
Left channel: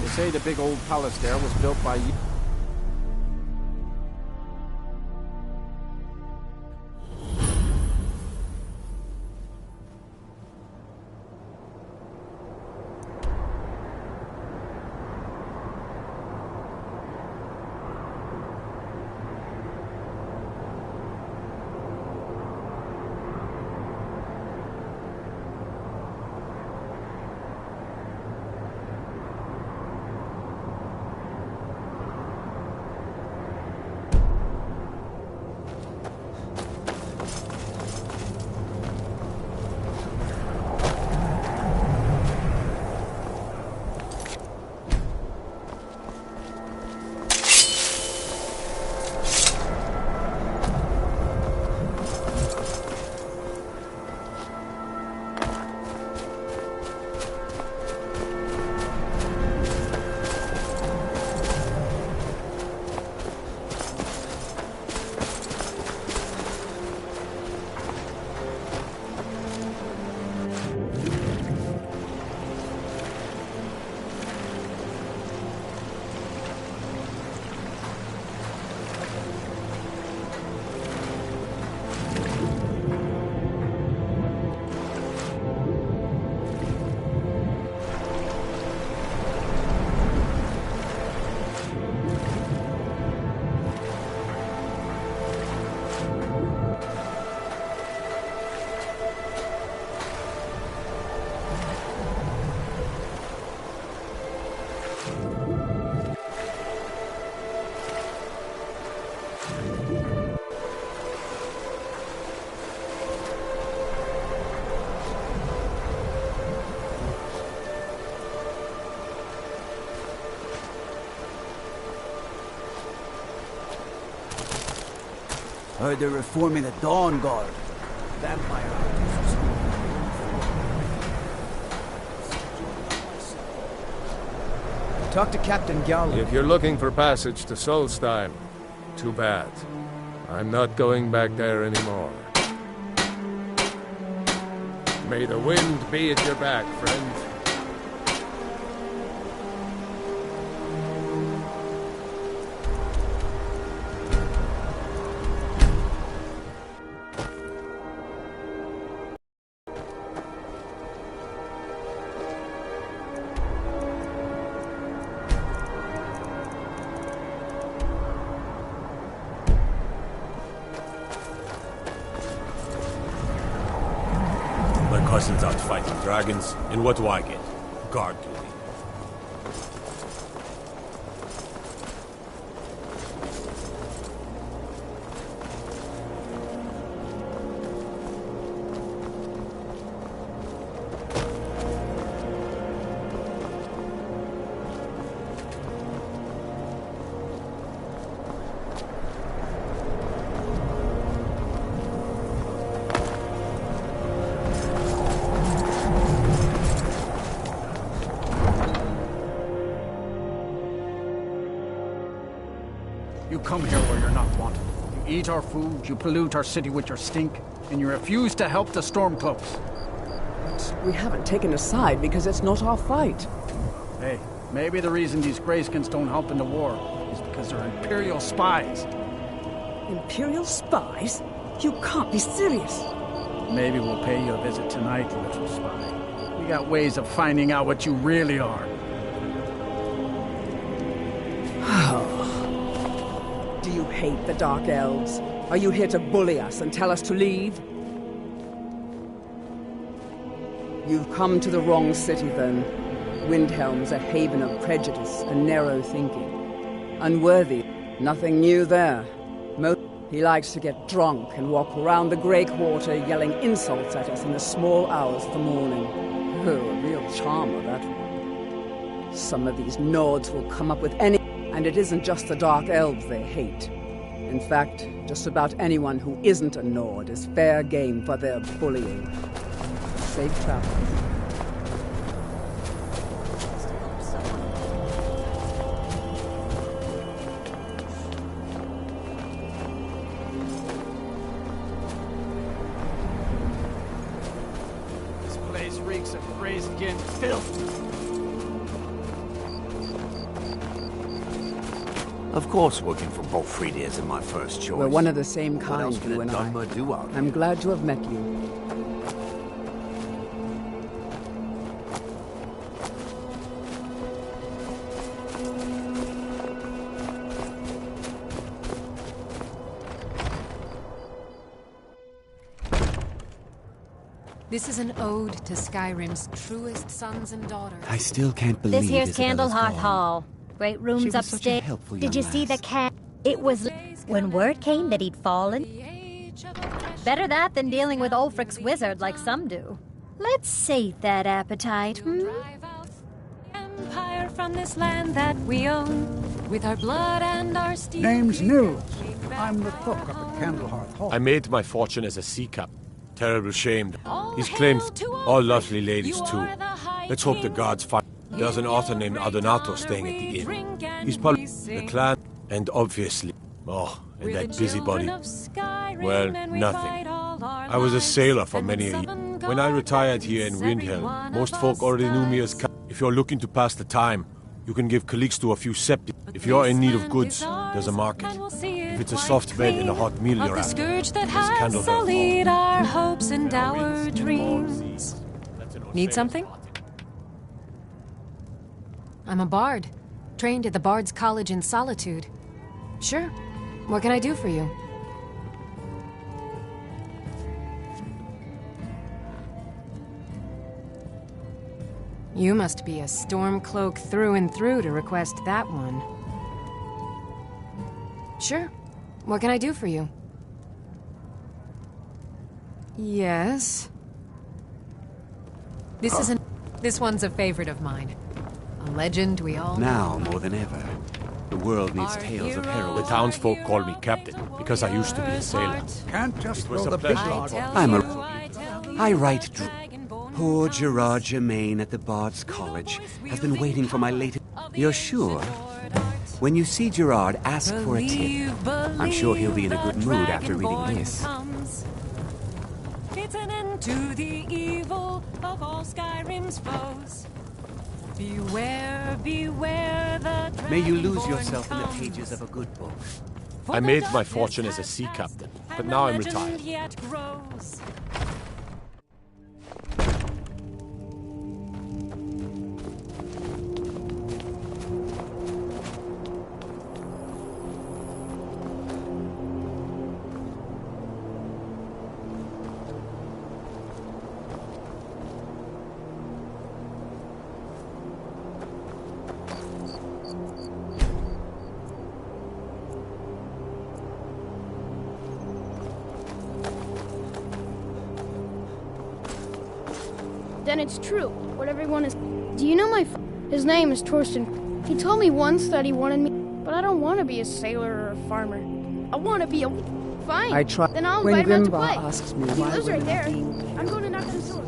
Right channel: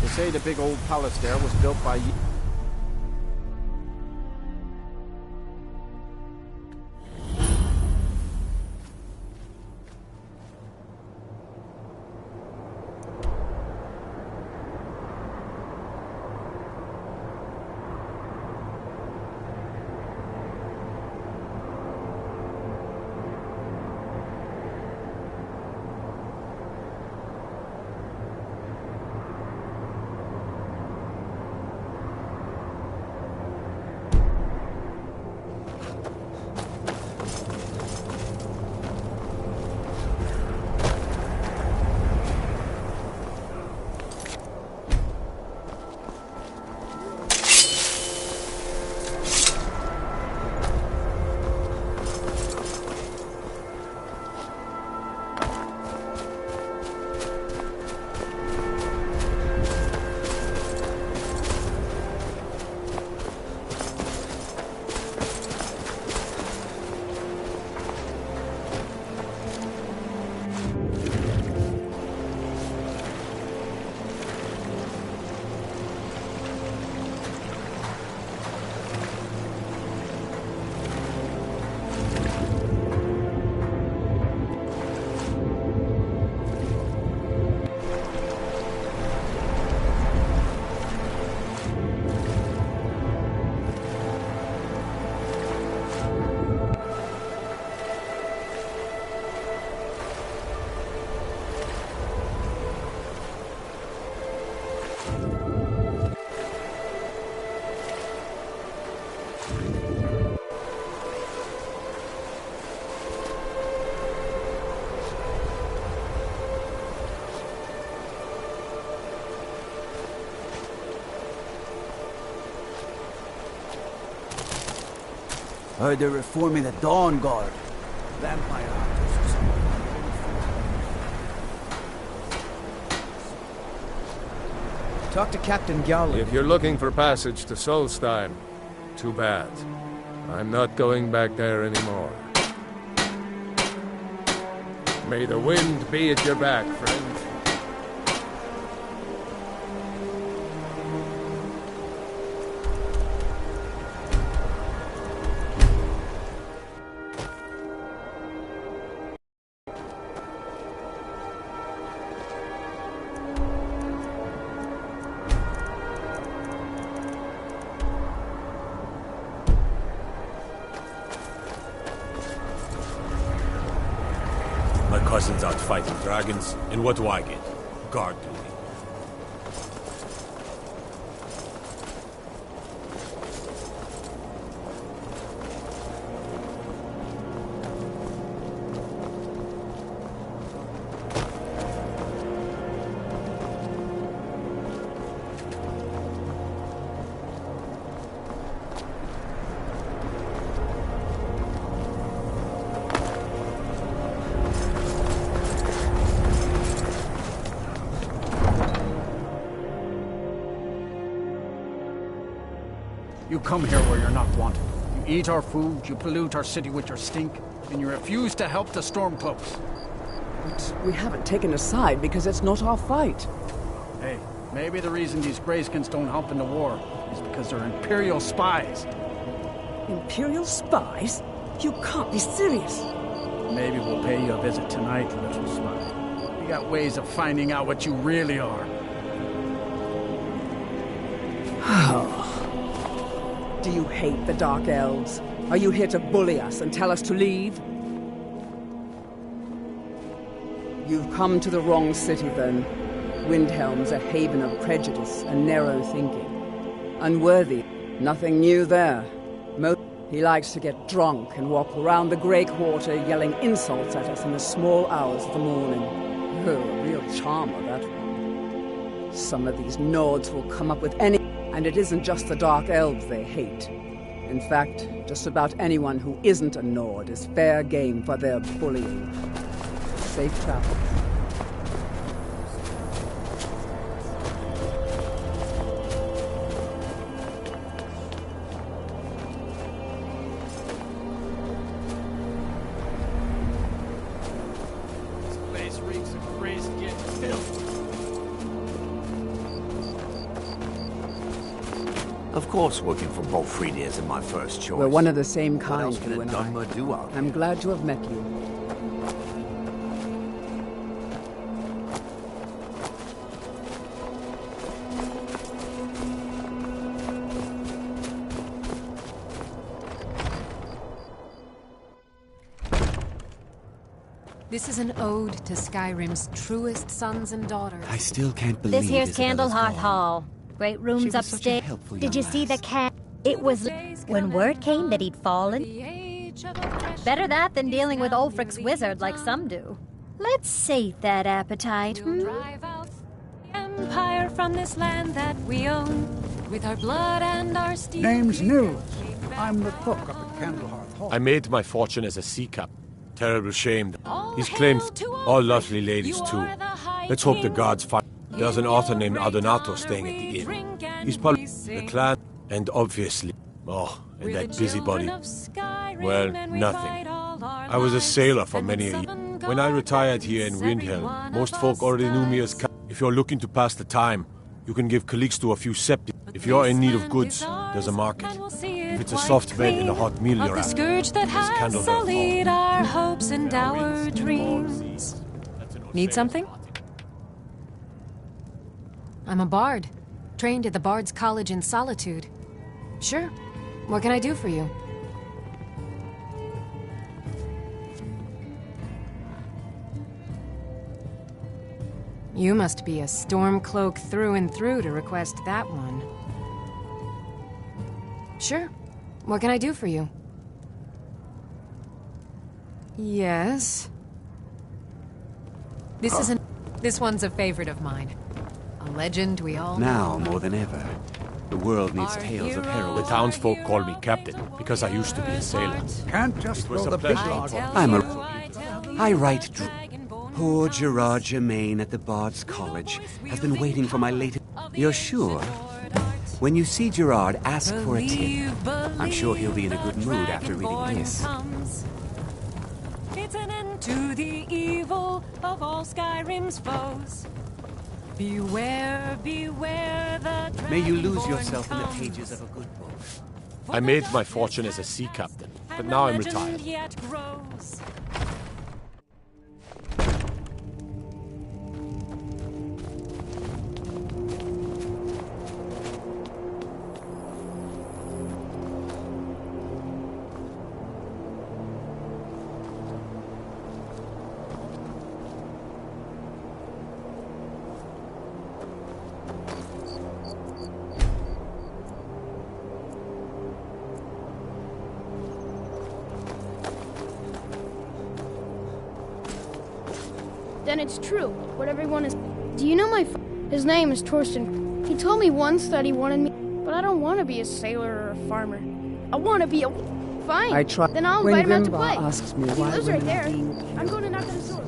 They say the big old palace there was built by you. Heard they're reforming the Dawn Guard. Vampire hunters or something. Talk to Captain Gowland. If you're looking for passage to Solstein, too bad. I'm not going back there anymore. May the wind be at your back, friend. My cousin's out fighting dragons, and what do I get? Guard duty. You come here where you're not wanted. You eat our food, you pollute our city with your stink, and you refuse to help the Stormcloaks. But we haven't taken a side because it's not our fight. Hey, maybe the reason these Greyskins don't help in the war is because they're Imperial spies. Imperial spies? You can't be serious. Maybe we'll pay you a visit tonight, little spy. We got ways of finding out what you really are. Do you hate the Dark Elves? Are you here to bully us and tell us to leave? You've come to the wrong city, then. Windhelm's a haven of prejudice and narrow thinking. Unworthy. Nothing new there. He likes to get drunk and walk around the Grey Quarter yelling insults at us in the small hours of the morning. Oh, a real charmer, that one. Some of these Nords will come up with any... And it isn't just the Dark Elves they hate. In fact, just about anyone who isn't a Nord is fair game for their bullying. Safe travel. stinking filth. Of course, working for Bolfrida isn't my first choice. We're one of the same What kind, else can you a and I. Dunmer do out I'm glad to have met you. This is an ode to Skyrim's truest sons and daughters. I still can't believe This here's Isabella's Candlehearth gone. Hall. Great rooms She was such a upstairs. helpful Did young you see the lass. cat? It was when word came that he'd fallen. Better that than dealing with Ulfric's wizard like some do. Let's sate that appetite. Empire from this land that we own, with our blood and our steel. Name's Nils. I'm the cook up at Candlehearth Hall. I made my fortune as a sea captain. Terrible shame. He's claimed all lovely ladies too. Let's hope the gods find. There's an author named Adonato staying at the inn. He's probably the clan, and obviously, and that busybody. Well, nothing. I was a sailor for many a year. When I retired here in Windhelm, most folk already knew me as If you're looking to pass the time, you can give Calixto a few septi. If you're in need of goods, there's a market. If it's a soft bed and a hot meal you're The after, scourge that there's has Candlehearth sullied Hall. our hopes and our dreams. Need something? I'm a bard, trained at the Bard's College in Solitude. Sure. What can I do for you? You must be a Stormcloak through and through to request that one. Sure. What can I do for you? Yes. This one's a favorite of mine. A legend we all Now, more than ever, the world needs tales of The heroism. townsfolk call me captain because I used to be a sailor. Can't just It was throw a the big pleasure. log. I write. Poor Gerard Germain at the Bard's College has been waiting for my latest. You're sure? When you see Gerard, ask for a tip. I'm sure he'll be in a good mood after reading this. It's an end to the evil of all Skyrim's foes. Beware, beware the May you lose Dragonborn yourself in the comes. pages of a good book. I made my fortune as a sea captain, but now I'm Legend retired. yet grows. Then it's true, what everyone is... Do you know my His name is Torsten. He told me once that he wanted me, but I don't want to be a sailor or a farmer. I want to be a... Fine. I try. Then I'll When invite him out to Grimbar play. asks me He why lives right women are there. being I'm going to knock on his door.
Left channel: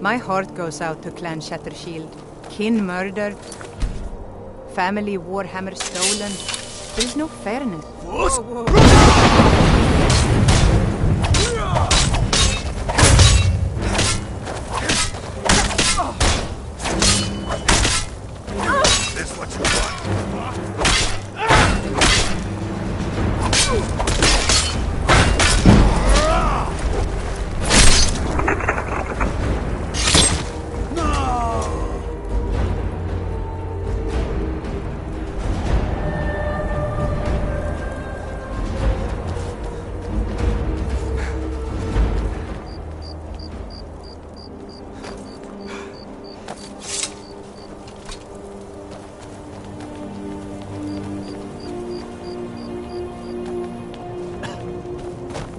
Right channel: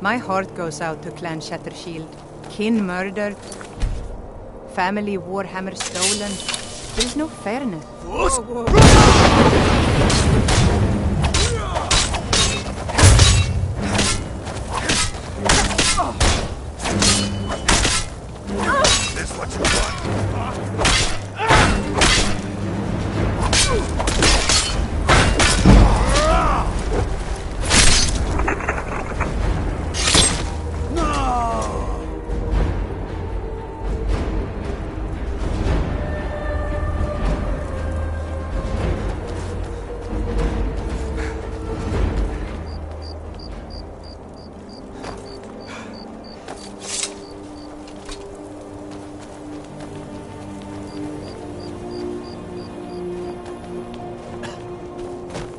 My heart goes out to Clan Shattershield. Kin murdered. Family Warhammer stolen. There's no fairness. This what you want?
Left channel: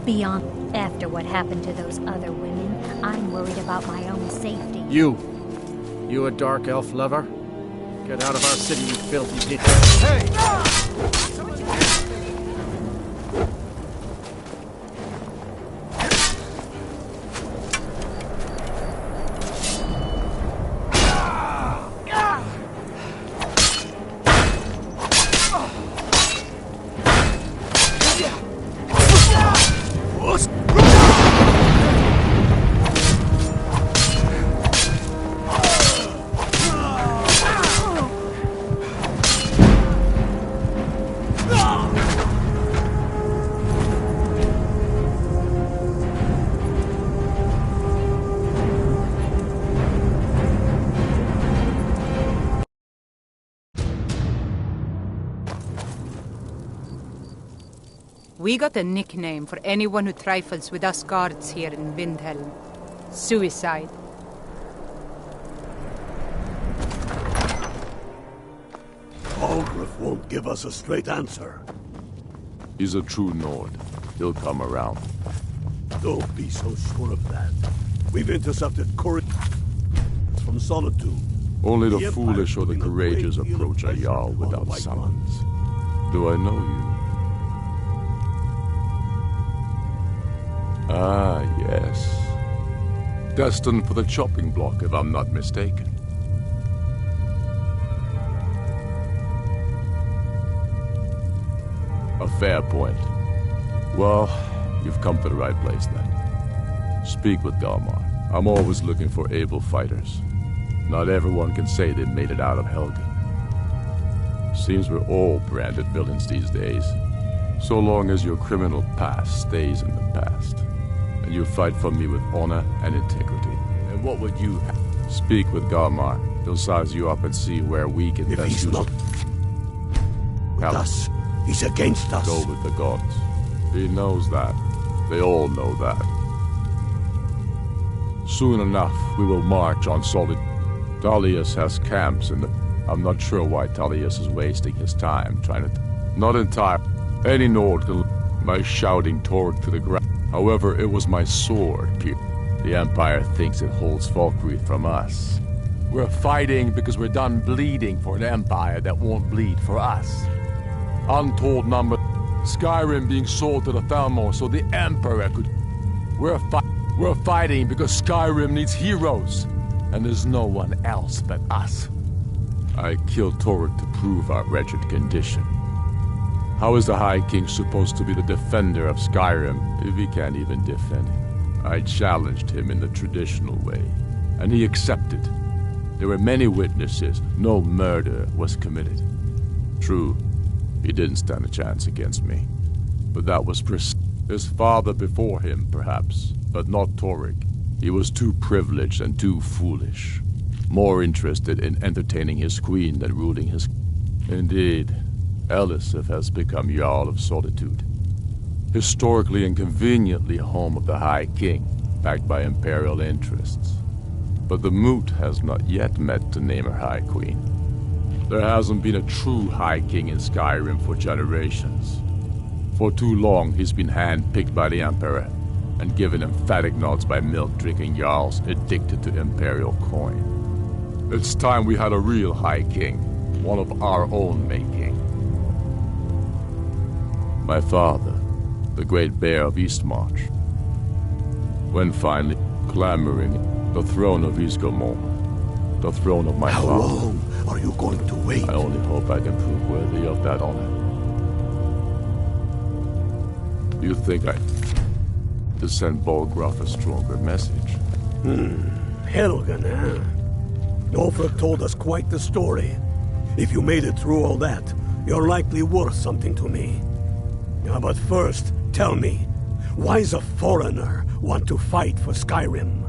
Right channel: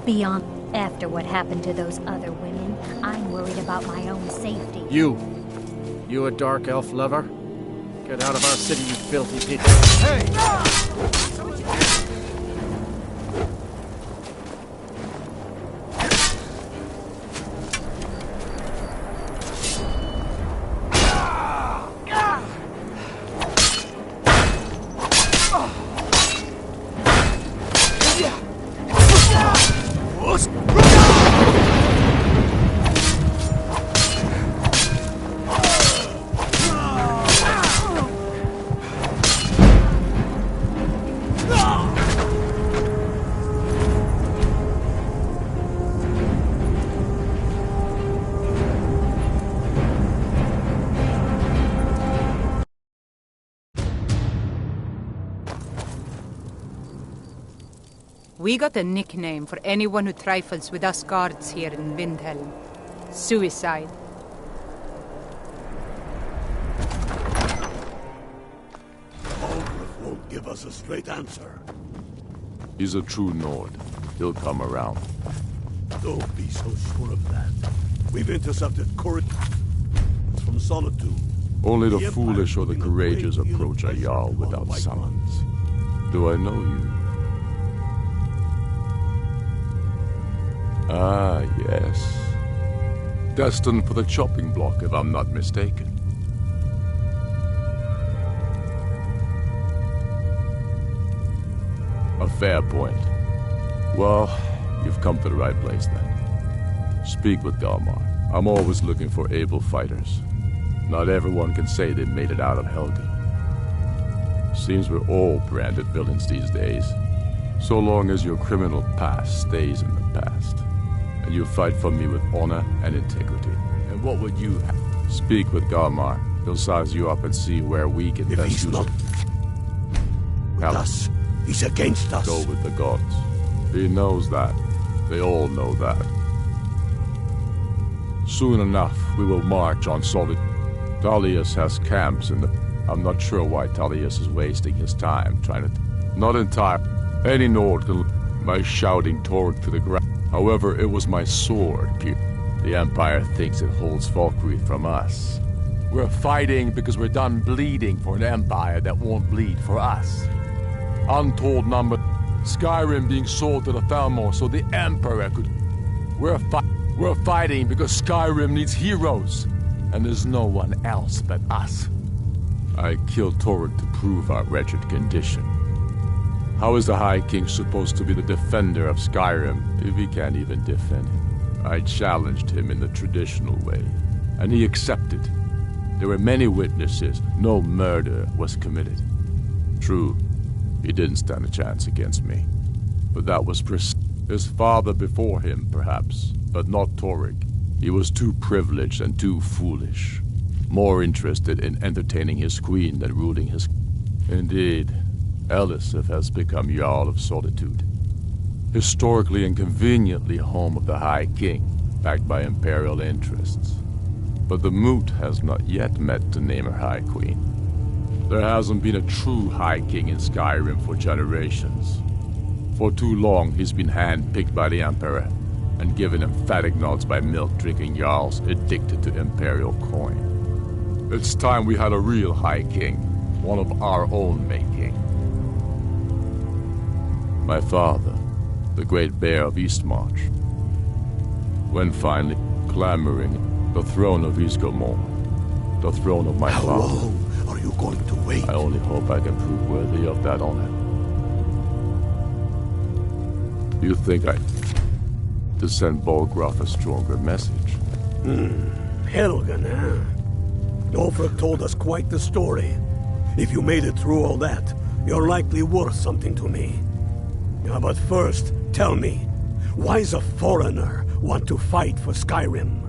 Beyond, after what happened to those other women, I'm worried about my own safety. You a dark elf lover? Get out of our city, you filthy bitch. Hey! We got a nickname for anyone who trifles with us guards here in Windhelm. Suicide. Ulgrif won't give us a straight answer. He's a true Nord. He'll come around. Don't be so sure of that. We've intercepted couriers from Solitude. Only the foolish or the courageous approach a Jarl without summons. Do I know you? Ah, yes. Destined for the chopping block, if I'm not mistaken. A fair point. Well, you've come to the right place then. Speak with Galmar. I'm always looking for able fighters. Not everyone can say they made it out of Helgen. Seems we're all branded villains these days. So long as your criminal past stays in the past. And you fight for me with honor and integrity. And what would you have? Speak with Galmar. He'll size you up and see where we can If best he's use not with us, he's against us. Go with the gods. He knows that. They all know that. Soon enough, we will march on solid. Talius has camps in the... I'm not sure why Talius is wasting his time trying to... Not entire. Any Nord can... My shouting Torg to the ground. However, it was my sword, The Empire thinks it holds Falkreath from us. We're fighting because we're done bleeding for an Empire that won't bleed for us. Untold number... Skyrim being sold to the Thalmor so the Emperor could... We're fighting because Skyrim needs heroes. And there's no one else but us. I killed Torg to prove our wretched condition. How is the High King supposed to be the defender of Skyrim if he can't even defend him? I challenged him in the traditional way, and he accepted. There were many witnesses. No murder was committed. True, he didn't stand a chance against me. But that was his father before him, perhaps, but not Torg. He was too privileged and too foolish. More interested in entertaining his queen than ruling his... Indeed, Elisif has become Jarl of Solitude. Historically and conveniently home of the High King, backed by imperial interests. But the Moot has not yet met to name her High Queen. There hasn't been a true High King in Skyrim for generations. For too long, he's been hand-picked by the Emperor, and given emphatic nods by milk-drinking Jarls addicted to imperial coin. It's time we had a real High King, one of our own making. My father, the Great Bear of Eastmarch. When finally clamoring the throne of Ysgramor, the throne of my father. How long are you going to wait? I only hope I can prove worthy of that honor. You think I... to send Bolgraf a stronger message? Helgen, huh? Ulfric told us quite the story. If you made it through all that, you're likely worth something to me. Yeah, but first, tell me, why does a foreigner want to fight for Skyrim?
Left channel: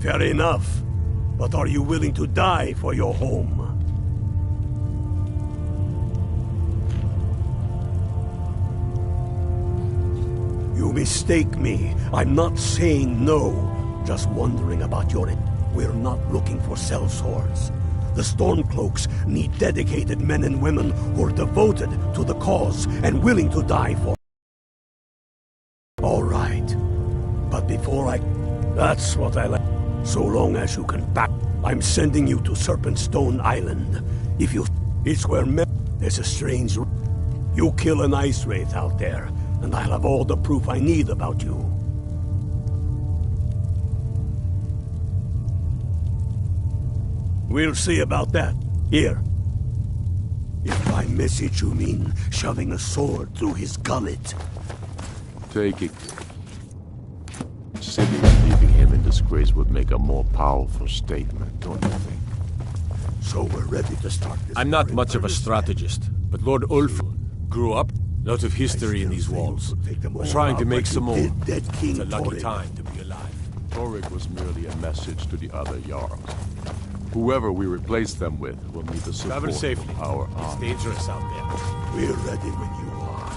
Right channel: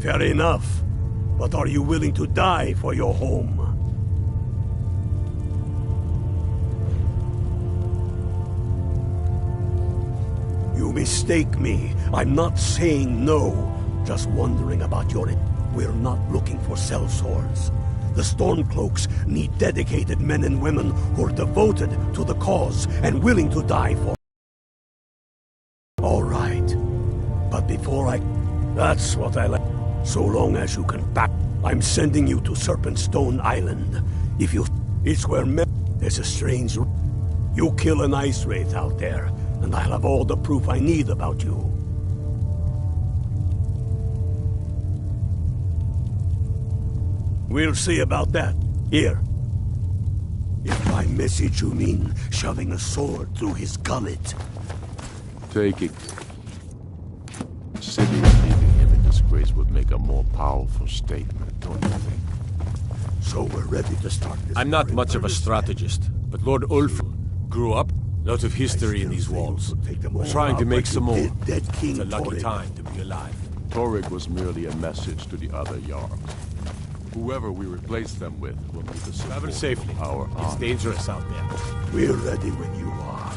Fair enough. But are you willing to die for your home? You mistake me. I'm not saying no. Just wondering about your... We're not looking for sellswords. The Stormcloaks need dedicated men and women who are devoted to the cause and willing to die for... All right. But before I... That's what I like. So long as you can back... I'm sending you to Serpentstone Island. If you... It's where there's a strange... You kill an ice wraith out there, and I'll have all the proof I need about you. We'll see about that. Here. If by message you mean shoving a sword through his gullet. Take it. City and leaving him in disgrace would make a more powerful statement, don't you think? So we're ready to start this. I'm not much of a strategist, but Lord Ulfric grew up. Lot of history in these walls. Trying to make some more. It's a lucky time to be alive. Torrig was merely a message to the other Jarls. Whoever we replace them with will need the support Travel safely. of our It's army. dangerous out there. We're ready when you are.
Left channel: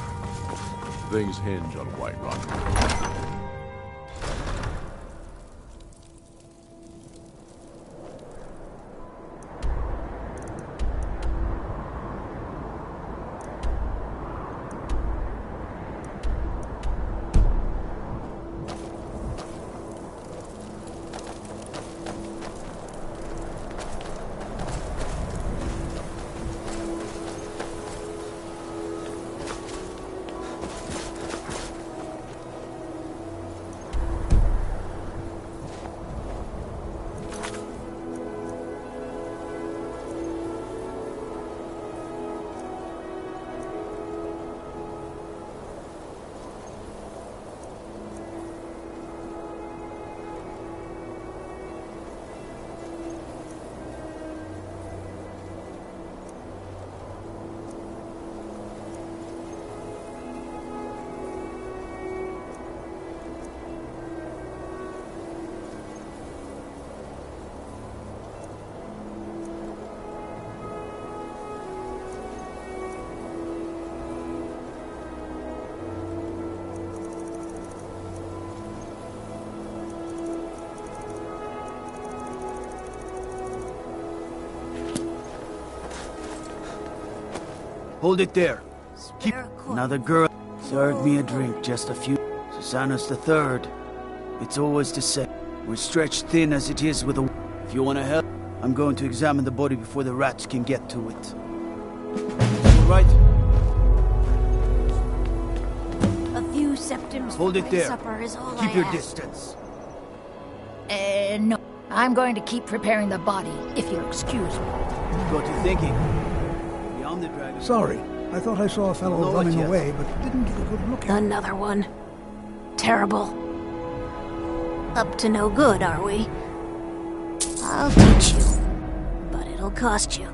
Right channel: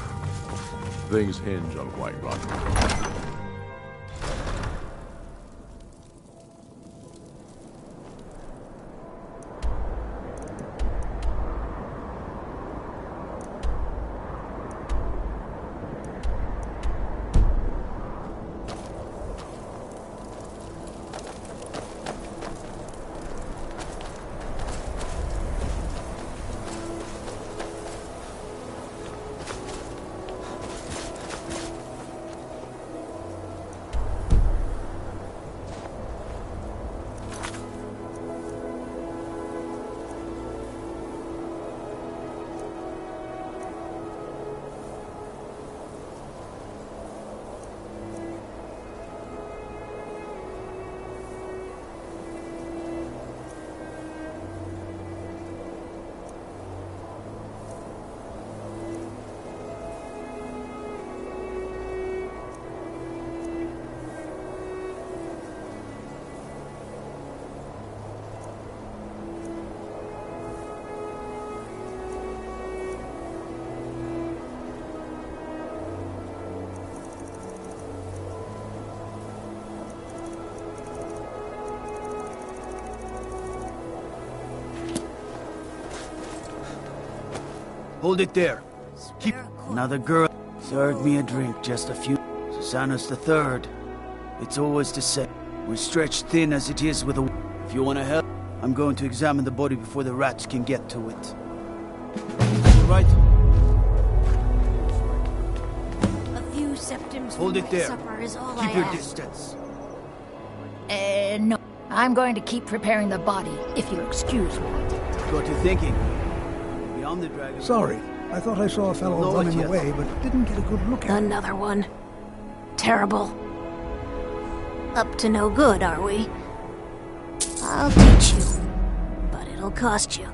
Things hinge on Whiterun. Hold it there. Keep another girl. Served me a drink just a few. Susanna's the third. It's always the same. We're stretched thin as it is with a... If you want to help, I'm going to examine the body before the rats can get to it. All right? A few septims Hold for it my there. supper is all Keep I your ask. distance. No. I'm going to keep preparing the body, if you'll excuse me. Got you thinking. Beyond the dragon... Sorry. I thought I saw a fellow No, running not yet. away, but didn't get a good look at him. Another one. Terrible. Up to no good, are we? I'll teach you. But it'll cost you.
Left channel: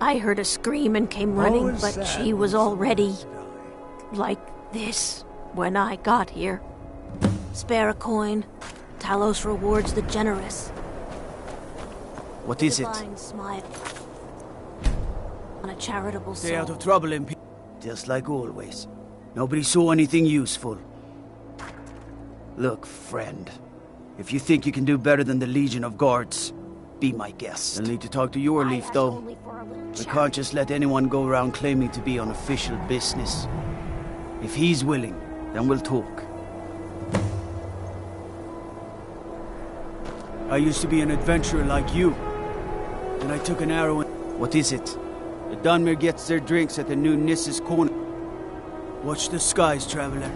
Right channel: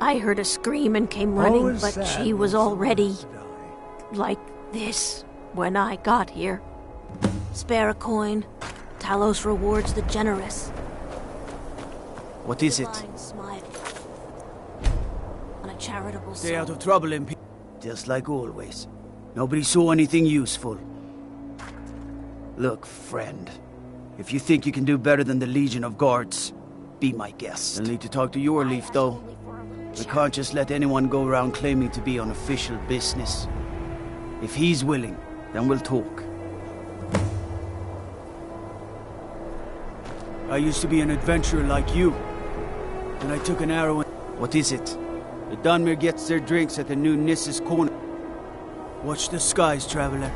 I heard a scream and came running, Always but sad she when was someone already has to die. like this when I got here. Spare a coin. Talos rewards the generous. What is it? Divine smile on a charitable Stay soul. out of trouble, MP. Just like always. Nobody saw anything useful. Look, friend. If you think you can do better than the Legion of Guards, be my guest. You'll need to talk to your leaf, though. We can't just let anyone go around claiming to be on official business. If he's willing, then we'll talk. I used to be an adventurer like you. Then I took an arrow and... What is it? The Dunmer gets their drinks at the new Nissa's Corner. Watch the skies, traveler.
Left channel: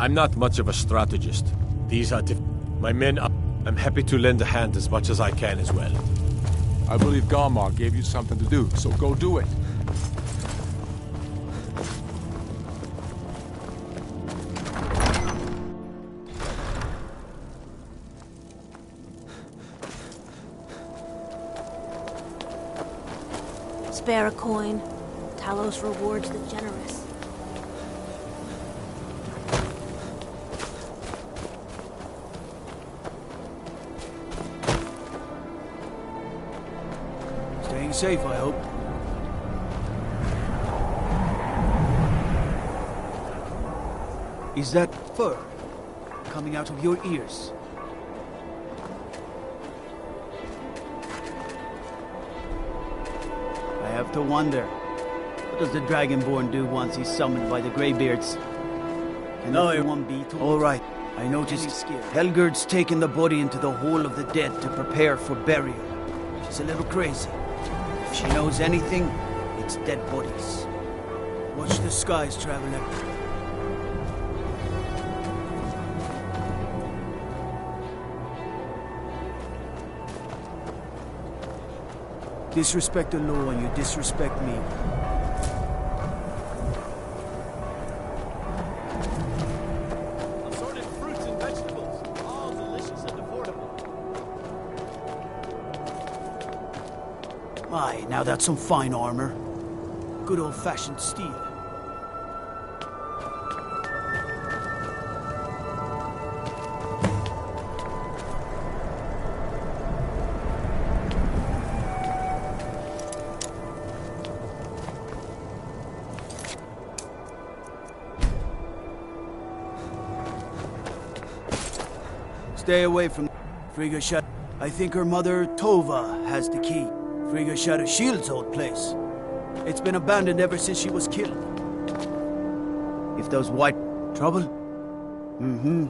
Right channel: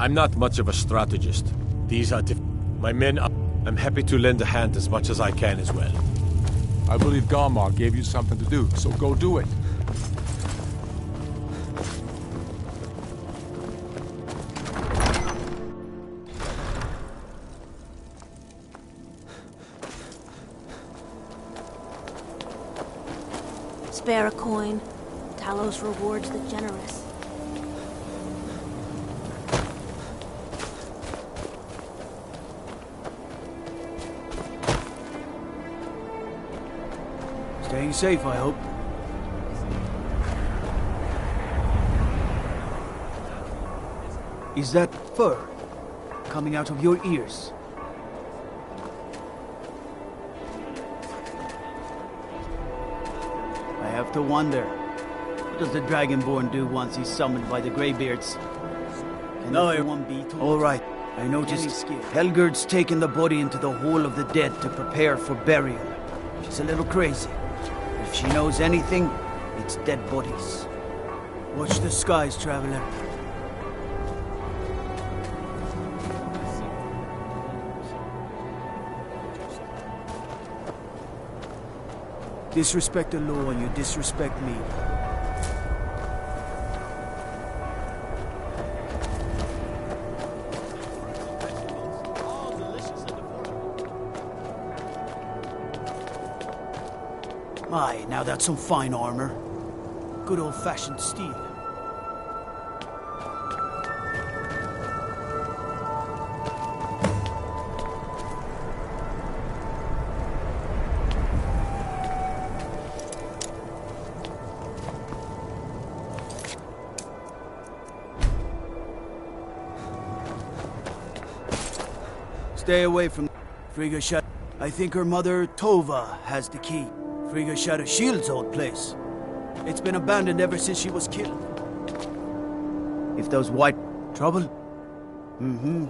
I'm not much of a strategist. These are my men are... I'm happy to lend a hand as much as I can as well. I believe Garmar gave you something to do, so go do it. Spare a coin. Talos rewards the generous. Staying safe, I hope. Is that fur coming out of your ears? I have to wonder. What does the Dragonborn do once he's summoned by the Greybeards? Can everyone be told? All right. I noticed Helgerd's taken the body into the Hall of the Dead to prepare for burial. She's a little crazy. If she knows anything, it's dead bodies. Watch the skies, traveler. Disrespect the law and you disrespect me. My, now that's some fine armor. Good old-fashioned steel. Stay away from Frigga shut. I think her mother, Tova, has the key. Frigga shot a shield's old place. It's been abandoned ever since she was killed. If those white... Trouble? Mm-hmm.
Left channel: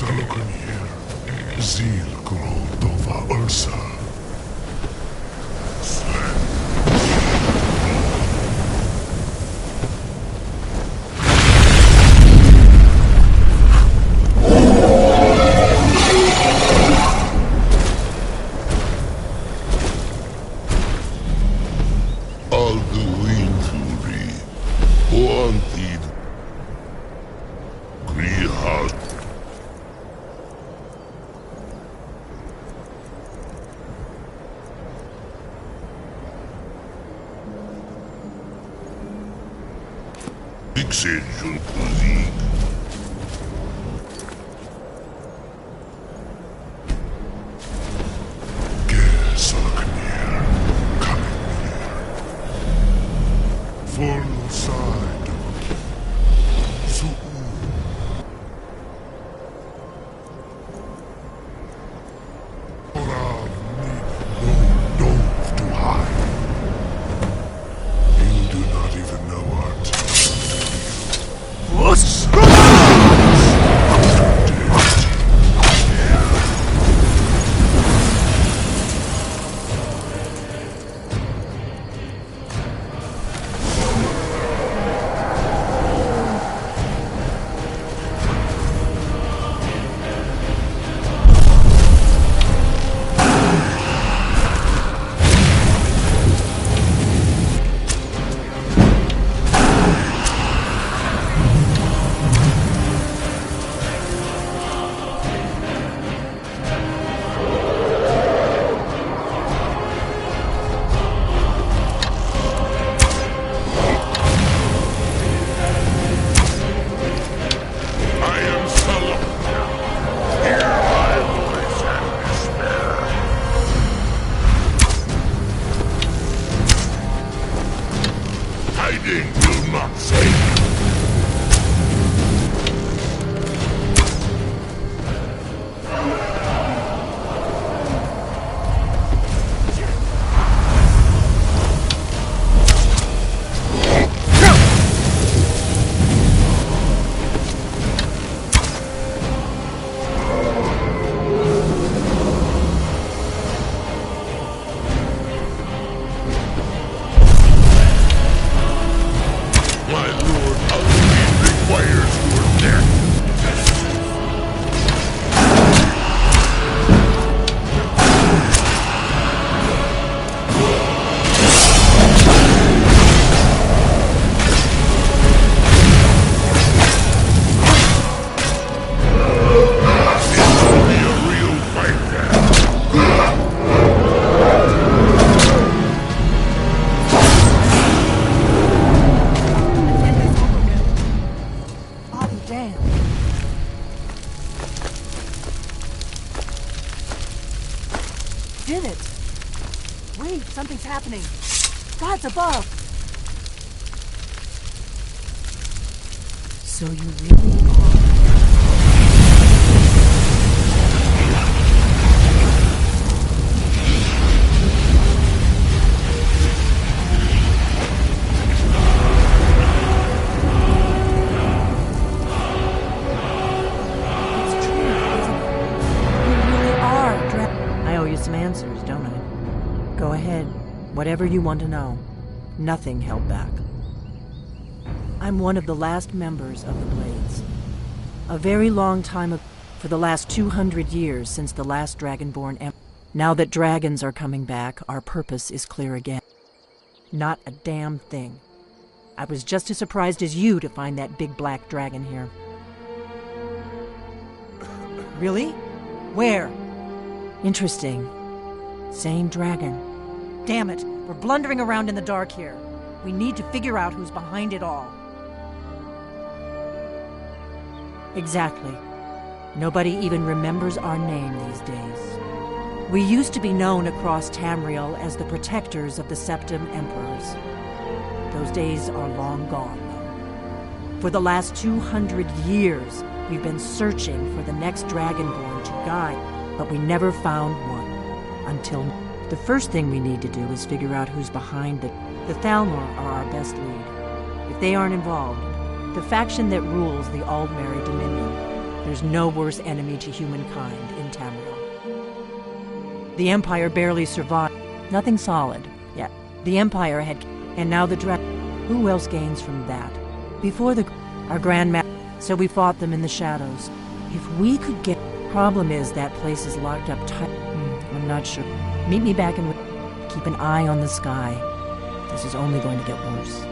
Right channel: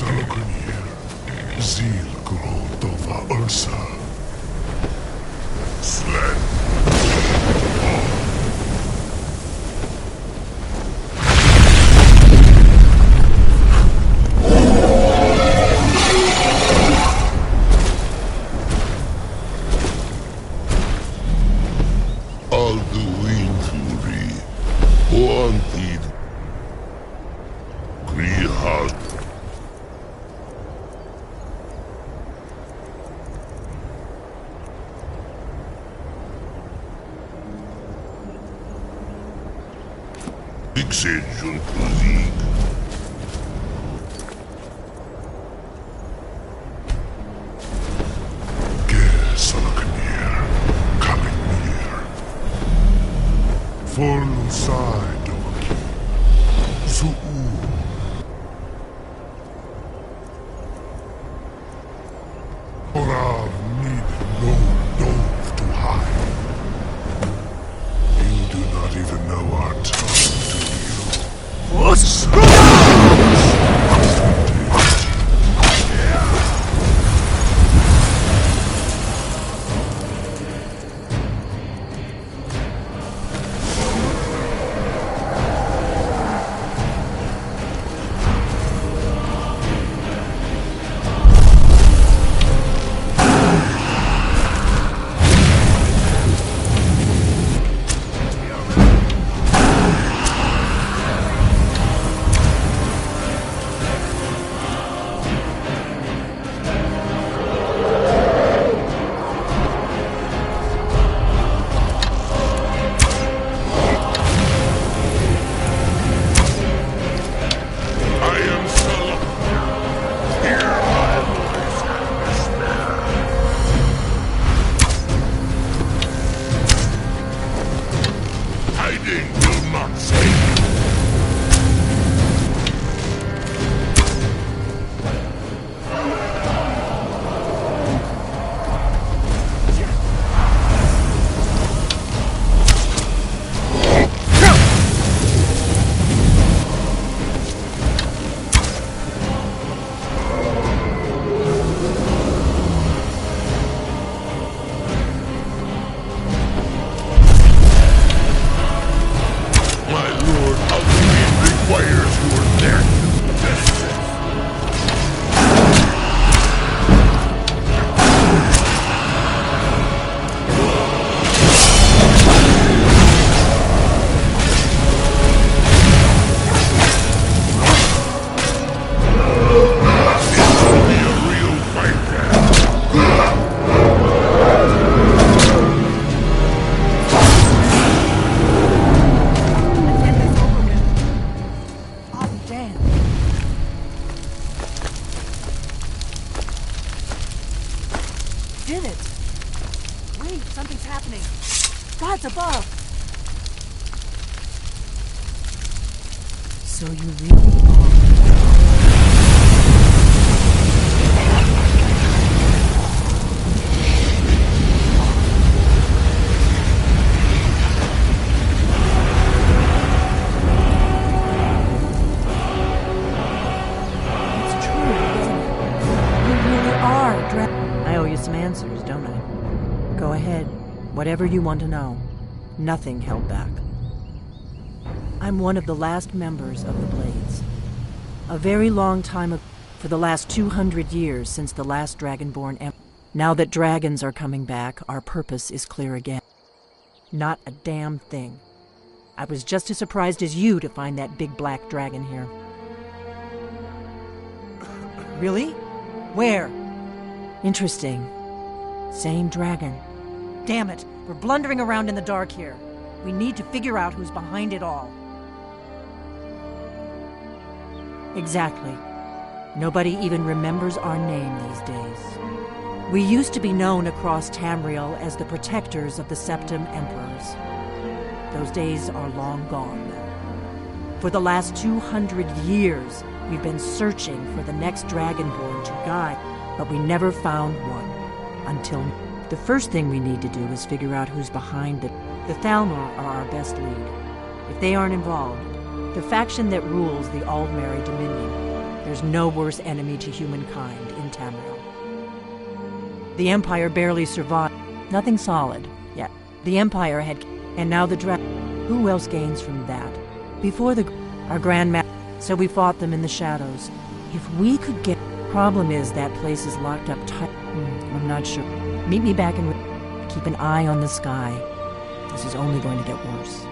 Salokonier, Zil Grotova Ursa. Sled. Alduin Fury, Oantid, Grihad. Exegion Kuzig. Ger Salaknir, Kaliknir. Full side. Su'u. Orav need no dove to hide. You do not even know our tongue, do you? Hiding will not save you. My lord, Alduin requires your death. This will be a real fight then. Damn. Did it. Wait, something's happening. God's above. So you really are. I owe you some answers, don't I? Go ahead. Whatever you want to know. Nothing held back. I'm one of the last members of the Blades. A very long time ago, for the last 200 years since the last Dragonborn Emperor. Now that dragons are coming back, our purpose is clear again. Not a damn thing. I was just as surprised as you to find that big black dragon here. Really? Where? Interesting. Same dragon. Damn it, we're blundering around in the dark here. We need to figure out who's behind it all. Exactly. Nobody even remembers our name these days. We used to be known across Tamriel as the protectors of the Septim Emperors. Those days are long gone, though. For the last 200 years, we've been searching for the next Dragonborn to guide, but we never found one. Until the first thing we need to do is figure out who's behind it. The Thalmor are our best lead. If they aren't involved, the faction that rules the Aldmeri Dominion, There's no worse enemy to humankind in Tamriel. The Empire barely survived. Nothing solid, yet. The Empire had... And now the dragon. Who else gains from that? Before our Grand Master... So we fought them in the shadows. If we could get... Problem is that place is locked up tight. I'm not sure. Meet me back in... Keep an eye on the sky. This is only going to get worse.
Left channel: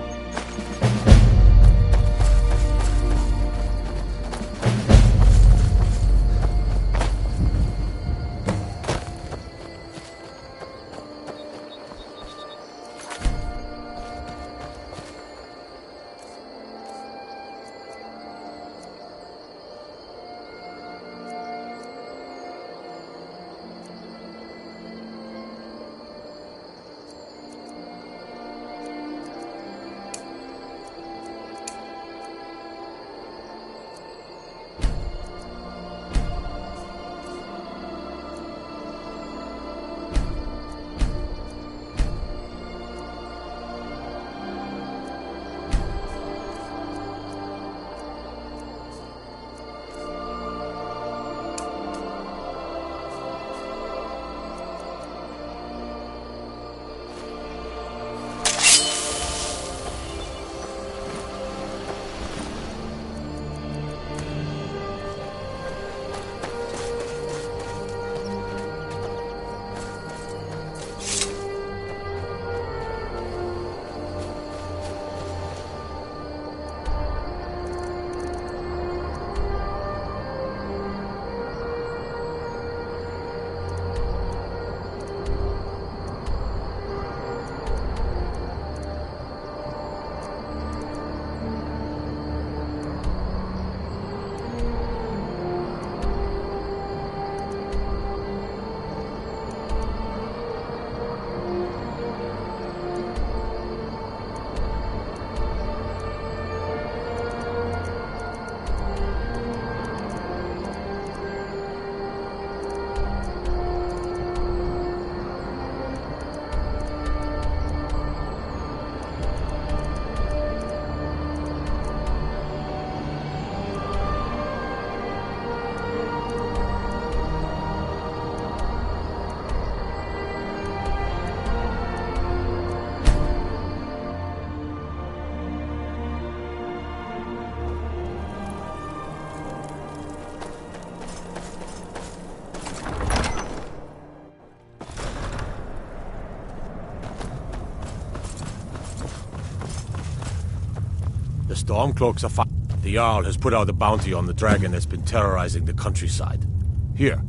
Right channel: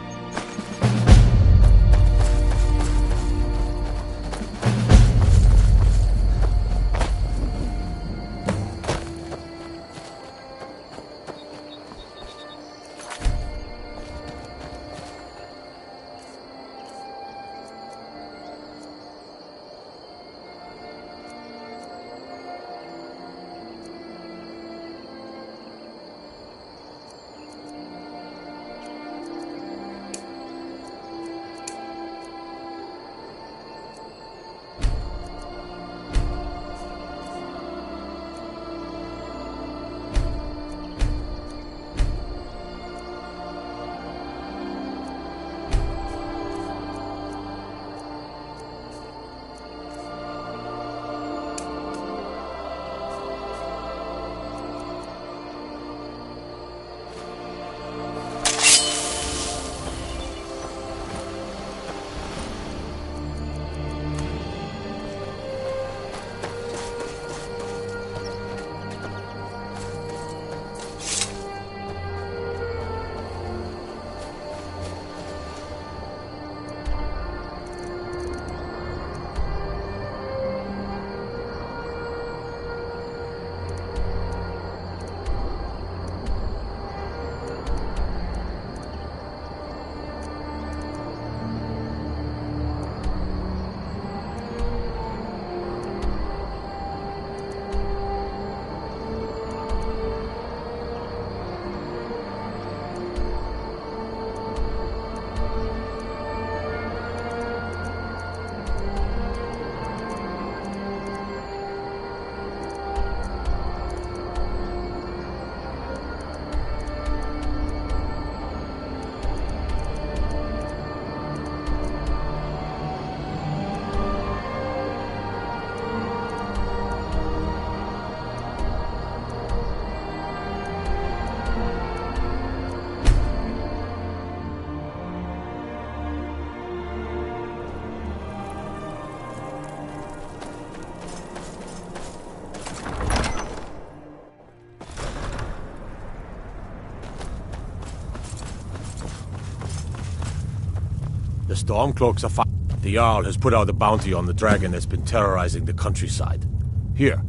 The Stormcloaks are The Jarl has put out a bounty on the dragon that's been terrorizing the countryside. Here.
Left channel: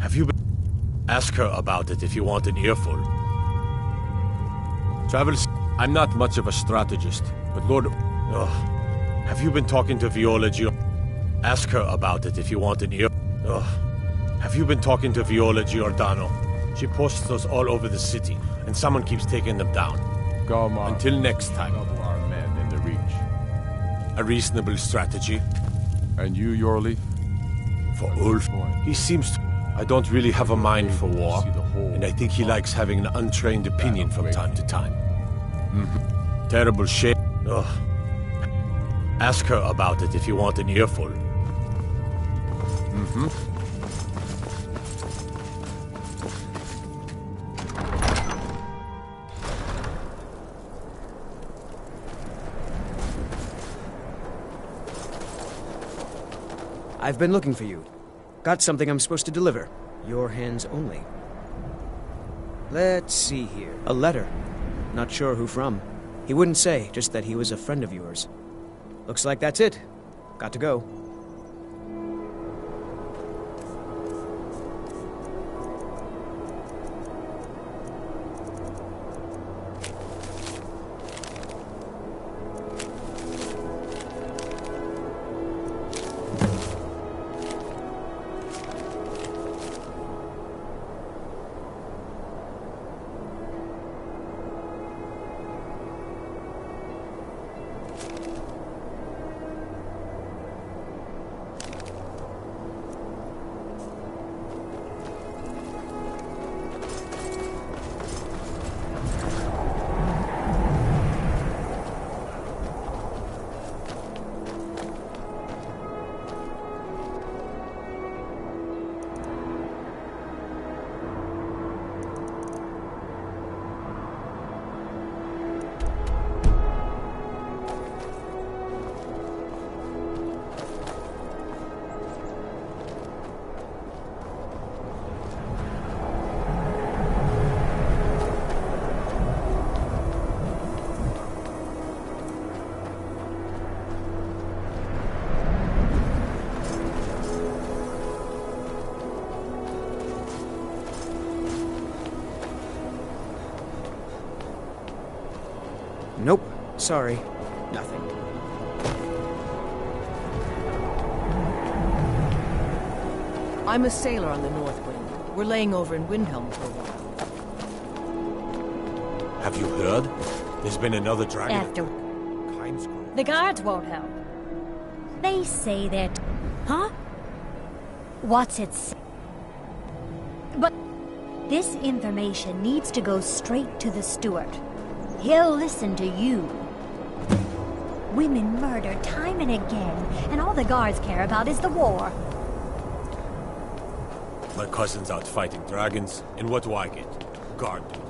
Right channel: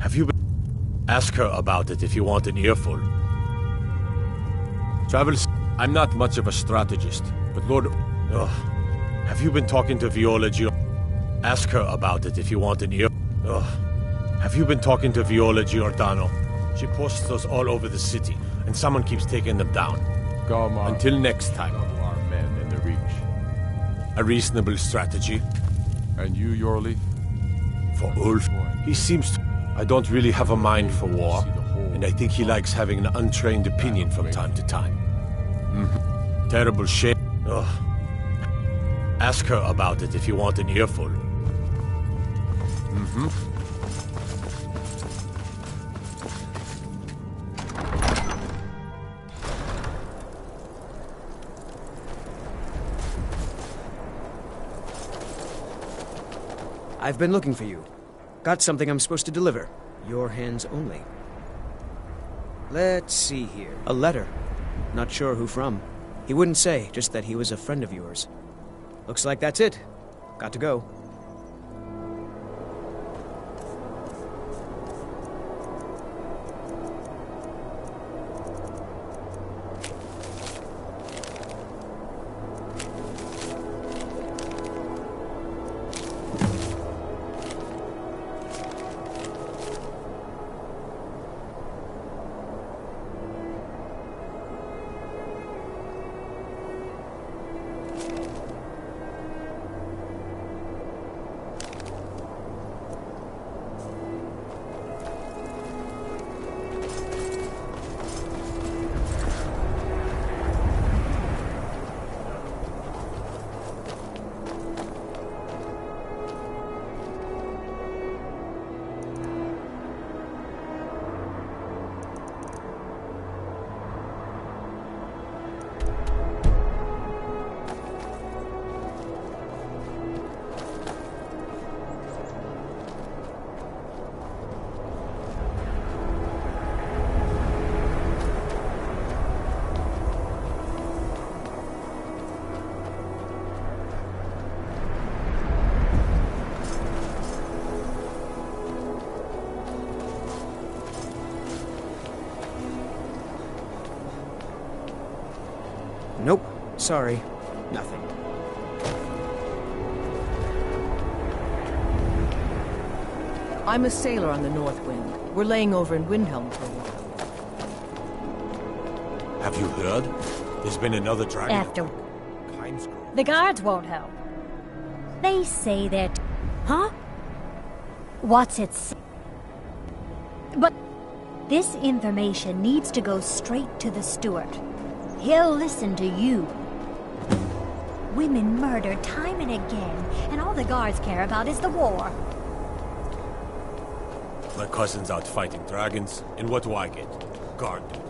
Have you been... Ask her about it if you want an earful. Travels... I'm not much of a strategist, but Lord... Have you been talking to Viola Ask her about it if you want an ear... Have you been talking to Viola Giordano? She posts those all over the city, and someone keeps taking them down. Until next time. Our men in the Reach. A reasonable strategy. And you, Yorleaf? For Ulf, he seems to... I don't really have a mind for war, and I think he likes having an untrained opinion from time to time. Terrible shame. Ask her about it if you want an earful. I've been looking for you. Got something I'm supposed to deliver. Your hands only. Let's see here. A letter. Not sure who from. He wouldn't say, just that he was a friend of yours. Looks like that's it. Got to go. Sorry. Nothing. I'm a sailor on the North Wind. We're laying over in Windhelm for a while. Have you heard? There's been another dragon. After... The guards won't help. They say that... Huh? What's it say? But... This information needs to go straight to the steward. He'll listen to you. Women murdered time and again, and all the guards care about is the war. My cousin's out fighting dragons, and what do I get? Guard duty.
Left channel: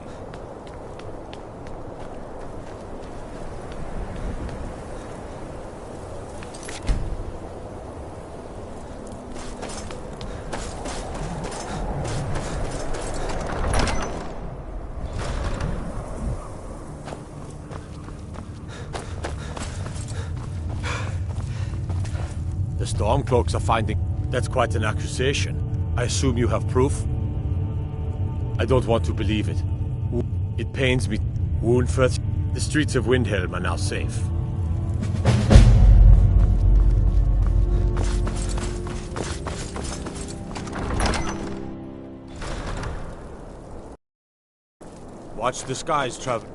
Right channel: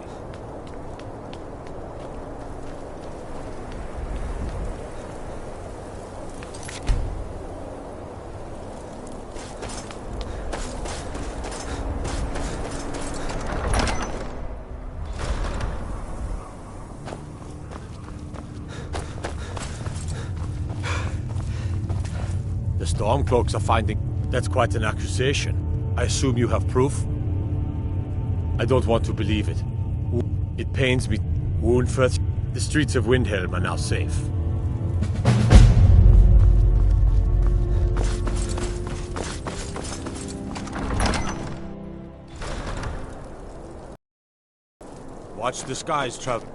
The Stormcloaks are finding... That's quite an accusation. I assume you have proof? I don't want to believe it. It pains me. Woundfirth, the streets of Windhelm are now safe. Watch the skies, Trevor.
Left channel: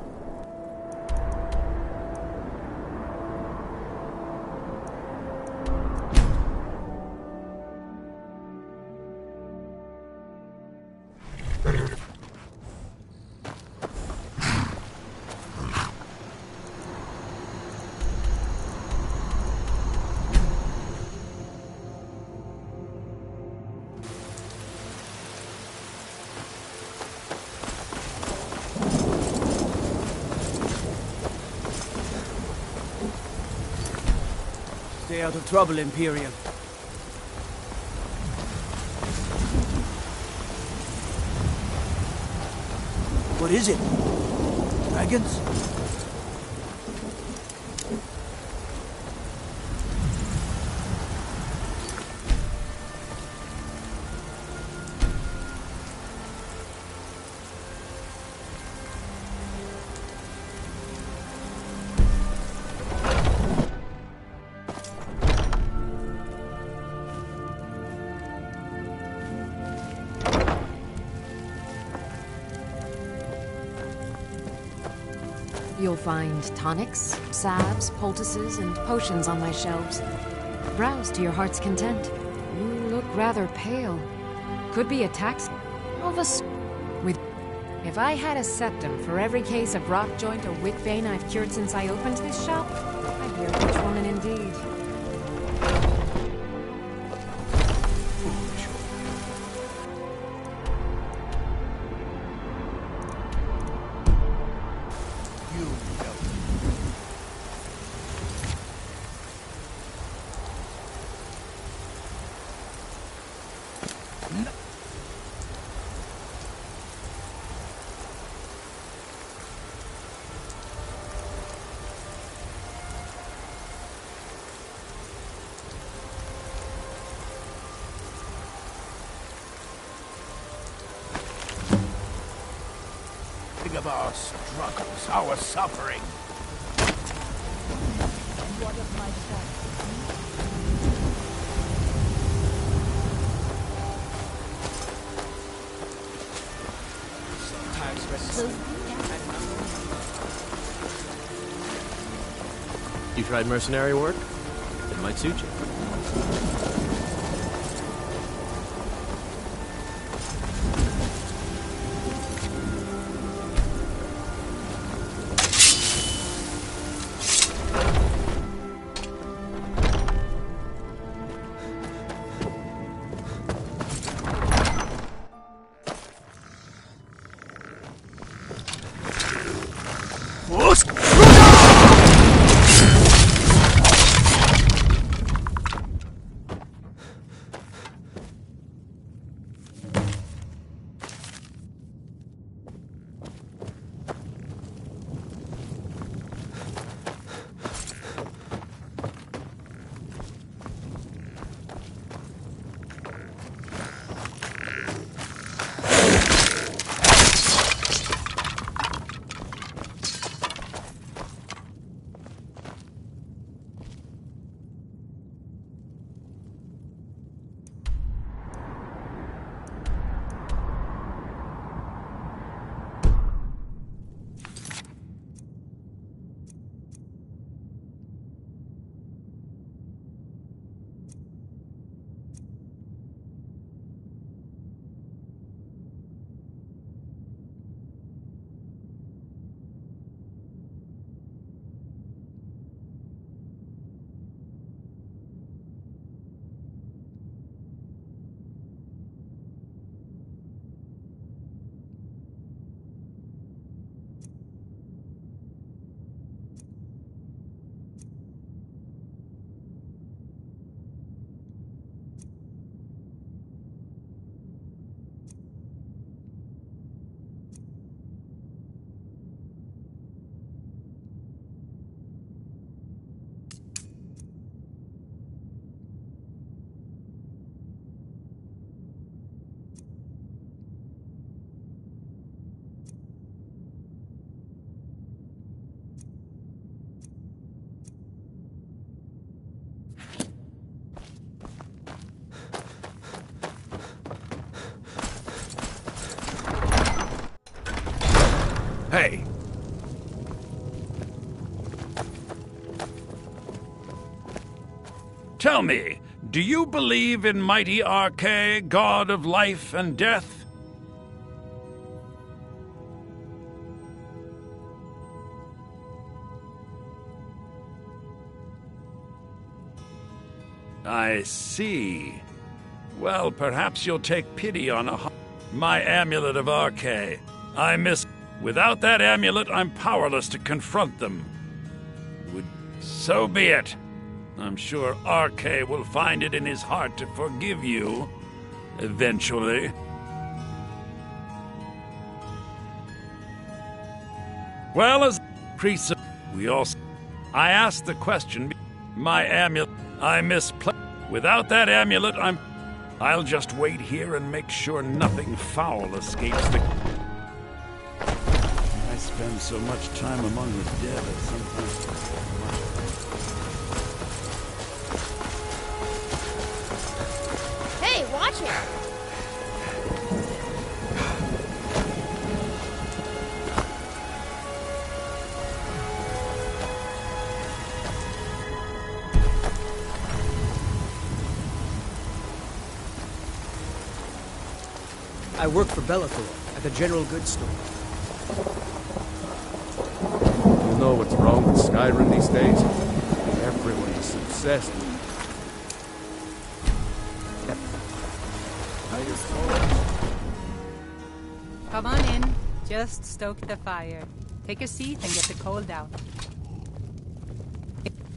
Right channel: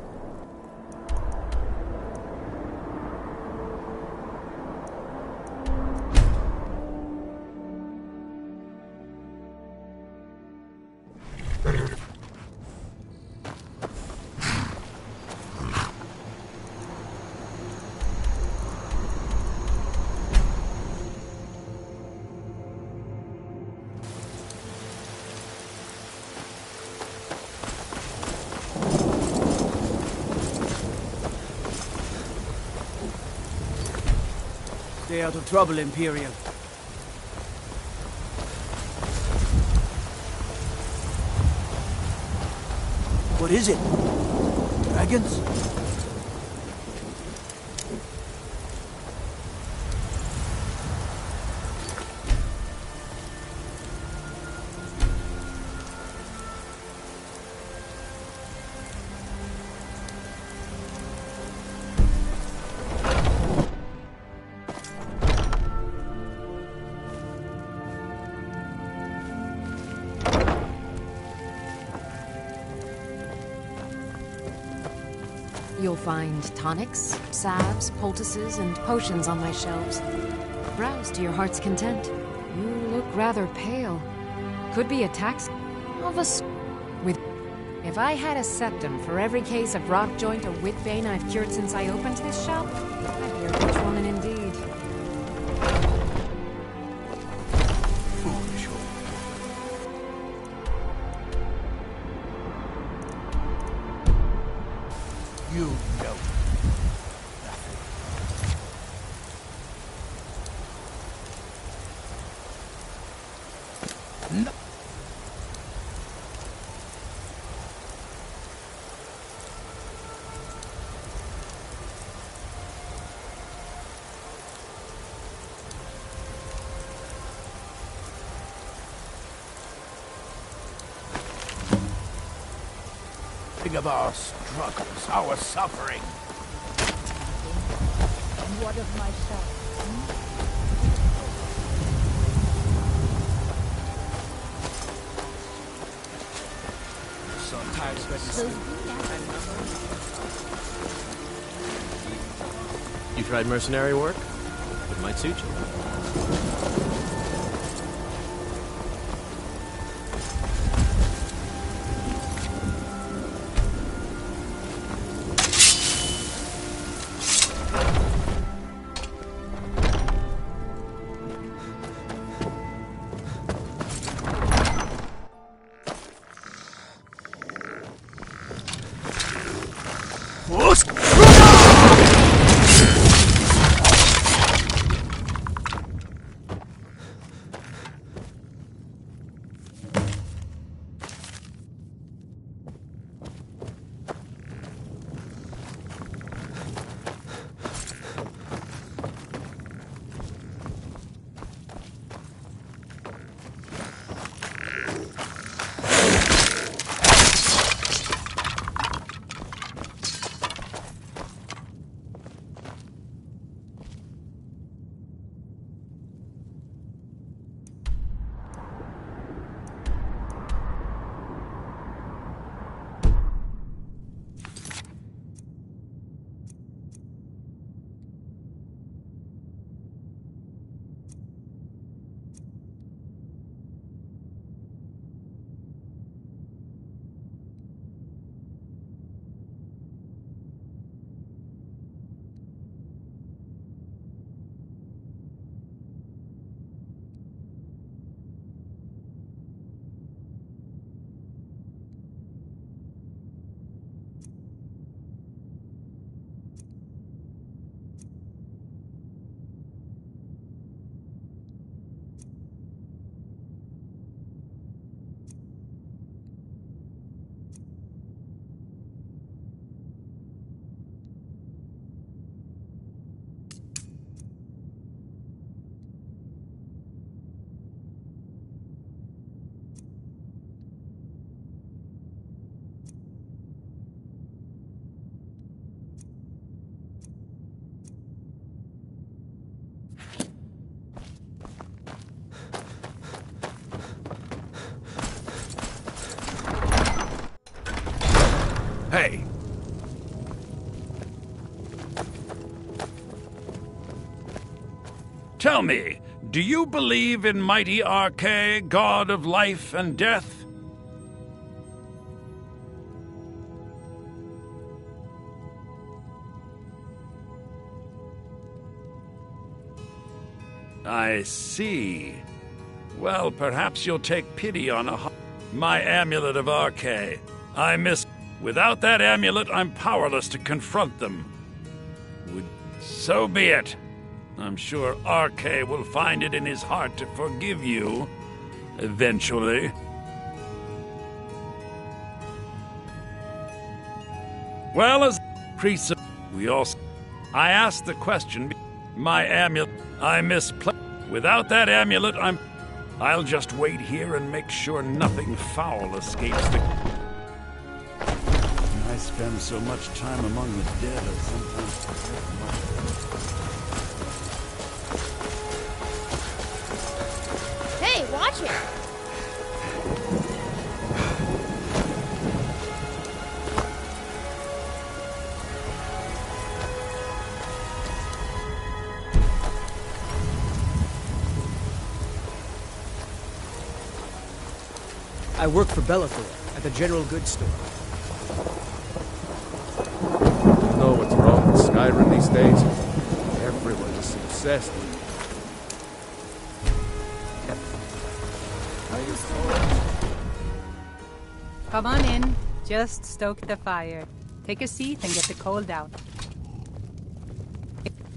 Stay out of trouble, Imperial. What is it? Dragons? You'll find tonics, salves, poultices, and potions on my shelves. Browse to your heart's content. You look rather pale. Could be a tax of a with. If I had a septum for every case of rock joint or wit bane I've cured since I opened this shop, I'd be a rich woman indeed. Foolish. You know nothing. No. Think of our struggles, our suffering. And what of myself? Sometimes You tried mercenary work? It might suit you. Hey! Tell me, do you believe in mighty Arche, god of life and death? I see. Well, perhaps you'll take pity on my amulet of Arche. Without that amulet, I'm powerless to confront them. So be it. I'm sure Arche will find it in his heart to forgive you. Eventually. Well, as priests, I asked the question. My amulet, I misplaced. Without that amulet, I'll just wait here and make sure nothing foul escapes the... I spend so much time among the dead, I sometimes forget much. Hey, watch it! I work for Bellathor at the general goods store. You know what's wrong with Skyrim these days? Everyone is obsessed with Come on in. Just stoke the fire. Take a seat and get the cold out.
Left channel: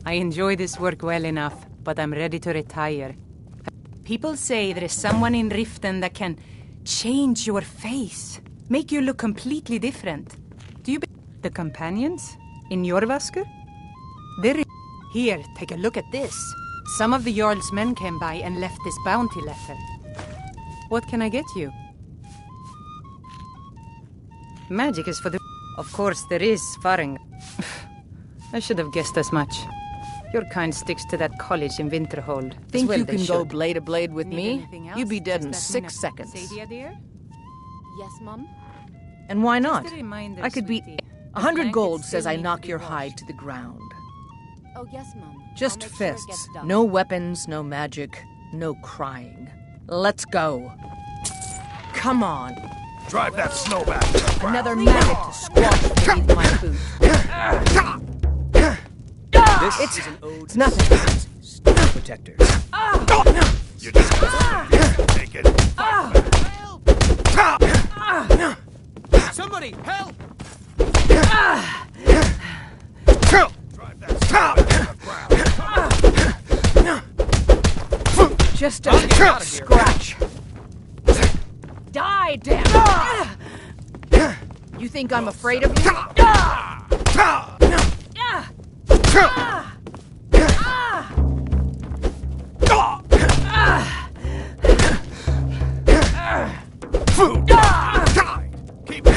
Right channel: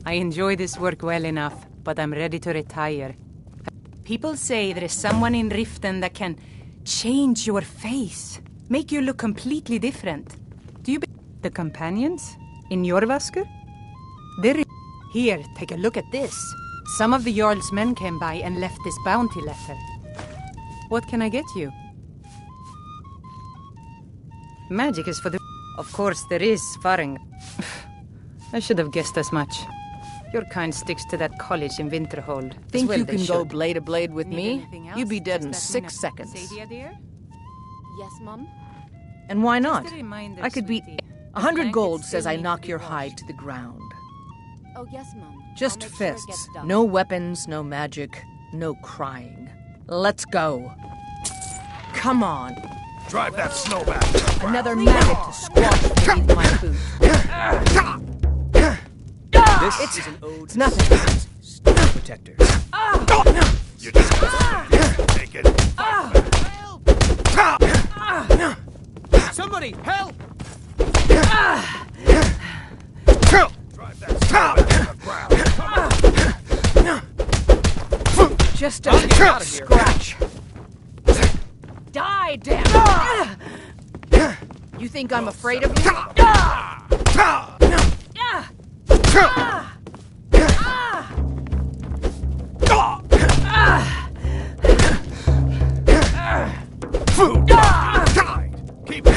I enjoy this work well enough, but I'm ready to retire. People say there is someone in Riften that can change your face, make you look completely different. Do you the companions in Jorvaskr? Here, take a look at this. Some of the Jarl's men came by and left this bounty letter. What can I get you? Magic is for the... Of course, there is Faring. I should have guessed as much. Your kind sticks to that college in Winterhold. Think well you can go should. blade to blade with me? You'd be dead in Just 6 seconds. Sadia, dear? Yes, Mum? And why not? Just a reminder, I could be... sweetie. 100 gold Blankets says still I need knock to be your washed. hide to the ground. Oh, yes, Mum. Just I'll make sure it fists. gets done. No weapons, no magic, no crying. Let's go. Come on. Drive that snowback! Another maggot to squash beneath my boot. This is an ode It's nothing. Stone Protector. You just take it. Somebody, help! Drive that snowback to the ground. Just a get out of here. scratch. Die, damn it! You think I'm afraid of you? Food died. Keep it.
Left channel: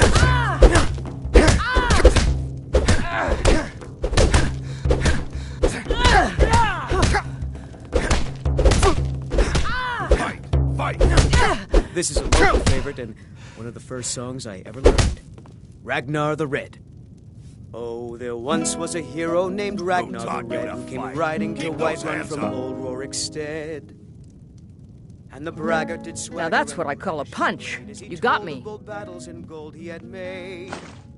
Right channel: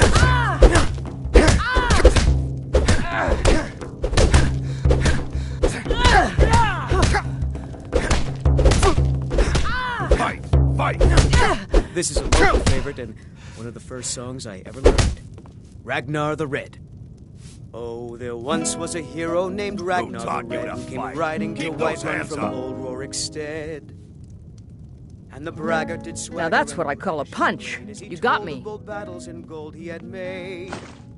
Fight! This is a local favorite and one of the first songs I ever learned. Ragnar the Red. Oh, there once was a hero named Ragnar the taught you Red to who came fight? riding to Keep those Whiterun hands from up. old Rorikstead. And the braggart did swagger. Now that's what I and call a flourish punch. as he You got told me. of bold battles and gold he had made.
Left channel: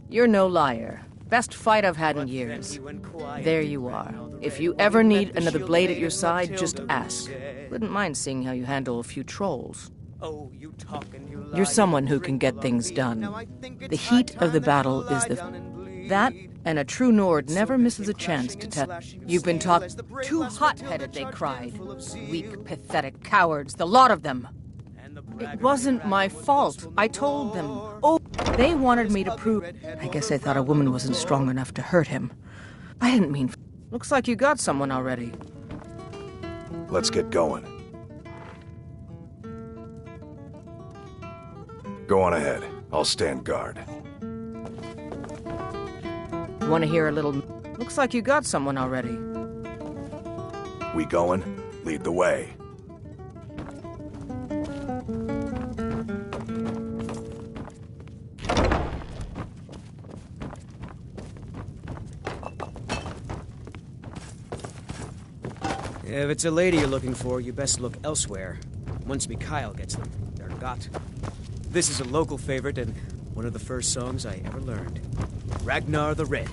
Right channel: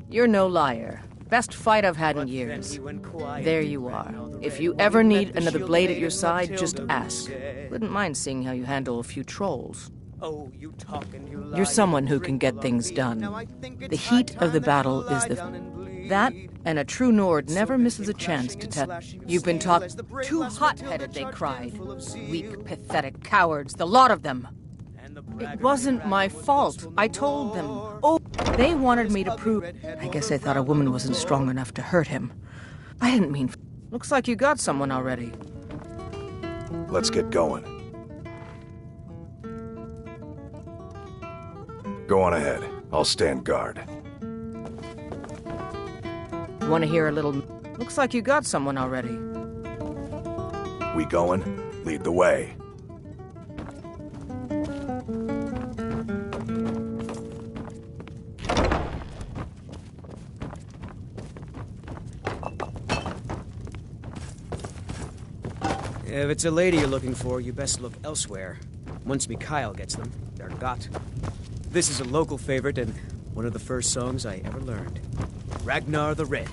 You're no liar. Best fight I've had in But then years. he went quiet. There you are. Ragnar the If Red, you while ever he met need the another shield blade at maiden your side, Matilda just who ask. said, Wouldn't mind seeing how you handle a few trolls. "Oh, you talk and you lie, You're someone who you can drink get a lot things of done. mead. Now I think The it's high heat of the time that battle you is lie the... down and bleed." That, and a true Nord So never they misses a came chance clashing to and tell... slashing of You've been steel taught as the brave too lass hot-headed, they Matilda cried. charged in full of zeal. Weak, pathetic cowards, the lot of them. And the It braggart wasn't my Ragnar was fault. boastful I no told them. more. Oh, they wanted me to Ugly prove... redhead I guess wore they thought a brown woman on wasn't the strong floor. enough to hurt him. I didn't mean... Looks like you got someone already. Let's get going. Go on ahead. I'll stand guard. Want to hear a little... Looks like you got someone already. We going? Lead the way. If it's a lady you're looking for, you best look elsewhere. Once Mikhail gets them, they're got. This is a local favorite and one of the first songs I ever learned. Ragnar the Red.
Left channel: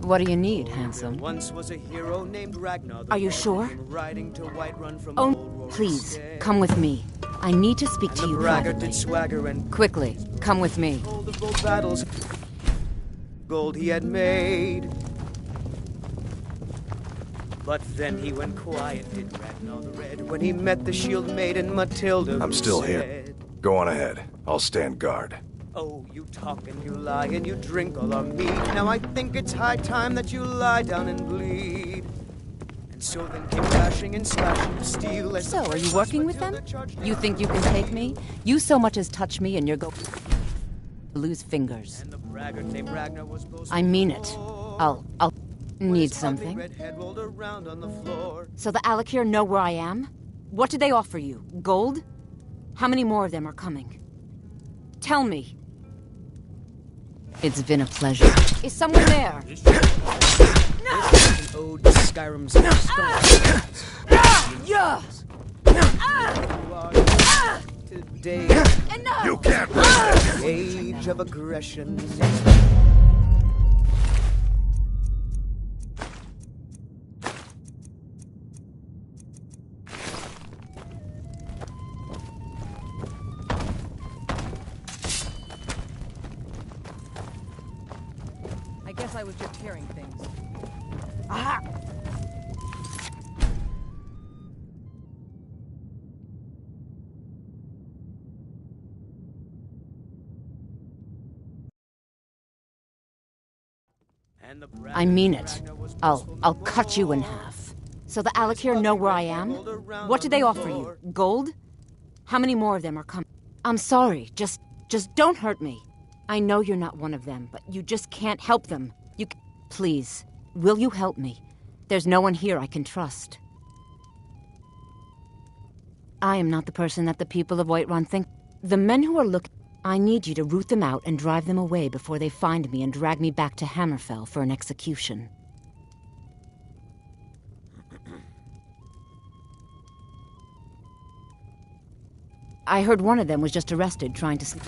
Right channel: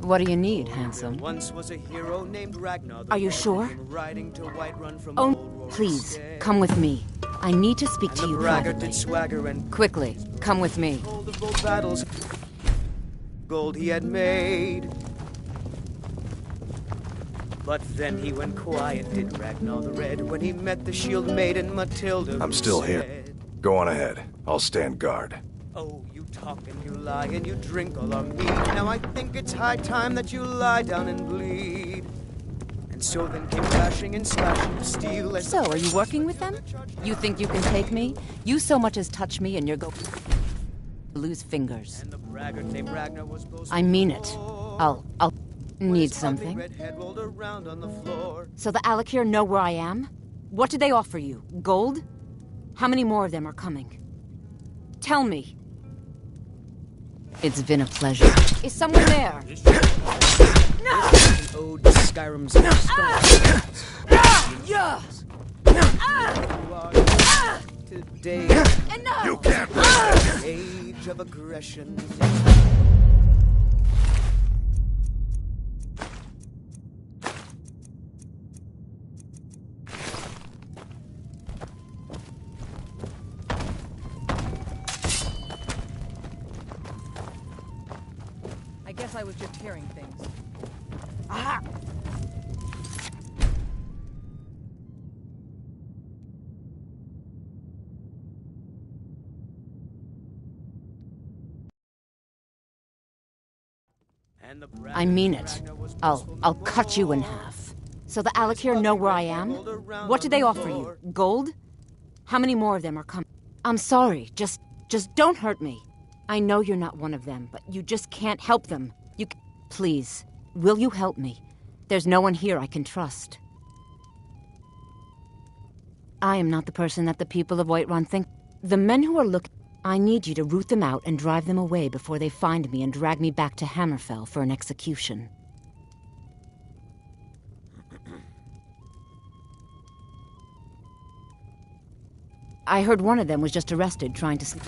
What do you need, handsome? There once was a hero named Ragnar the Are you Red, sure? who came riding to Whiterun from Oh, old Rory please, Stead. come with me. I need to speak to And you the braggart privately. did swagger and Quickly, come with me. told of both battles, gold he had made. But then he went quiet, did Ragnar the Red, when he met the shield maiden Matilda. I'm who still here. said, Go on ahead. I'll stand guard. "Oh, you talk and you lie and you drink all our mead. Now I think it's high time that you lie down and bleed." And so then came crashing and slashing of steel. As So, are you working with them? You think you can take me? You so much as touch me and you're go... lose fingers. And the braggart named Ragnar was boastful. I mean it. I'll need His ugly something. red head rolled around on the floor. So the Alakir know where I am? What did they offer you? Gold? How many more of them are coming? Tell me. It's been a pleasure. Is someone there? This is an ode to Skyrim's Yeah! today. Enough! You can't Age of aggression. I guess I was just hearing things. Aha! I mean it. I'll cut you in half. So the Alakir know where I am? What did they offer you? Gold? How many more of them are coming? I'm sorry. Just don't hurt me. I know you're not one of them, but you just can't help them. Please, will you help me? There's no one here I can trust. I am not the person that the people of Whiterun think. The men who are looking... I need you to root them out and drive them away before they find me and drag me back to Hammerfell for an execution. I heard one of them was just arrested trying to...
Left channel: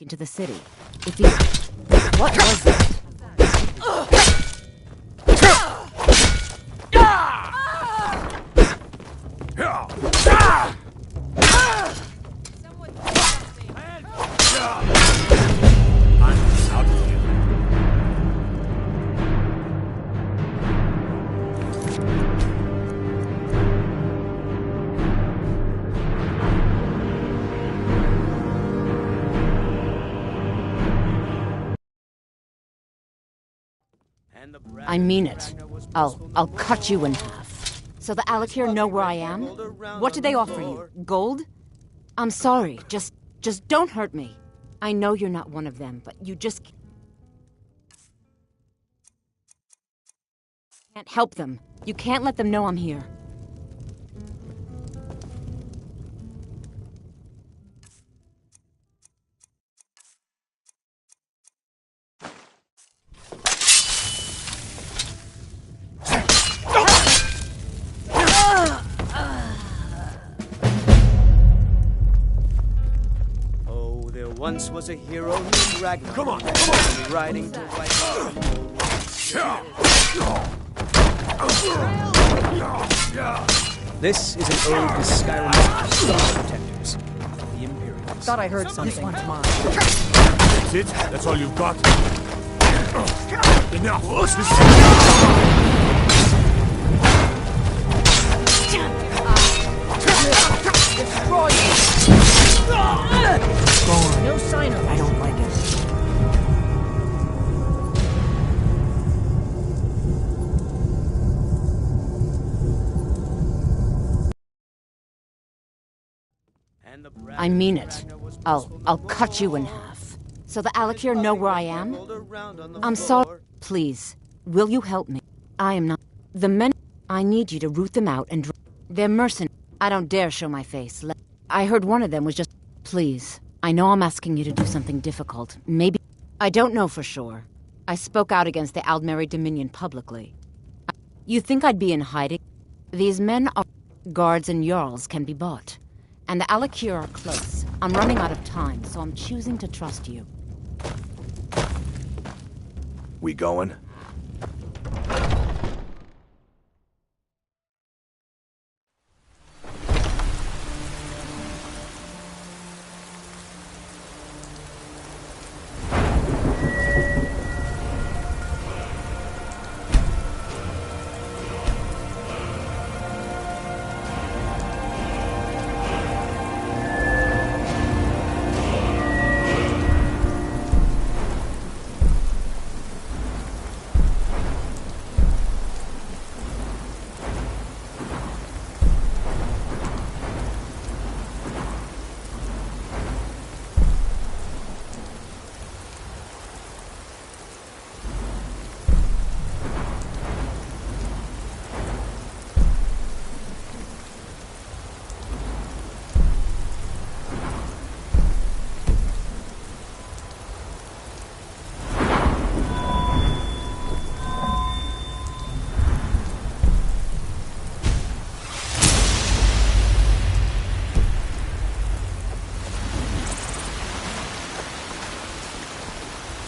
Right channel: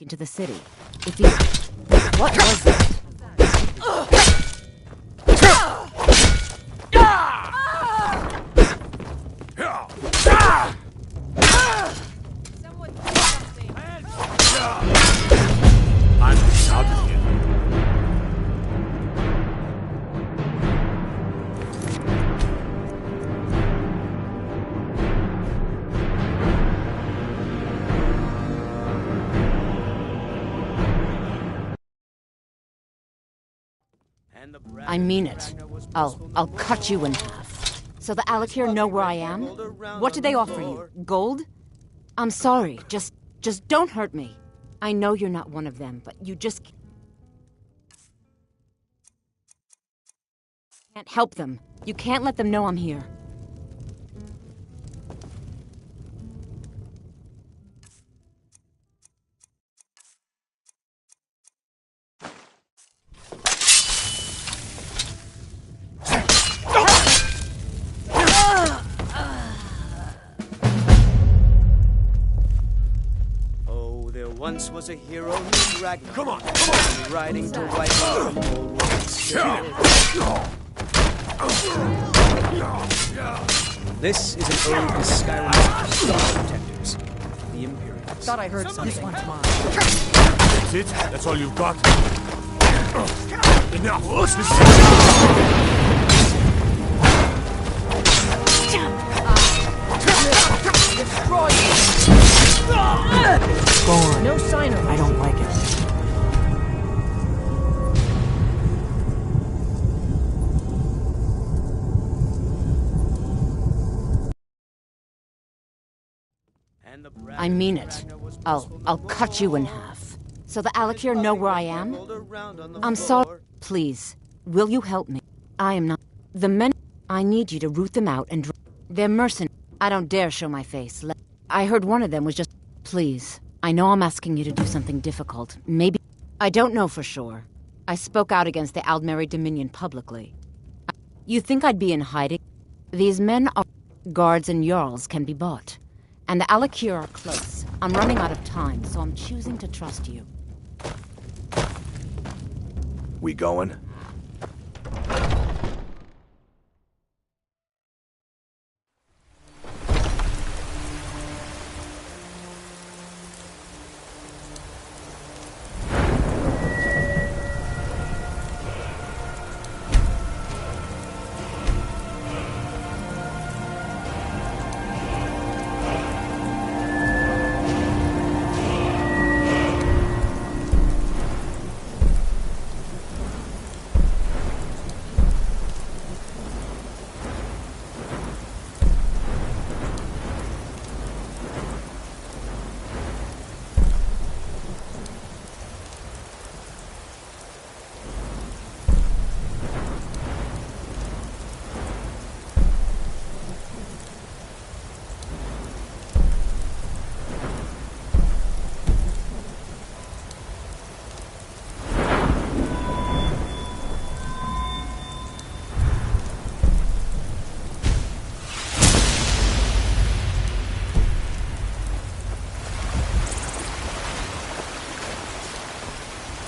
into the city. If he... What was that? I'm out of here. I mean it. I'll cut you in half. So the Alakir know where I am? What did they offer you? Gold? I'm sorry, just don't hurt me. I know you're not one of them, but you just can't help them. You can't let them know I'm here. Oh, there once was a hero named Ragnar. Come on, riding to wipe out the whole world. This is an ode to Skyrim protectors, the Imperials. Thought I heard something. This one's mine. That's it? That's all you've got? Enough! Destroy you! Gone. No sign of it. I don't like it. I mean it. I'll cut you in half. So the Alakir know where I am? I'm sorry. Please, will you help me? I am not... The men... I need you to root them out and... They're mercenaries. I don't dare show my face. I heard one of them was just... Please, I know I'm asking you to do something difficult. Maybe... I don't know for sure. I spoke out against the Aldmeri Dominion publicly. You think I'd be in hiding? These men are... Guards and Jarls can be bought. And the Alakir are close. I'm running out of time, so I'm choosing to trust you. We going?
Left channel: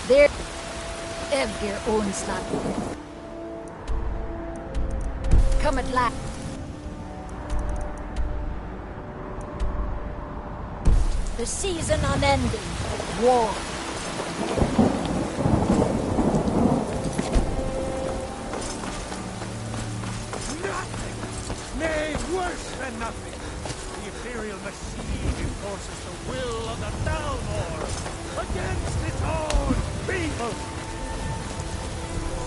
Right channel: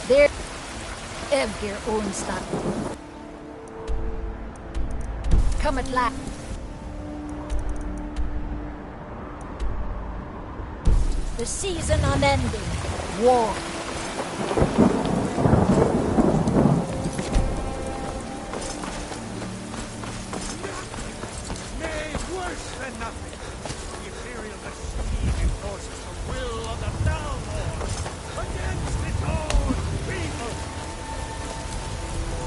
There, Evgir owns that. Come at last. The season unending. War. Nothing! Nay, worse than nothing! The Imperial machine enforces the will of the Dalmor against its own people!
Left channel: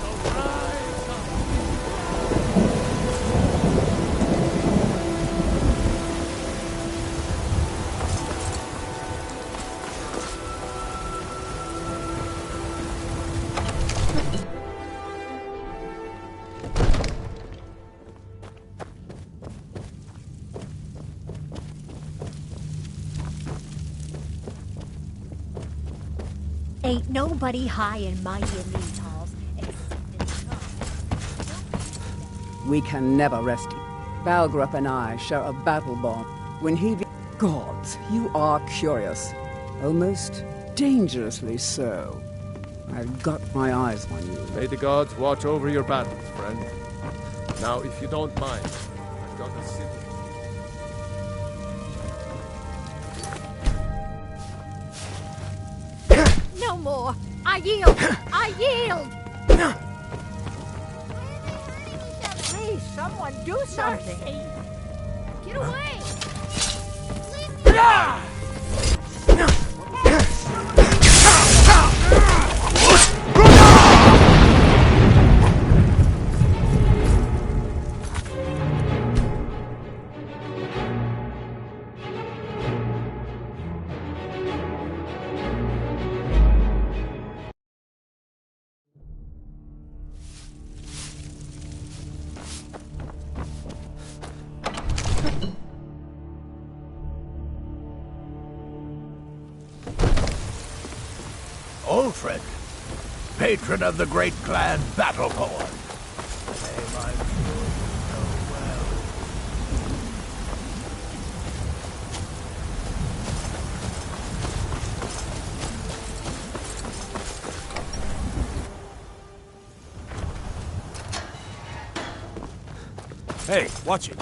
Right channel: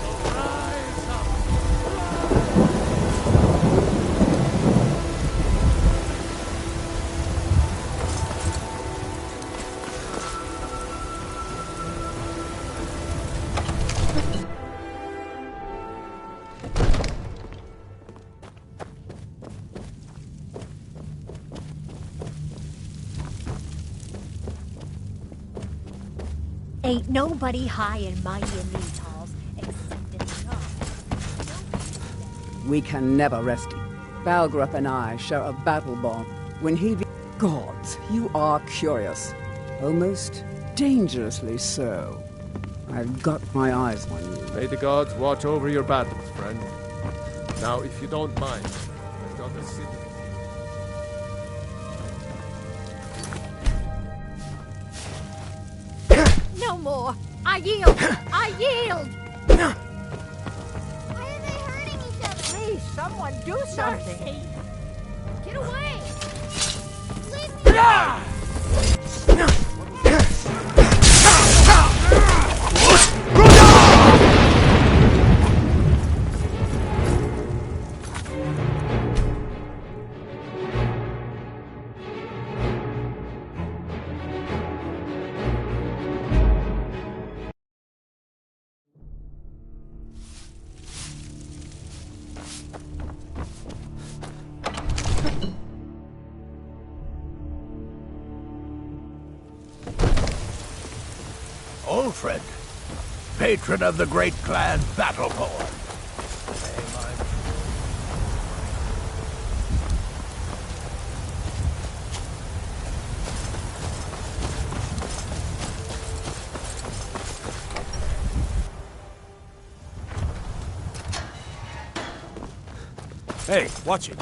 So rise up! Ain't nobody high and mighty in these halls, except We can never rest. Balgrup and I share a battle bond. When he... Gods, you are curious. Almost dangerously so. I've got my eyes on you. May the gods watch over your battles, friend. Now, if you don't mind, I've got a city. No more! I yield! I yield! Please, someone do something! Get away! Old friend. Patron of the great clan Battleborn. Name I'm sure you know well. Hey, watch it.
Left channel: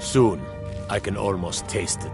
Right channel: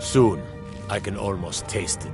Soon, I can almost taste it.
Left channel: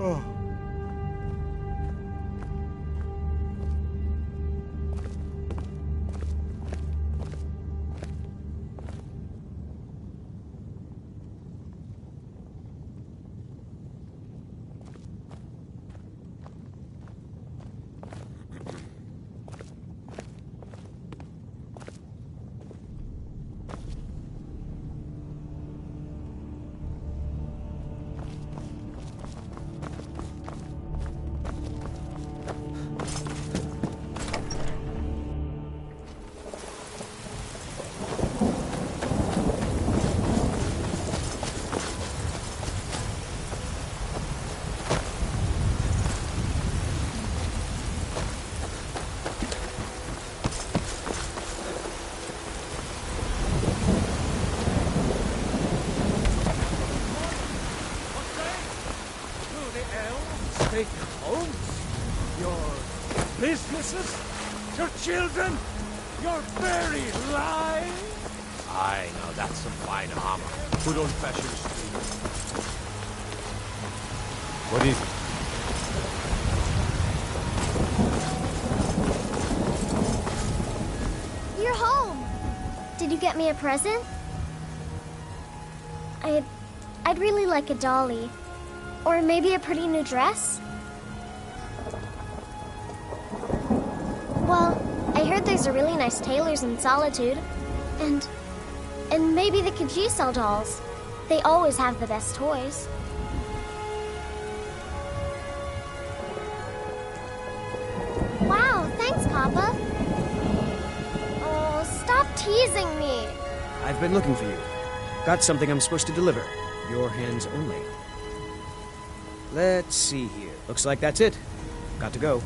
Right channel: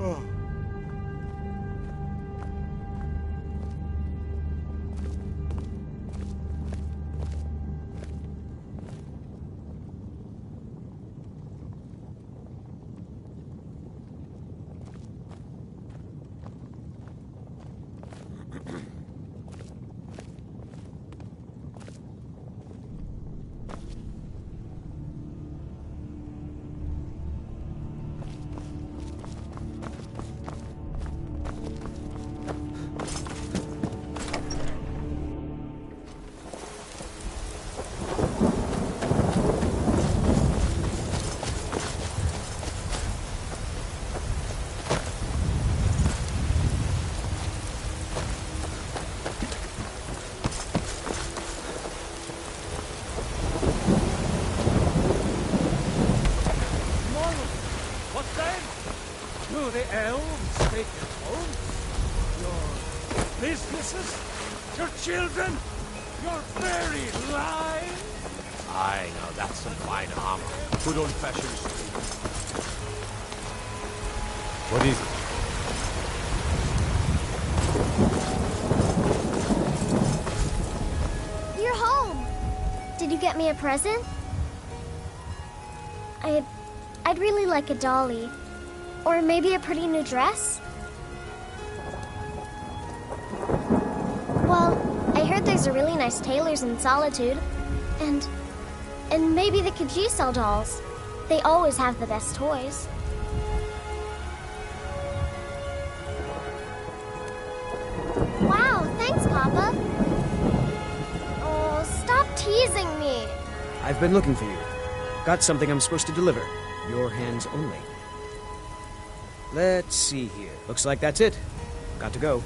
Oh. The elves take your homes, your businesses, your children, your very lives. Aye, now that's some fine armor. Good old-fashioned steel. What is it? You're home! Did you get me a present? I'd really like a dolly. Or maybe a pretty new dress? Well, I heard there's a really nice tailor's in Solitude. And maybe the Khajiit sell dolls. They always have the best toys. Wow, thanks, Papa. Oh, stop teasing me. I've been looking for you. Got something I'm supposed to deliver. Your hands only. Let's see here. Looks like that's it. Got to go.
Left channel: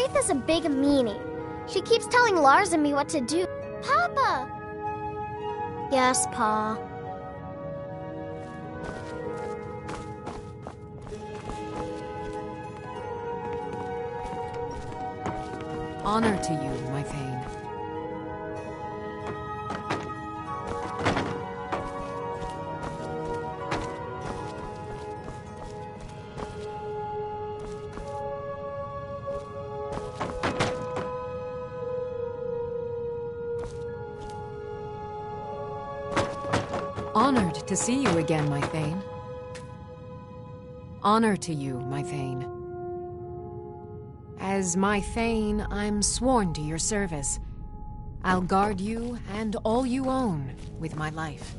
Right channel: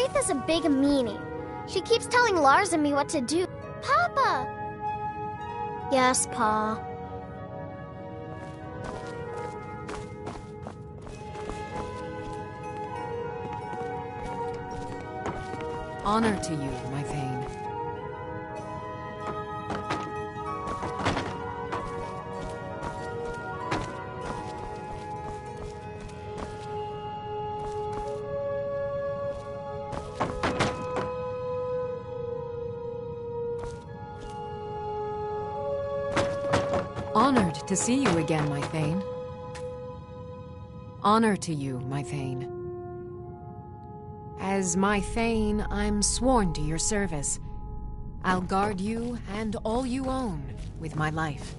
Wraith is a big meanie. She keeps telling Lars and me what to do. Papa! Yes, Pa. Honor to you, my Thane. Honored to see you again, my Thane. Honor to you, my Thane. As my Thane, I'm sworn to your service. I'll guard you and all you own with my life.